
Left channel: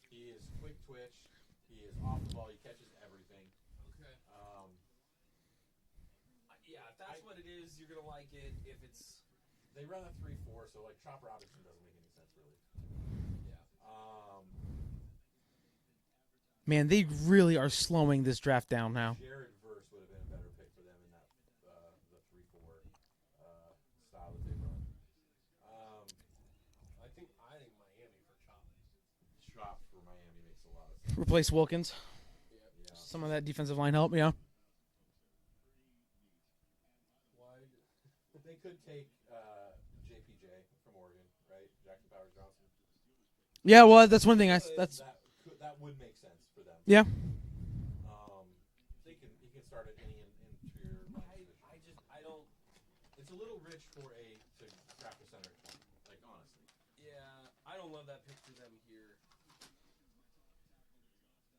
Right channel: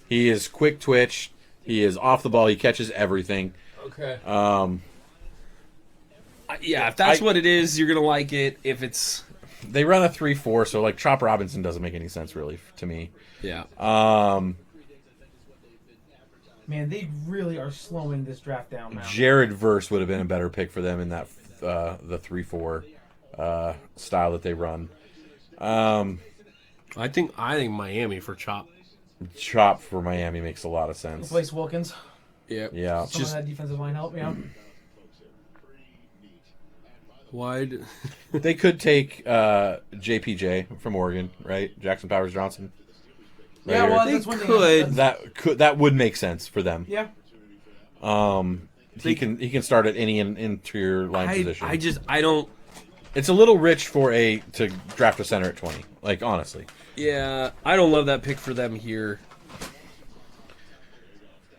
He is quick twitch. He is off the ball. He catches everything. Okay. Um, Yeah, if that's I- what it is, you're gonna like it. If it's they run a 3-4, so like Chop Robinson doesn't make any sense really to me. yeah. Man, they really are slowing this draft down now. Jared Verse would have been a better pick for them in that the 3-4 style that they run. I think Miami for Chop. Chop for Miami makes a lot of sense. Replace Wilkins. Yeah. Yeah. Some of that defensive line help, yeah. Wide. They could take JPJ from Oregon, right? Jackson Powers Johnson. Yeah, well, They that's one thing. could. That would make sense for them. Yeah. He can start at any interior line position. I don't. It's a little rich to draft a center at 20. Like honestly, Yeah, I don't love that pick for them here.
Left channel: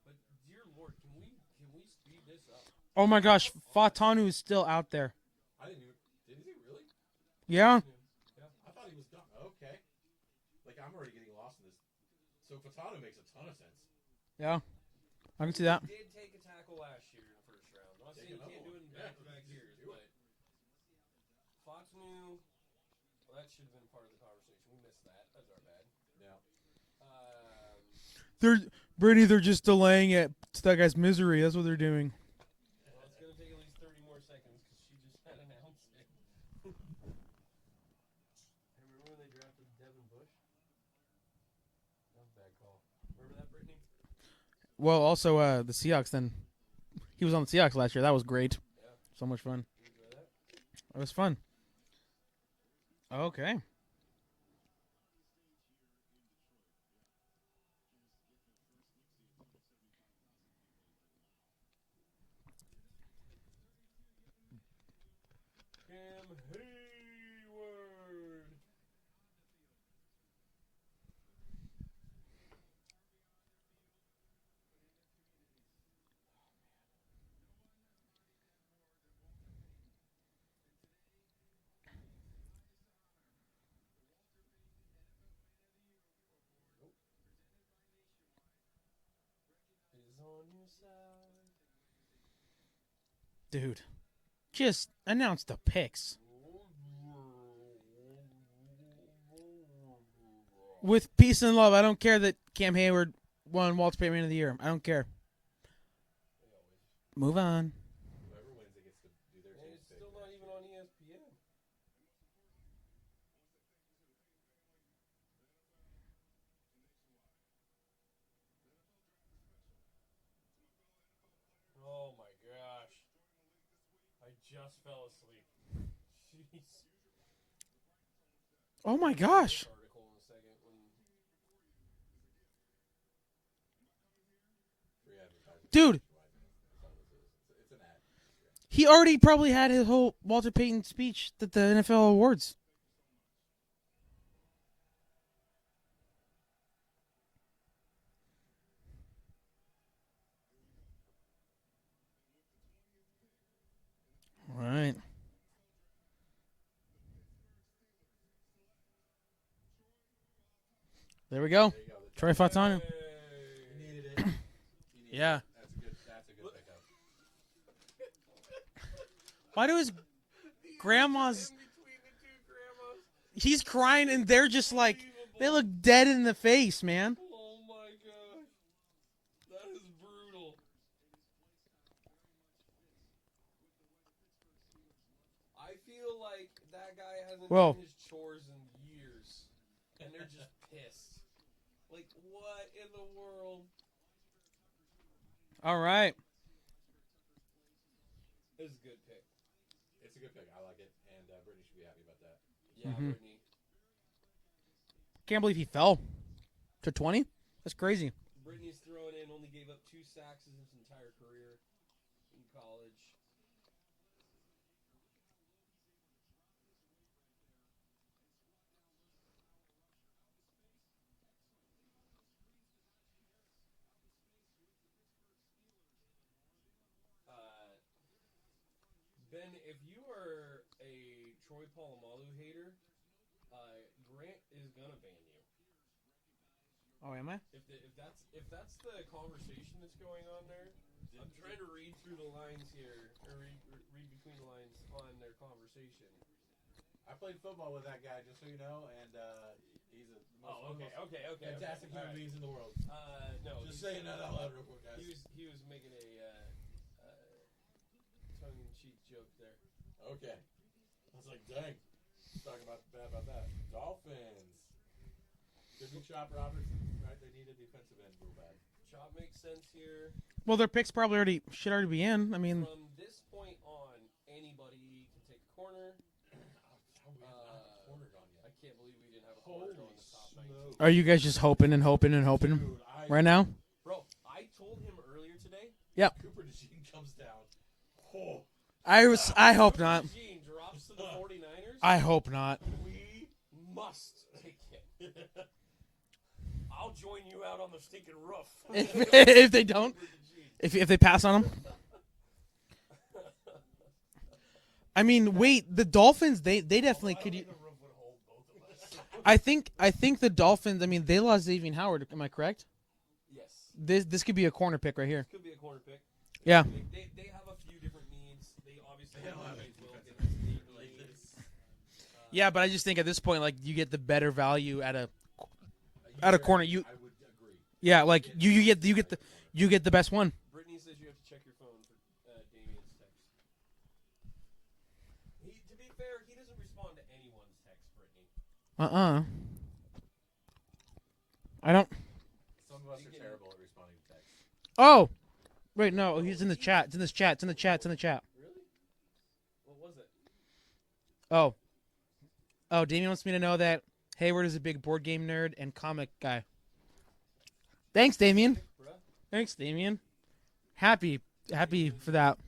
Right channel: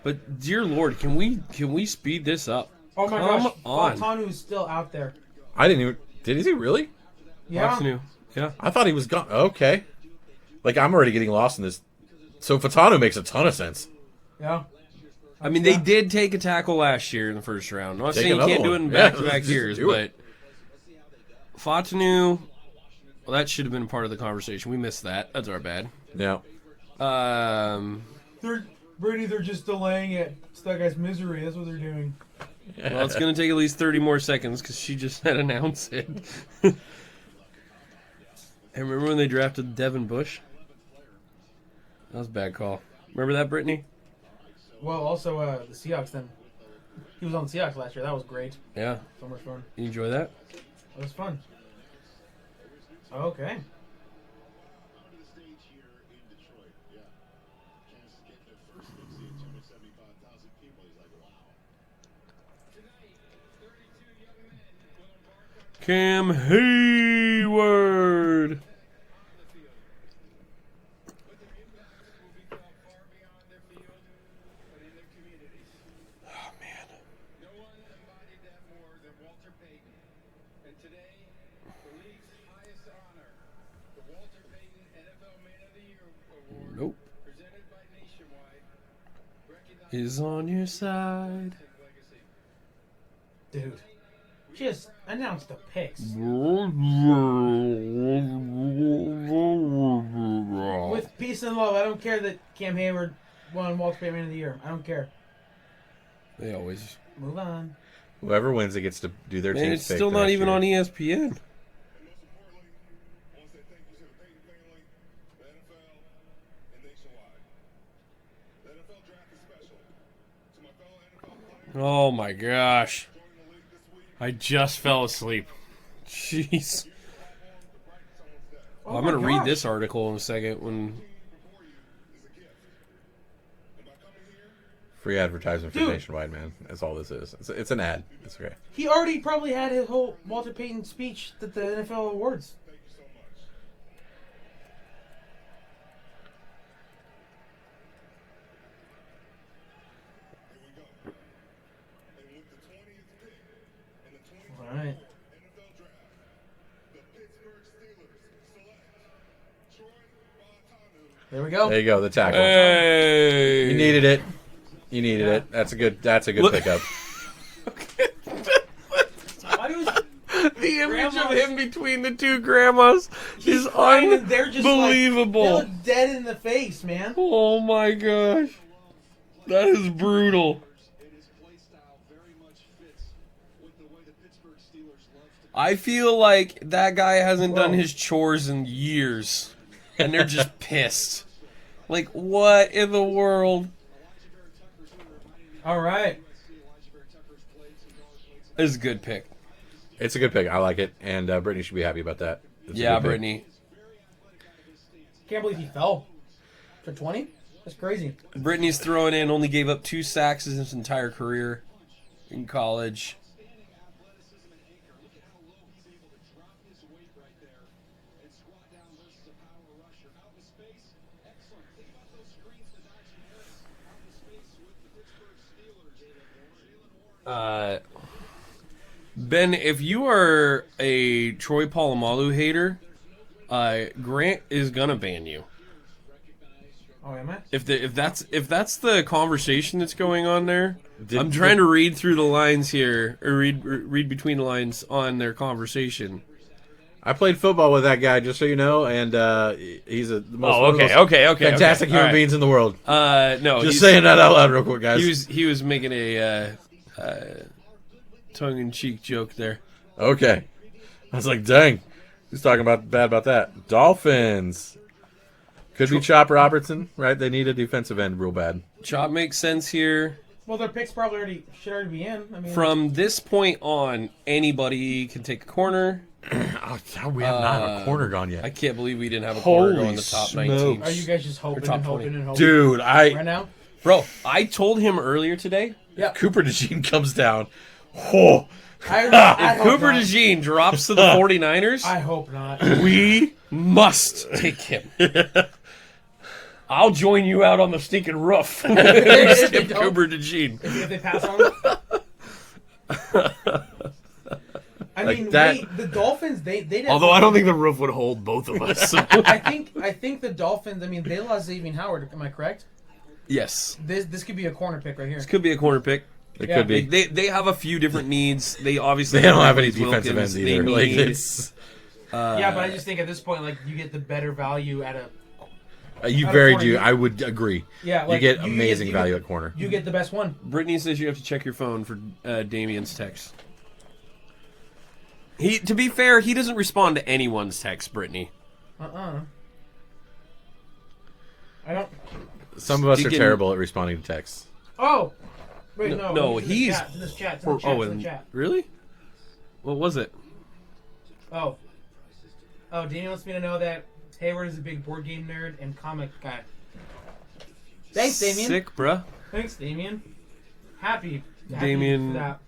But dear Lord, can we speed this up? Oh my Come gosh, on. Fontanu is still out there. I didn't even. Is he really? Yeah. What's new? Yeah. I thought he was gone. Okay. Like I'm already getting lost in this. So Fatano makes a ton of sense. Yeah. I mean, they did take a tackle last year in the first round. I'm not Take saying you another can't do it one. in Yeah, back-to-back just years, do but it. Fatanu, well, that should have been part of the conversation. We missed that. That's our bad. Yeah. They're just delaying it. It's that guy's misery. That's what they're doing. Well, it's going to take at least 30 more seconds because she just had announced it. And remember when they drafted Devin Bush? That was a bad call. Remember that, Brittany? Well, also the Seahawks. Then he was on the Seahawks last year. That was great. Yeah. So much fun. You enjoy that? It was fun. Okay. Cam Hayward. Oh, man. Nope. Is on your side. Dude. Just announce the picks. With peace and love. I don't care that Cam Hayward won Walter Payton Man of the Year. I don't care. They always. Move on. Whoever wins it gets to do their Man, team's it's pick still the not next even year. on ESPN. Oh my gosh. I just fell asleep. Jeez. Oh I'm my going to read gosh. this article in a second when. Free advertisement for Dude. Nationwide, man. That's all this is. It's an ad. It's okay. He already probably had his whole Walter Payton speech at the NFL awards. All right. There we go. There you go, the tackle. Hey. You needed it. You needed Yeah. it. That's a good Look- pickup. Why do his The image Grandmas- of him between the two grandmas he's is crying and they're just unbelievable. like, they look dead in the face, man. Oh my gosh. That is brutal. I feel like that guy hasn't done his chores in years. And they're just pissed. Like, what in the world? All right. This is a good pick. It's a good pick. I like it, and Brittany should be happy about that. It's a Yeah, good pick. Brittany. Can't believe he fell to 20. That's crazy. Brittany's throwing in, only gave up 2 sacks in his entire career in college. Ben, if you are a Troy Polamalu hater, Grant is gonna ban you. Oh, am I? If that's the conversation that's going on there, Did- I'm trying to read through the lines here, or read between the lines on their conversation. I played football with that guy, just so you know, and he's the most, one of the most okay. fantastic human beings in the world. No, Just saying that out loud real quick, guys. he was making a tongue-in-cheek joke there. Okay. I was like, dang. He's talking bad about that. Dolphins. Could be Chop Robertson, right? They need a defensive end real bad. Chop makes sense here. Well, their picks probably should already be in. I mean, From this point on, anybody can take a corner. Oh, we have not have a corner gone yet. I can't believe we didn't have a corner go Holy in the top smokes. 19. are you guys just hoping top and 20. hoping and hoping? Dude, right now? Bro, I told him earlier today. Cooper DeJean comes down. Oh, I hope Cooper not. DeJean drops to the 49ers. I hope not. We must take him. I'll join you out on the stinking roof. If they don't- Cooper DeJean. if they pass on him. I mean, that- the Dolphins, they Although I don't think the roof would hold both of us. I think the Dolphins. I mean, they lost Xavier Howard. Am I correct? Yes. This could be a corner pick right here. This could be a corner pick. it Yeah, could be. They have a few different needs. They obviously They don't have any Blake defensive Wilkins. ends They either. Like, need, it's Yeah, but I just think at this point, like, you get the better value at a. you At a very corner, do. you- I would agree. Yeah, like you get you amazing you value at corner. You get the best one. Brittany says you have to check your phone for Damien's text. To be fair, he doesn't respond to anyone's text, Brittany. I don't. Some of us are Deacon- terrible at responding to texts. Oh, wait, No, no, he's- in the chat. It's in this chat. It's in the chat. It's in the and- chat. Really? What was it? Oh, Damien wants me to know that Hayward is a big board game nerd and comic guy. Thanks, Damien. Sick, bruh. Thanks, Damien. Happy Damien- for that.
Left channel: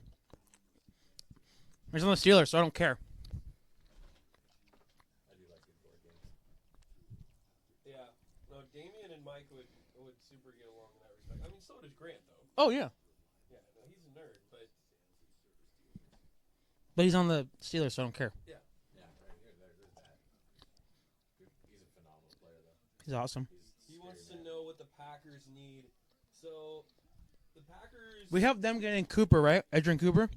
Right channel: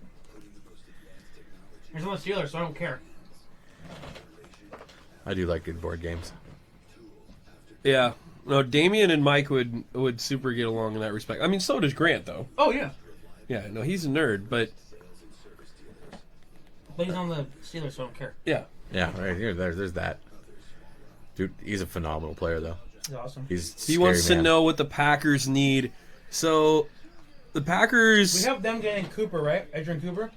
There's no Steelers, so I don't care. I do like good board games. Yeah. No, Damien and Mike would super get along in that respect. I mean, so does Grant, though. Oh yeah, Yeah, no, he's a nerd, but but he's on the Steelers, so I don't care. yeah. Yeah, right here. There's that. Dude, he's a phenomenal player, though. He's awesome. He's He scary wants to man. know what the Packers need. So, the Packers... We have them getting Cooper, right? Edrin Cooper.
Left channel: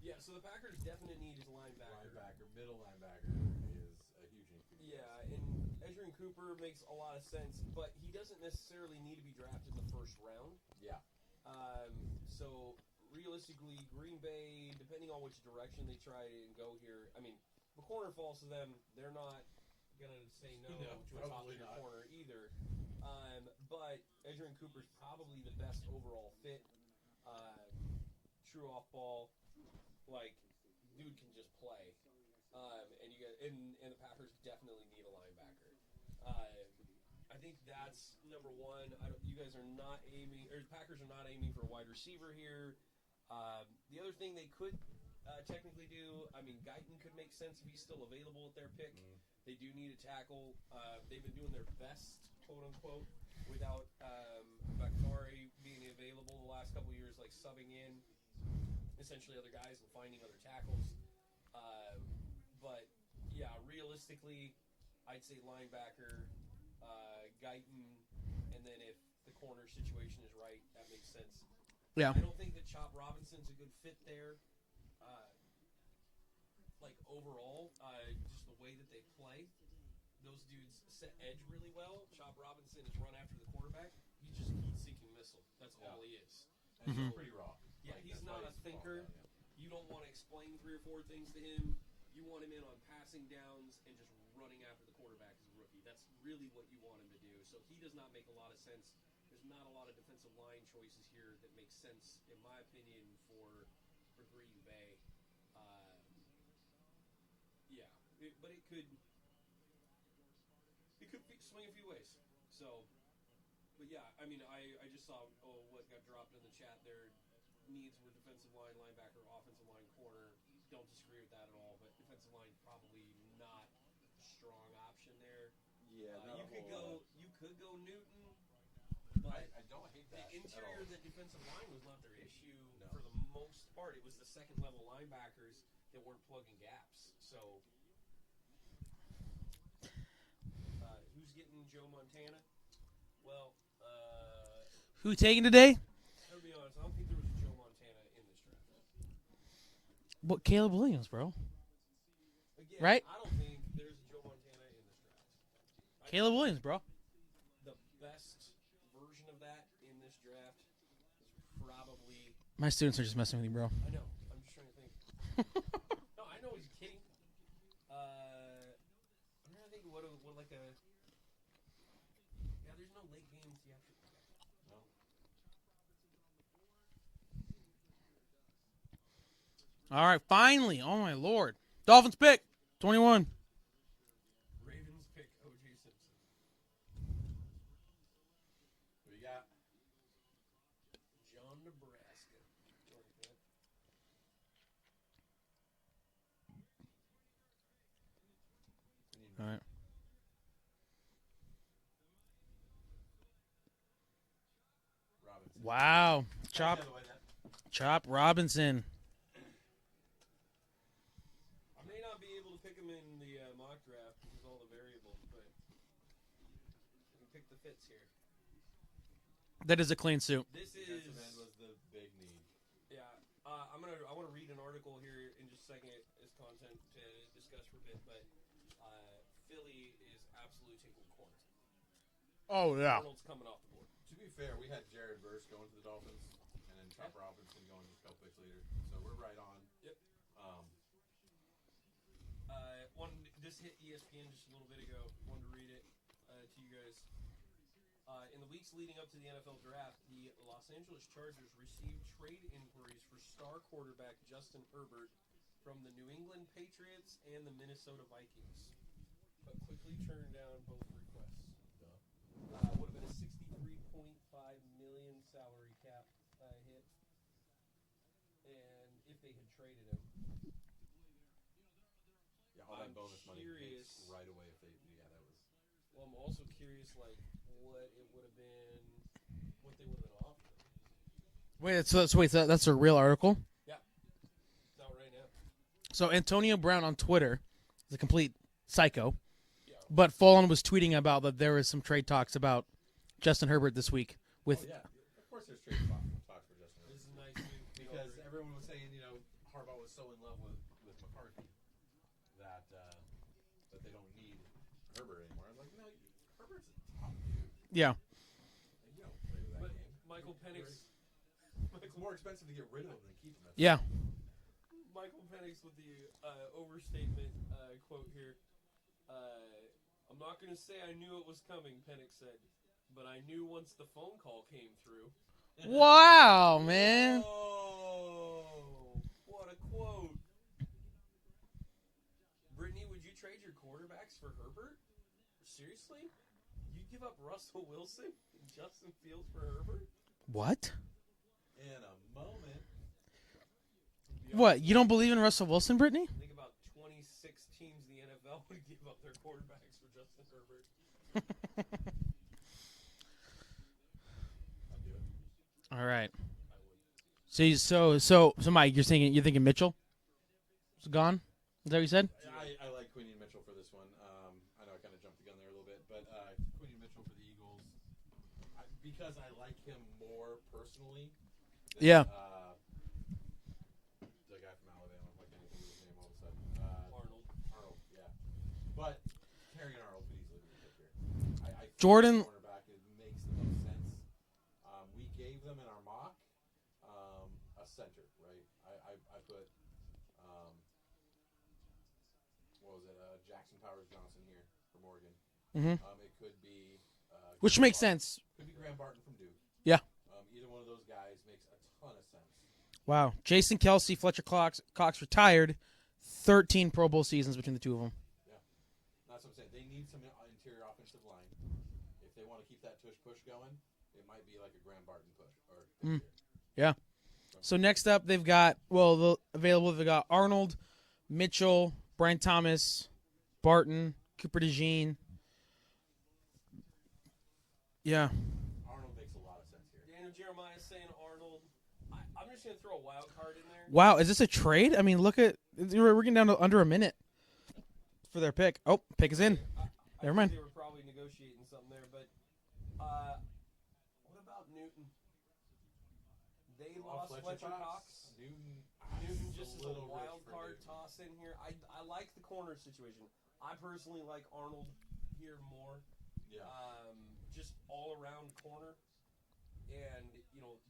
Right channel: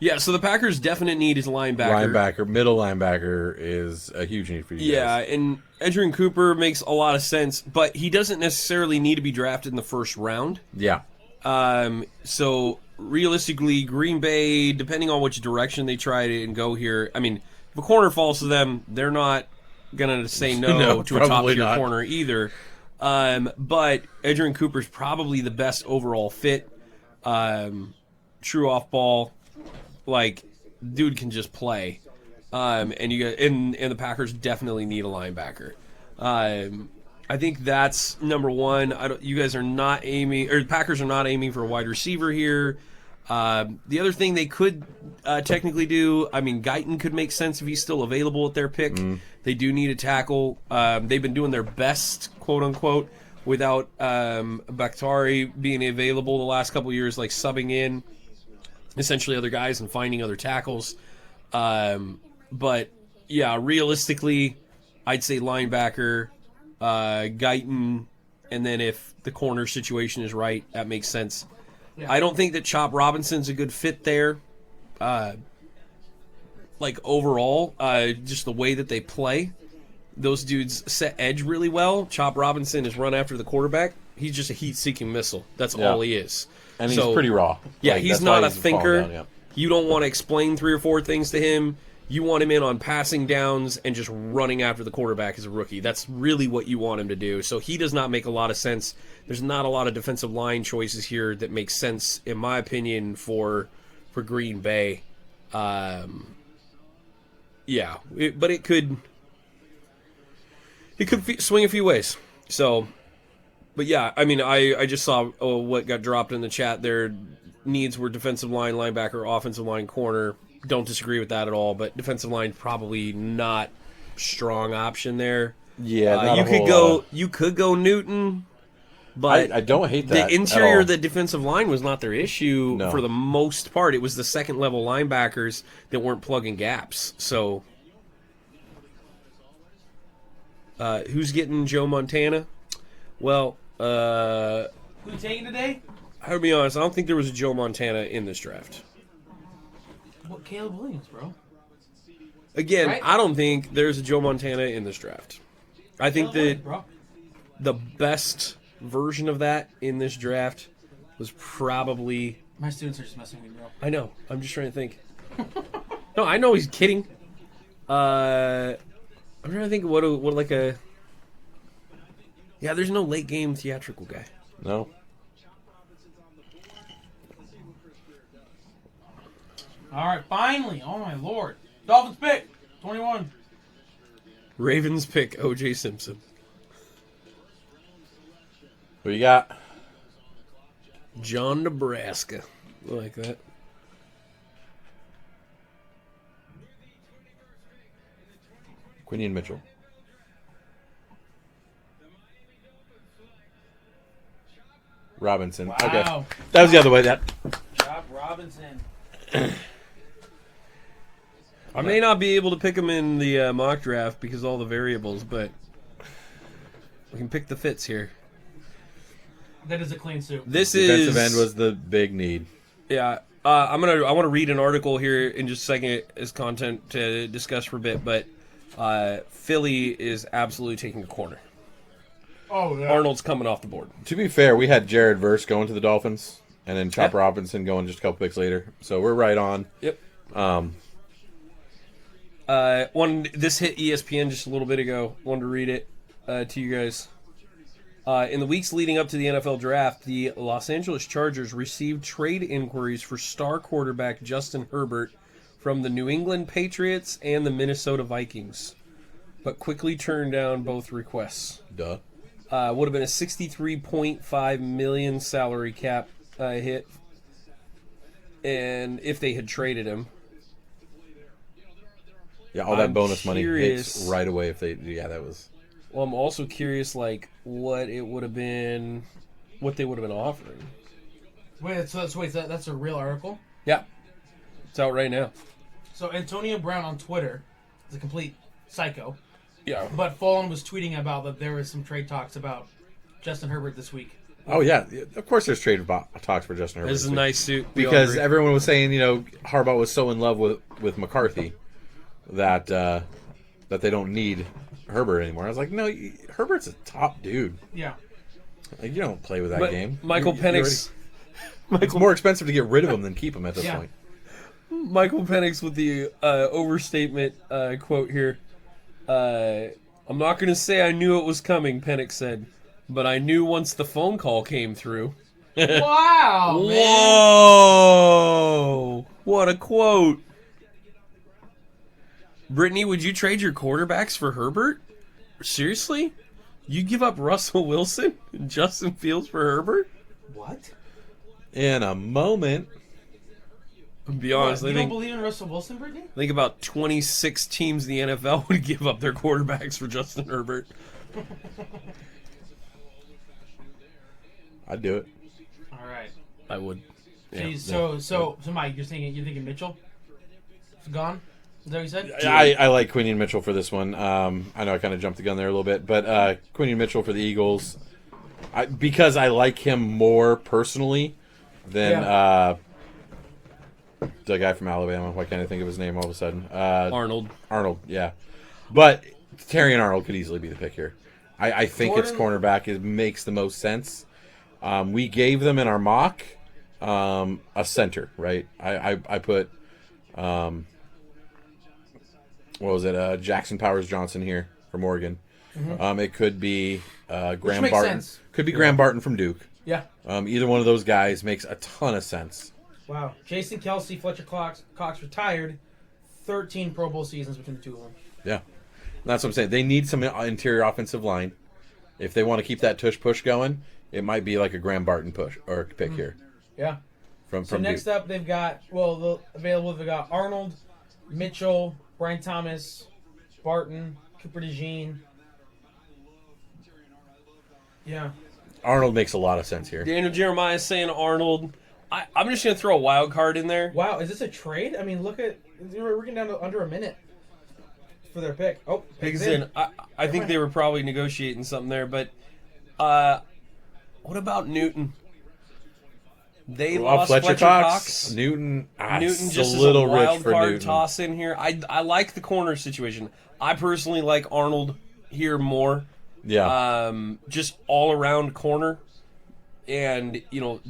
Yeah, so the Packers' definite need is linebacker. Middle linebacker is a huge need for you Yeah, guys. and Edrin Cooper makes a lot of sense, but he doesn't necessarily need to be drafted in the first round. Yeah. So realistically, Green Bay, depending on which direction they try to go here, I mean, if a corner falls to them, they're not gonna say no, No, to a top probably tier not. corner either. But Edrin Cooper's probably the best overall fit. True off ball, like dude can just play. And you got and the Packers definitely need a linebacker. I think that's number one. You guys are not aiming, or the Packers are not aiming for a wide receiver here. The other thing they could technically do, I mean, Guyton could make sense if he's still available at their pick. They do need a tackle. They've been doing their best, quote unquote, without Bakhtari being available the last couple of years, like subbing in essentially other guys and finding other tackles. But yeah, realistically, I'd say linebacker. Guyton, and then if the corner situation is right, that makes sense. Yeah. I don't think that Chop Robinson's a good fit there. Overall, just the way that they play, those dudes set edge really well. Chop Robinson is run after the quarterback. He's just a heat-seeking missile. That's all he is. And he's pretty raw. Yeah, Like, he's that's not why a falling thinker. down, yeah. You don't want to explain 3 or 4 things to him. You want him in on passing downs and just running after the quarterback as a rookie. That's really what you want him to do. So he does not make a lot of sense. There's not a lot of defensive line choices here that make sense, in my opinion, for Green Bay. But it could swing a few ways. So, but yeah, I mean, I just saw what got dropped in the chat. Their needs were defensive line, linebacker, offensive line, corner. Don't disagree with that at all, but defensive line probably not strong option there. Yeah, you could go Newton, but I don't hate that. The interior at all. of the defensive line was not their issue for the most part. It was the second level linebackers that weren't plugging gaps. So, who's getting Joe Montana? Well, Who you taking today? I'll be honest. I don't think there was a Joe Montana in this draft. Well, Caleb Williams, bro. Again, Right? I don't think there's a Joe Montana in this draft. I think Caleb that Williams, bro. the best version of that in this draft was probably... My students are just messing with you, bro. I know. I'm just trying to think. No, I know he's kidding. I'm trying to think what like a... Yeah, there's no late game theatrical guy. No. All right, finally. Oh, my Lord. Dolphins pick. 21. Ravens pick O.J. Simpson. Who you got? John Nebraska. I like that. Quinion Mitchell. Robinson. Wow. Okay. That was the other way. That Chop Robinson. I may not be able to pick him in the mock draft because of all the variables, but we can pick the fits here. That is a clean suit. This defensive is end was the big need. Yeah, I want to read an article here in just a second as content to discuss for a bit, but Philly is absolutely taking a corner. Oh, yeah. Arnold's coming off the board. To be fair, we had Jared Verse going to the Dolphins, and then Chop Yeah. Robinson going just a couple picks later. So we're right on. Yep. This hit ESPN just a little bit ago. Wanted to read it to you guys. In the weeks leading up to the NFL draft, the Los Angeles Chargers received trade inquiries for star quarterback Justin Herbert from the New England Patriots and the Minnesota Vikings, but quickly turned down both requests. Duh. Would have been a $63.5 million salary cap hit, and if they had traded him. Yeah, all that I'm bonus money curious. hits right away if they. Yeah, that was. Well, I'm also curious, what it would have been, what they would have been offering. That's a real article? Yeah, it's out right now. So Antonio Brown on Twitter is a complete psycho. Yeah. But Fulham was tweeting about that there was some trade talks about Justin Herbert this week. Oh yeah, of course there's trade talks for Justin Herbert. This is a nice suit. We all Because agree. everyone was saying, Harbaugh was so in love with McCarthy that they don't need Herbert anymore. I was like, no, Herbert's a top dude. Yeah. Like, you don't play with that But game. Michael You Penix. it's more expensive to get rid of him than keep him at this Yeah. point. Michael Penix with the overstatement quote here. I'm not going to say I knew it was coming, Penix said, but I knew once the phone call came through. Wow, man. Whoa! What a quote. Brittany, would you trade your quarterbacks for Herbert? Seriously? You give up Russell Wilson and Justin Fields for Herbert? What? In a moment. To be What, honest, you don't believe in Russell Wilson, Brittany? I think about 26 teams in the NFL would give up their quarterbacks for Justin Herbert. I'd do it. All right. I would. So Mike, you're thinking Mitchell is gone? Is that what you said? I like Quinion Mitchell for this one. I know I kind of jumped the gun there a little bit, but Quinion Mitchell for the Eagles, because I like him more personally than the guy from Alabama. Why can't I think of his name all of a sudden? Arnold. Arnold, yeah. But Terrion Arnold could easily be the pick here. I think Jordan? its cornerback makes the most sense. We gave them in our mock a center, right? I put what was it? Jackson Powers Johnson here from Oregon. Mm-hmm. It could be Which Graham makes Barton. sense. Could be Graham Barton from Duke. Yeah. Either one of those guys makes a ton of sense. Wow. Jason Kelsey, Fletcher Cox retired. 13 Pro Bowl seasons between the two of them. Yeah, that's what I'm saying. They need some interior offensive line. If they want to keep that tush push going, it might be like a Graham Barton push or pick here. Yeah. From next Duke. up, they've got they've got Arnold, Mitchell, Brian Thomas, Barton, Cooper DeJean. Yeah. Arnold makes a lot of sense here. Daniel Jeremiah is saying Arnold. I'm just going to throw a wild card in there. Wow, is this a trade? I mean, look at we're getting down to under a minute for their pick. Oh, pick's in. I think mind. they were probably negotiating something there, but what about Newton? They lost Fletcher Cox. Newton. Newton it's just a is little a rich wild for card Newton. toss in here. I like the corner situation. I personally like Arnold here more. Yeah. Just all around corner, and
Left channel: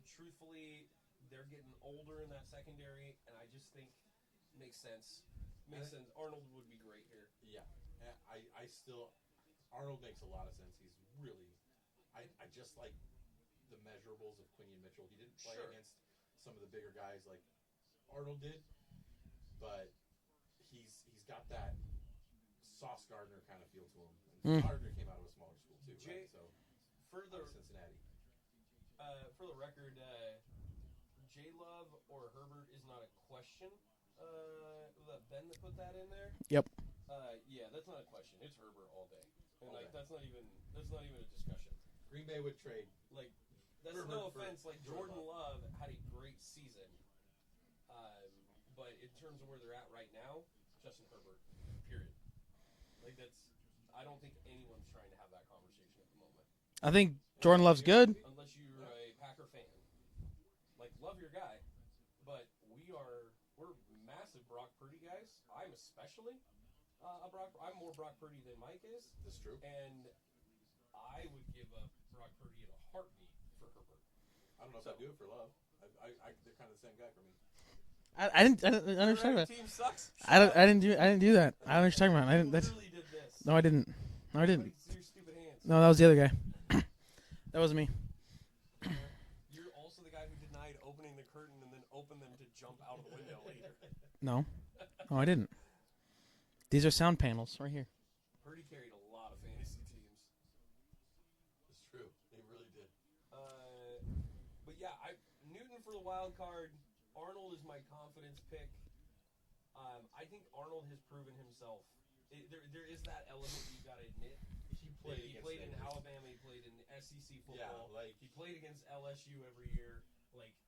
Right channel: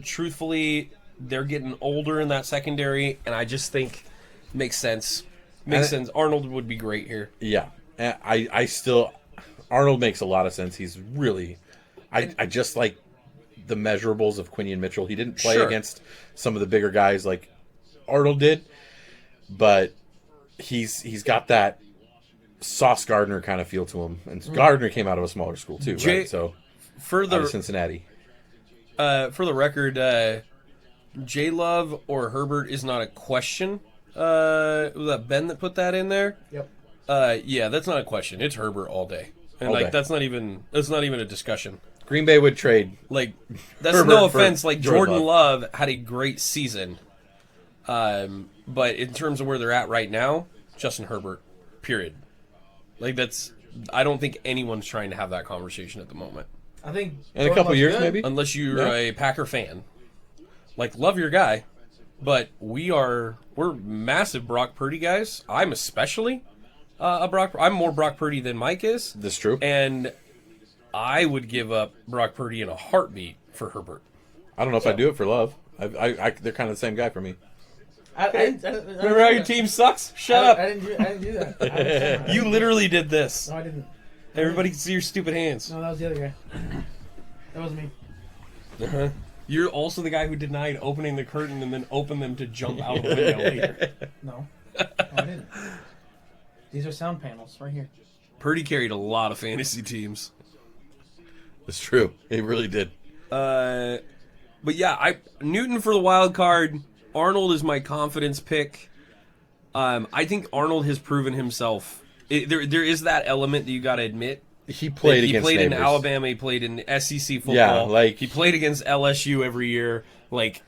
truthfully, they're getting older in that secondary, and I just think makes sense. Makes sense. Arnold would be great here. Yeah. And I still Arnold makes a lot of sense. He's really I just like the measurables of Quinion Mitchell. He didn't play against some of the bigger guys like Arnold did, but he's got that Sauce Gardner kind of feel to him. And Gardner came out of a smaller school too, right? So out of Cincinnati. For the record, J Love or Herbert is not a question. Was that Ben that put that in there? Yep. Yeah, that's not a question. It's Herbert all day. And All day. that's not even a discussion. Green Bay would trade. Like, that's Herbert no for offense. Like, Jordan Jordan Love had a great season. But in terms of where they're at right now, Justin Herbert, period. Like, I don't think anyone's trying to have that conversation at the moment. I think In a Jordan couple Love's years, good. maybe? Unless you're Yeah. a Packer fan. Like, love your guy. But we're massive Brock Purdy guys. I'm especially I'm more Brock Purdy than Mike is. This true? And I would give up Brock Purdy in a heartbeat for Herbert. I don't know if I do it for Love. They're kind of the same guy for me. I didn't Remember how your team sucks? Shut up. I didn't do that. I understand that. You literally did this. No, I didn't. Everybody can see your stupid hands. No, that was the other guy. That wasn't me. Uh-huh. You're also the guy who denied opening the curtain and then opened them to jump out the window later. No, I didn't. These are sound panels right here. Purdy carried a lot of fantasy teams. It's true. He really did. But yeah, Newton for the wild card. Arnold is my confidence pick. I think Arnold has proven himself. There is that element that you got to admit. He played He against played in neighbors. Alabama. He played in SEC football. Yeah, like- he played against LSU every year. Like,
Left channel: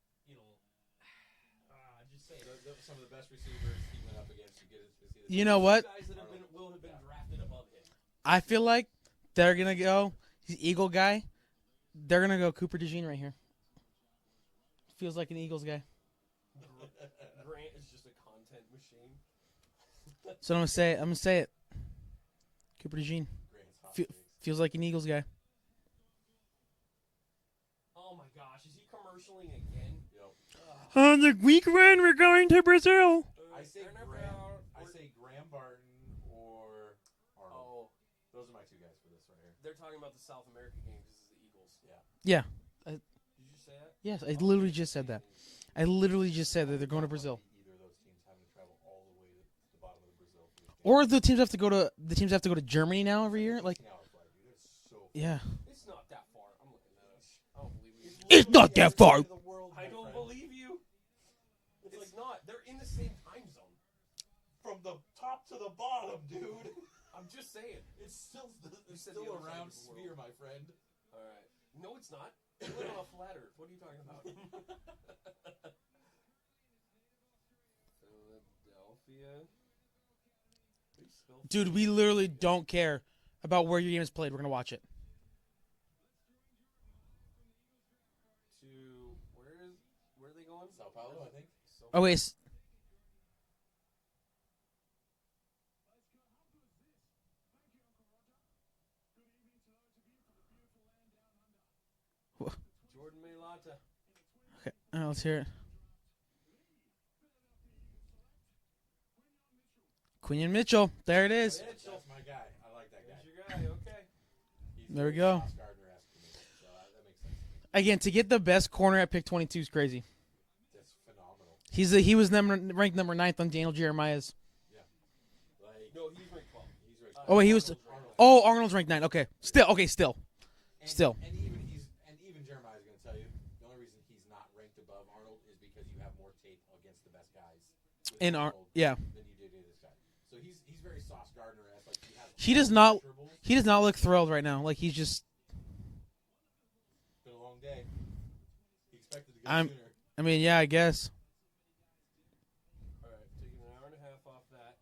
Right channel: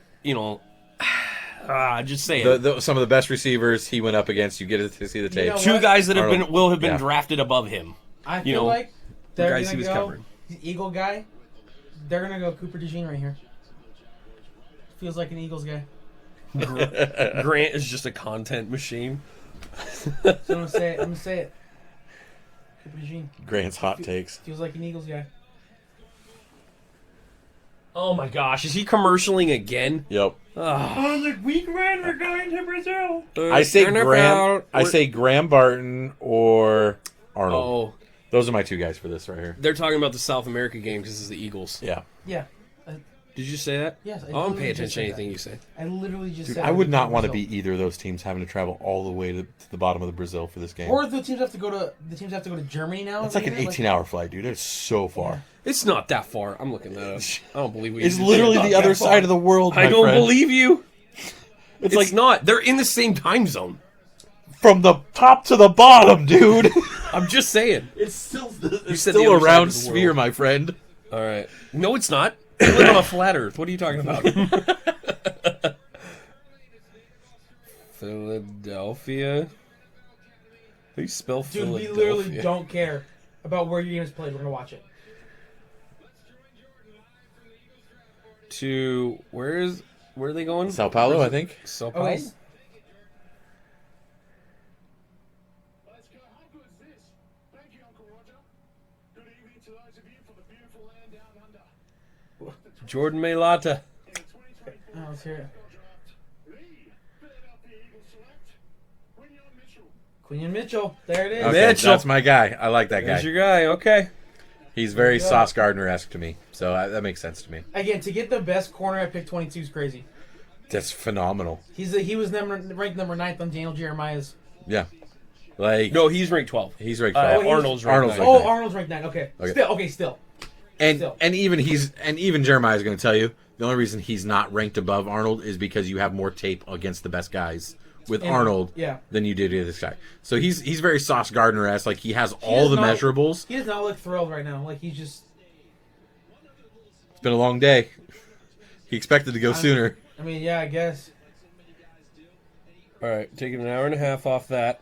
just say it. Some of the best receivers he went up against. You get to see the tape. know Two what? guys that Arnold- will have been yeah. drafted above him. I feel know, like they're guys gonna he was go covering. the Eagle guy. They're gonna go Cooper DeJean right here. Feels like an Eagles guy. Grant is just a content machine. So I'm gonna say it. Cooper DeJean Grant's hot takes. feels like an Eagles guy. Oh my gosh, is he commercialing again? Yep. On the week when we're going to Brazil. I say Graham Barton or Arnold. Oh, Those are my two guys for this right here. they're talking about the South America game because it's the Eagles. Yeah. Yeah. Did you say that? Yes. I don't pay attention to anything you say. I literally just said. I would not want to Brazil. be either of those teams having to travel all the way to the bottom of the Brazil for this game. Or the teams have to go to Germany now. It's like an 18-hour flight, dude. It's so far. Yeah. It's not that far. I'm looking that up. I don't believe we. It's literally the other side of the world, my I don't friend. believe you. It's It's like not. They're in the same time zone. from the top to the bottom, dude. I'm just saying. It's still said the still other a side round of the sphere, world. my friend. All right. No, it's not. We live on a flat Earth. What are you talking about? Philadelphia. They spell Dude, we Philadelphia. literally don't care about where your game is played. We're gonna watch it. Where are they going? Sao Paulo, I think. Sao Oh Paulo? wait, Jordan Mailata. oh, let's hear it. Quinion Mitchell, there it is. Okay, Mitchell. that's my guy. I like that There's guy. your guy. Okay. He's very There you go. Sauce Gardner-esque to me, so that makes sense to me. Again, to get the best corner at pick 22 is crazy. That's phenomenal. He was ranked number 9th on Daniel Jeremiah's. Yeah, like No, he's ranked 12. he's ranked. Oh, he's- Arnold's ranked Arnold's 9. ranked Oh, nine. Arnold's ranked 9. Okay. Okay. Still. and still. and even Jeremiah's going to tell you the only reason he's not ranked above Arnold is because you have more tape against the best guys with And- Arnold yeah. than you did with this guy. So he's very Sauce Gardner-esque. Like he has He all does the not- measurables. He does not look thrilled right now. Like he's just. It's been a long day. He expected to go sooner. I mean, yeah, I guess. All right, taking an hour and a half off that.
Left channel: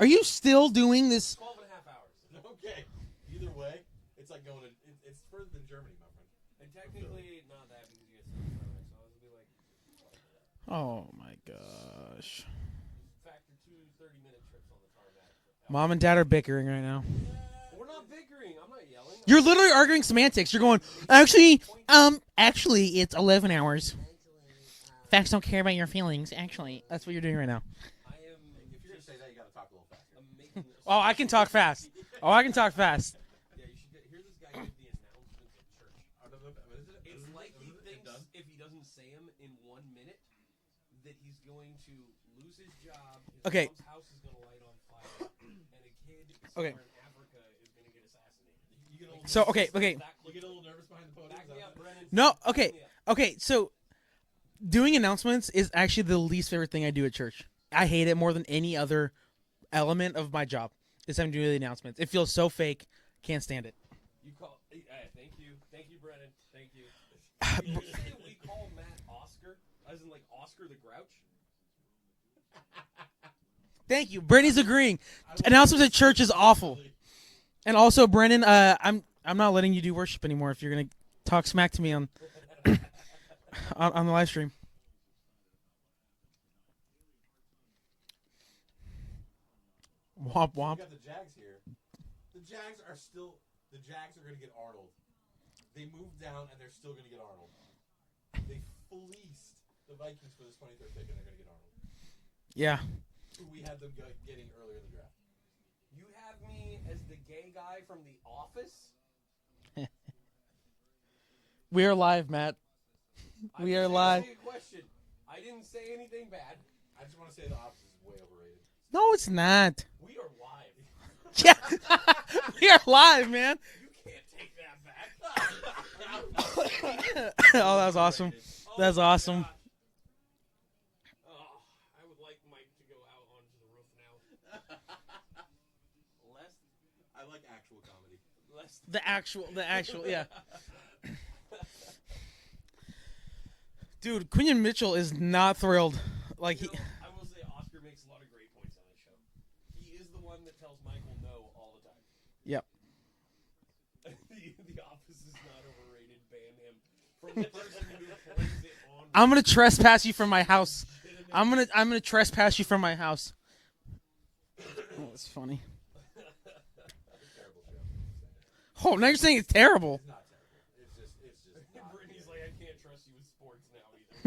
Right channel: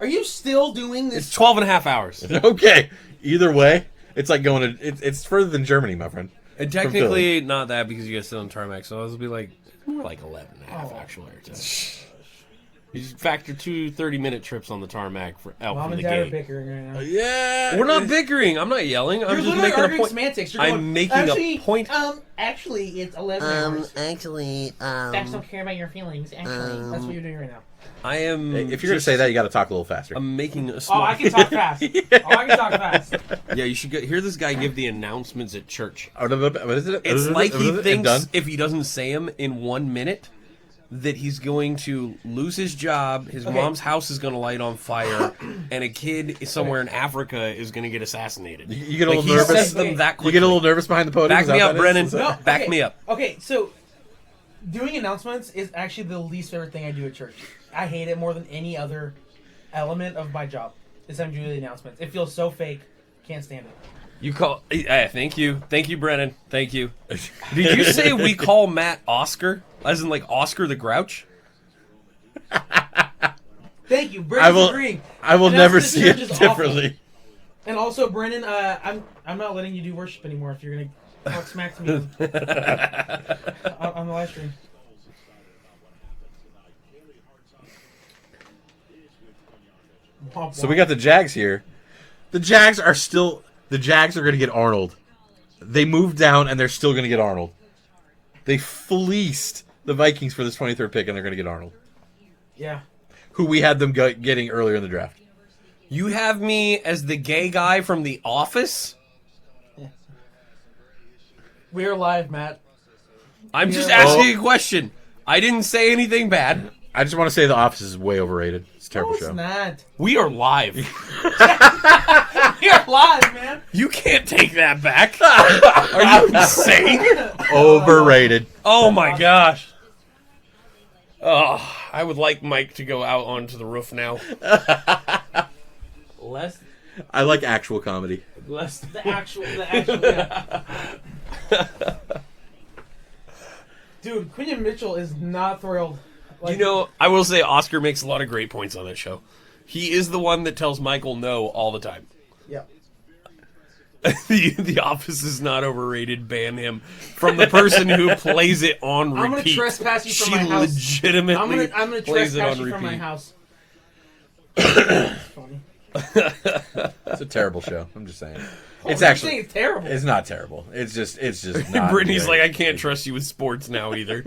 Are you still doing It's this? 12 and a half hours. Okay. Either way, it's like going to. It's further than Germany, my friend. And technically, not that because you guys sit on tarmac, so this will be like more like 11 and a half, Oh, actually. You just factor 2 30-minute trips on the tarmac for out Mom from and the Dad are gate. bickering right now. Yeah. We're not bickering. I'm not yelling. I'm You're just literally making a arguing point. semantics. You're I'm going. making a point. Actually, it's 11 hours. Actually, Facts don't care about your feelings. Actually, that's what you're doing right now. I am. If you're going to say that, you got to talk a little faster. I'm making a Oh, small. I can talk fast. Oh, I can talk fast. Yeah, you should hear this guy give the announcements at church. What is it? It's like he And thinks done? if he doesn't say them in 1 minute, that he's going to lose his job, his Okay. mom's house is going to light on fire, and a kid somewhere in Africa is going to get assassinated. You get a little he nervous. says them Okay. that You quickly. get a little nervous behind the podium. Back is that me what up, that is? Brennan. Is that- No, Back okay. me up. Okay, so doing announcements is actually the least favorite thing I do at church. I hate it more than any other element of my job. Is I'm doing the announcements. It feels so fake. Can't stand it. You call. Thank you, Brennan. Thank you. Did you say we call Matt Oscar, as in like Oscar the Grouch? Thank you. Brendan's agreeing. I will And also never the see church it is awful. differently. And also, Brendan, I'm not letting you do worship anymore if you're gonna talk smack to me on the live stream. Womp So womp. we got the Jags here. The Jags are going to get Arnold. They moved down and they're still going to get Arnold. They fleeced the Vikings for this 23rd pick and they're going to get Arnold, Yeah. who we had them getting earlier in the draft. You have me as the gay guy from The Office? We are live, Matt. I'm just Yeah. asking a question. I didn't say anything bad. I just want to say The Office is way overrated. It's a terrible No, it's show. not. We are live. You're live, man. You can't take that back. Are you insane? Overrated. Oh That's my awesome. gosh. Oh, I would like Mike to go out onto the roof now. Less. I like actual comedy. Less. The actual. Yeah. Dude, Quinion Mitchell is not thrilled. Like, You know, I will say Oscar makes a lot of great points on this show. He is the one that tells Michael no all the time. yeah. The Office is not overrated. Ban him from the person who plays it on repeat. I'm gonna trespass you from She my house. legitimately I'm gonna plays it trespass on you from my repeat. house. That's funny. It's a terrible show. I'm just saying. Oh, It's you're actually- saying it's terrible. It's not terrible. It's just not. Brittany's great. like, I can't trust you with sports now either.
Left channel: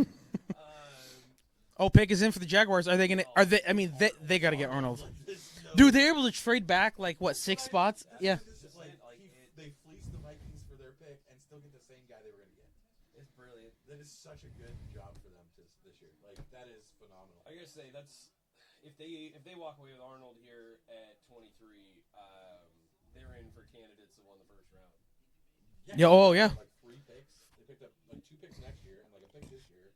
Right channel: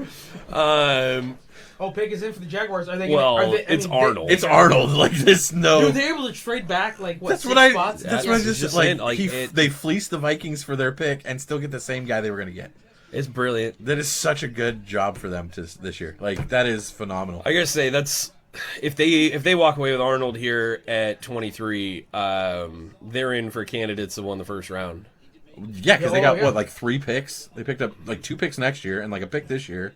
Oh, pick is in for the Jaguars. Are they gonna? Well, are they, it's Arnold. It's Arnold. Like this. No. Dude, they're able to trade back like what? That's 6 what I. spots? That's Yeah, what I it's just, just like. saying, like, They fleeced the Vikings for their pick and still get the same guy they were going to get. It's brilliant. That is such a good job for them this year. Like that is phenomenal. I gotta say that's if they walk away with Arnold here at 23, they're in for candidates that won the first round. Yeah, because Oh, they got yeah. what, like 3 picks. They picked up like 2 picks next year and like a pick this year,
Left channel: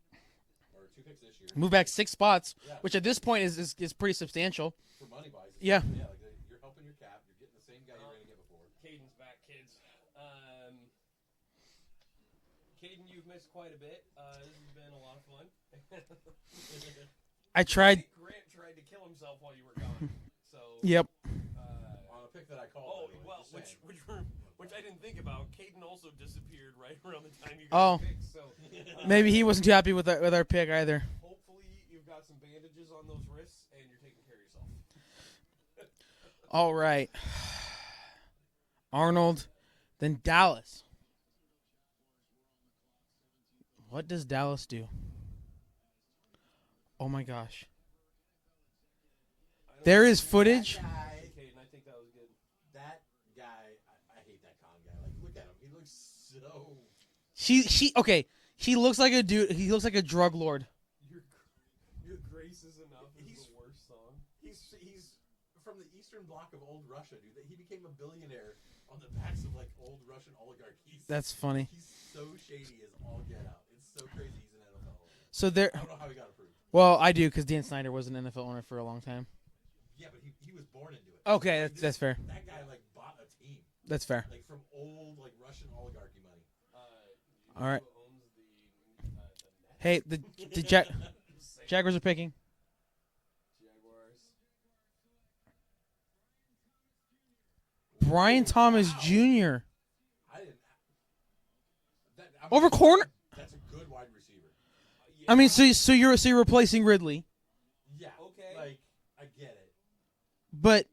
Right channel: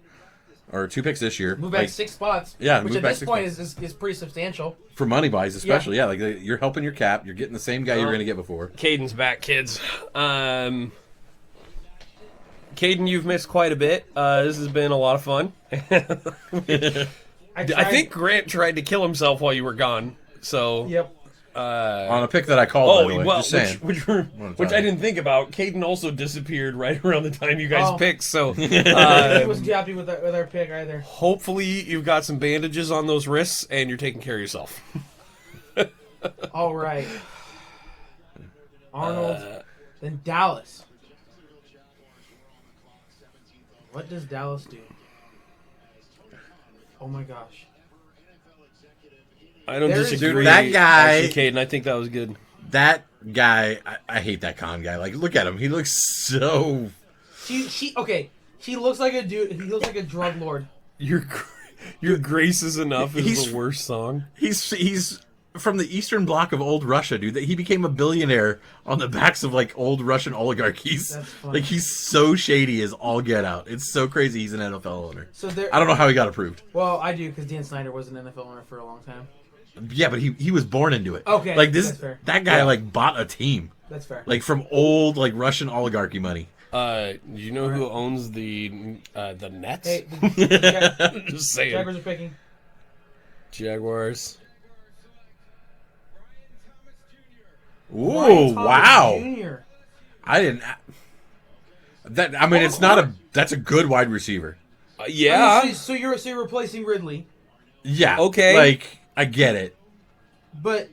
or 2 picks this year. Move back like, 6 spots. Yeah, which move at back this 6 point is pretty substantial. for money buys, especially. Yeah, like you're helping your cap. You're getting the same guy you were going to get before. Caden's back, kids. Caden, you've missed quite a bit. This has been a lot of fun. I I tried. I think Grant tried to kill himself while you were gone. So Yep. On a pick that I called, by the way. well, Just saying. which I didn't think about. Caden also disappeared right around the time you guys Oh. picked. So Maybe he wasn't too happy with our pick either. hopefully you've got some bandages on those wrists and you're taking care of yourself. All right. Arnold, then Dallas. What does Dallas do? Oh my gosh. I don't There is disagree. footage- That guy- Actually, Caden, I think that was good. That guy, I hate that con guy. Like, look at him. He looks so... Okay. He looks like a dude. He looks like a drug lord. Your Grace is Enough is He's- the worst song. He's from the Eastern Bloc of old Russia, dude. He became a billionaire on the backs of, like, old Russian oligarchies. That's funny. Like, he's so shady as all get out. It's so crazy he's an NFL owner. So there. I don't know how he got approved. Well, I do because Dan Snyder was an NFL owner for a long time. Yeah, but he was born into it. Okay, like this, that's fair. that guy Yeah. like bought a team, That's fair. like from old like Russian oligarchy money. Do you know All right. who owns the Nets? Hey, the Just saying. Jaguars are picking. Jaguars. Ooh, Brian Thomas wow! Jr. I didn't. That I mean, Oh, it's not a. That's a good wide receiver. Yeah. I mean, so you're replacing Ridley, Yeah. Okay. Like I get it. but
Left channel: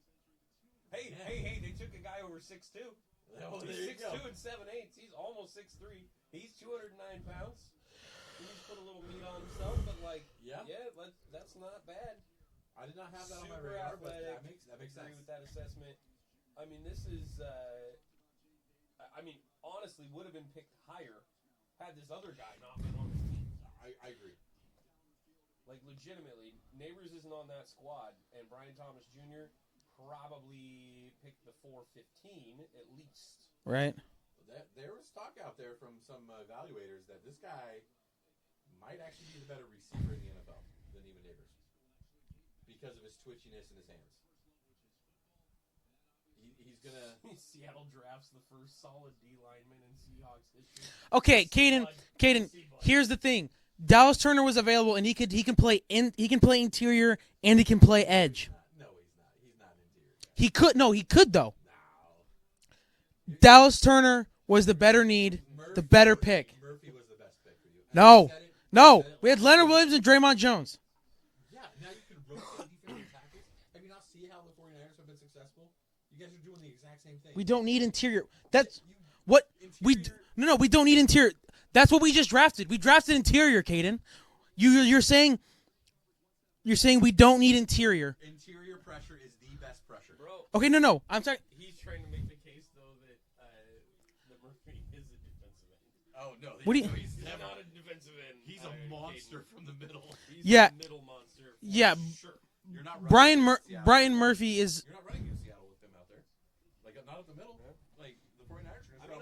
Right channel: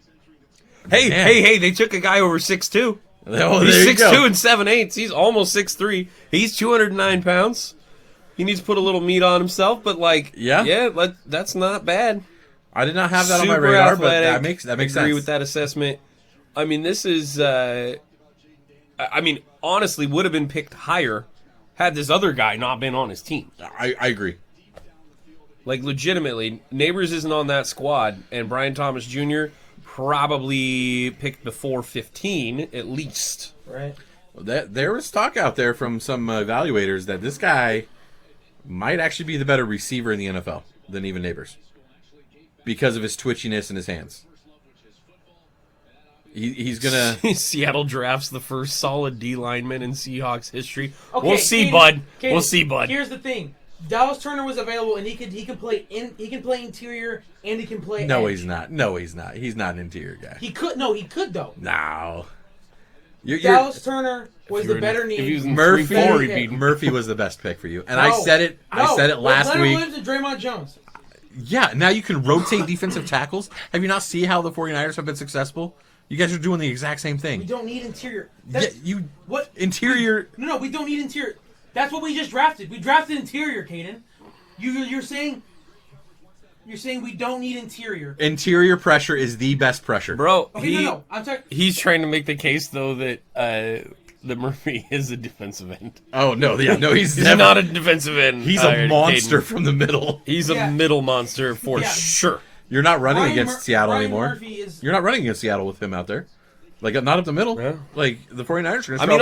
hey, Man. hey! They took a guy over 6'2". Oh, He's there you 6'2" go. and 7/8. He's almost 6'3". He's 209 pounds. He needs to put a little meat on himself, but Yeah. that's not bad. I did not have that on my Super radar, athletic. but that makes Agree sense. with that assessment. I mean, this is. I mean, honestly, would have been picked higher had this other guy not been on his team. I agree. Like, legitimately, Neighbors isn't on that squad, and Brian Thomas Jr. probably picked before 15 at least. right. There was talk out there from some evaluators that this guy might actually be the better receiver in the NFL than even Neighbors because of his twitchiness in his hands. He's gonna. Seattle drafts the first solid D lineman in Seahawks history. Okay, We'll see, Caden- bud. Caden, We'll see, bud. Here's the thing: Dallas Turner was available, and he can play interior and he can play No, edge. he's not. No, he's not. He's not an interior guy. He could though. No. Dallas Turner was the If better he was need. in Murphy, 3-4, pick. he'd be- Murphy was the best pick for you, and No. I said it. No, I said it last Leonard week. Williams and Draymond Jones. Yeah, now you can rotate defensive tackles. Have you not seen how the 49ers have been successful? You guys are doing the exact same We thing. don't need interior. Yeah, That's, you what interior. No, we don't need interior. That's what we just drafted. We drafted interior, Caden. You're saying we don't need interior. Interior pressure is the best pressure. Bro, Okay, no. I'm talking. He's trying to make the case, though, that Murphy is a defensive end. Oh no, yeah, no, he's He's never, not a defensive end. He's a monster Caden. from the middle. He's Yeah. a middle monster for Yeah. sure. You're not running against Seattle Brian anymore. Murphy is. You're not running against Seattle with him out there. Like not up the middle. Yeah. Like the 49ers are going to I mean,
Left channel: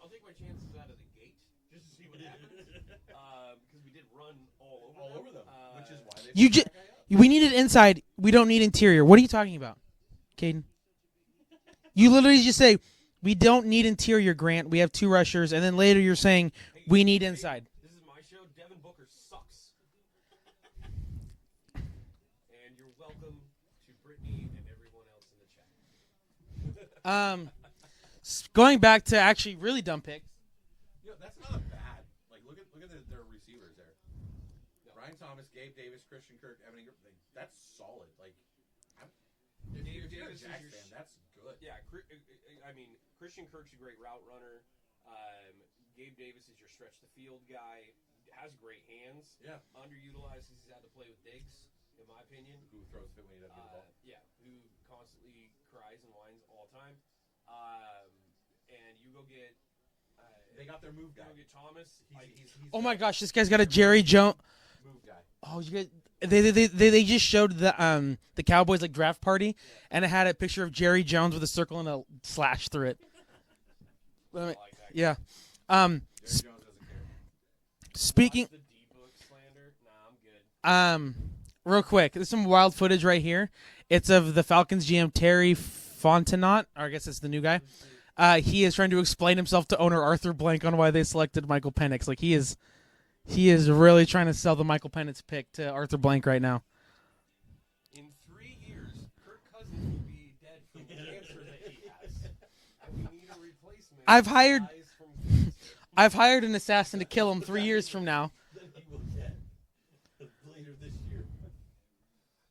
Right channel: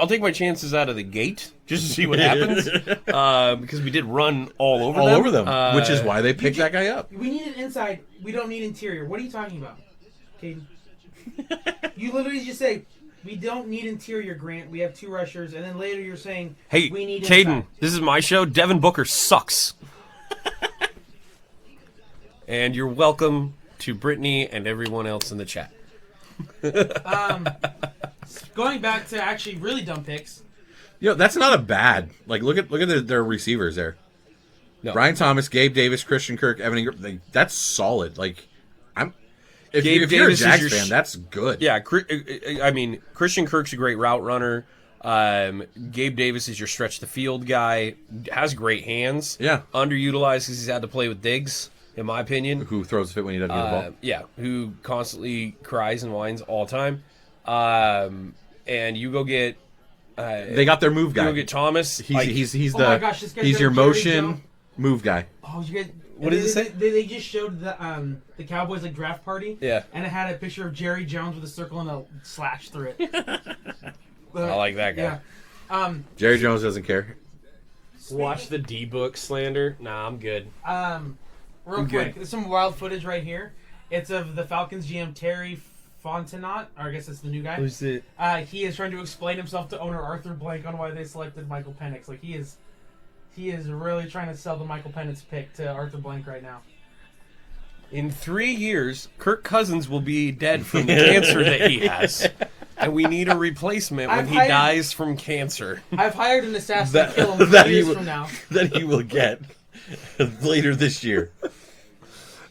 I'll take my chances out of the gate just to see what happens, because we did run all over all them. over them, which is why they picked ju- that guy up. We needed inside. We don't need interior. What are you talking about, Caden? You literally just say we don't need interior, Grant. We have two rushers, and then later you're saying Hey, we need Caden, inside. this is my show. Devin Booker sucks. And you're welcome to Brittany and everyone else in the chat. Going back to actually really dumb picks. You know, that's not a bad. Like look at their receivers there. No. Brian Thomas, Gabe Davis, Christian Kirk, Evan Ingram. That's solid. Like if Gabe you're a Davis is Jags your fan, that's good. Yeah, I mean, Christian Kirk's a great route runner. Gabe Davis is your stretch the field guy. Has great hands. Yeah. Underutilized because he's had to play with Diggs, in my opinion. Who throws a fit when he doesn't get the ball? Yeah, who constantly cries and whines all the time. And you go get. They got their move You guy. go get Thomas. He's like, he's Oh the my gosh, this guy's he's got a your Jerry motion Jones- move guy. Oh, you guys. What did it say? They just showed the Cowboys like draft party. Yeah. And it had a picture of Jerry Jones with a circle and a slash through it. I like that guy. Yeah. Jerry Jones doesn't care. Speaking. Watch the D-book slander. Nah, I'm good. Real Okay. quick, there's some wild footage right here. It's of the Falcons GM Terry Fontenot, or I guess it's the new guy. Who's it? He is trying to explain himself to owner Arthur Blank on why they selected Michael Penix. Like he is He is really trying to sell the Michael Penix pick to Arthur Blank right now. In 3 years, Kirk Cousins will be dead from the cancer that he has. And we need a replacement when he dies from cancer. I've hired an assassin to kill him 3 years from now. That he will get later this year.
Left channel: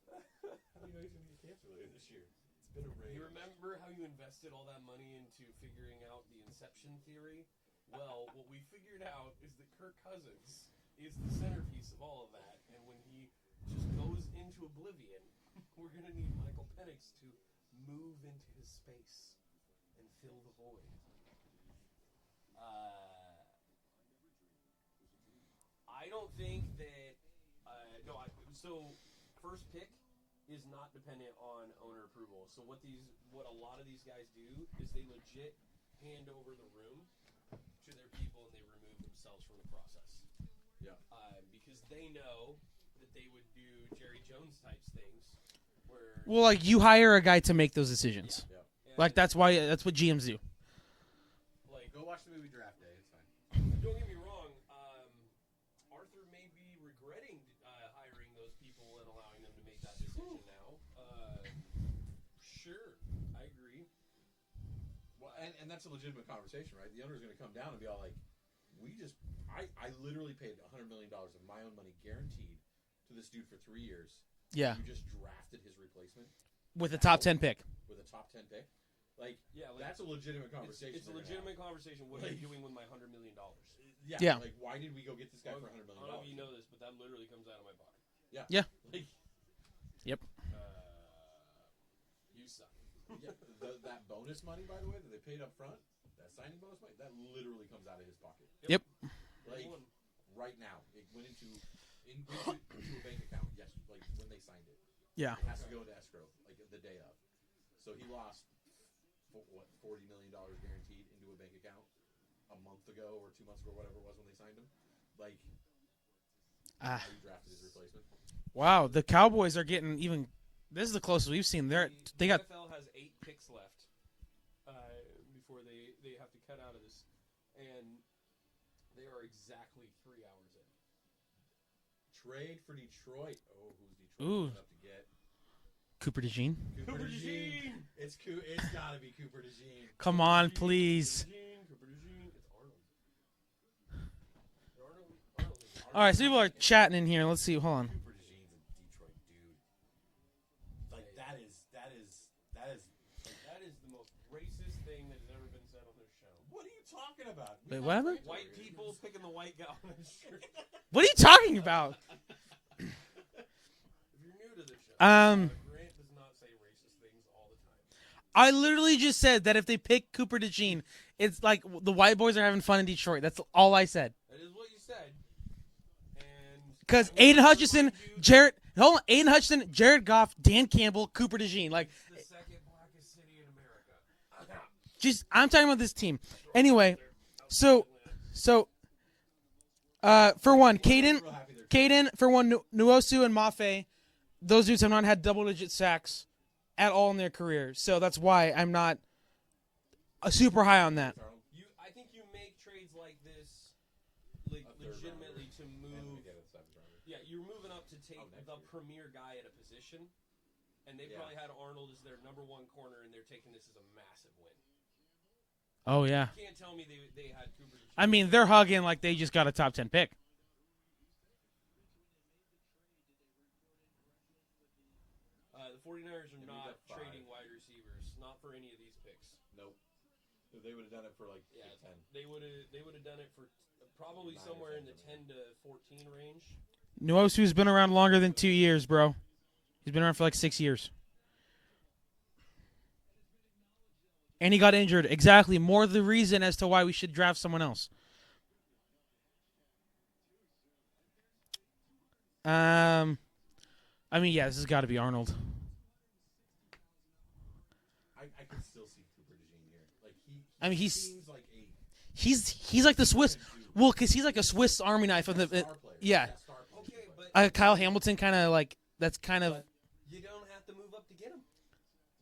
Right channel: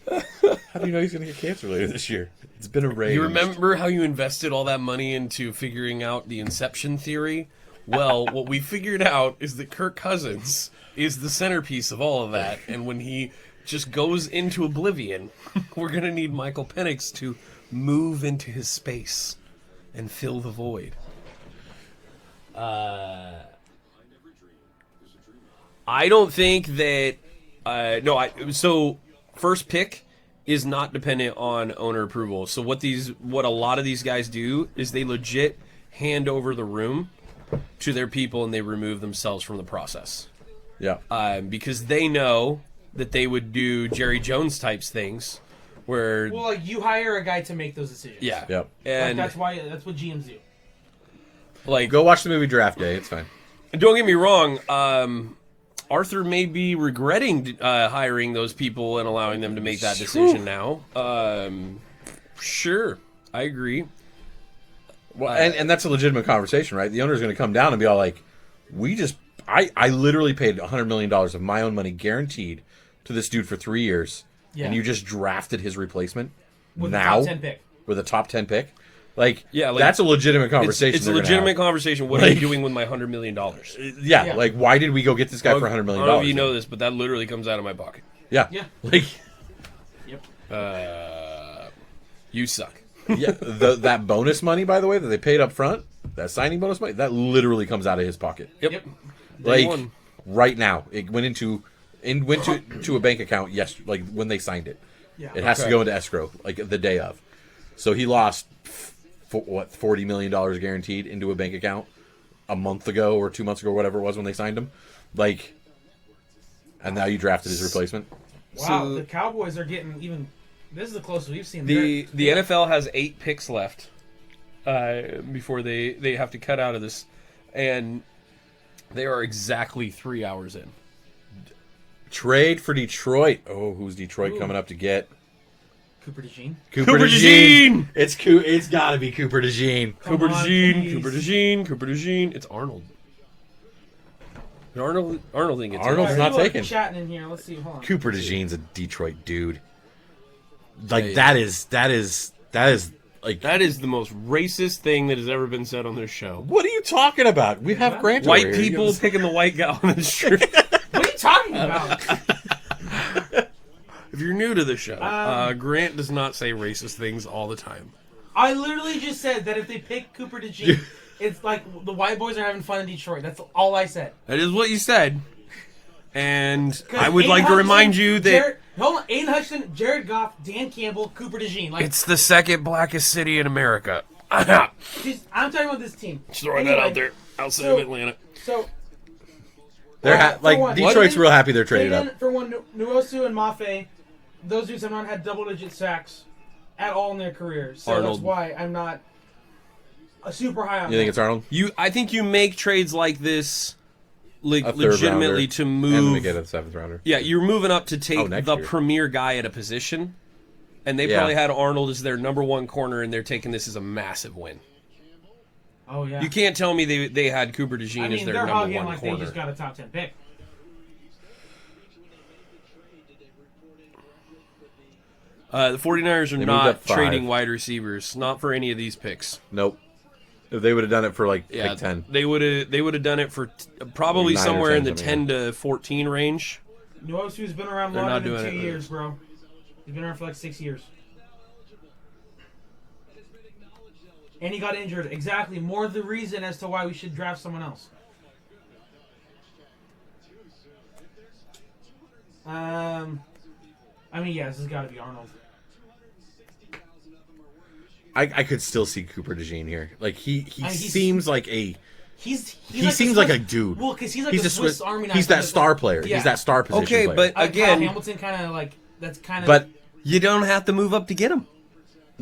How do you know he's going to get cancer later this year? It's been arranged. You remember how you invested all that money into figuring out the inception theory? Well, what we figured out is that Kirk Cousins is the centerpiece of all of that. And when he just goes into oblivion, we're going to need Michael Penix to move into his space and fill the void. I don't think that... So, first pick is not dependent on owner approval. So what a lot of these guys do is they legit hand over the room to their people and they remove themselves from the process. Yeah. Because they know that they would do Jerry Jones types things where... Well, like, you hire a guy to make those decisions. Yeah. Yep. And that's what GMs do. like, Go watch the movie Draft Day. It's fine. don't get me wrong, Arthur may be regretting hiring those people and allowing them to make that decision now. Sure, I agree. Well, and that's a legitimate conversation, right? The owner's going to come down and be all like, I literally paid $100 million of my own money guaranteed to this dude for 3 years. Yeah. And you just drafted his replacement With now the top 10 pick. with a top 10 pick. Like, Yeah, like, that's a legitimate conversation. It's a they're gonna legitimate have. conversation. What are you doing with my $100 million? Yeah, like, why did we go get this guy for $100 million? I don't know if you know this, but that literally comes out of my pocket. Yeah. Yeah. Like, Yep. You suck. yeah, that bonus money, by the way, that they paid up front, that signing bonus money, that literally comes out of his pocket. Yep. Yep. Day Like, one. right now. It went to a bank account, like, when they signed it. Yeah. It has to go into escrow, like, the day of. So he lost, $40 million guaranteed into a bank account a month ago or 2 months ago, or whatever it was when they signed him. Like, and now you drafted his replacement. Wow, So- the Cowboys are getting even... This is the closest we've seen. The They're- NFL has 8 picks left before they have to cut out of this, and they are exactly 3 hours in. Trade for Detroit. Oh, who's Detroit coming up to get? Cooper DeJean. Cooper DeJean! It's got to be Cooper DeJean. Come Cooper on, DeJean, please. Cooper DeJean. It's Arnold. Arnold didn't get Arnold's taken. not people are taken. chatting in here. Let's see. Hold on. Cooper DeJean's a Detroit dude. Like, Hey. that is like, That is the most racist thing that has ever been said on this show. what are you talking about? We have Grant over White here. people picking the white guy on the street. What are you talking about? If you're new to the show, Grant does not say racist things all the time. I literally just said that if they pick Cooper DeJean, it's like the white boys are having fun in Detroit. That's all I said. That is what you said. And 'Cause I would Aiden like to Hutchinson, remind you that hold on, Aiden Hutchinson, Jared Goff, Dan Campbell, Cooper DeJean. Like, it's the second blackest city in America. just I'm talking about this team. Just throwing Anyway, that out there outside so- of Atlanta. So They're for like, one, Detroit's Aiden- real happy they're traded Caden, up. for one, Nuosu and Mafe, those dudes have not had double-digit sacks at all in their career. So that's Arnold. why I'm not super high on You think them. it's Arnold? I think you make trades like this A third legitimately rounder, to And then they move. get a 7th rounder. Yeah, you're moving up to take next the year. premier guy at a position. And they Yeah. probably had Arnold as their number one corner, and they're taking this as a massive win. Oh yeah. You can't tell me they had Cooper DeJean I as mean, their they're number hugging one like corner. they just got a top 10 pick. The 49ers are moved not up 5. trading wide receivers, not for any of these picks. Nope. If they would have done it for, like, Yeah, pick 10. they would have done it for probably 9 or somewhere in the 10, 10 to 14 range. Nuosu's been around They're longer not than doing 2 it. years, bro. He's been around for like 6 years. And he got injured. Exactly. More the reason as to why we should draft someone else. I mean, yeah, this has got to be Arnold. I could still see Cooper DeJean here. Like, he I mean, he's- seems like a... He's He like seems the like Swiss, a dude. Well, because he's like He's the a Swiss Army knife. He's like that star player. Yeah. He's that star position Okay, player. but Kyle again, Hamilton kind of like that's kind of. But you don't have to move up to get him.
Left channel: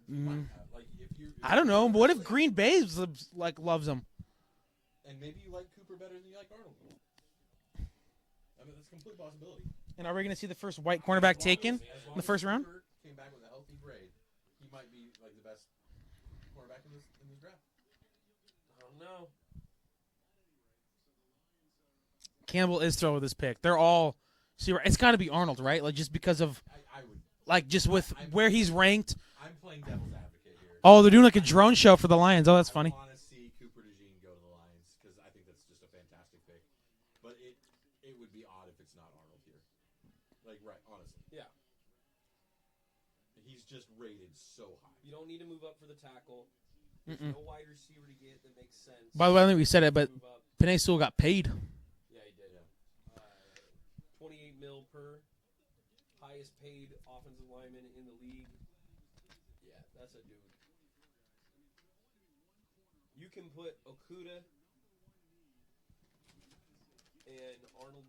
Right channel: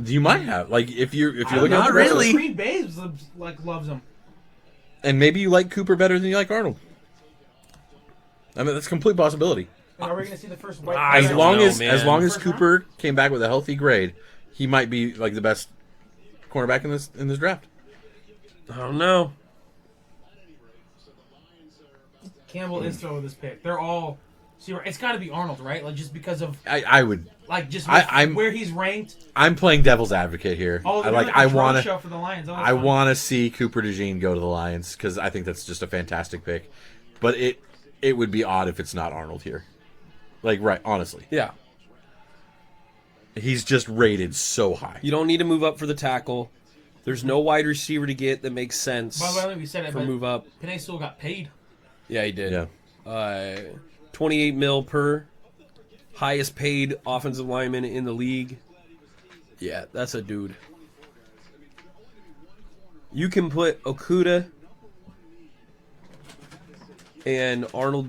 you might have. Like, if you're I don't looking know. at the really. rest of- Green Bay loves him. And maybe you like Cooper better than you like Arnold. I mean, that's a complete possibility. Are we going to see the first white I As don't long know, as man. as long as First Cooper came back with a healthy grade, he might be like the best cornerback in this draft. I don't know. Campbell is throwing this pick. They're all. See, it's got to be Arnold, right? Like just because of I would. like just I'm- where he's ranked. I'm playing devil's advocate here. Oh, they're doing I like a drone wanna- show for the Lions. Oh, that's I funny. want to see Cooper DeJean go to the Lions because I think that's just a fantastic pick. But it would be odd if it's not Arnold here. Like, right, honestly. Yeah. He's just rated so high. You don't need to move up for the tackle. There's no wide receiver to get that makes sense. By the way, I don't think we said it, to but move up. Penei Sewell got paid. Yeah, he did. Yeah. 28 mil per. Highest paid offensive lineman in the league. Yeah, that's a dude. You can put Okuda and Arnold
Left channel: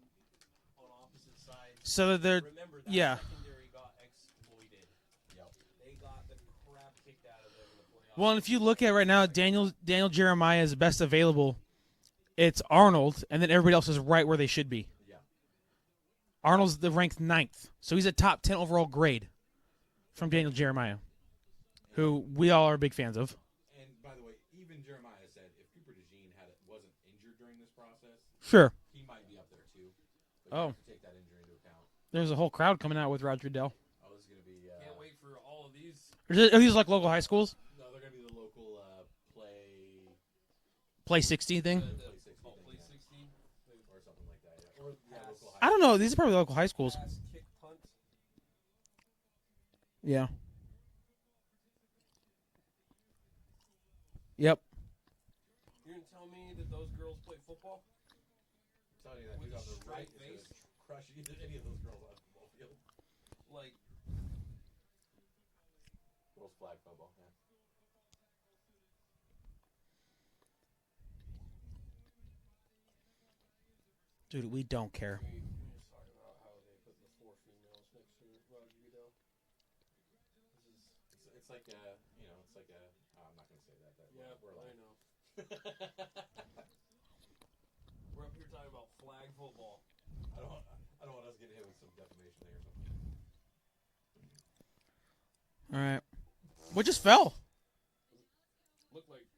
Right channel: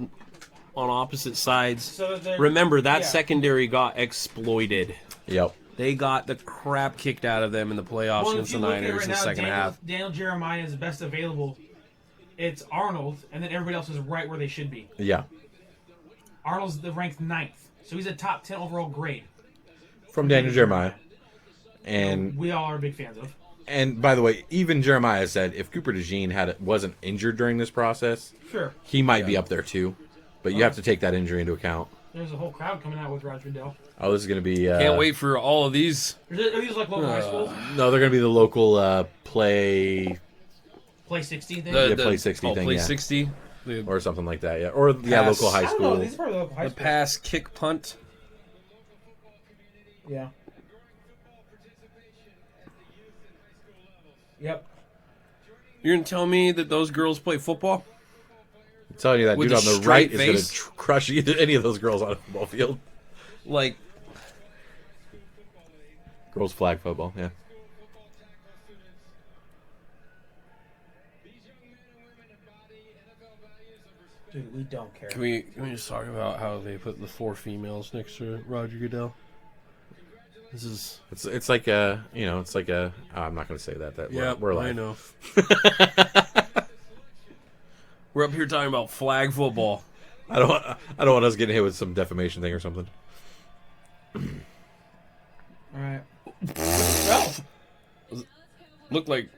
on opposite sides. So they're Remember, that yeah. secondary got exploited. Yep. They got the crap kicked out of them in the playoffs. Well, against if you the look at Niners right in the now, second Daniel half. Daniel Jeremiah is best available. It's Arnold, and then everybody else is right where they should be. Yeah. Arnold's the ranked 9th, so he's a top 10 overall grade From Daniel Jeremiah. who And we all are big fans of. and by the way, even Jeremiah said if Cooper DeJean wasn't injured during this process, Sure. he might be up there too. But you Oh. have to take that injury into account. There's a whole crowd coming out with Roger Dell. Oh, this is going to be... Can't wait for all of these. Are these like local high schools? No, they're going to be the local play Play 60 thing? Yeah, Play 60 thing, Play yeah. 60. The or something like that, yeah. Or, yeah, Pass. local high I school. don't know. These are probably local high schools. pass, kick, punt. Yeah. Yep. You're going to tell me that those girls play football? I'm telling you, that With dude a on the straight right is going face? to crush any of those girls on a football field. Like, Girls flag football, yeah. Dude, we don't care. can we just talk about how they put the 4 females next to Roger Goodell? This is... It's like a, it's like a... Oh, I'm not going to say that. Yeah, we're I live. know. We're up here talking about flag football. I don't want us getting hit with some defamation thing or something. All right. What just fell? Looked like...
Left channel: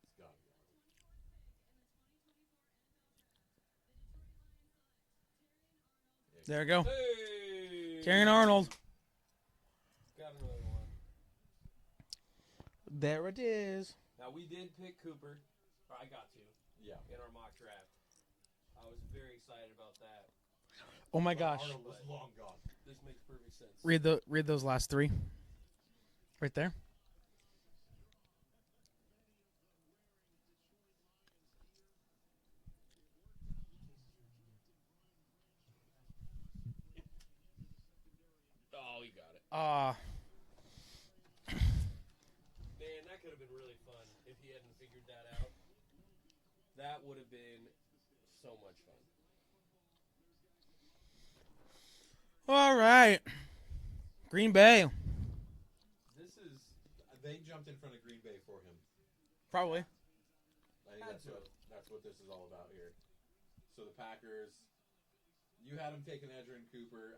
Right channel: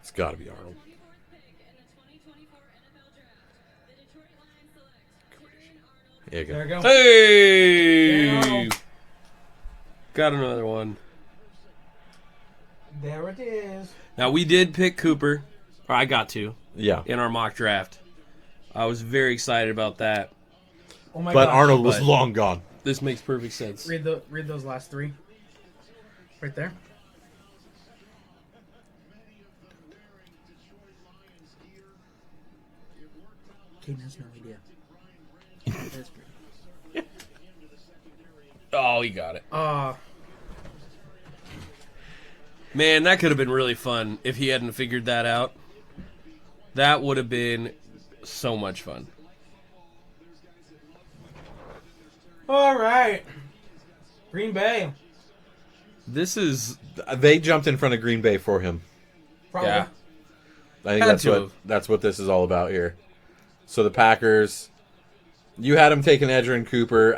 It's got to be Arnold. Yeah, There go. we go. Hey! Danny Arnold. Got another one. There it is. Now, we did pick Cooper. Or I got to. Yeah. In our mock draft. I was very excited about that. Oh my But gosh. Arnold was but- long gone. This makes perfect sense. Read those last 3. Right there. Caden has no idea. That's great. Oh, he got it. Man, that could have been really fun if he hadn't figured that out. That would have been so much fun. All right. Green Bay. This is... They jumped in front of Green Bay for him. Probably. Yeah. I think Had to have. that's what this is all about here. So the Packers, you had them taking Edgerrin Cooper.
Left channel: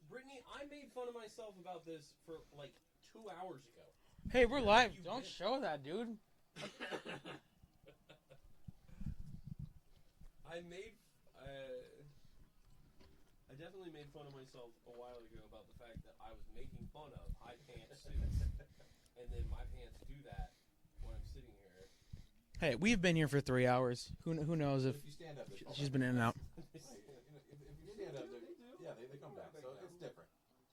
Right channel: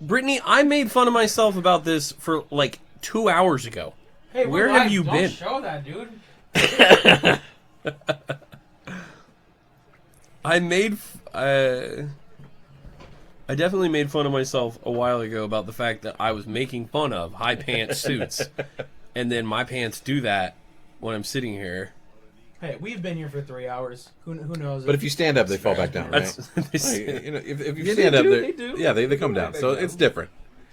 Brittany, I made fun of myself about this for like 2 hours ago. Hey, Where we're have live. you Don't been? show that, dude. I definitely made fun of myself a while ago about the fact that I was making fun of high pants suits. And then my pants do that when I'm sitting here. Hey, we've been here for 3 hours. Who knows? But if you stand up, they fall back down. That's, Like, if you Yeah, stand they up, do, they're- they do. yeah, they come down. So it's different.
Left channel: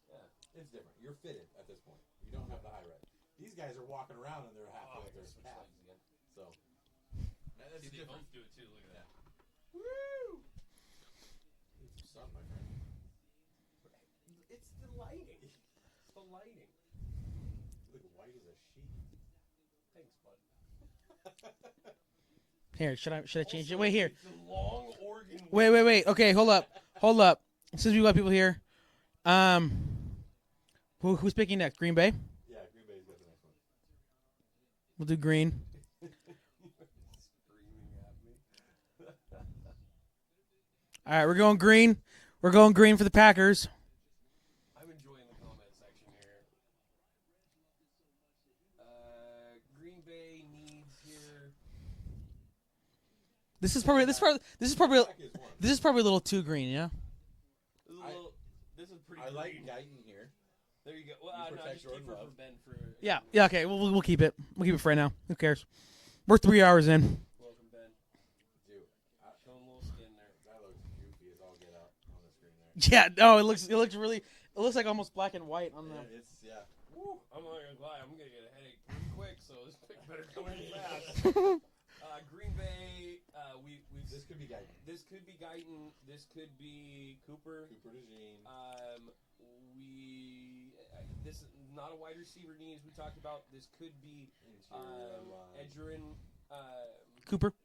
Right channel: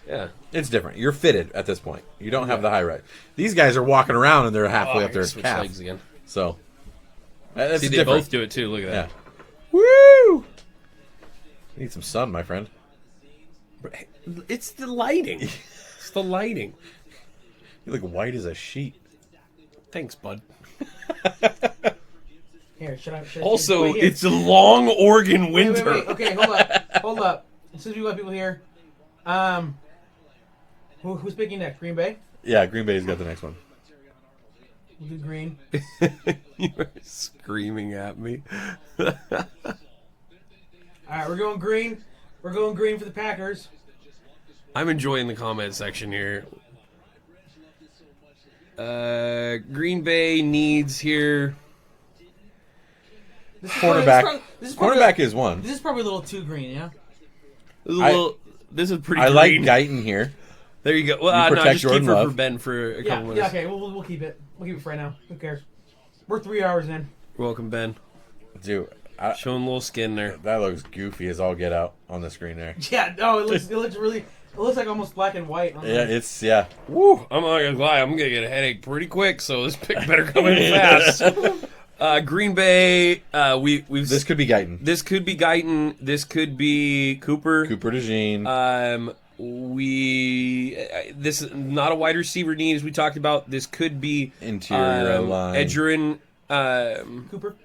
yeah. It's different. You're fitted at this point. You don't have the high rise. These guys are walking around and they're halfway Oh, up their switch calf. legs again. So that's See, they different. both do it too. Look at Yeah. that. Woo! Need some sun, my friend. It's the lighting. It's the lighting. You look white as a sheet. Thanks, bud. Here, should I Also, wait, here. it's a long Oregon Wait, winter. wait. Okay, hold up. Since we got people here, who's picking next? Green Bay. Yeah, Green Bay's got the next one. We'll do green. You are screaming at me. All right, we're going green. We're going green for the Packers. I'm enjoying the comment section here. Green Bay needs here. This is Cornerback. Probably, this is probably, Cornerback is one. This is probably a little too green, yeah? This is pretty I green. like Guyton here. There you go. Well, You no, protect just keep Jordan her for Love. Ben for a couple Yeah, minutes. yeah, okay. We'll keep it. We'll keep it for right now. Who cares? We're 3 hours in. Welcome, Ben. Dude, Showing a little skin there. that looks goofy as all get out on the screen there. Yeah, no, it looks really. It looks like almost black and white. Yeah. Woo! I'm not gonna lie. I'm gonna get a headache pretty quick, so this pick better come in fast. Green Bay. We've. This could be Guyton. This could be Guyton. This could be Cooper. Cooper DeJean. This is not a wide receiver need, as we talked about. This could be Interior line. Edgerrin,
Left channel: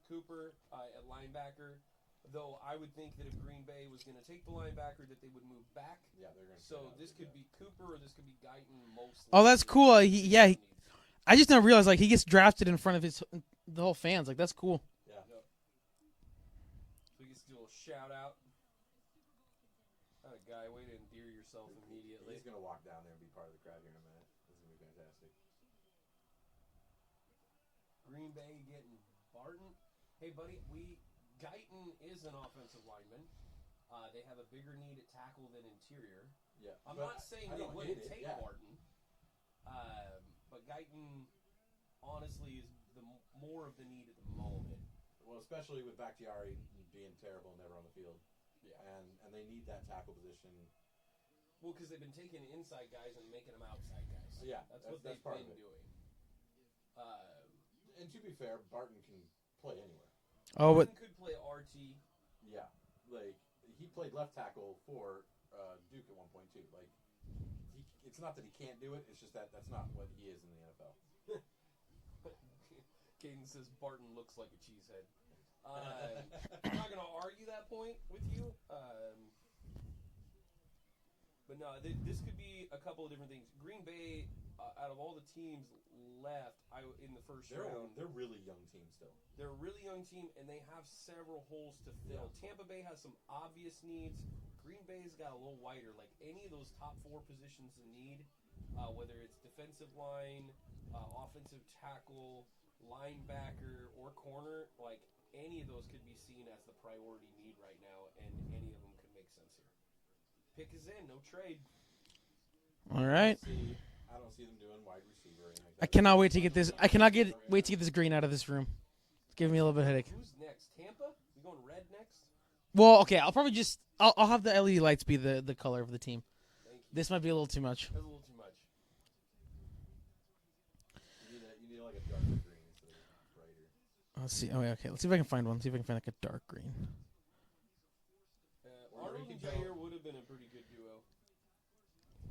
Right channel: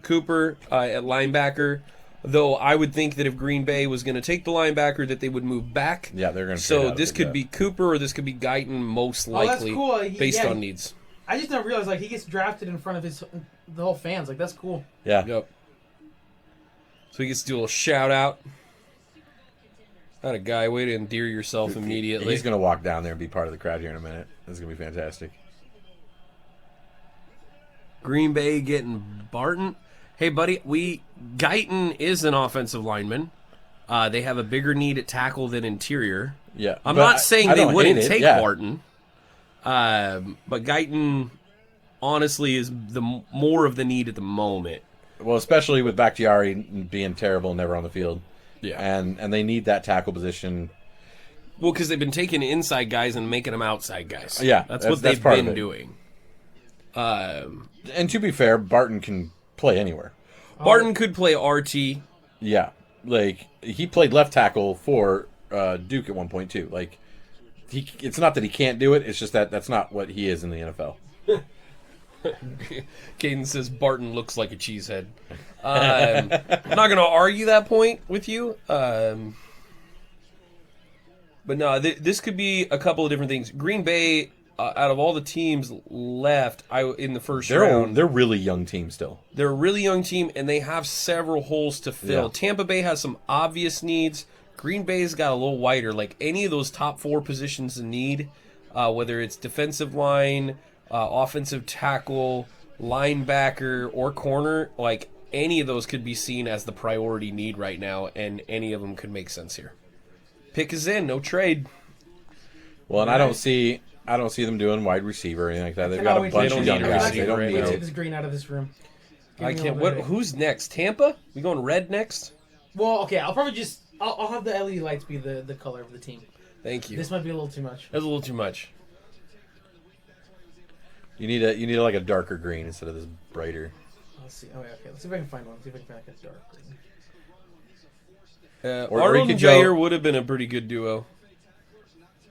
Cooper at linebacker. Though I would think that if Green Bay was going to take the linebacker, that they would move back. Yeah, they're going to. So this could be Cooper or this could be Guyton, most Oh, that's likely. cool. Based on needs. I just didn't realize like he gets drafted in front of the whole fans. Like that's cool. Yeah. Yep. So he gets to do a little shout out. Not a guy. Way to endear yourself immediately. He's going to walk down there and be part of the crowd here in a minute. This is going to be fantastic. Green Bay getting Barton. Hey, buddy, Guyton is an offensive lineman. They have a bigger need at tackle than interior. Yeah. I'm but not saying I they don't wouldn't hate it, take yeah. Barton. But Guyton, honestly, is the more of the need at the moment. Well, especially with Bakhtiari being terrible and never on the field. Yeah. And they need that tackle position. Well, because they've been taking inside guys and making them outside guys. Yeah, That's that's what they've part of been it. doing. And to be fair, Barton can play anywhere. Barton could play RT. Yeah. Like, he played left tackle for Duke at one point, too. Like, it's not that he can't do it. It's just that that's not what he is in the NFL. Caden says Barton looks like a cheesehead. I'm not going to argue that point with you. But no, this could be a couple of different things. Green Bay, out of all the teams left in the first round, They're a really young team still. they're a really young team, and they have several holes to fill. Yeah. Tampa Bay has some obvious needs. Green Bay's got a little wider. Like any of those top four positions in need, whether it's defensive line, offensive tackle, linebacker, or corner, like any of those could be seen as the priority need right now, and any of them could make sense here. Pick is in, no trade. Well, and Right. I don't see them doing wide receiver or anything like that. I They've cannot got a wait to bunch get of this. young I guys. cannot They don't wait need to no- get this green out of this room. Give I me all can't. the What? headache. Who's next? Tampa? We going red next? Well, okay. I'll probably just I'll have the LED lights be the color of the team. Thank you. This might be a little too much. That's a little too much. You need like a darker green instead of this brighter. Let's see. Oh, yeah, okay. Let's see if I can find one. See if I can find like a dark green. Or you Arnold could and go- Jair would have been a pretty good duo.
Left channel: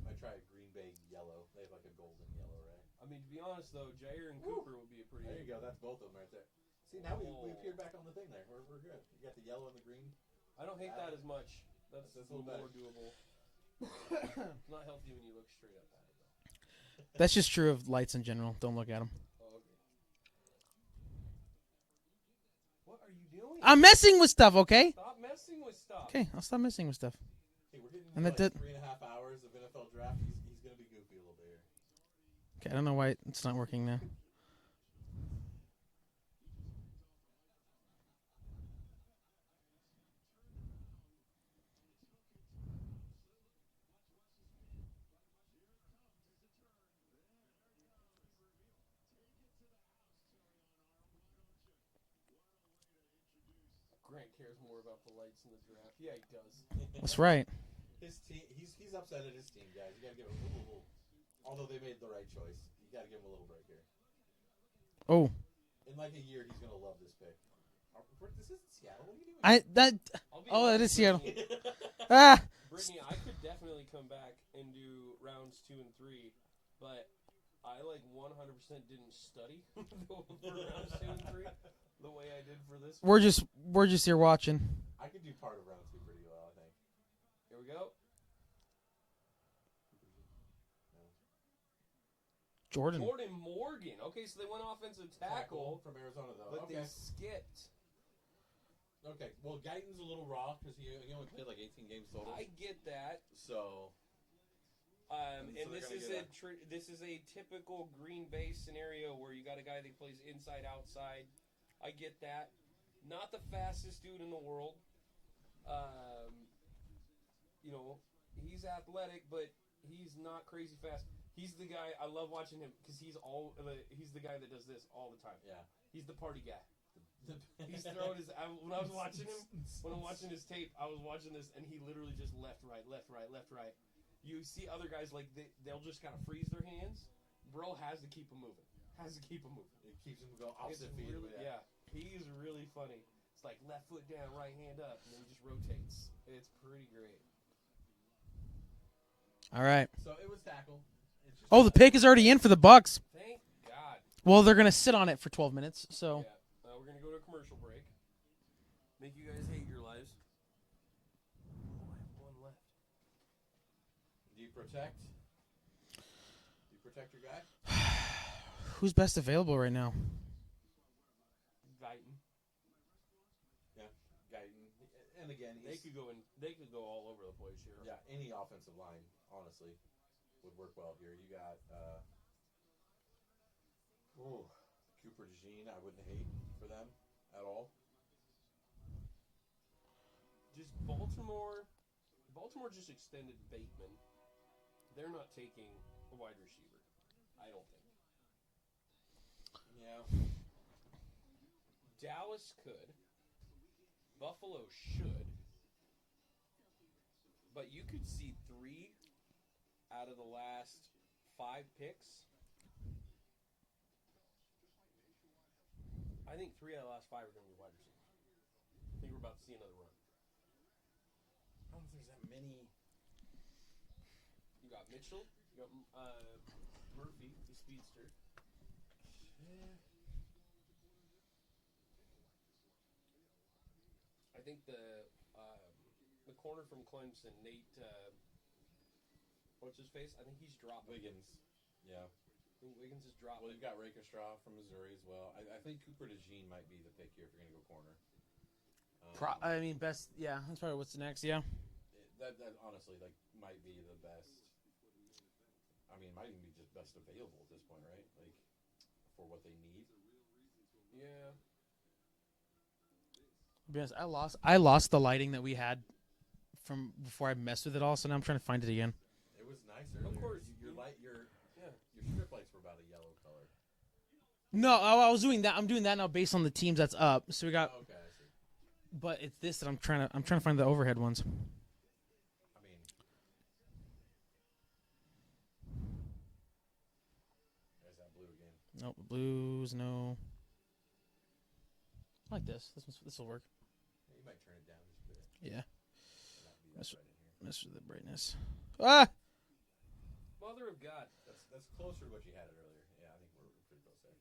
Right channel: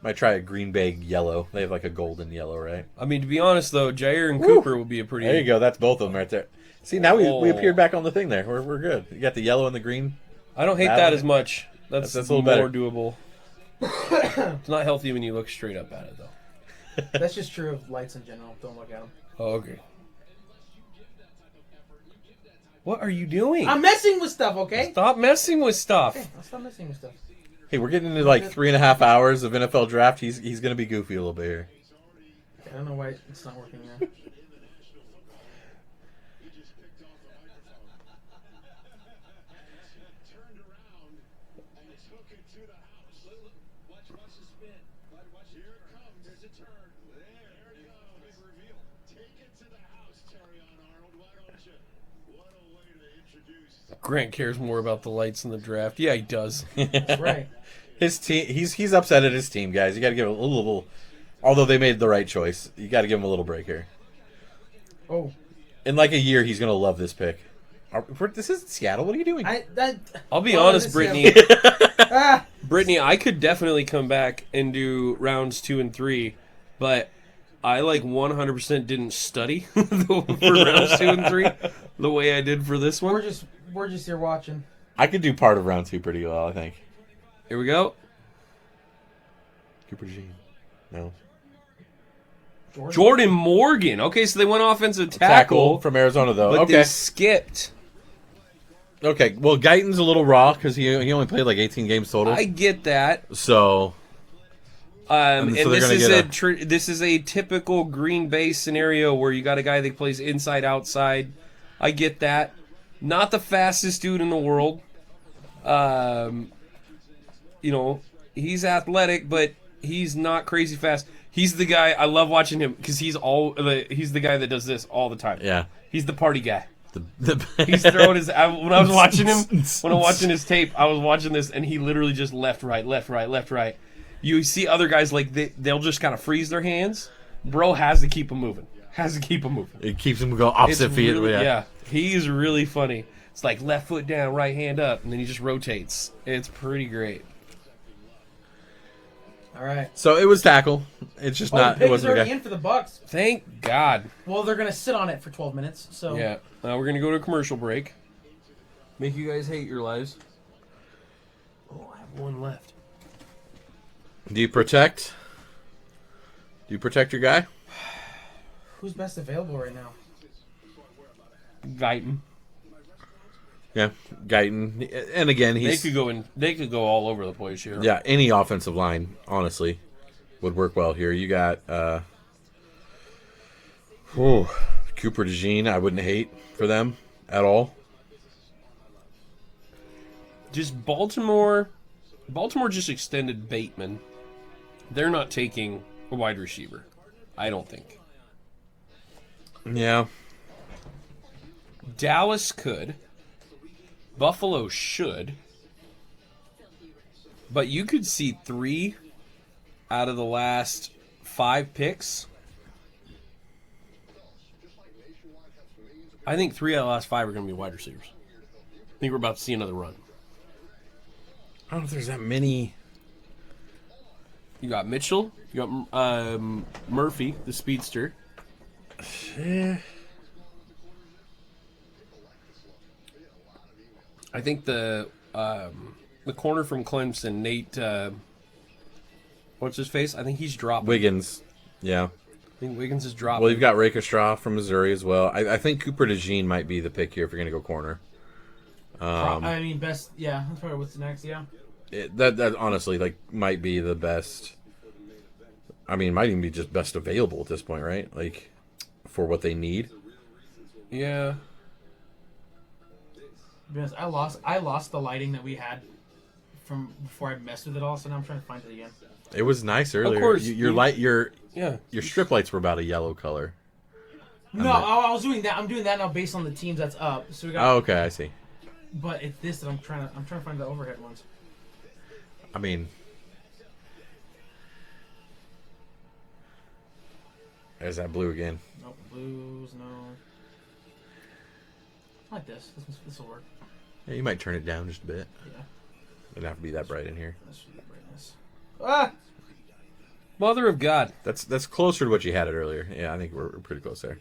Might try a Green Bay yellow. They have like a golden yellow, right? I mean, to be honest, though, Jair and Cooper would be a pretty... There you go. That's both of them right there. See, now we Oh. appeared back on the thing there. We're good. You got the yellow and the green. I don't hate That that one- as much. That's a little more better. doable. It's not healthy when you look straight up at it, though. That's just true of lights in general. Don't look at them. Oh, okay. What are you doing? I'm messing with stuff. Okay. Stop messing with stuff. Okay. I'll stop messing with stuff. Hey, we're getting into like 3.5 hours of NFL draft. He's gonna be goofy a little bit here. Okay, I don't know why it's not working now. Grant cares more about the lights in the draft. Yeah, he does. That's right. His team. He's upset at his team, guys. You got to give it a little. Although they made the right choice, you got to give him a little break here. Oh, In like a year, he's gonna love this pick. This isn't Seattle. What are you doing? I'll be Well, honest, this Brittany. Ah, Brittany, I could definitely come back and do rounds 2 and 3, but I like 100% didn't study for rounds 2 and 3 the way I did for this one. we're just here watching. I could do part of round 2 pretty well. I think. Here we go. Cooper Jean. No. Jordan Morgan. Okay, so they went offensive tackle from Arizona, though. but Okay. they skipped. Okay. Well, Guyton's a little raw because he only played like 18 games total. I get that. So. And so they're this gonna is get this is a typical Green Bay scenario where you got a guy that plays inside outside. I get that. Not the fastest dude in the world. You know, he's athletic, but he's not crazy fast. He's the guy I love watching him because he's the guy that does this all the time. Yeah. He's the party guy. The He's throwing his. When I was watching him, when I'm watching his tape, I was watching this, and he literally just left, right, left, right, left, right. You see other guys like they'll just kind of freeze their hands. Bro has to keep them moving. It keeps him going opposite feet. Really, yeah, he's really funny. It's like left foot down, right hand up, and then he just rotates. It's pretty great. All right. So it was tackle. It's just not. The pick is already in for the Bucks. Thank God. Well, they're gonna sit on it for 12 minutes. So Yeah. We're gonna go to a commercial break. Make you guys hate your lives. Oh, I have one left. Do you protect? Do you protect your guy? Who's best available right now? Guyton. Yeah, Guyton. And again, They could go all over the place here. Yeah, any offensive line, honestly, would work well here. You got Cooper DeJean. I wouldn't hate for them at all. Just Baltimore just extended Bateman. They're not taking a wide receiver, I don't think. Yeah. Dallas could. Buffalo should. But you could see 3 out of the last 5 picks. I think 3 out of the last 5 are going to be wide receivers. I think we're about to see another run. I don't know if there's that many. You got Mitchell. You got Murphy, the speedster. I think the corner from Clemson, Nate, what's his face? I think he's dropping. Wiggins. Yeah. I think Wiggins is dropping. Well, you've got Rakestraw from Missouri as well. I think Cooper DeJean might be the pick here if you're going to go corner. I mean, best. Yeah, that's probably what's next. Yeah. That honestly might be the best. I mean, it might even be just best available at this point, right? Like for what they need. Yeah. Because I lost the lighting that we had from before I messed with it all, so now I'm trying to find it again. It was nice earlier. Of course. Your strip lights were about a yellow color. No, I was doing that. I'm doing that now based on the teams that's up. So we got. Oh, okay, I see. But it's this that I'm trying to find the overhead ones. I mean, there's that blue again. Nope, blues, no. I like this. This will work. Yeah, you might turn it down just a bit. Yeah. It doesn't have to be that bright in here. Let's do that brightness. Ah! Mother of God. That's closer to what you had it earlier. Yeah, I think we're pretty close there.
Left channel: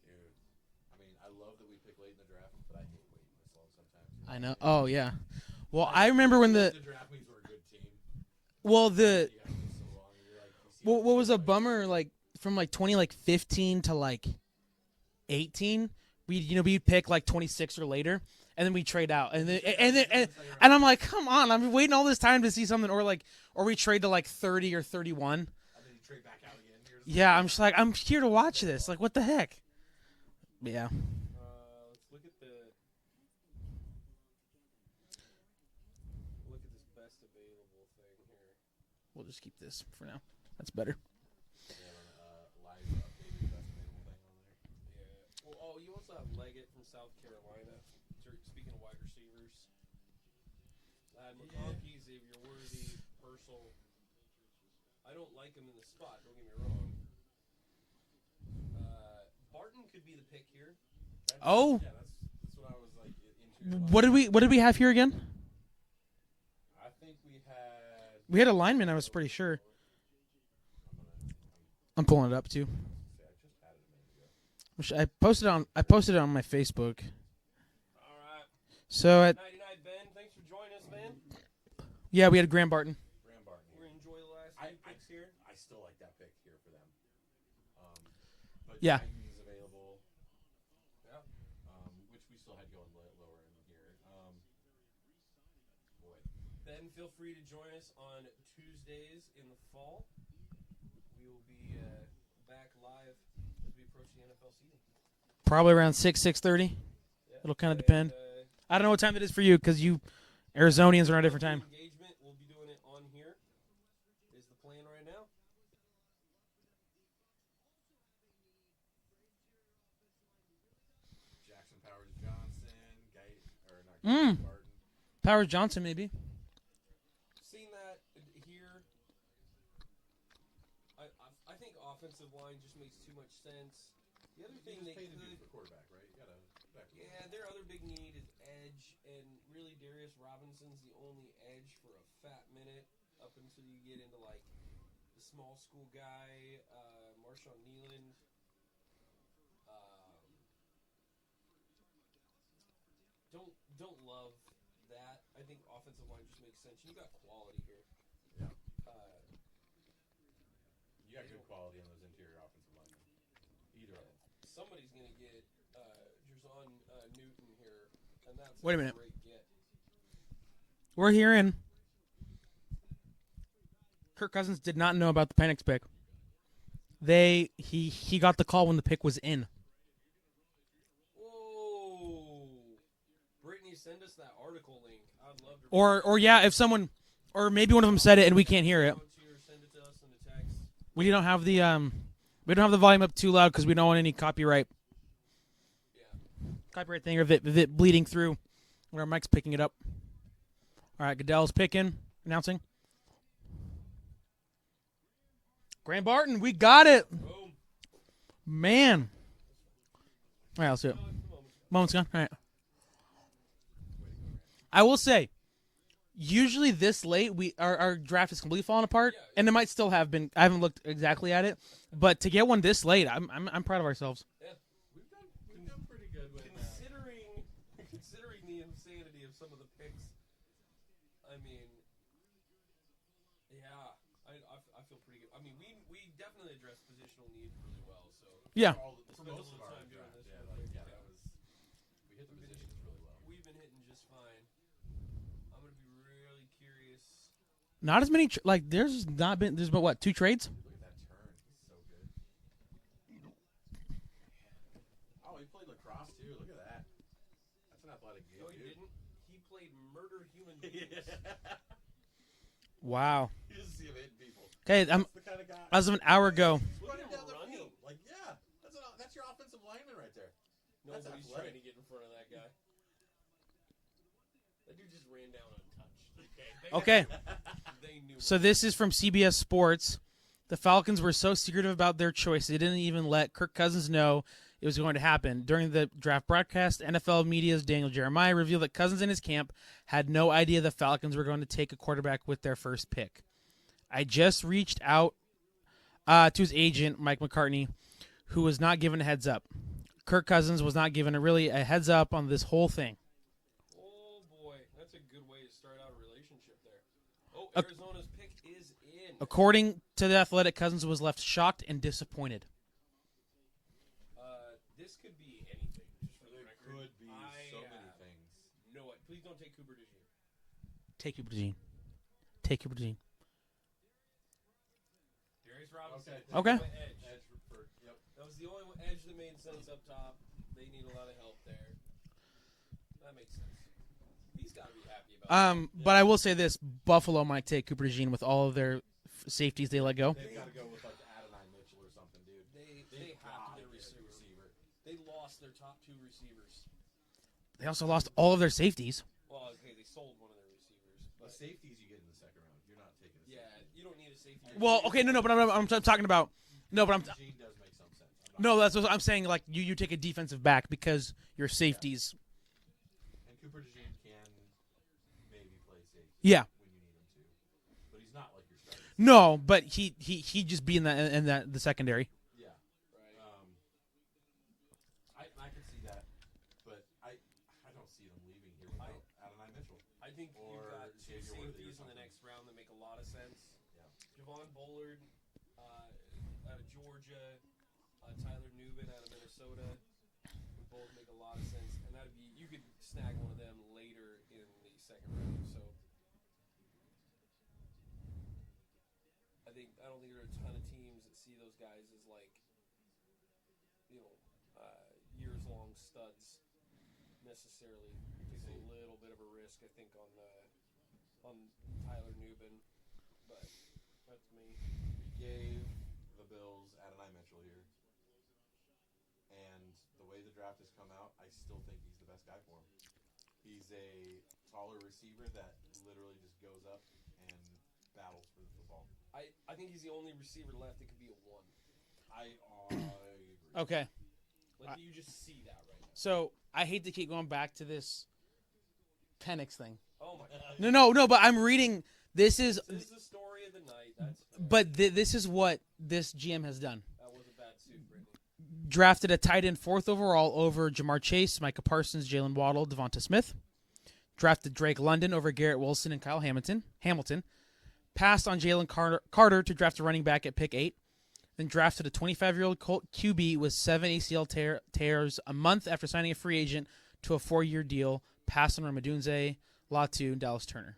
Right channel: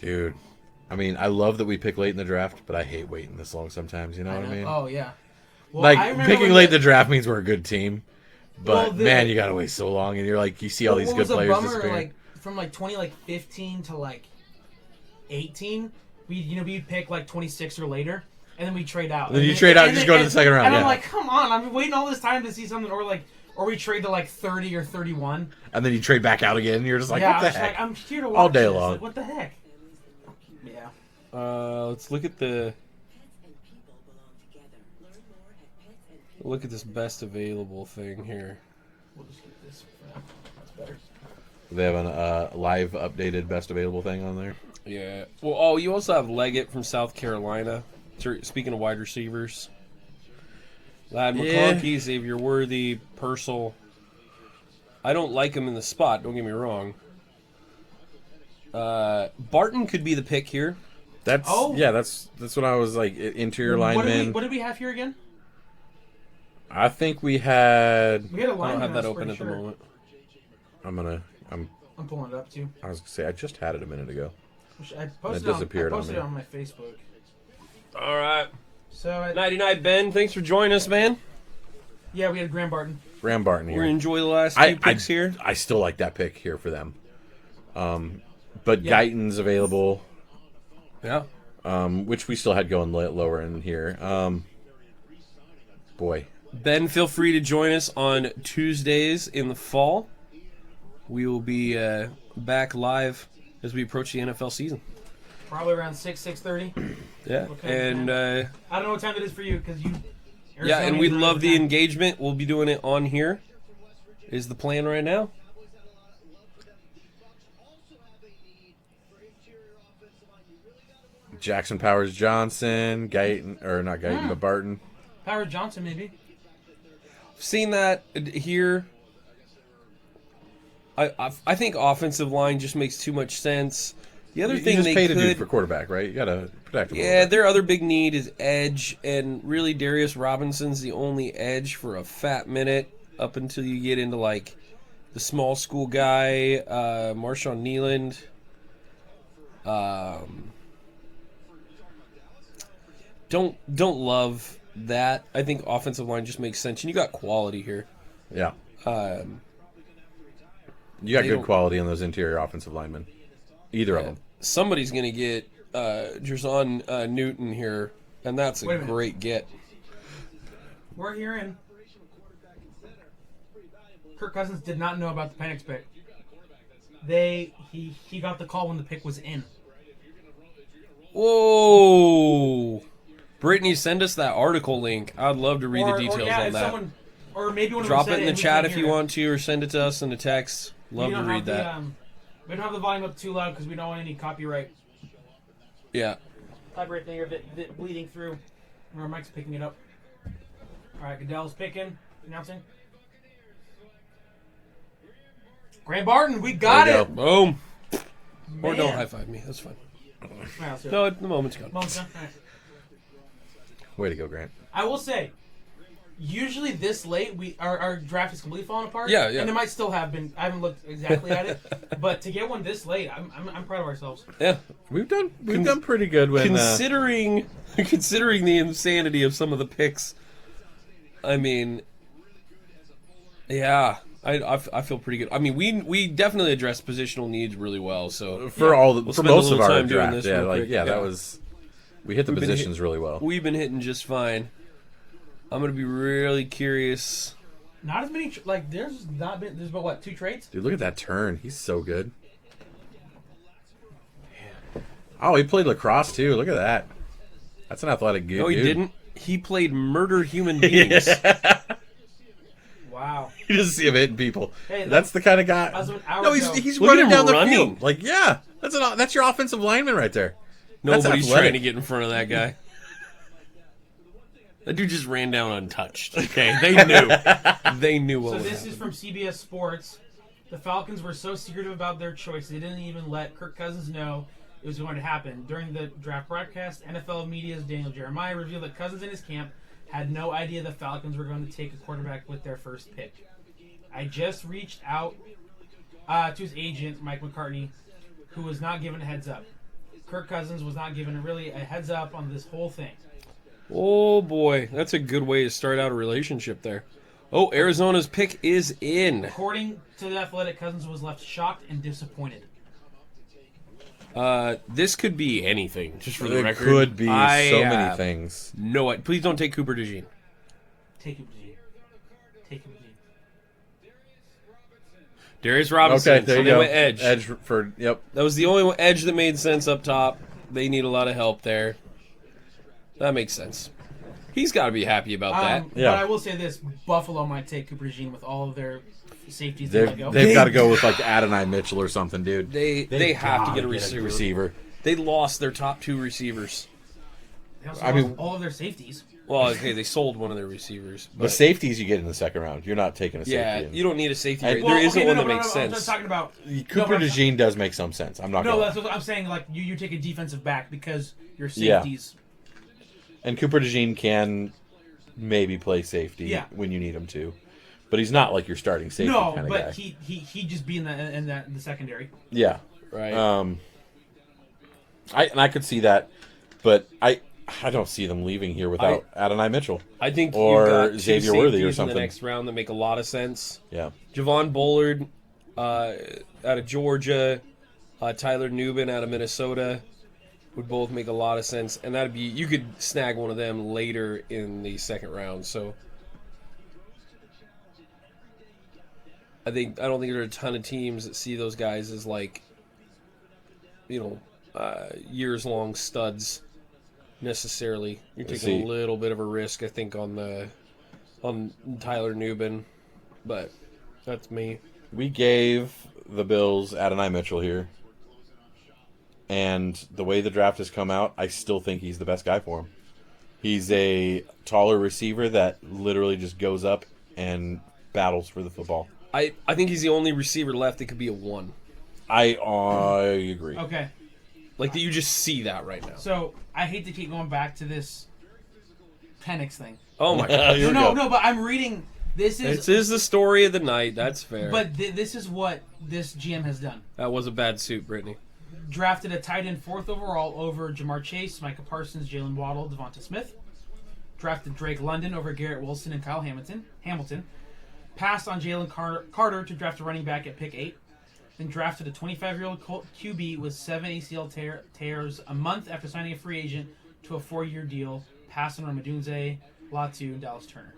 Dude, I mean, I love that we pick late in the draft, but I hate waiting this long sometimes. You know what I mean? Oh yeah. Well, Like I remember picking late in the draft means we're a good team, but Well, man, you gotta wait so long, and you're like, you see all these good players What was a disappear. bummer, like from 2015 to 18, we'd pick 26 or later, and then we trade out. Then you trade out, and just go to the second round. And I'm yeah. like, come on, I've been waiting all this time to see something, or we trade to 30 or 31. And then you trade back out again, and you're just like, Yeah, what I'm the just heck? I'm here to watch All day this. long. What the heck? Yeah. Let's look at this best available thing here. We'll just keep this for now. That's better. Do they have a live updated best available thing on there? Yeah. Well, you also have Leggett from South Carolina. Speaking of wide receivers. Lad McConkey, Xavier Worthy, Purcell. I don't like him in the spot, don't get me wrong. Barton could be the pick here. That's what I was like. Interior lineman. What did we have here again? I think we had. We had a I don't lineman. have I that was open pretty at the sure. moment. I'm pulling it up too. I was gonna say I just had it a minute ago. I posted it disappeared on my Facebook. All right. So at 99 Ben, thanks for joining us, man. Yeah, we had Graham Barton. Graham Barton We're here. gonna enjoy the last two picks here. I still like that pick here for them. But Yeah. Guyton's available, Yeah. which we still had going lower in here. Boy. Ben, feel free to join us on Tuesdays in the fall. We will be back live as we approach the NFL season. Probably around 6:30. Yeah, What kind of and I don't know what time it is for you because you yeah, Arizona. and we love the engagement. We'll be doing it on here. Is the plan right now? Jackson Powers Johnson, Guyton, or not Guyton, but Barton. Powers Johnson, maybe. Seen that here. I think offensive line just makes too much sense. The other You thing just they paid a dude could, for quarterback, right? You gotta protect him. a yeah, little bit. their other big need is edge, and really Darius Robinson's the only edge for a fat minute up until you get into like the small school guy, Marshawn Nealand. Don't love that. I think offensive line just makes sense, and you got quality here. Yeah. You got they good don't- quality on those interior offensive linemen. Either of them. Somebody's gonna get Jerson Newton here, and that's a Wait a minute. great get. We're hearing Kirk Cousins did not know about the Penix pick. He got the call when the pick was in. Whoa! Brittany, send us that article link. I'd love to read the details. Or yeah, on if that. someone, or maybe one of them Drop said it it in and the we chat can't if hear you it. want to, or send it to us in a text. Love We don't to have read the that. we don't have the volume up too loud because we don't want any copyright Yeah. thing or if it bleeding through when our mic's picking it up. All right, Goodell's picking, announcing. Graham Barton, we got There you it, Boom. Or don't man. high five me. That's fine. All right, I'll see it. No, the moment's gone. Moments gone. All right. Way to go, Grant. I will say, usually this late, our draft is completely falling apart. Yeah, yeah. And it might still have been. I haven't looked exactly at it, but to get one this late, I'm proud of ourselves. Yeah. We've done pretty good when Considering the insanity of some of the picks, I mean, yeah, I feel pretty good. I mean, we definitely addressed positional needs really well. So for We'll for spend a most little of our time doing draft. this Yeah, real like quick. that Yeah. was we hit the We've been positions really well. we've been hitting just fine. I'm gonna be really curious. Not as many. There's but what 2 trades? Dude, look at that turn. He's so good. Oh, he played lacrosse too. Look at that. That's an athletic dude. No, he didn't. He played murder human beings. Wow. You just see him hitting people. Hey, That's the kind of guy. As of an hour No, ago. he's Look at running him down the running. field. Like, yeah, that's your offensive lineman right there. That's Nobody's athletic. trying to get in front of that guy. That dude just ran down untouched. Okay, they knew. They knew what So was this is from CBS Sports. The Falcons were so secretive about their choice, they didn't even let Kirk Cousins know it was going to happen. During the draft broadcast, NFL Media's Daniel Jeremiah revealed that Cousins and his camp had no idea the Falcons were going to take a quarterback with their first pick. I just reached out to his agent, Mike McCartney, who was not given a heads up. Kirk Cousins was not given a heads up on this whole thing. Oh boy, that's a good way to start out a relationship there. Oh, Arizona's pick is in. According to The Athletic, Cousins was left shocked and disappointed. This could be anything. Just for the It record, could be I so many have things. No, please don't take Cooper DeJean. Take it, Gene. Take it, Gene. Darius Robinson. Okay, there so you they go. went edge. Edge for yep. That was the only edge that made sense up top. They need a lot of help there. That makes sense. He's got to be happy about that. Yeah. But I will say this: Buffalo might take Cooper DeJean with all of their safeties they let go. They've got to go with like Adonai Mitchell or something, dude. They have to get a Gotta receiver. They lost their top 2 receivers. They also I lost mean- all of their safeties. Well, okay, they sold one of their receivers. The But safeties you get in the second round. You're not taking a safety. yeah, in. you don't need a safety. And- Right? Well, There isn't one that no, makes I'm sense. just talking about. Cooper but- DeJean does make some sense. I'm not. No, gonna that's what I'm saying. Like you take a defensive back because your Yeah. safeties. And Cooper DeJean can maybe play safety Yeah. when you need him to, but he's not like your starting safety. No, kinda but guy. he just be in the secondary. Yeah. Right. I could see that, but I don't see them leaving here without Adonai Mitchell. I think Or you've got two Xavier Worthy or safeties in something. the next round that make a lot of sense. Yeah. Javon Bullard out of Georgia, Tyler Nubin out of Minnesota would both make a lot of sense, and that'd be you could snag one of them later in the second round. So I don't think there are a ton of teams that see those guys as like years long studs necessarily. You're taking a little bit of a risk, I think, on Tyler Nubin, but that's me. We gave the Bills Adonai Mitchell here. And the way the draft has come out, I still think he's the best guy for him. He's a taller receiver that literally just goes up and battles for the football. I think he's the only receiver left that could be a 1. I agree. Okay. Like that you just see that right now. So I hate to keep going back to this Penix thing. Oh my god. No, but I'm reading. This is the story of the night. That's fair. But this is what this GM has done. That was a bad suit, Brittany. Drafted a tight end 4th overall over Jamar Chase, Micah Parsons, Jalen Waddle, Devonta Smith. Drafted Drake London over Garrett Wilson and Kyle Hamilton. Passed on Jalen Carter to draft a running back at pick 8. Then drafted a 25-year-old Colt QB with 7 ACL tears a month after signing a free agent to a 4-year deal. Passed on Ramadunze, Latu, and Dallas Turner.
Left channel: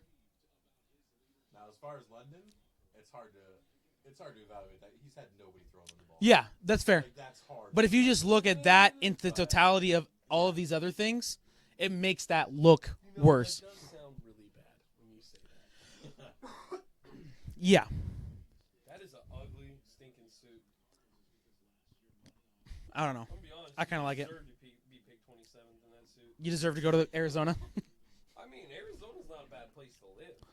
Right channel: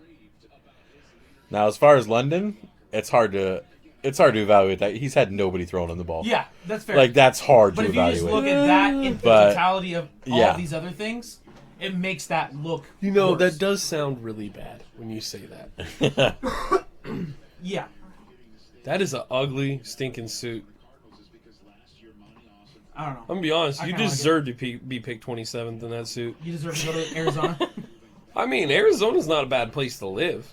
Now, as far as London, it's hard to evaluate that. He's had nobody throwing him the ball. Yeah, that's fair. Like, that's hard but to if you evaluate. just look at that in the totality of all yeah. of these other things, it makes that look that worse. does sound really bad when you say that. Yeah. That is an ugly, stinking suit. I don't know. I'm gonna be honest. I You kinda like deserve to be picked 27th in that suit. You deserve to go to Arizona. I mean, Arizona's not a bad place to live.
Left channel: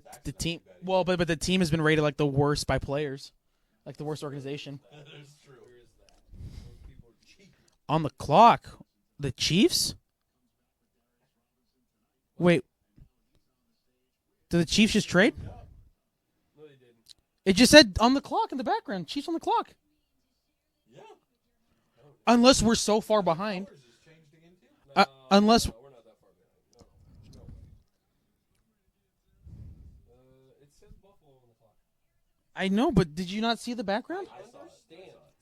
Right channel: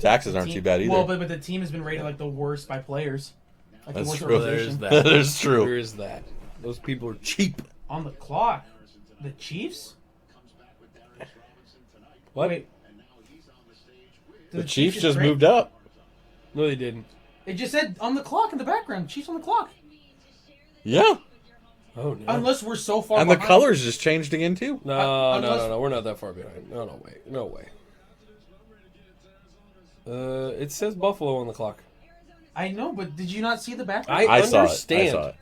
Taxes aren't too bad either. Well, but the team has been rated like the worst by players. Like That's the worst true. organization. There's that. That is true. There is that. Those people are cheap. On the clock, the Chiefs? What? Wait. Did the Chiefs Chiefs just trade? moved up. No, they didn't. It just said on the clock in the background. Chiefs on the clock. Yeah. Oh, no. Unless we're so far And behind. the colors just changed again, too. No, unless- no, we're not that far behind. No way. No way. It says Buffalo on the clock. I know, but did you not see the background? I saw understand. it. I saw it.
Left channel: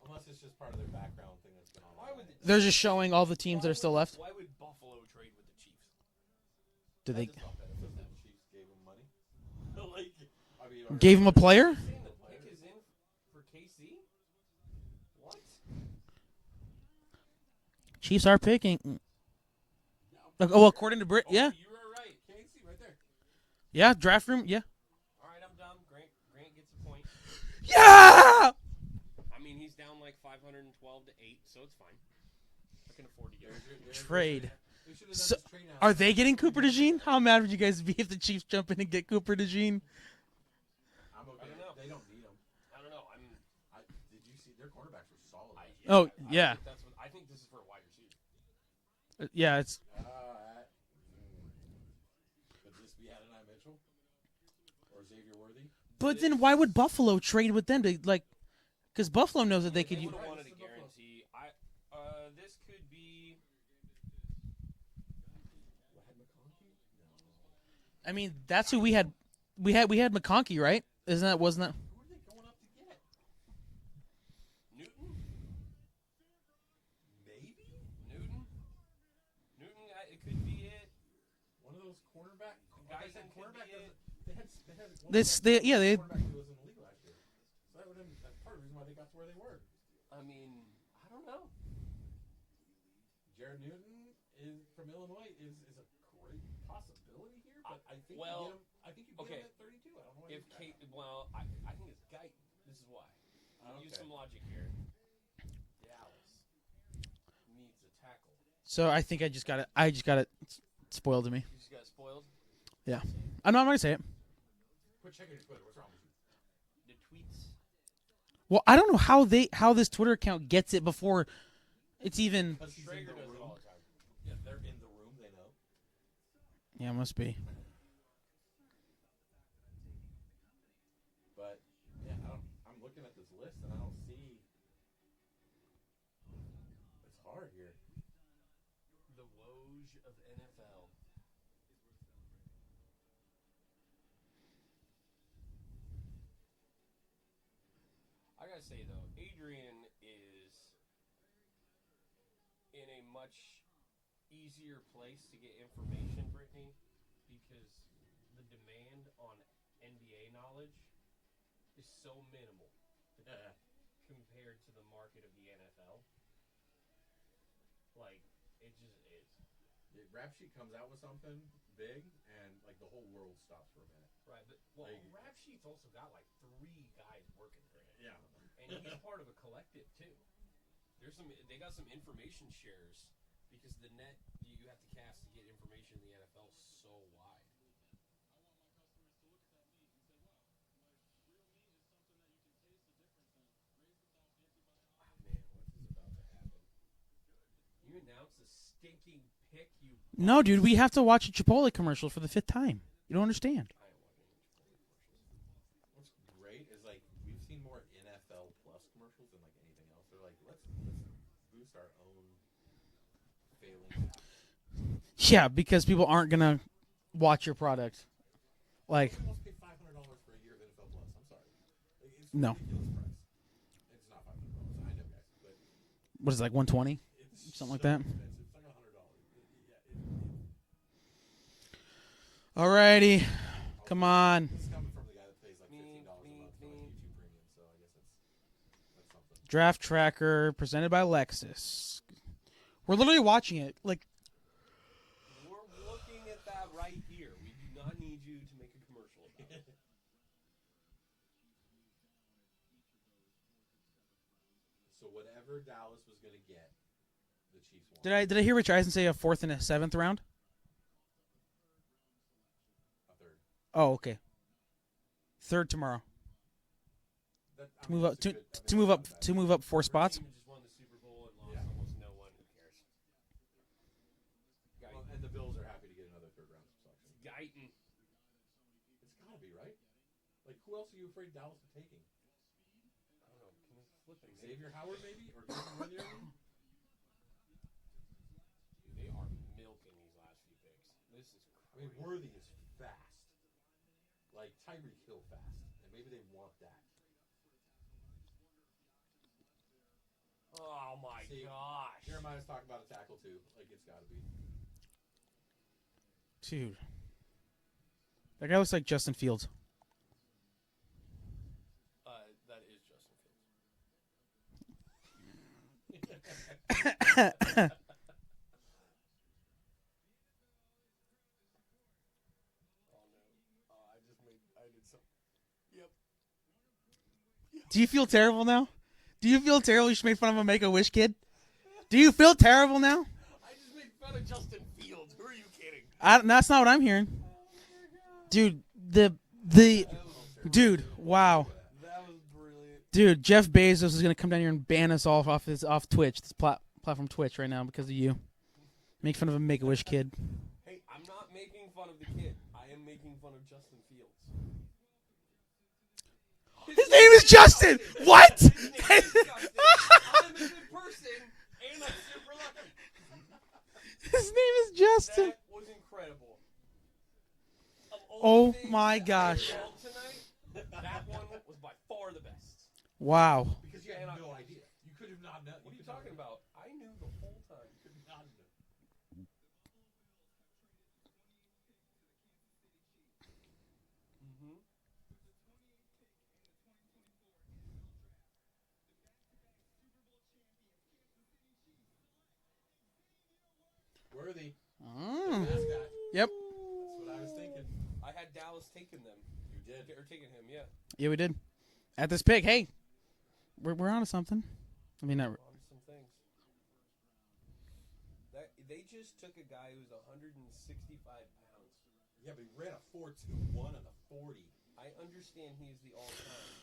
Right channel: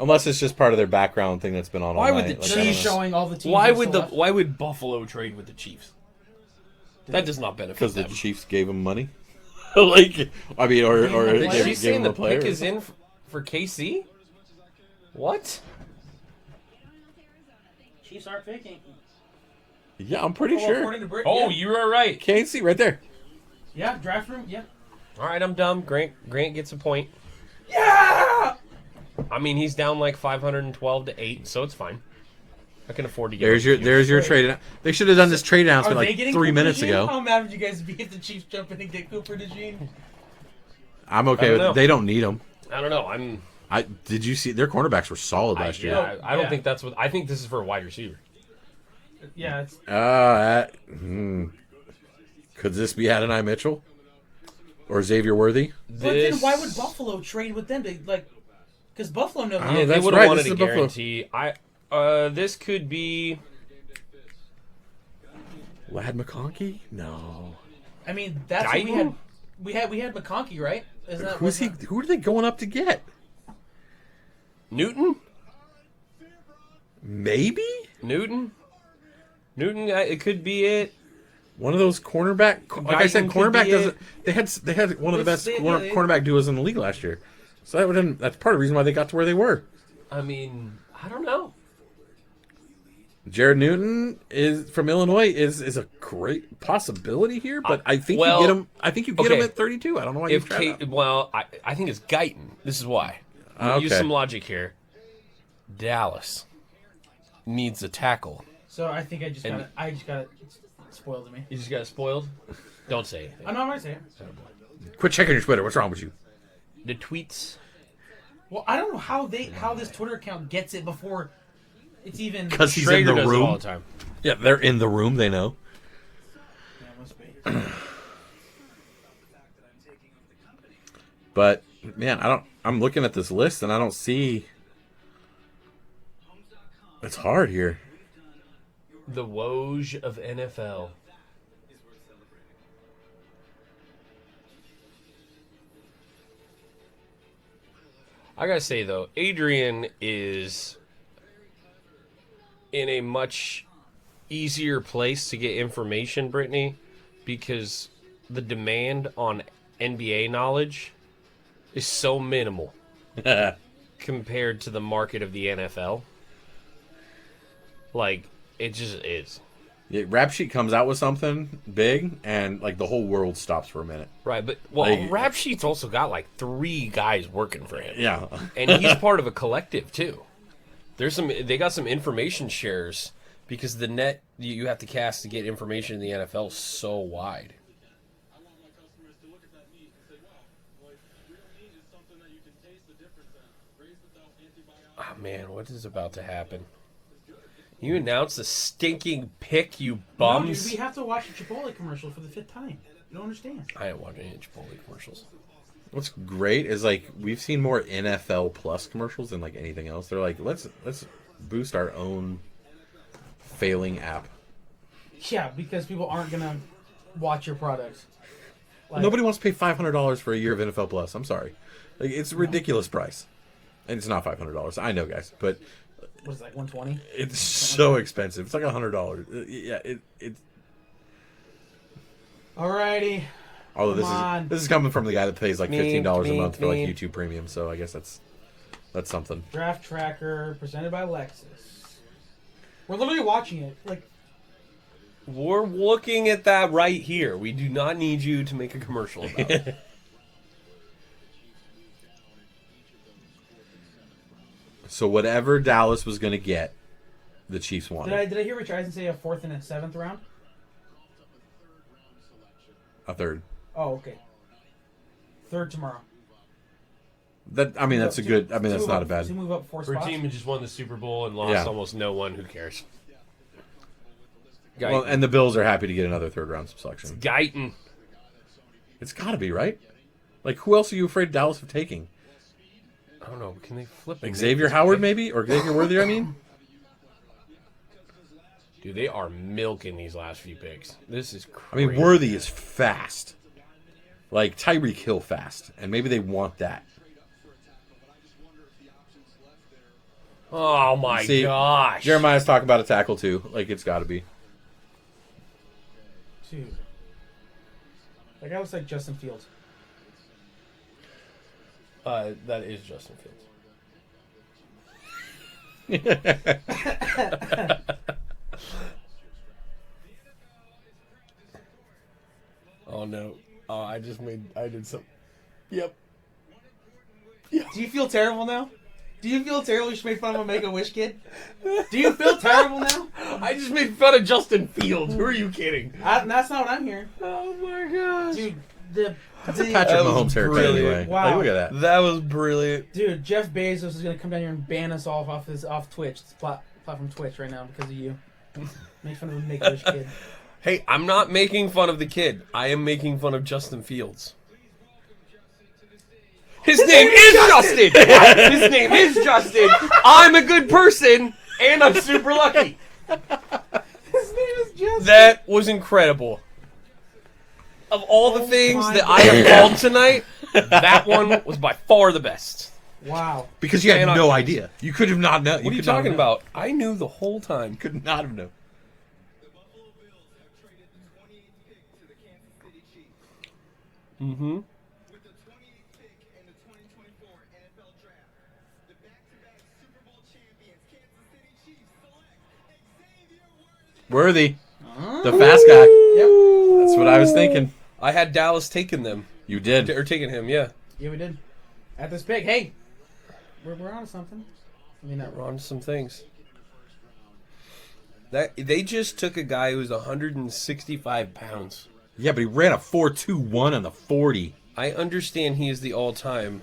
Unless it's just part of their background thing that's been on all Why night. would the Like, They're I don't just know. showing all the teams. Why that are would still left. why would Buffalo trade with the Chiefs? That does not benefit Because the them. Chiefs gave him money? like, I mean, or Gave him a player? She's gave saying him the a player. pick is in for KC? What? Chiefs are picking. Yeah, I'm pretty Oh, sure. according to Britt. Oh, yeah. you are right. KC right there. Yeah, draft room. Yeah. All right, I'm dumb. Grant gets a point. Yeah. I mean, he's down like 512 to 8, so it's fine. I can afford to get. There's your trade. They should have done this trade Are announcement they like getting 3 Cooper minutes DeJean? ago. How mad would you guys be if the Chiefs jump in and get Cooper DeJean? I'm I okay don't with know. it. They don't need him. I don't know. Did you see their cornerbacks were solid last year? No. I don't Yeah. think that's what. I think this is for a wide receiver. Yeah, it's Could this be Adonai Mitchell or Xavier Worthy? But then why would Buffalo trade with them to like? Because Buffalo knows. Oh, They that's would have right, wanted this a is Buffalo. guarantee. This could be. Lad McConkey? No. I mean, that's what we had. Guyton? We had McConkey, right? Isn't that Who's he? Who are they going up to get? Newton. Maybe Newton. It could be it. one of those cornerback. Like I said, Guyton could cornerback be doesn't. it. They had one of the best They- cornerback duos in the league last year. So that's part of the reason why they got to where they were. I mean, I don't know. Jared Newton is from Illinois is a great possibility here, but I think well, you get him. I think you get him okay. at 32. I don't know why you If try that. I think it's Guyton. This is why. Use Okay. some logic here. Dallas needs a tackle. So I think I just got it spoiled to me. You just got spoiled. Don't say anything. I'm not gonna say it. Quit checking your Twitter. What's wrong with you? The tweets. Well, I don't know how this Twitter account gets it before it's even. Because he's Schrader in the does it all room. the time. Yeah, they're in the room. They know. Yeah, it must be. But man, I'm looking at this list and I don't see. It's hard here. The Woj of NFL. I gotta say though, Adrian is in a much easier place to get information, Brittany, because the demand on NBA knowledge is so minimal compared to the market of the NFL. Like, it just is. Yeah, Rap Sheet comes out with something big, and like the whole world stops for a minute. Right, but well, Like- Rap Sheet's also got like 3 guys working for him. Yeah. And he's part of a collective too. They got some information shares because the net you have to cast to get information in the NFL is so wide. Oh man, what is about to happen? You announced a stinking pick, you bums. No, dude, we have to watch a Chipotle commercial for the 5th time. You don't understand. I didn't watch any Chipotle commercials. What's great is like we've seen more NFL Plus commercials than like anything else. They're like, let's boost our own failing app. Yeah, because people aren't gonna watch your product. Like, Nobody wants to pay $500 for a year of NFL Plus. I'm sorry, like it's a No. ridiculous price, and it's not $500. I know, guys, but what is it, like 120? it's Something so like that. expensive. It's like $100. Yeah, it. Alrighty. Although Come on. this is coming from the guy that pays like $15 a Me, month for like me. YouTube Premium, so I guess that's something. Draft Tracker presented by Lexus. We're literally watching it. Like, We're looking at that right here. We do not need you to make a commercial about it. So whatever Dallas was going to get, the Chiefs wanted. did I hear Rich Eisen say a 4th and a 7th round? A third. Oh, okay. 3rd tomorrow. That's a good. That's move not up, a bad. To move up 4 For a spots. team who just won the Super Bowl and lost Yeah. almost no one, who cares? Guyton. Well, and the Bills are happy to get another third round selection. Guyton. It's got to be right. Like who else are you afraid Dallas of taking? I don't know. Can they flip Like him? Xavier Howard maybe, or Xavier Worthy? I mean, Dude, they are milking these last few picks. This is crazy. I mean Worthy is fast, like Tyreek Hill fast, and maybe they want that. Oh my See, gosh. Jeremiah's talking about a tackle too. Like it's got to be. Dude. That guy looks like Justin Fields. That is Justin Fields. Oh no. Oh, I did some. Yep. Do you feel terrible now? Do you feel terrible you just made fun of a Make-A-Wish kid? Do you feel terrible now? I just made fun of Justin Fields. Who are you kidding? That's not what I'm hearing. Oh my god. Dude, the Patrick That was Mahomes haircut brilliant. anyway. Wow. Like, look at that. That was brilliant. Dude, Jeff Bezos is gonna come down here and ban us all off Twitch. It's platform Twitch right now because of you. Make fun of a Make-A-Wish kid. Hey, I'm not making fun of the kid. I am making fun of Justin Fields. His name is Justin! What? His name is Justin. I'm a good person, and I'm super lucky. His name is Justin. That was incredible. Of all Oh the things my that I have called tonight, that one was by far the best. Wow. Because you had Man, no idea. You could have not known. What are you talking about? I knew the whole time. Could not have known. Mm-hmm. Worthy. The fast guy. Yep. That's what I was thinking. I had Dallas taking them. You did. Or taking him, yeah. Yeah, we did. At this pick, hey, we're on to something. I mean, We're on to some things. They just took a guy who's 165 pounds. Yeah, but he ran a 4.21 on the 40. I understand he is the all-time.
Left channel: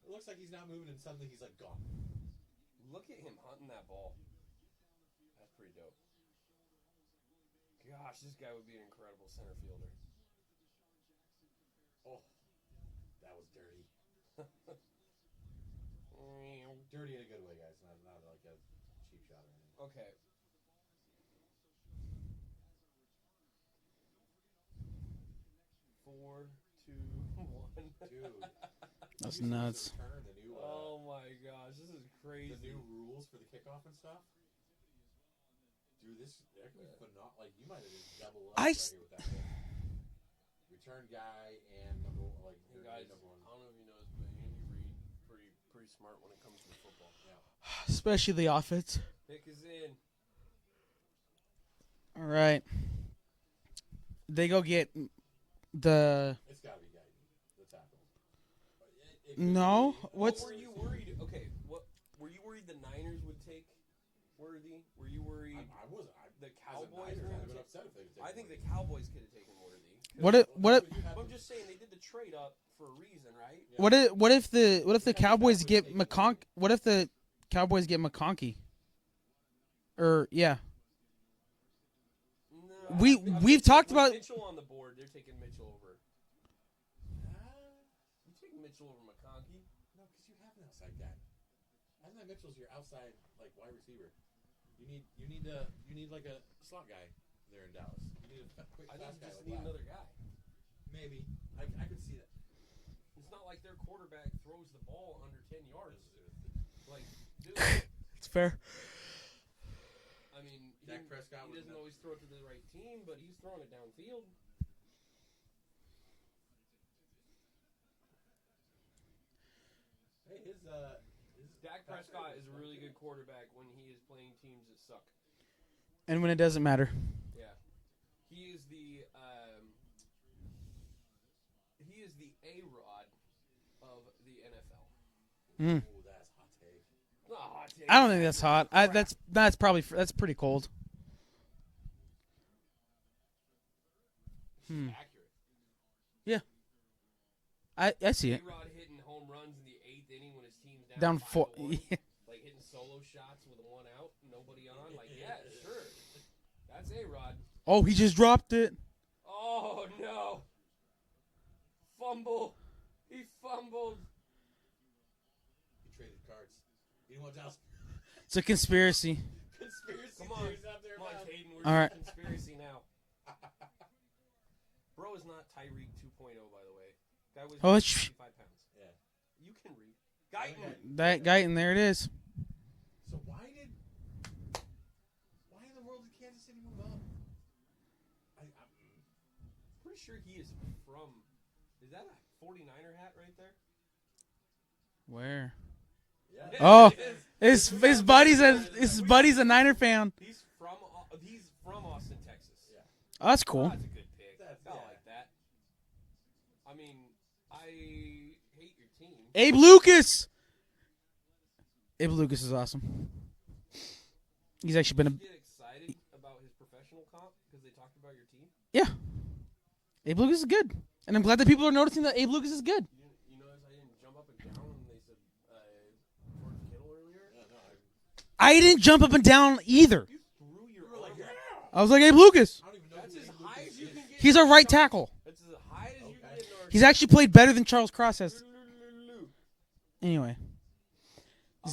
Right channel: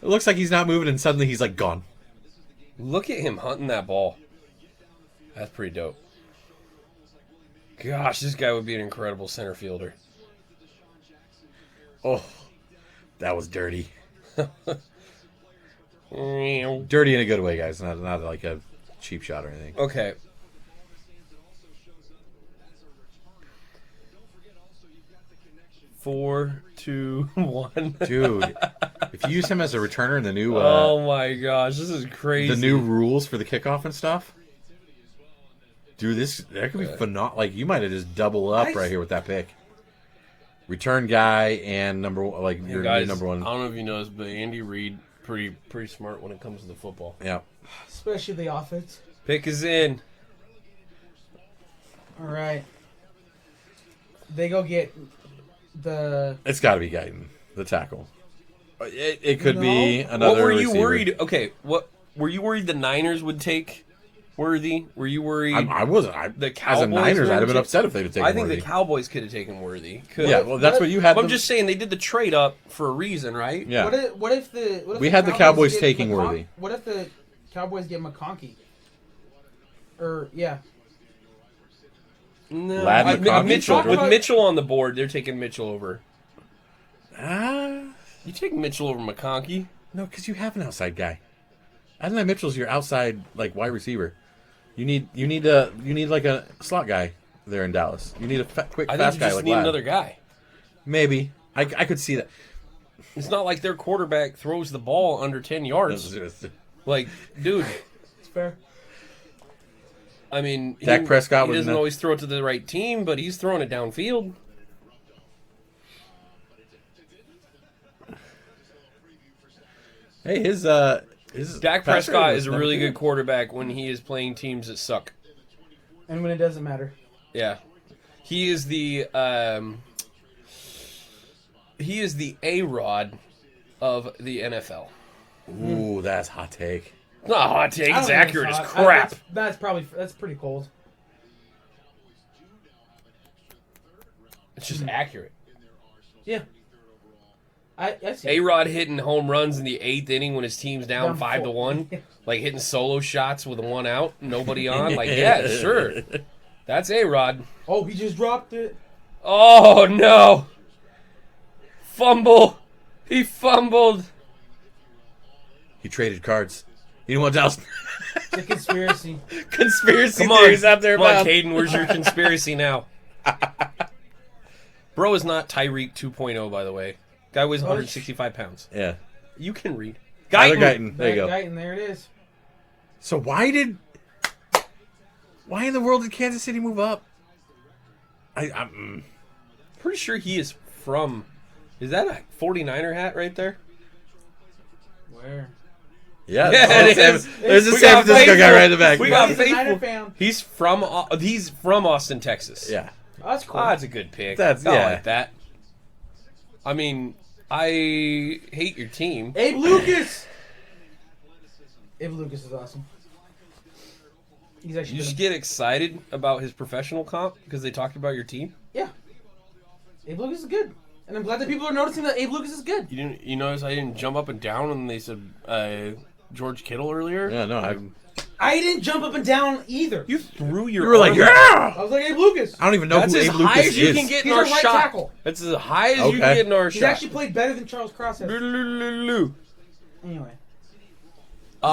It looks like he's not moving, and suddenly he's like gone. Look at him hunting that ball. That's pretty dope. Gosh, this guy would be an incredible center fielder. Oh, that was dirty. Okay. Dirty in a good way, guys. Not like a cheap shot or anything. 4, 2, 1. Dude, if you use him as a returner in the new Oh my gosh, this is crazy. the new rules for the kickoff and stuff, dude, that could be phenomenal. Like, you might have just double up right here with that pick. Return guy and your guys, number one. I don't know if you noticed, but Andy Reid pretty smart when it comes to the football. Yeah. Especially the offense. Pick is in. All right. They go get the... It's got to be Guyton, the tackle. It could No. be another What were you receiver. worried? Okay, what were you worried the Niners would take Worthy? Were you worried? I wasn't. The As a Cowboys Niners, were I'd have been take- upset if they'd have taken I think Worthy. the Cowboys could have taken Worthy. Yeah, well, that's what you had. But I'm them- just saying they did the trade up for a reason, right? Yeah. What if We had the Cowboys get taking Worthy. What if the Cowboys get McConkey? Yeah. No, Lad with, McConkey? Mitchell, Talked with about- Mitchell on the board, they're taking Mitchell over. Ah, You take Mitchell over McConkey? no, because you have an outside guy. Adonai Mitchell's your outside wide receiver. You need like a slot guy there in Dallas. You need a quick, I think fast you guy just like need Lad. another guy. Maybe I could see that. It's not like their quarterback throws the ball under 10 yards. Like, dude, It's fair. I mean, Dak Prescott he was doesn't not- always throw it to the right team, but he's throwing it downfield. Hey, his Dak passer Prescott was is a number really 2. good quarterback when he is playing teams that suck. And when it doesn't matter. Yeah, he is the A-Rod of the NFL. Ooh, that's hot take. It's not a hot take. I don't It's think accurate that's as hot. crap. That's pretty cold. It's just accurate. Yeah. I see. A-Rod hitting home runs in the 8th inning when his team's down 5-1, 4. like hitting solo shots with a 1 out, nobody on. Like, yeah, sure, that's A-Rod. Oh, he just dropped it. Oh no! Fumble. He fumbled. He traded cards. You know what else? It's a conspiracy. Conspiracy Come on, theories out there come on, about. Caden. Where's your conspiracy now? Bro is not Tyreek 2.0, by the way. Guy weighs 165 pounds. Yeah. You can read. Tyler Guyton. Guyton. There you go. Guyton, there it is. So why in the world did Kansas City move up? I'm Pretty sure he is from. Is that a 49er hat right there? Where? yeah. Yeah, it There's is. there's a We San got Francisco guy Faisal. right in the back. We got He's a faithful. Niner fan. He's from Austin, Texas. Yeah. Oh, that's cool. Oh, that's a good pick. That's- I yeah. like that. I mean, I hate your team. Abe Lucas. Abe Lucas is awesome. He's You actually just get excited about his professional comp because they talked about your team. Yeah. Abe Lucas is good. And I'm glad that people are noticing that Abe Lucas is good. You notice I didn't jump up and down when they said George Kittle earlier. Yeah, no, I didn't jump up and down either. You threw your. you were like, arm out. yeah. I was like, Abe Lucas. I don't even know That's who as Abe high Lucas as you is. can get. He's in our our right shot. tackle. That's as high as you can Okay. get in our He's shot. actually played better than Charles Cross has. Anyway.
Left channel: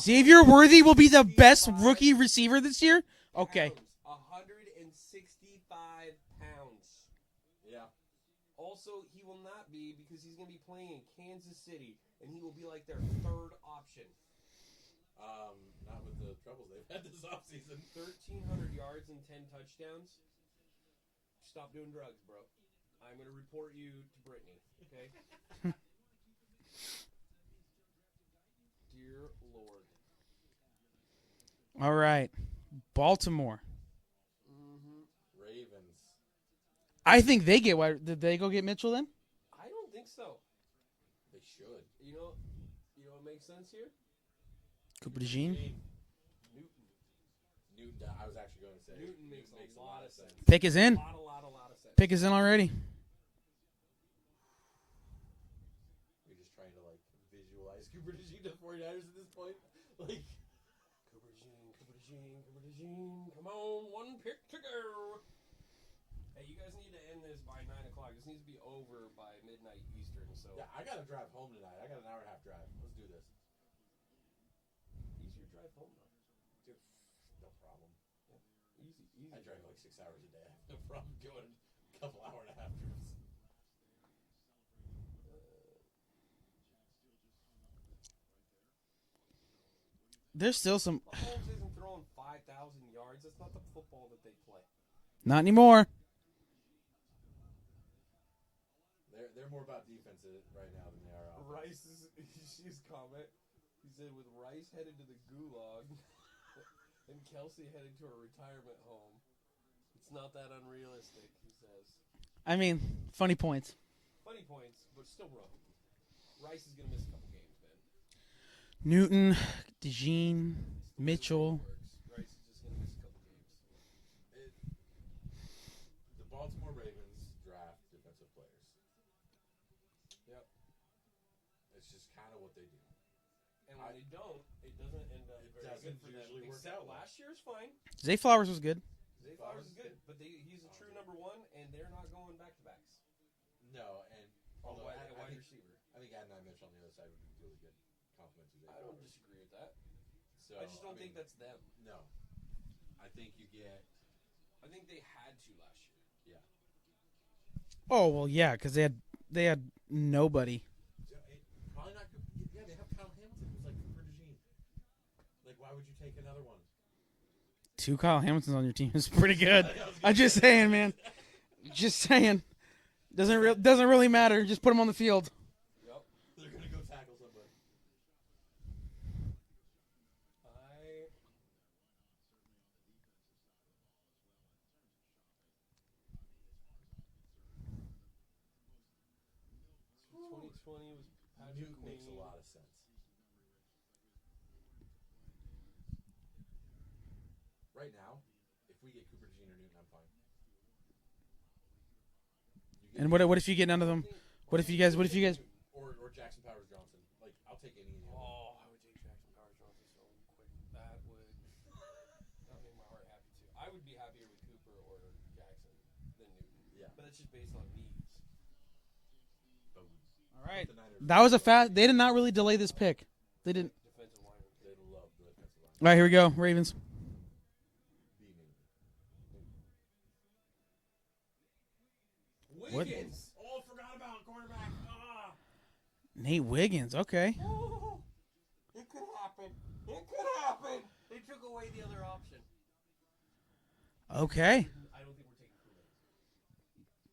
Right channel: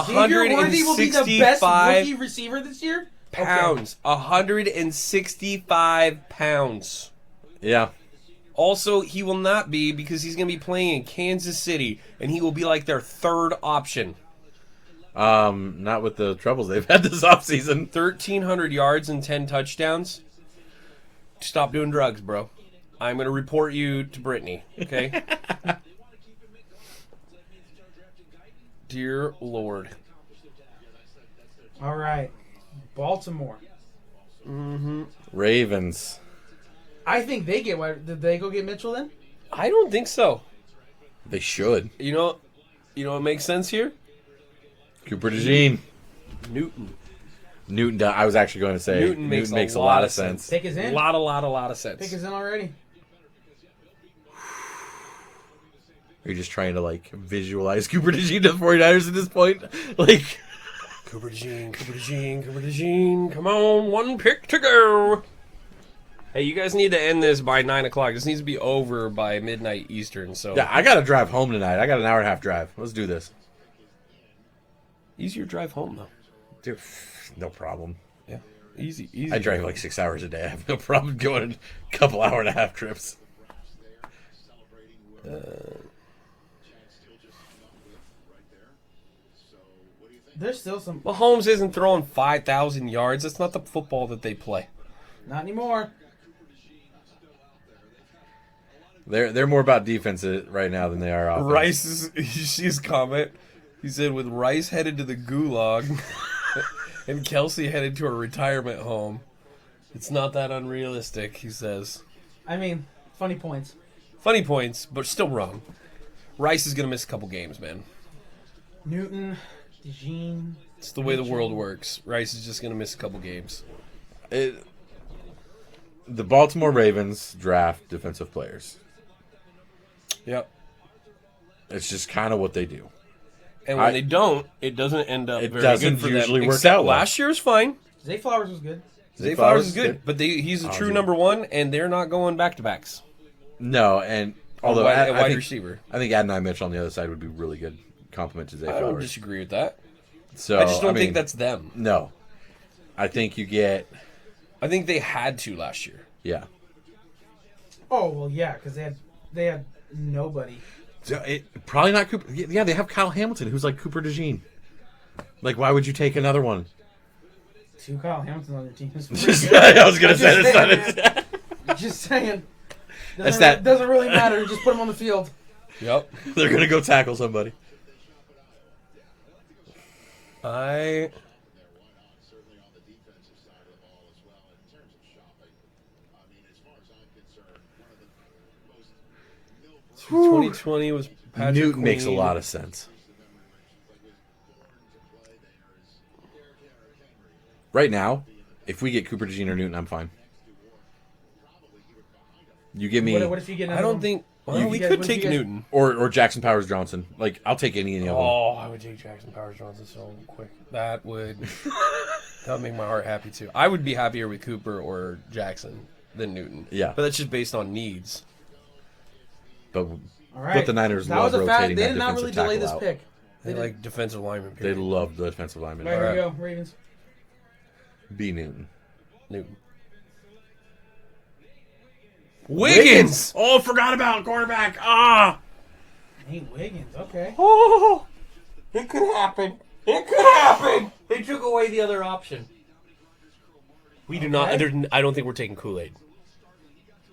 Xavier Worthy will be the best 165 rookie receiver this year. pounds. 165 pounds. Yeah. Also, he will not be because he's going to be playing in Kansas City, and he will be like their third option. Not with the troubles they've had this offseason. 1,300 yards and 10 touchdowns. Stop doing drugs, bro. I'm going to report you to Brittany, okay? Dear Lord. All right. Baltimore. Ravens. I think they get. Did they go get Mitchell then? I don't think so. They should. You know what makes sense here? Cooper DeJean. Newton. I was actually going to say Newton makes a a lot lot of of sense. Pick is in. Lot of sense. Pick is in already. Are you just trying to visualize Cooper DeJean to the 49ers at this point? Like, Cooper DeJean. Come on, one pick to go. Hey, you guys need to end this by 9 o'clock. This needs to be over by midnight Eastern. So Yeah, I got to drive home tonight. I got an hour and a half drive. Let's do this. easier drive home though. Dude, no problem. Yeah, easy. I drive like 6 hours a day. I have no problem going a couple hour and a half trips. There's still some. Mahomes isn't throwing 5,000 yards. That's not the football that they play. Not anymore. They're more about defense right now than they are offense. Rice, you see his comment? He said, with Rice headed to the gulag and Kelsey headed to a retirement home, it's not that unrealistic, he says. I mean, funny points. Funny points, but still wrong. Rice is going to miss a couple games, man. Newton, DeJean. It's the way the Mitchell. world works. Rice is just going to miss a couple games. The Baltimore Ravens draft defensive players. Yep. It's just kind of what they do. And when they don't, it doesn't end up It very doesn't good for usually them. work Except out well. last year's fine. Zay Flowers was good. Zay Flowers Flowers is is good, good. but he's a true yeah. number one, and they're not going back-to-backs. No, and although a I wide think, receiver. I think Adonai Mitchell on the other side would be really good compliment to Zay I don't Flowers. disagree with that. So I just don't mean, think that's them. No. I think you get, I think they had to last year. yeah. Oh well, yeah, because they had nobody. Probably not Cooper. Yeah, they have Kyle Hamilton, who's like Cooper DeJean. Like, why would you take another one? 2 Kyle Hamiltons on your team is pretty good. I was going to say I'm just saying, that. Just saying. That's that- Doesn't really matter. Just put them on the field. Yep. They're going to go tackle somebody. I 2020 was Patrick Newton makes a Queen. lot of sense. Right now, if we get Cooper DeJean or Newton, I'm fine. You give me What if you get? I don't think. Well, If we you guys- could what if take you guys- Newton. or Jackson Powers Johnson. Like, I'll take any of them. Oh, I would take Jackson Powers Johnson so quick. That would make my heart happy too. I would be happier with Cooper or Jackson than Newton. Yeah. But that's just based on needs. But All right. But the Niners That love was a fact. rotating They that did not really defensive delay tackle this out. pick. They did. like defensive lineman. They Period. love the defensive lineman. All right, here we Alright. go. Ravens. B. Newton. Newton. Wiggins. Oh, forgot about quarterback. Ah. Nate Wiggins. Okay. Oh, it could happen. It could happen. They took away the other option. We do not. Okay. I don't think we're taking Kool-Aid.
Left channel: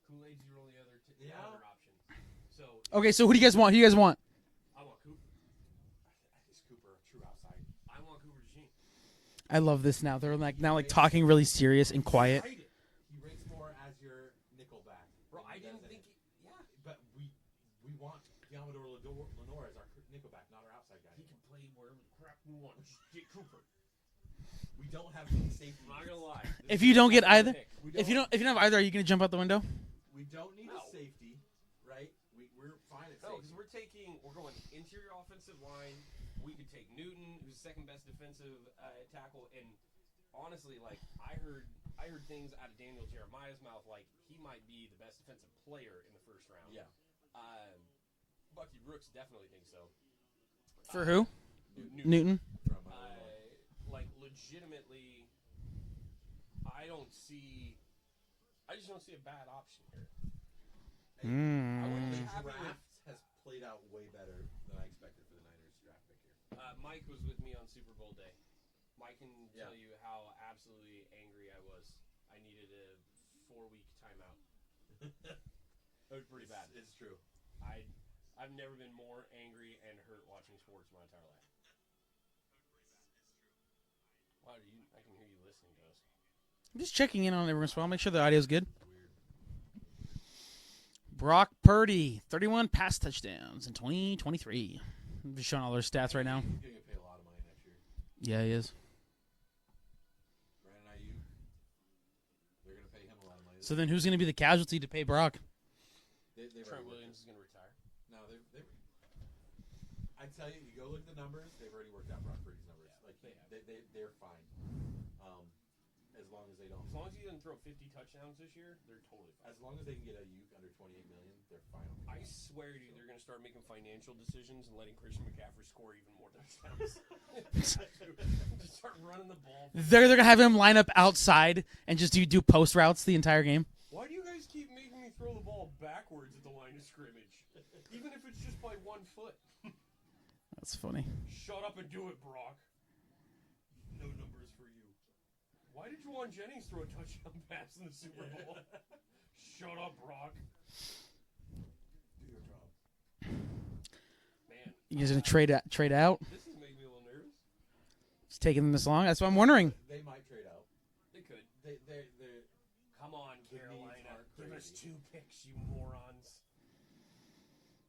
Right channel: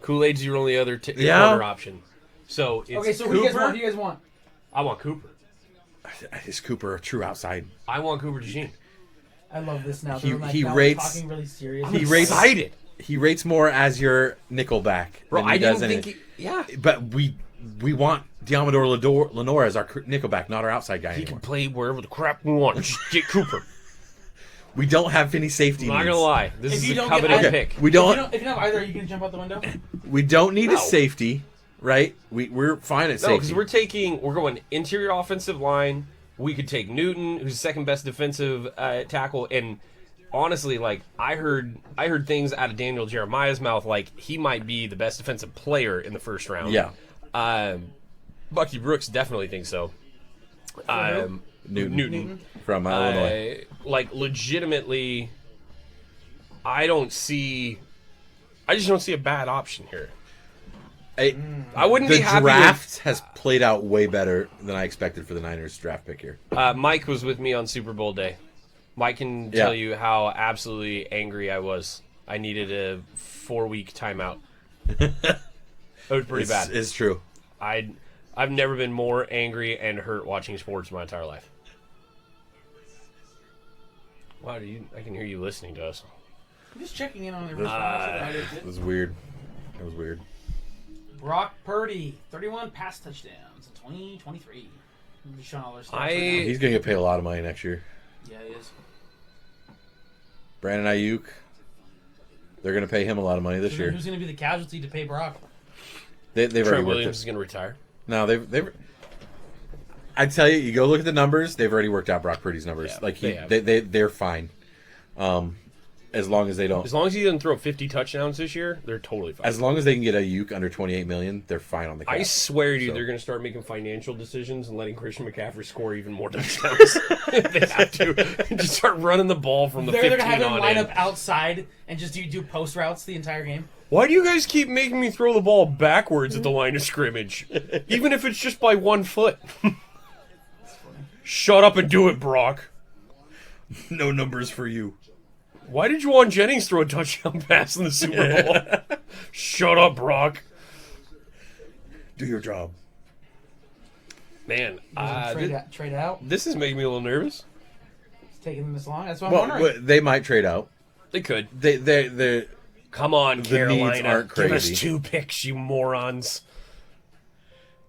Kool-Aid's your only other Yeah. corner option. So it's Okay. So who do you guys Cooper. want? Who do you guys want? I want Cooper. Is Cooper a true outside? I want Cooper DeJean. I love this now. He- Like, he now rates- talking really serious. I'm and excited. quiet. He rates more as your nickelback. Bro, than he I does didn't in think. it. Yeah. But we want Diamador Lenore as our nickelback, not our outside guy He anymore. can play wherever the crap we want. Just get Cooper. We don't have any safety I'm not needs. gonna lie. This If is you a don't get coveted either- pick. We If don't. you don't have either, are you gonna jump out the window? We don't need No. a safety, right? We're fine at No, because safety. we're going interior offensive line. We could take Newton, who's the second best defensive tackle, and honestly, like I heard things out of Daniel Jeremiah's mouth, like he might be the best defensive player in the first round. Yeah. Bucky Brooks definitely thinks so. Newton. From Illinois. Like legitimately, I just don't see a bad option here. I wouldn't The be happy. draft has played out way better than I expected for the Niners draft pick here. Mike was with me on Super Bowl day. Mike can Yeah. tell you how absolutely angry I was. I needed a 4-week timeout. It was pretty bad. It's true. I've never been more angry and hurt watching sports in my entire life. Wow, I can hear you listening to us. I'm just checking in on the response. Make sure the audio's It good. was weird. It was weird. Brock Purdy, 31 pass touchdowns in 2023. I'm just showing all their stats right now. He's going to get paid a lot of money next year. Yeah, he is. Brandon Ayuk, they're going to pay him a lot of money this So then year. who's going to be the casualty to pay Brock? They've already Trent worked Williams it. is going to retire. No, they've. I tell you, you go look at the numbers. They've already worked out Brock Purdy's numbers. Yeah, like they have. they're fine. As long as they don't. As long as he doesn't throw 50 touchdowns this year, they're totally fine. As long as they can get Ayuk under $28 million, they're fine on the cap. I swear to you, So- they're going to start making financial decisions and letting Christian McCaffrey score even more touchdowns. If they have to. Just start running the ball from the They're 15 gonna have him on line in. up outside and just do post routes the entire game. Why do you guys keep making me throw the ball backwards at the line of scrimmage? Even if it's just by 1 foot. That's funny. Shut up and do it, Brock. No numbers for you. Why did Juwan Jennings throw a touchdown pass in the Super Bowl? Shut up, Brock. Do your job. Man, You guys gonna trade out? this is making me a little nervous. It's taking them this long. That's what I'm Well, wondering. they might trade out. They could. They Come on, The Carolina. needs aren't Give us crazy. 2 picks, you morons.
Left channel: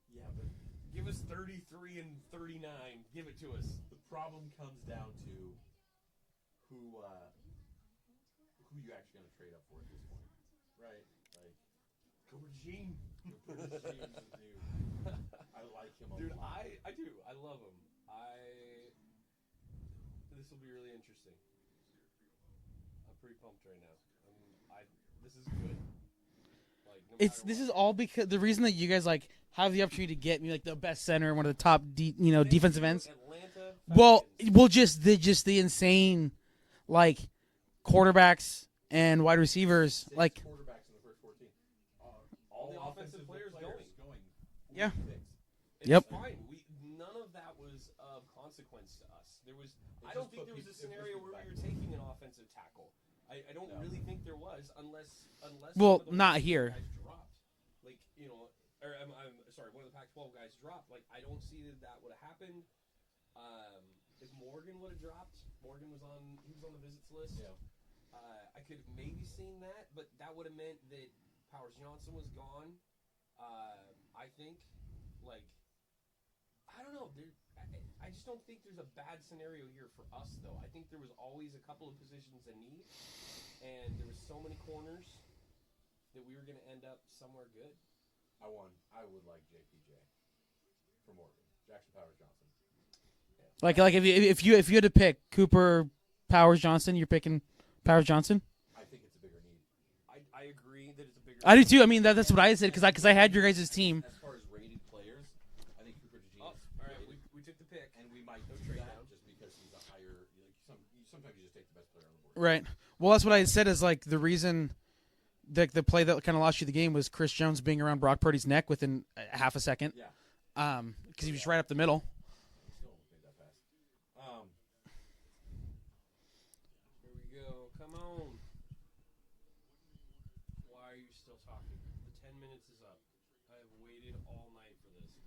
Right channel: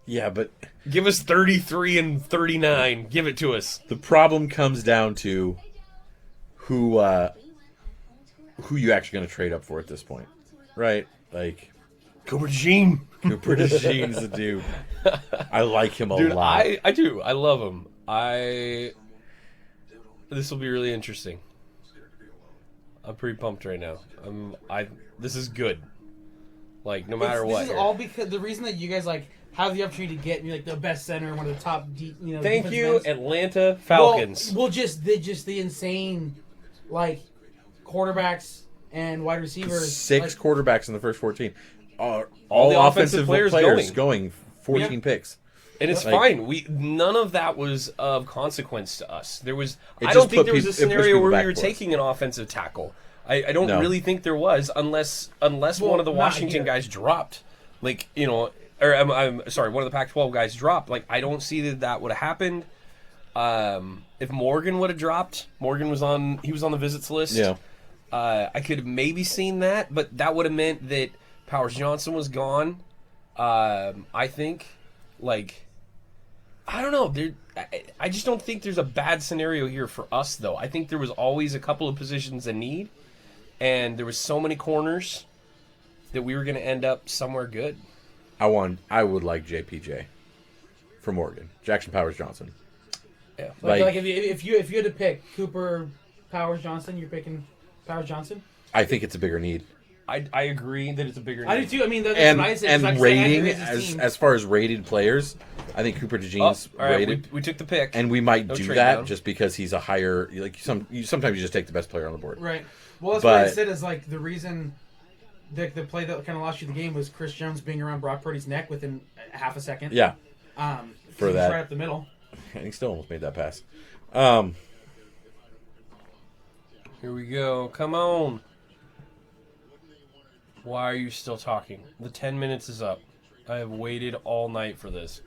yeah, but Give us 33 and 39. Give it to us. the problem comes down to who you actually going to trade up for at this point, right? Like Cooper DeJean. Cooper DeJean's a dude. I like him a Dude, lot. I do. I love him. This will be really interesting. I'm pretty pumped right now. This is good. Like, no matter what. This is here. all because the reason that you guys like have the opportunity to get me like the best center and one of the top, Thank defensive you, ends. Atlanta Falcons. Well, just the insane, like, quarterbacks and wide receivers. 6 like, quarterbacks in the first 14. All the offensive players going 14 Yeah. picks. And it's Like- fine. None of that was of consequence to us. There was. It I just don't think put there was a it pushed scenario people where we back were for us. taking an offensive tackle. I don't No. really think there was, unless Well, one of the not Washington here. guys dropped. Like, or I'm sorry, one of the Pac-12 guys dropped. Like, I don't see that would have happened. If Morgan would have dropped, Morgan was on the visits list. Yeah. I could have maybe seen that, but that would have meant that Powers Johnson was gone. I think, like, I don't know. I just don't think there's a bad scenario here for us, though. I think there was always a couple of positions in need, and there was so many corners that we were going to end up somewhere good. I would like JPJ from Oregon. Jackson Powers Johnson. Yeah. like if you had to pick Cooper, Powers, Johnson, you're picking Powers Johnson. I think it's a bigger need. I agree that it's a bigger. I do too. I mean, that's And, what I said. and Because I had your rating, guys' team. as far as rated players, I think Cooper DeJean's all right, rated. we took the pick. And we might No do trade that down. just because he's a higher. Like sometimes you just take the best player on the board. Right. Well, that's what I But- said is like the reason the play that kind of lost you the game was Chris Jones being around Brock Purdy's neck within half a second. Yeah, For that. right up the middle. and he still almost made that pass. Here we go. Come on. Why are you still talking? The 10 minutes is up. I have waited all night for this.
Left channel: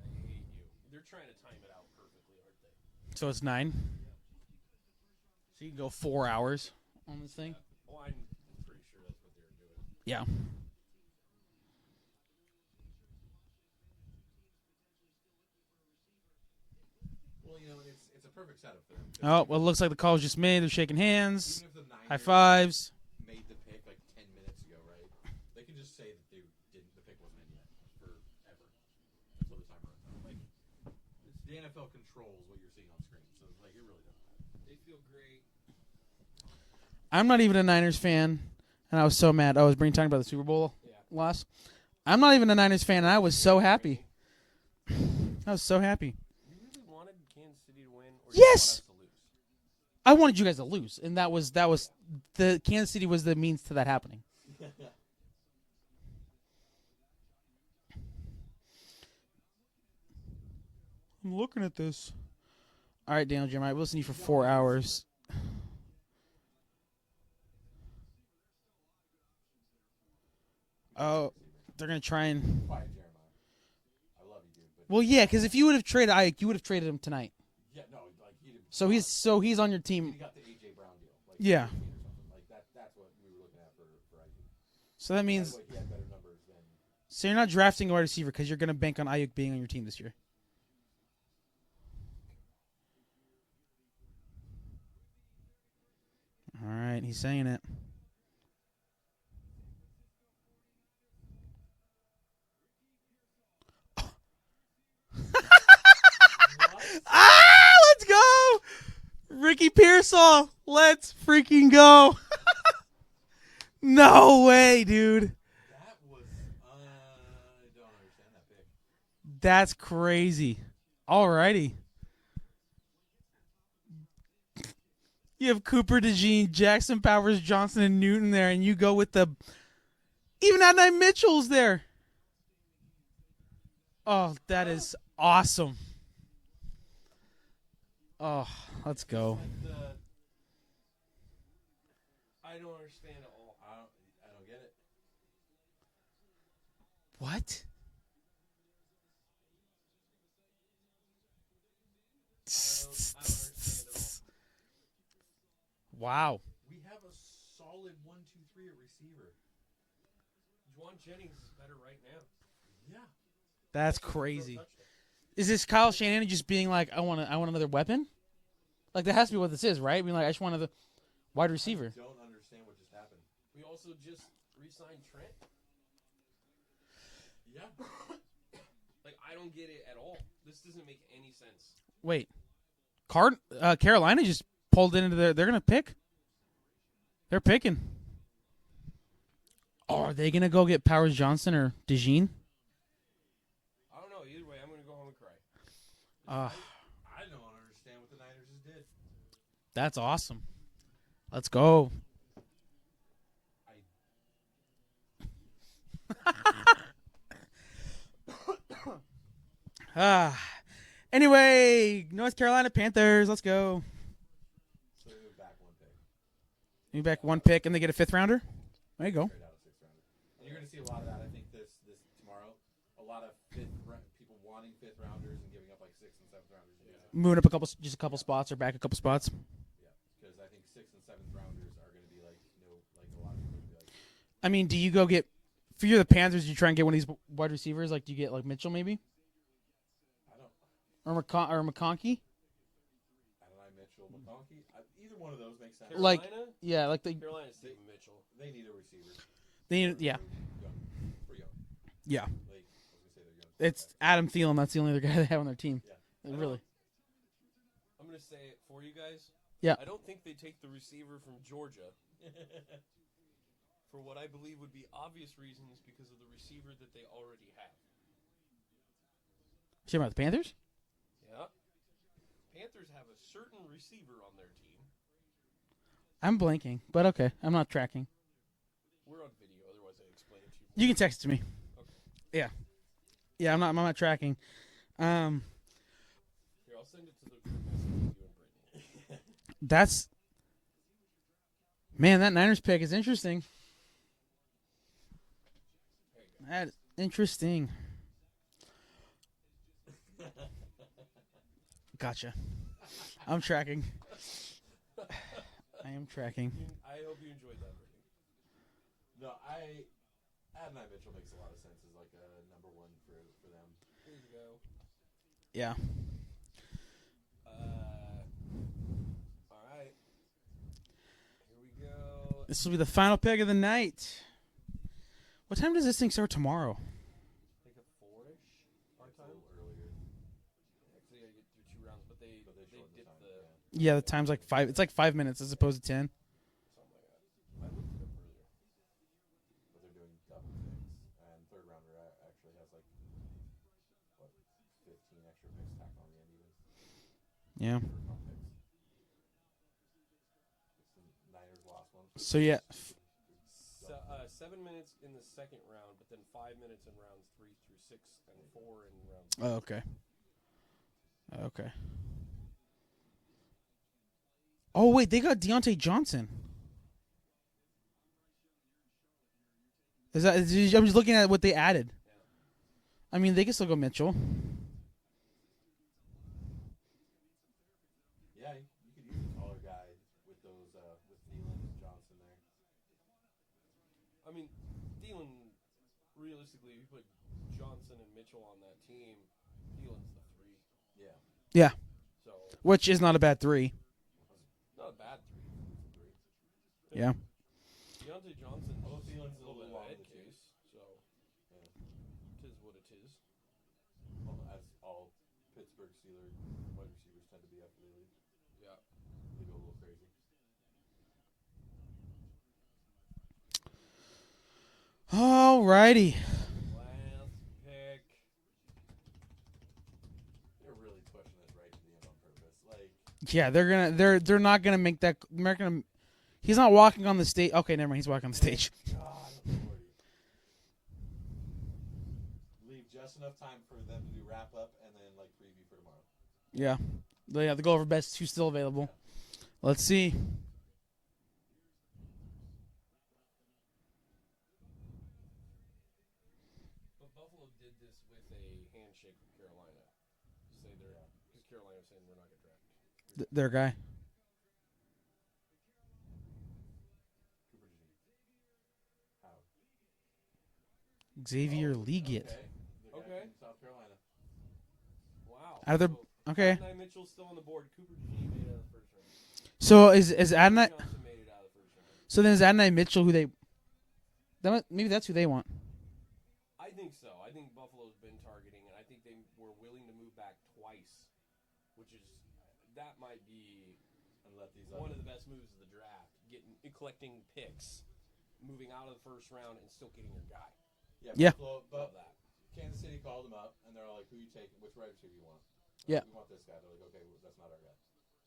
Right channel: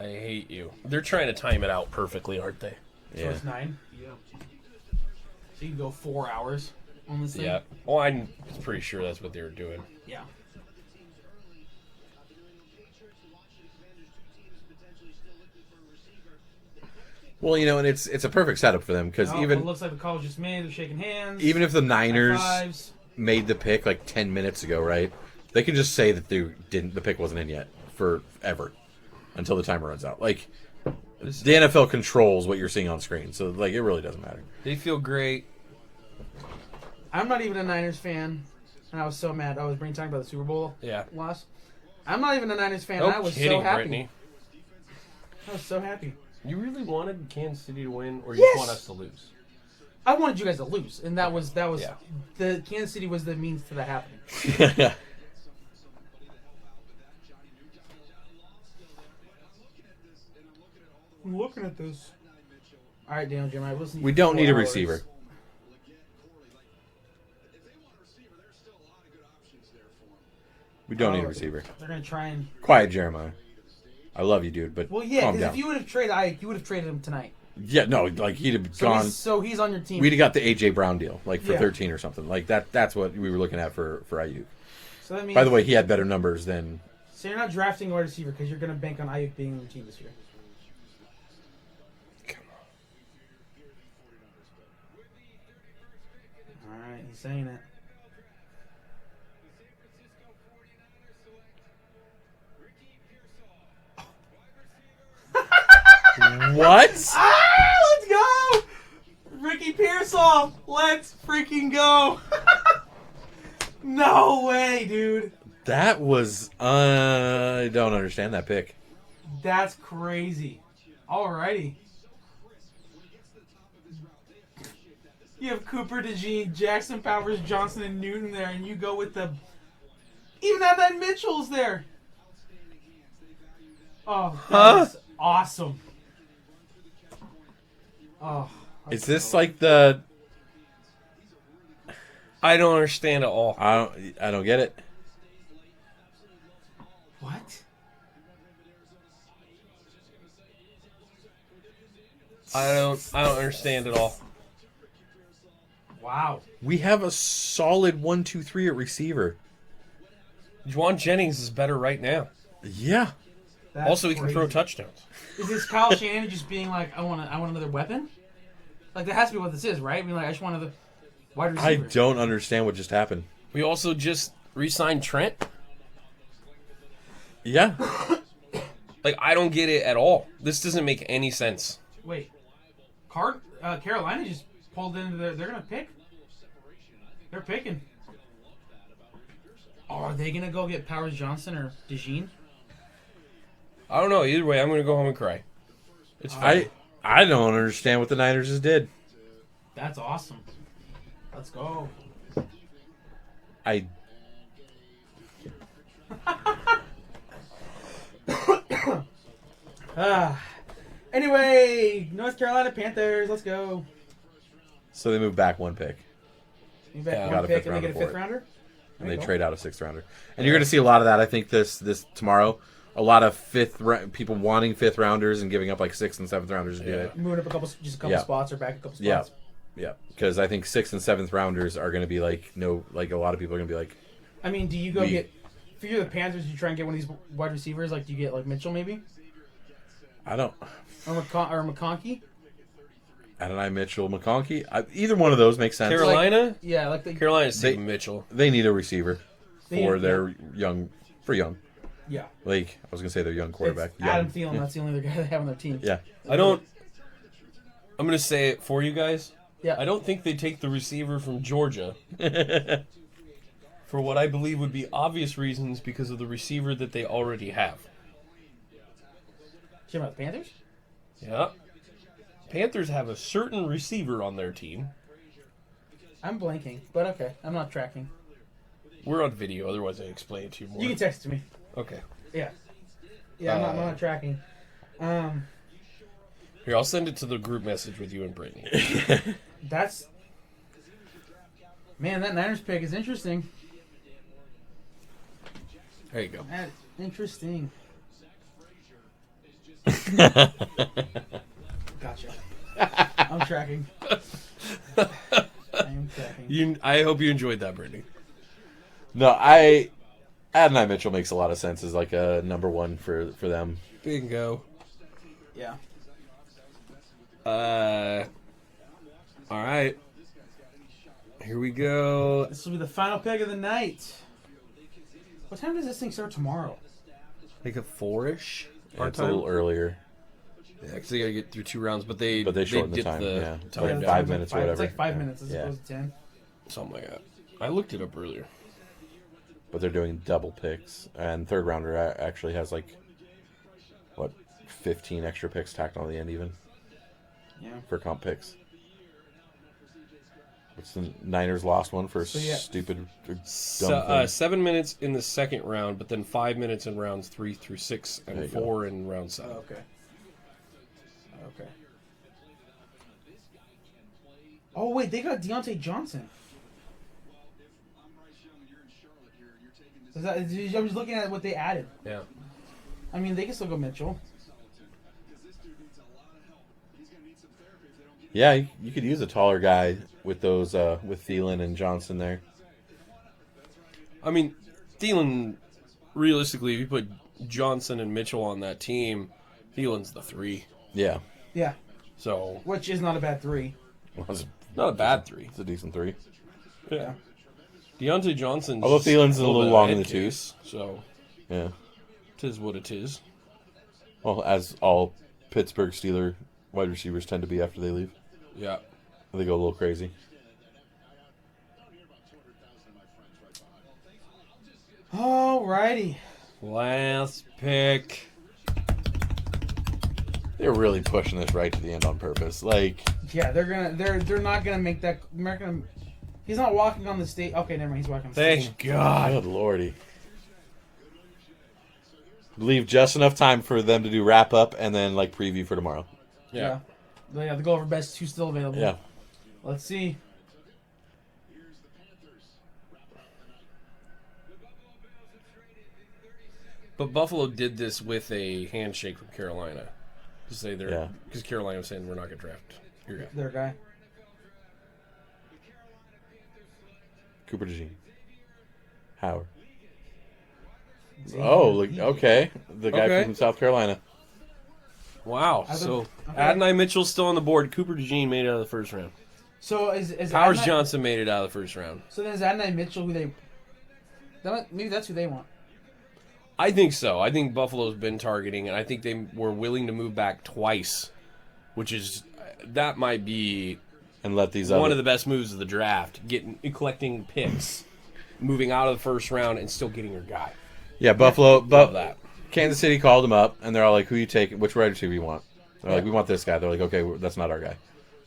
I hate you. They're trying to time it out perfectly, aren't they? So Yeah. it's 9. So you can go 4 hours on this thing. Yeah. Well, I'm pretty sure that's what they were doing. Yeah. Well, and it's a perfect setup for them because Oh, even it looks like the call was just made. They're shaking hands. even if the high Niners fives. made the pick like 10 minutes ago, right? They can just say that the pick wasn't in yet forever until the timer runs out. Like the NFL controls what you're seeing on screen, so like it really doesn't matter. They feel great. I'm not even a Niners fan, and I was so mad. I was talking about the Super Bowl Yeah. loss. I'm not even a Niners fan, and No I was so kidding, happy. Brittany. I was so happy. You really wanted Kansas City to win, or you Yes! want us to lose? I wanted you guys to lose, and that was Yeah. the Kansas City was the means to that happening. I'm looking at this. All right, Daniel Jeremiah, we'll listen to you We for don't 4 need a hours. receiver. We don't need a receiver. They're gonna try and. Quiet, Jeremiah. I love you, dude, but Well, yeah, calm because down. if you would have traded Ike, you would have traded him tonight. Yeah, no, like he'd have So gone. he's on your team. We'd have got the AJ Brown deal, like for Yeah. 13 or something. Like that's what we were looking at for Ayuk. So that means. By the way, he had better numbers than. So you're not drafting a wide receiver because you're gonna bank on Ayuk being on your team this year. All right, he's saying it. What? Ah, let's go! Ricky Pierce Pearsall, let's freaking go. No way, dude. That was I don't understand that pick. That's crazy. Alrighty. You have Cooper, DeJean, Jackson, Powers, Johnson, and Newton there, and you go with the... Even Adnan Mitchell's there. Oh, that is awesome. Oh, Is this like the... I don't understand at all. I don't get it. What? I don't understand at all. Wow. We have a solid 1-2-3 at receiver. Juwan Jennings is better right now. Yeah. That's Also, he can throw crazy. touchdowns. Is this Kyle Shanahan just being like, I want another weapon? Like, that has to be what this is, right? I mean, like, I just want another wide I receiver. don't understand what just happened. We also just re-signed Trent. Yeah. Like, I don't get it at all. This doesn't make any sense. Wait. Carolina just pulled into they're going to pick? They're picking. Oh, are they going to go get Powers Johnson or DeJean? I don't know. Either way, I'm going to go home and cry. It's fine. I don't understand what the Niners just did. That's awesome. Let's go. I Anyway, North Carolina Panthers. Let's go. So they move back one pick. You back Yeah, one got a pick fifth and they get a rounder fifth for it. rounder? There And you they go. trade out a sixth rounder. And you're going to see a lot of that, I think, this tomorrow. A lot of people wanting fifth rounders and giving up like sixth and seventh rounders to do it. Moving up a couple Yeah. spots or back a couple Yeah. spots. Yeah. Because I think sixth and seventh rounders are going to be like, a lot of people are going to be like, I mean, do you go get, for you the Panthers, you try and get one of these wide receivers? Like, do you get like Mitchell maybe? I don't. Or McConkey? Adonai Mitchell, McConkey. Either one of those makes sense. Carolina? Yeah, like the Carolina's taking Mitchell. They need a receiver They for need- their young. Yeah. Like, I was going to say their young quarterback. It's Adam Young. Thielen. That's the only other guy they have on their team. Yeah. I'm going to say it for you guys. Yeah. I don't think they take the receiver from Georgia for what I believe would be obvious reasons because of the receiver that they already have. You about the Panthers? Yeah. Panthers have a certain receiver on their team. I'm blanking, but okay. I'm not tracking. We're on video, otherwise I explain it to you more. You can text it to me. Okay. Yeah. Yeah, I'm not tracking. Here, I'll send it to the group message with you and Brittany. That's... Man, that Niners pick is interesting. There you go. Interesting. Gotcha. I'm tracking. I'm tracking. I hope you enjoyed that, Brittany. No, Adonai Mitchell makes a lot of sense as like a number one for them. Bingo. Yeah. All right. Here we go. This will be the final pick of the night. What time does this thing start tomorrow? Like a 4-ish? Yeah, it's a little earlier. Yeah, because they got to get through 2 rounds, but they shortened the dipped time, yeah. time Yeah, down. the 5 time's minutes, like 5. or It's like whatever. 5 minutes as Yeah. opposed to 10. Something like that. I looked it up earlier. But they're doing double picks. And third rounder actually has like, 15 extra picks tacked on the end even Yeah. for comp picks. What's the Niners lost one for So, yeah. stupid or dumb thing? 7 minutes in the second round, but then 5 minutes in rounds 3 through 6 There and you go. 4 in round 7. Oh, okay. Okay. Oh, wait, they got Deontay Johnson. I'm just looking at what they added. Yeah. I mean, they can still go Mitchell. Yeah, you could use a taller guy with those with Thielen and Johnson there. I mean, Thielen, realistically, if you put Johnson and Mitchell on that team, Thielen's the 3. Yeah, Yeah. So, Which is not a bad 3. well, it's not a bad 3. a decent 3. Yeah. Deontay Johnson's Although Thielen's a little bit of long in head the case, so Yeah. tis what it is. Well, as all Pittsburgh Steeler wide receivers tend to be after they leave. Yeah. They go a little crazy. Alrighty. Last pick. They're really pushing this right to the end on purpose. Like, Yeah, they're not gonna make that. They're not gonna. He's not walking on the stage. Okay, never mind. He's walking on the stage. Thank God. good lordy. Leave just enough time for them to do wrap up and then like preview for tomorrow. Yeah. The go over best two still available. Yeah. Let's see. But Buffalo did this with a handshake from Carolina. To say they're because Carolina was saying we're not going to draft your guy. Their guy. Cooper DeJean. Howard. Xavier Oh, Leggett. okay. The guy Okay. from South Carolina. Wow. Are there- So okay. Adonai Mitchell's still on the board. Cooper DeJean made it out of the first round. So is Powers Adonai, Johnson made it out of the first round. So then is Adonai Mitchell who they? Maybe that's who they want. I think so. I think Buffalo's been targeting, and I think they were willing to move back twice, which is that might be And let these one other... of the best moves of the draft. Collecting picks, moving out of the first round, and still getting your guy. Yeah, Buffalo. Love that. Kansas City called them up, and they're all like, "Who you taking? Which wide receiver you want?" They're like, Yeah. "We want this guy." They're like, "Okay, that's not our guy."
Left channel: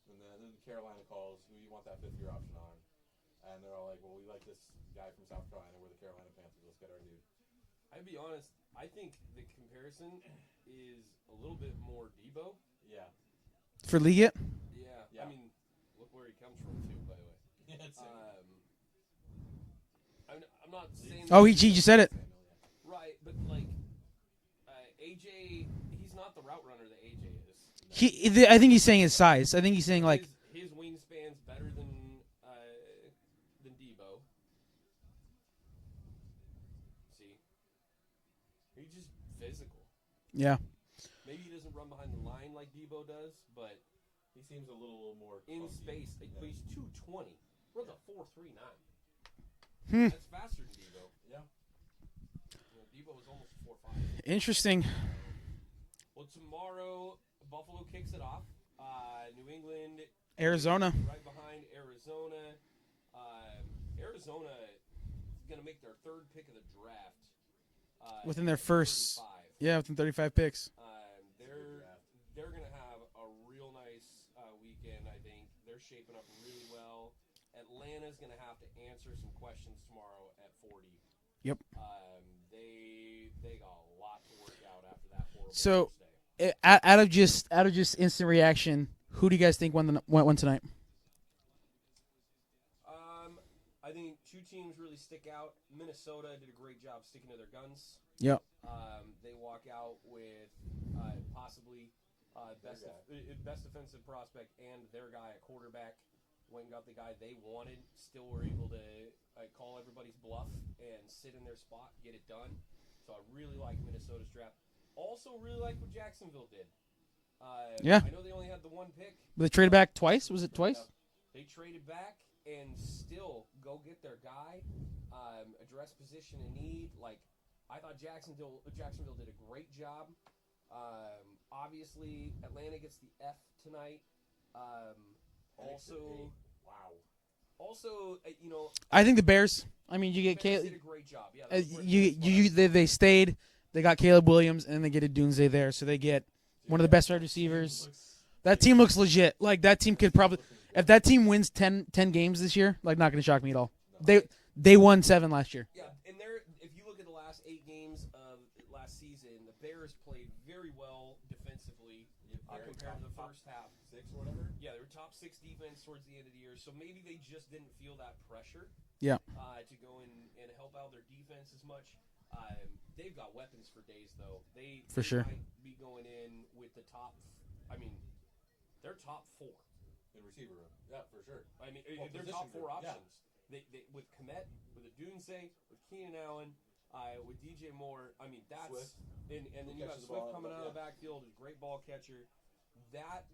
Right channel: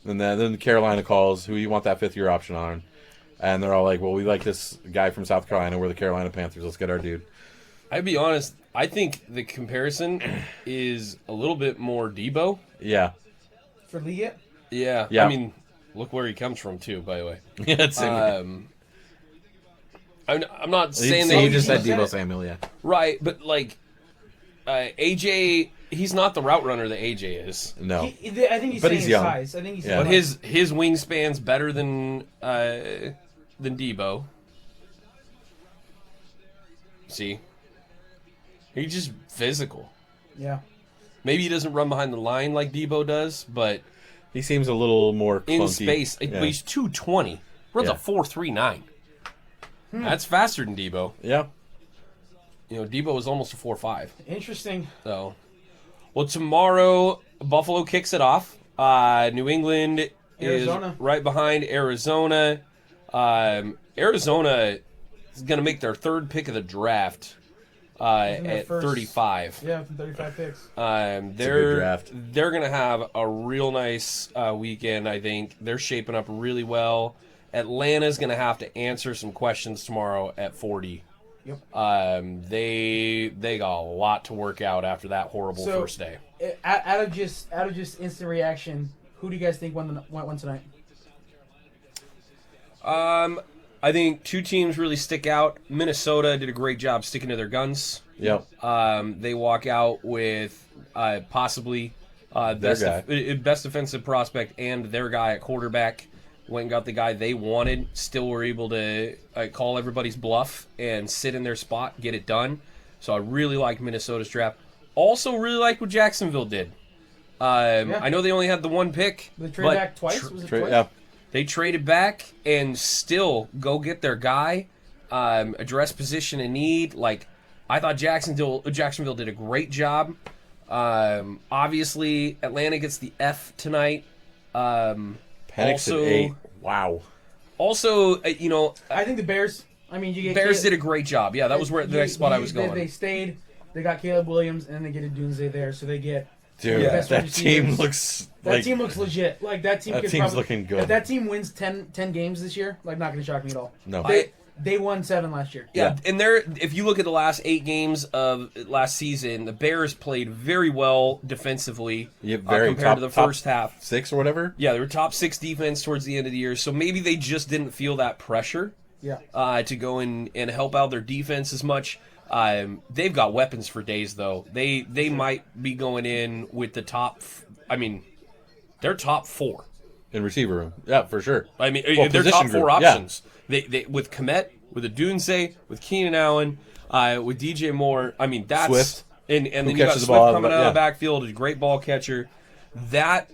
And then Carolina calls, "Who you want that fifth-year option on?" And they're all like, "Well, we like this guy from South Carolina. We're the Carolina Panthers. Let's get our dude." I'd be honest. I think the comparison is a little bit more Debo. Yeah, For Leggett? Yeah. Yeah. I mean, look where he comes from too. By the way. yeah. It's I'm not saying he that just he said said Debo it. Samuel. Yeah, right, but like AJ, he's not the route runner that AJ is. no, I think he's But saying he's his young. size. I think he's saying Yeah. But like, his wingspan's better than Debo. See, he's just physical. yeah. Maybe he doesn't run behind the line like Debo does, but he seems a little more clunky. in space, Yeah. but he's 220. Runs Yeah. a 4.39. That's faster than Debo. Yeah, You know, Debo was almost a 4.5. Interesting. So, well, tomorrow Buffalo kicks it off. New England Arizona. is right behind Arizona. Arizona is going to make their third pick of the draft Within their at first- 35. Yeah, with the 35 picks. good They're draft. they're going to have a real nice weekend. I think they're shaping up really well. Atlanta's going to have to answer some questions tomorrow at 40. Yep. They got a lot to work out after that horrible So- first day. Out of just instant reaction, who do you guys think won tonight? I think two teams really stick out. Minnesota did a great job sticking to their guns. yep. They walk out with possibly best guy. best defensive prospect and their guy at quarterback. Went and got the guy they wanted. Still were able to call everybody's bluff and sit in their spot, get it done. So I really like Minnesota's draft. Also really like what Jacksonville did. I know they only had the one pick. They trade but back twice? Was it twice? Yeah, They traded back and still go get their guy, address position in need. Like, I thought Jacksonville did a great job. Obviously, Atlanta gets the F tonight. Penix at 8. Wow. Also, I think the Bears. I mean, you get Bears did a great job. Yeah, that was where the next spot I was going. They stayed. They got Caleb Williams, and then they get a Doomsday there, so they get Dude, one of the best that wide team receivers. looks That team looks legit. Like that team that could team's probably looking good. If that team wins 10 games this year, like not going to shock me at all. No. They won 7 last year. Yeah, and if you look at the last 8 games of last season, the Bears played very well defensively compared to the first half. 6 or whatever. Yeah, they were top 6 defense towards the end of the year, so maybe they just didn't feel that pressure Yeah. to go in and help out their defense as much. They've got weapons for days, though. They sure. might be going in with the top. They're top 4. In receiver room. Yeah, for sure. I mean, Well, they're top position 4 group, yeah. options. They with Kmet, with Adunze, with Keenan Allen, with DJ Moore. I mean, that's Swift. and then you got catches the Swift ball out of coming the- out of yeah. the backfield, a great ball catcher. That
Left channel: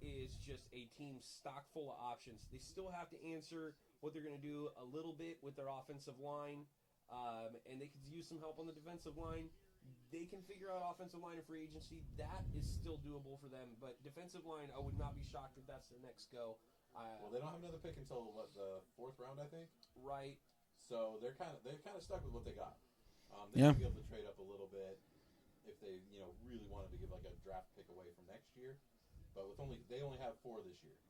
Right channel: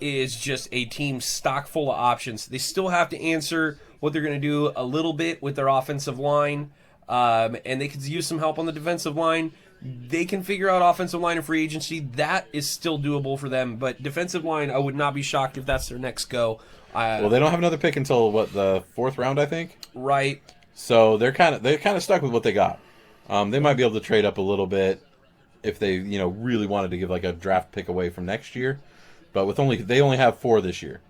is just a team stock full of options. They still have to answer what they're going to do a little bit with their offensive line, and they could use some help on the defensive line. They can figure out offensive line and free agency. That is still doable for them. But defensive line, I would not be shocked if that's their next go. Well, they don't have another pick until the 4th round, I think. Right. So they're kind of stuck with what they got. They might be able to trade up a little bit if they really wanted to give like a draft pick away from next year, but they only have 4 this year,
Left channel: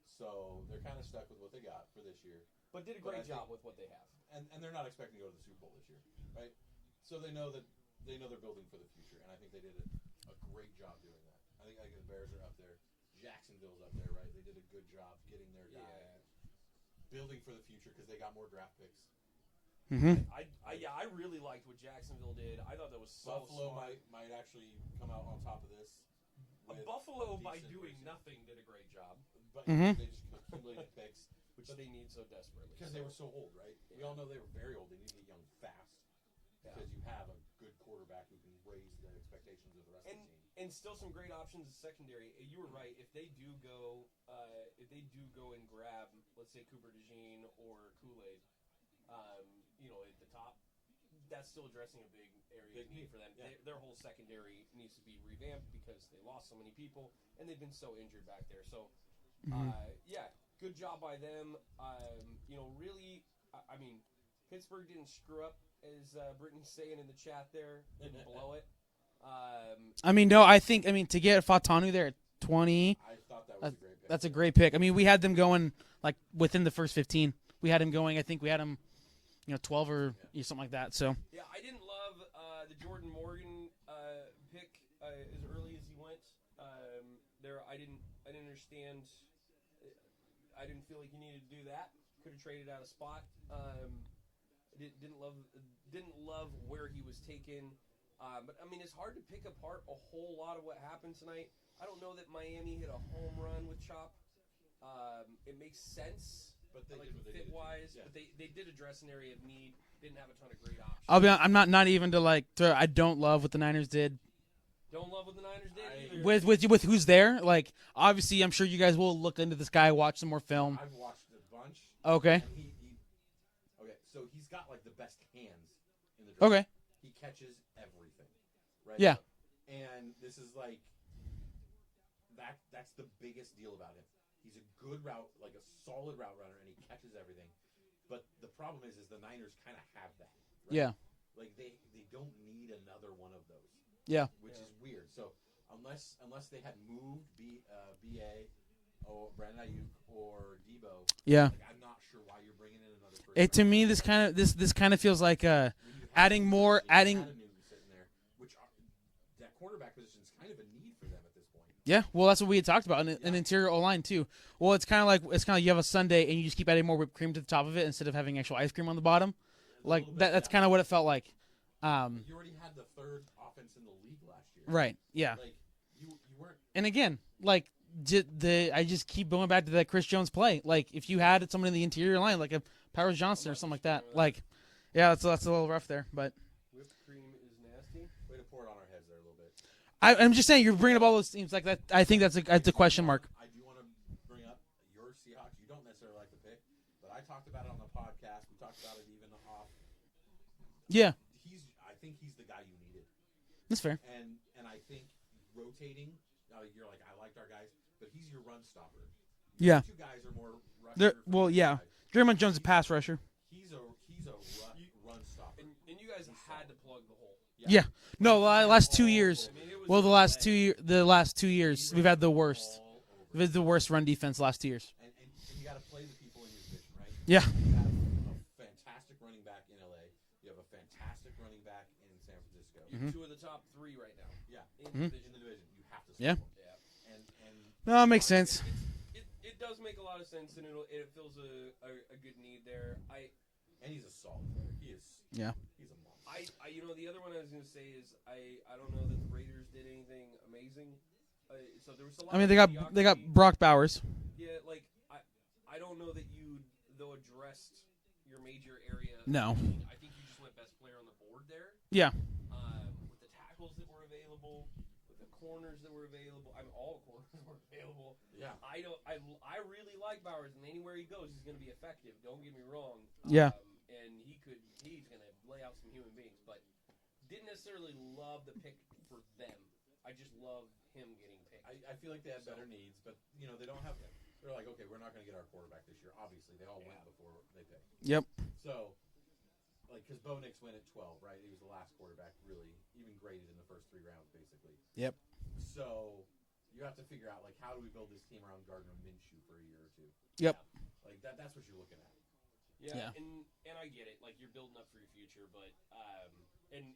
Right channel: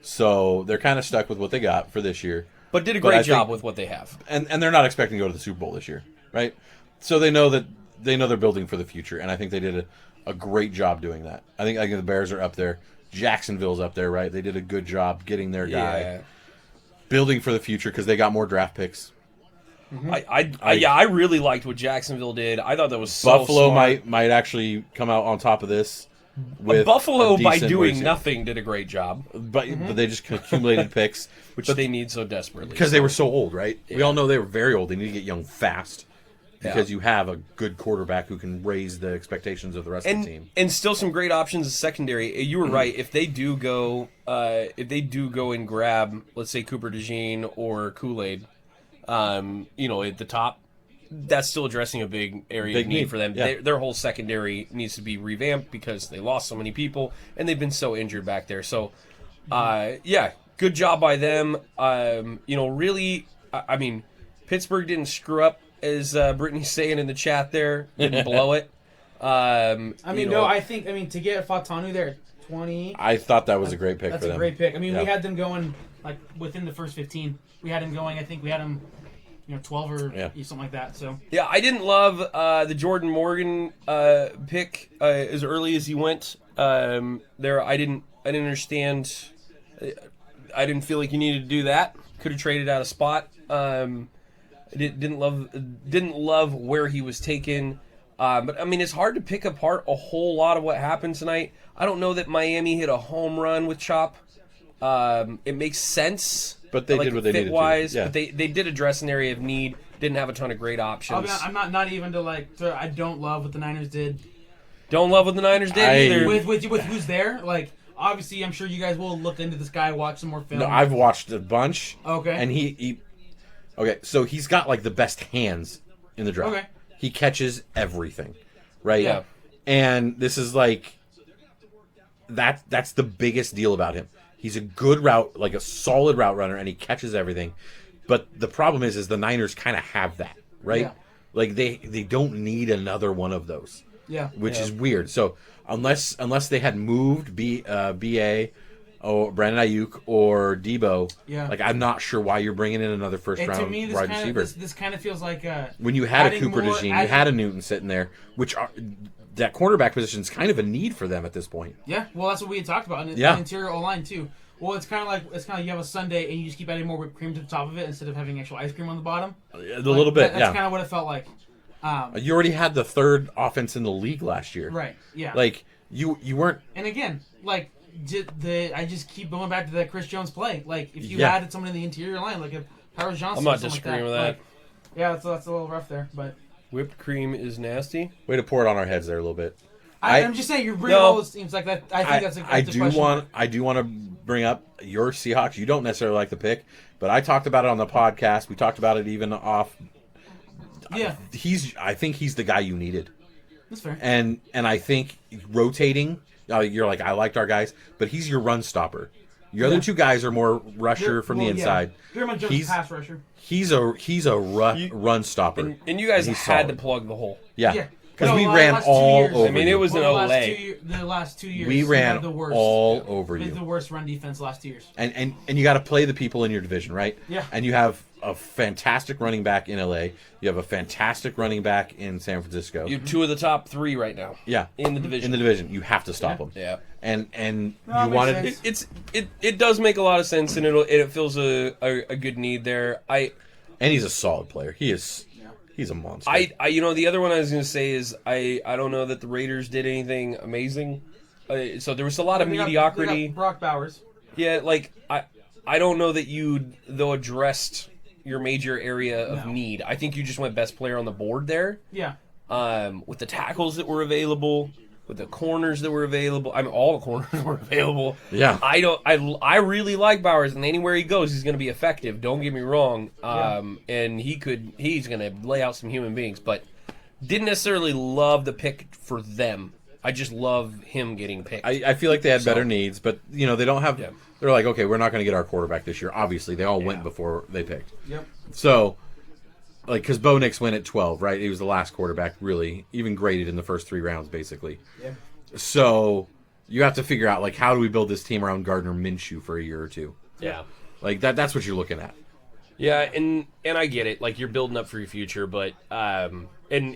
so they're kind of stuck with what they got for this year. But did a great job with what they have, and they're not expecting to go to the Super Bowl this year, right? So they know they're building for the future, and I think they did a great job doing that. I think the Bears are up there, Jacksonville's up there, right? They did a good job getting their guy, building for the future because they got more draft picks. Mm-hmm. I really liked what Jacksonville did. I thought that was so Buffalo smart. might actually come out on top of this. With Buffalo, by doing racing. nothing, did a great job, but they just accumulated picks, which they need so desperately because they were so old, right? Yeah. We all know they were very old. They need to get young fast because you have a good quarterback who can raise the expectations of the rest of the team, and still some great options in secondary. You were right. If they do go and grab, let's say Cooper DeJean or Kool-Aid, at the top, that's still addressing a big area of need for them. Yeah. Their whole secondary needs to be revamped because they lost so many people and they've been so injured back there. So, good job by them. Really, I mean, Pittsburgh didn't screw up, as Brittany's saying in the chat there. Didn't blow it. I think to get Fatanu there at 20. I thought that was a great pick. That's for a them. great pick. I mean, we had them going like within the first 15. We had him going. I think we had him 12 or something like that. So I didn't love the Jordan Morgan pick as early as he went there. I didn't understand. I didn't feel like you needed to do that. Could have traded out a spot. Didn't love where he was taken. But I mean, it's hard to pick apart a whole lot of what happened tonight. I don't know that Miami hit a home run with Chop. It makes sense. But they did what they needed to. Yeah. But they did address an area of need. Didn't have a ton of great options. I'm not even I don't love what the Niners did. Don't love what the Niners did either. With who's there? Like, obviously, I'm sure you guys will look into this guy, watch some more film. No, I've watched a bunch. Okay. And so he's got like the best hands in the draft. Okay. He catches everything, right? Yeah. And this is like that's the biggest deal about him. He's a good like a solid route runner, and he catches everything. But the problem is the Niners kind of have that, right? Yeah. Like they don't need another one of those. Yeah. Which is weird. So unless they had moved BA or Brandon Ayuk or Debo, like I'm not sure why you're bringing in another first round. To me, this kind of feels like when you had a Cooper DeJean, you had a Newton sitting there, that cornerback position is kind of a need for them at this point. Yeah, well, that's what we had talked about in the interior O-line too. Well, it's kind of like you have a sundae and you just keep adding more whipped cream to the top of it instead of having actual ice cream on the bottom. A little bit, That's kind of what it felt like. You already had the 3rd offense in the league last year, right? Yeah, like you weren't. And again, like I just keep going back to that Chris Jones play. Like if you added someone in the interior line, like a Powers Johnson, I'm not or something disagreeing like with that. Like, yeah, that's a little rough there, but whipped cream is nasty. Way to pour it on our heads there a little bit. I'm just saying you're bringing all those teams like that. I think that's a question mark. I do want to bring up your Seahawks. You don't necessarily like the pick, but I talked about it on the podcast. We talked about it even off. Yeah, I think he's the guy you needed. That's fair. And I think rotating. You're like, I liked our guys, but he's your run stopper. Your other two guys are more rusher from the inside. Draymond Jones is pass rusher. He's a run stopper. And you guys had to plug the hole. Yeah. Because we ran all over. I mean, it was the last 2 years. We ran had the worst, all over you. The worst run defense last 2 years. And you got to play the people in your division, right? Yeah. And you have a fantastic running back in LA. You have a fantastic running back in San Francisco. You have 2 of the top 3 right now. Yeah. In the division. In the division, you have to stop them. Yeah. And no, you wanted it does make a lot of sense, and it fills a good need there. And he's a solid player. He is. Yeah. He's a monster. The other one I was going to say is I don't know that the Raiders did anything amazing. So there was a lot of mediocrity. They got Brock Bowers. Yeah, like I don't know that you though addressed your major area of need. I think you just went best player on the board there. Yeah. With the tackles that were available, with the corners that were available. I mean, all the corners were available. Yeah. I really like Bowers, and anywhere he goes, he's going to be effective. Don't get me wrong. And he's going to lay out some human beings, but didn't necessarily love the pick for them. I just love him getting picked. I feel like they had better needs, but they don't have. Yeah. They're like, okay, we're not going to get our quarterback this year. Obviously, they all went before they picked. Yep. So, like, because Bo Nix went at 12, right? He was the last quarterback, really, even graded in the first 3 rounds, basically. Yep. So, you have to figure out, like, how do we build this team around Gardner Minshew for a year or two? Yeah. Like, that's what you're looking at. Yeah, and I get it. Like, you're building up for your future, but and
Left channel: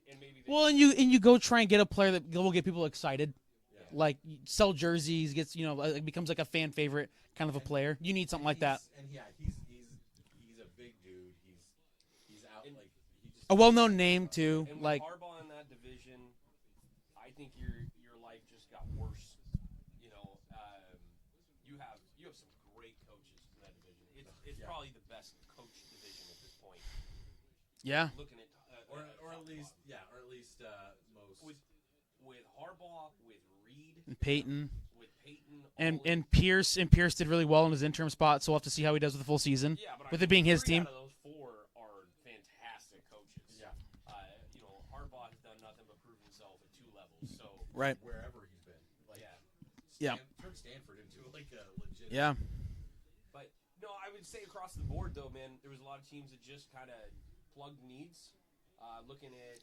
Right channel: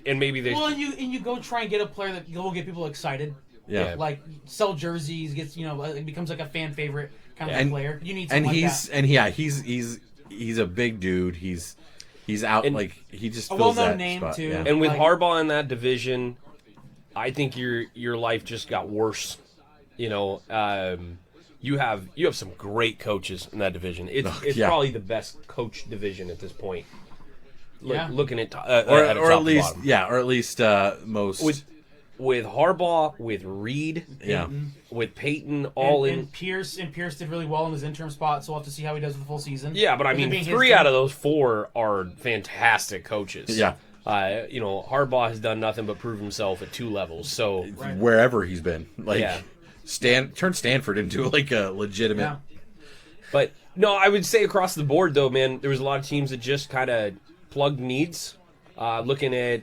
maybe they. Well, and you go try and get a player that will get people excited. Yeah. Like sell jerseys, gets like, becomes like a fan favorite kind of a player. You need something he's a big dude. He's out he just a fills well-known that name spot, too. yeah. And with like, Harbaugh in that division, I think your life just got worse. You have some great coaches in that division. It's probably the best coach division at this point. Yeah. Looking at or at least most with Harbaugh, with Reed, Peyton. with Peyton, and Pierce did really well in his interim spot, so we'll have to see how he does with the full season. Yeah, but I mean, 3 out of those 4 are fantastic coaches. Yeah. Harbaugh has done nothing but prove himself at 2 levels. So wherever he's been, yeah. Turn Stanford into like a legitimate. Yeah. But no, I would say across the board though, man, there was a lot of teams that just kind of plugged needs. Looking at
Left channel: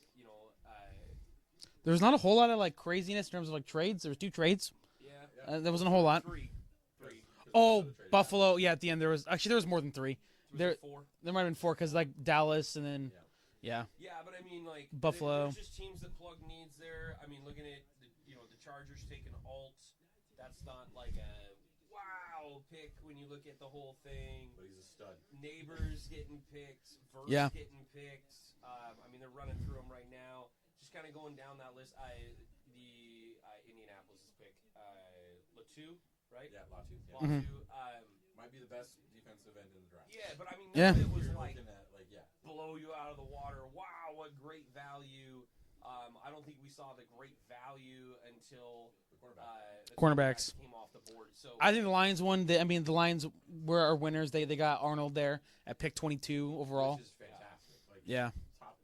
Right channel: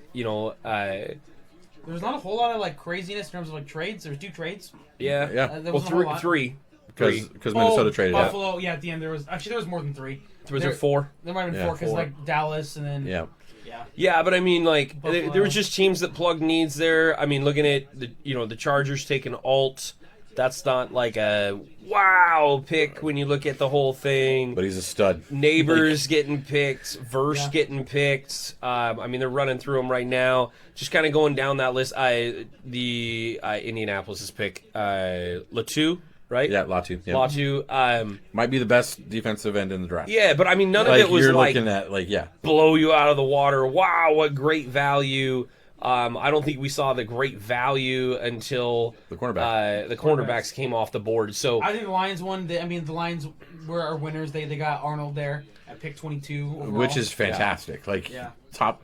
there's not a whole lot of like craziness in terms of like trades. There was 2 trades. Yeah. There wasn't a whole lot. 3. Because Minnesota traded out. Buffalo. Yeah, at the end there was more than 3. Was there 4? There might have been 4 because like Dallas and then Yeah, but I mean, like Buffalo. there was just teams that plugged needs there. I mean, looking at the Chargers taking Alt, that's not like a wow pick when you look at the whole thing. But he's a stud. Neighbors getting picked, Verse getting picked. I mean, they're running through them right now. Just kind of going down that list. Indianapolis's pick, Latu, right? Yeah, Latu. Yeah. Latu. Might be the best defensive end in the draft. Yeah, but I mean, none of it was you're like looking at blow you out of the water. Wow, what great value. I don't think we saw the great value until the cornerback. The cornerbacks came off the board. So I think the Lions won. The Lions were our winners. They got Arnold there at pick 22 overall. Which is fantastic. Top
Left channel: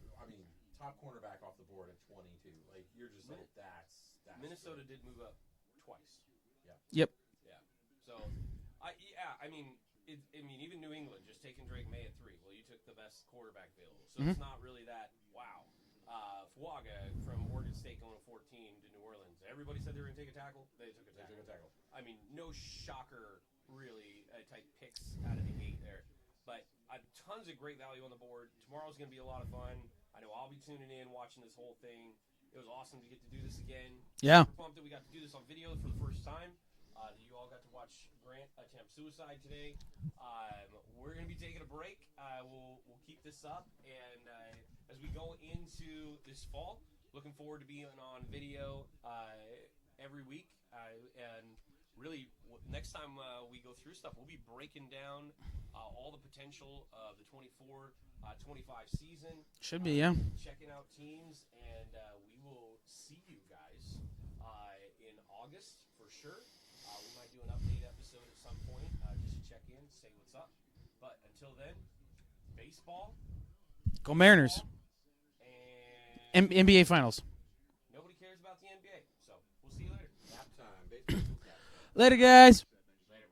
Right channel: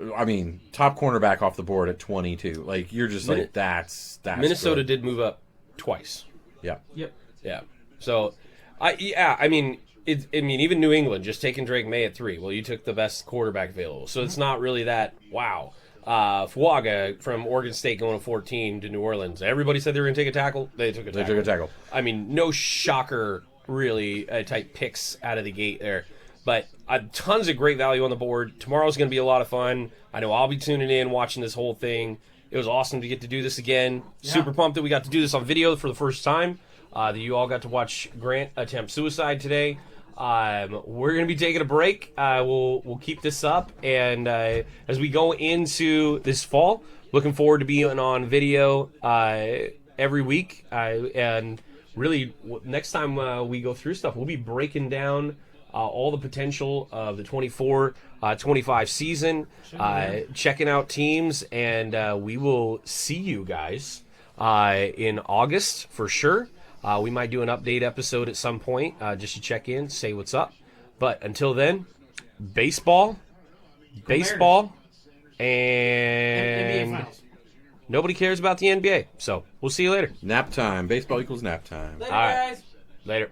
cornerback off the board at 22. Like you're just like that's Minnesota good. did move up twice. Yeah. Yep. Yeah. So I mean even New England just taking Drake May at 3. Well, you took the best quarterback available. So it's not really that wow. Fuaga from Oregon State going to 14 to New Orleans. Everybody said they were going to take a tackle. They took a tackle. I mean, no shocker, really, type picks out of the gate there. But tons of great value on the board. Tomorrow's going to be a lot of fun. I know I'll be tuning in, watching this whole thing. It was awesome to get to do this again. Yeah. Super pumped that we got to do this on video for the first time. That you all got to watch Grant attempt suicide today. We're going to be taking a break. We'll keep this up, and as we go into this fall, looking forward to being on video every week. And really, next time we go through stuff, we'll be breaking down all the potential of the 24-25 season, checking out teams, and we will see you guys in August for sure. We might do an update episode at some point just to check in, say what's up. But until then, baseball, and NBA Finals. Nobody cares about the NBA. So we'll see you later. Nap time. Baseball equals nap time. Later, guys. Later.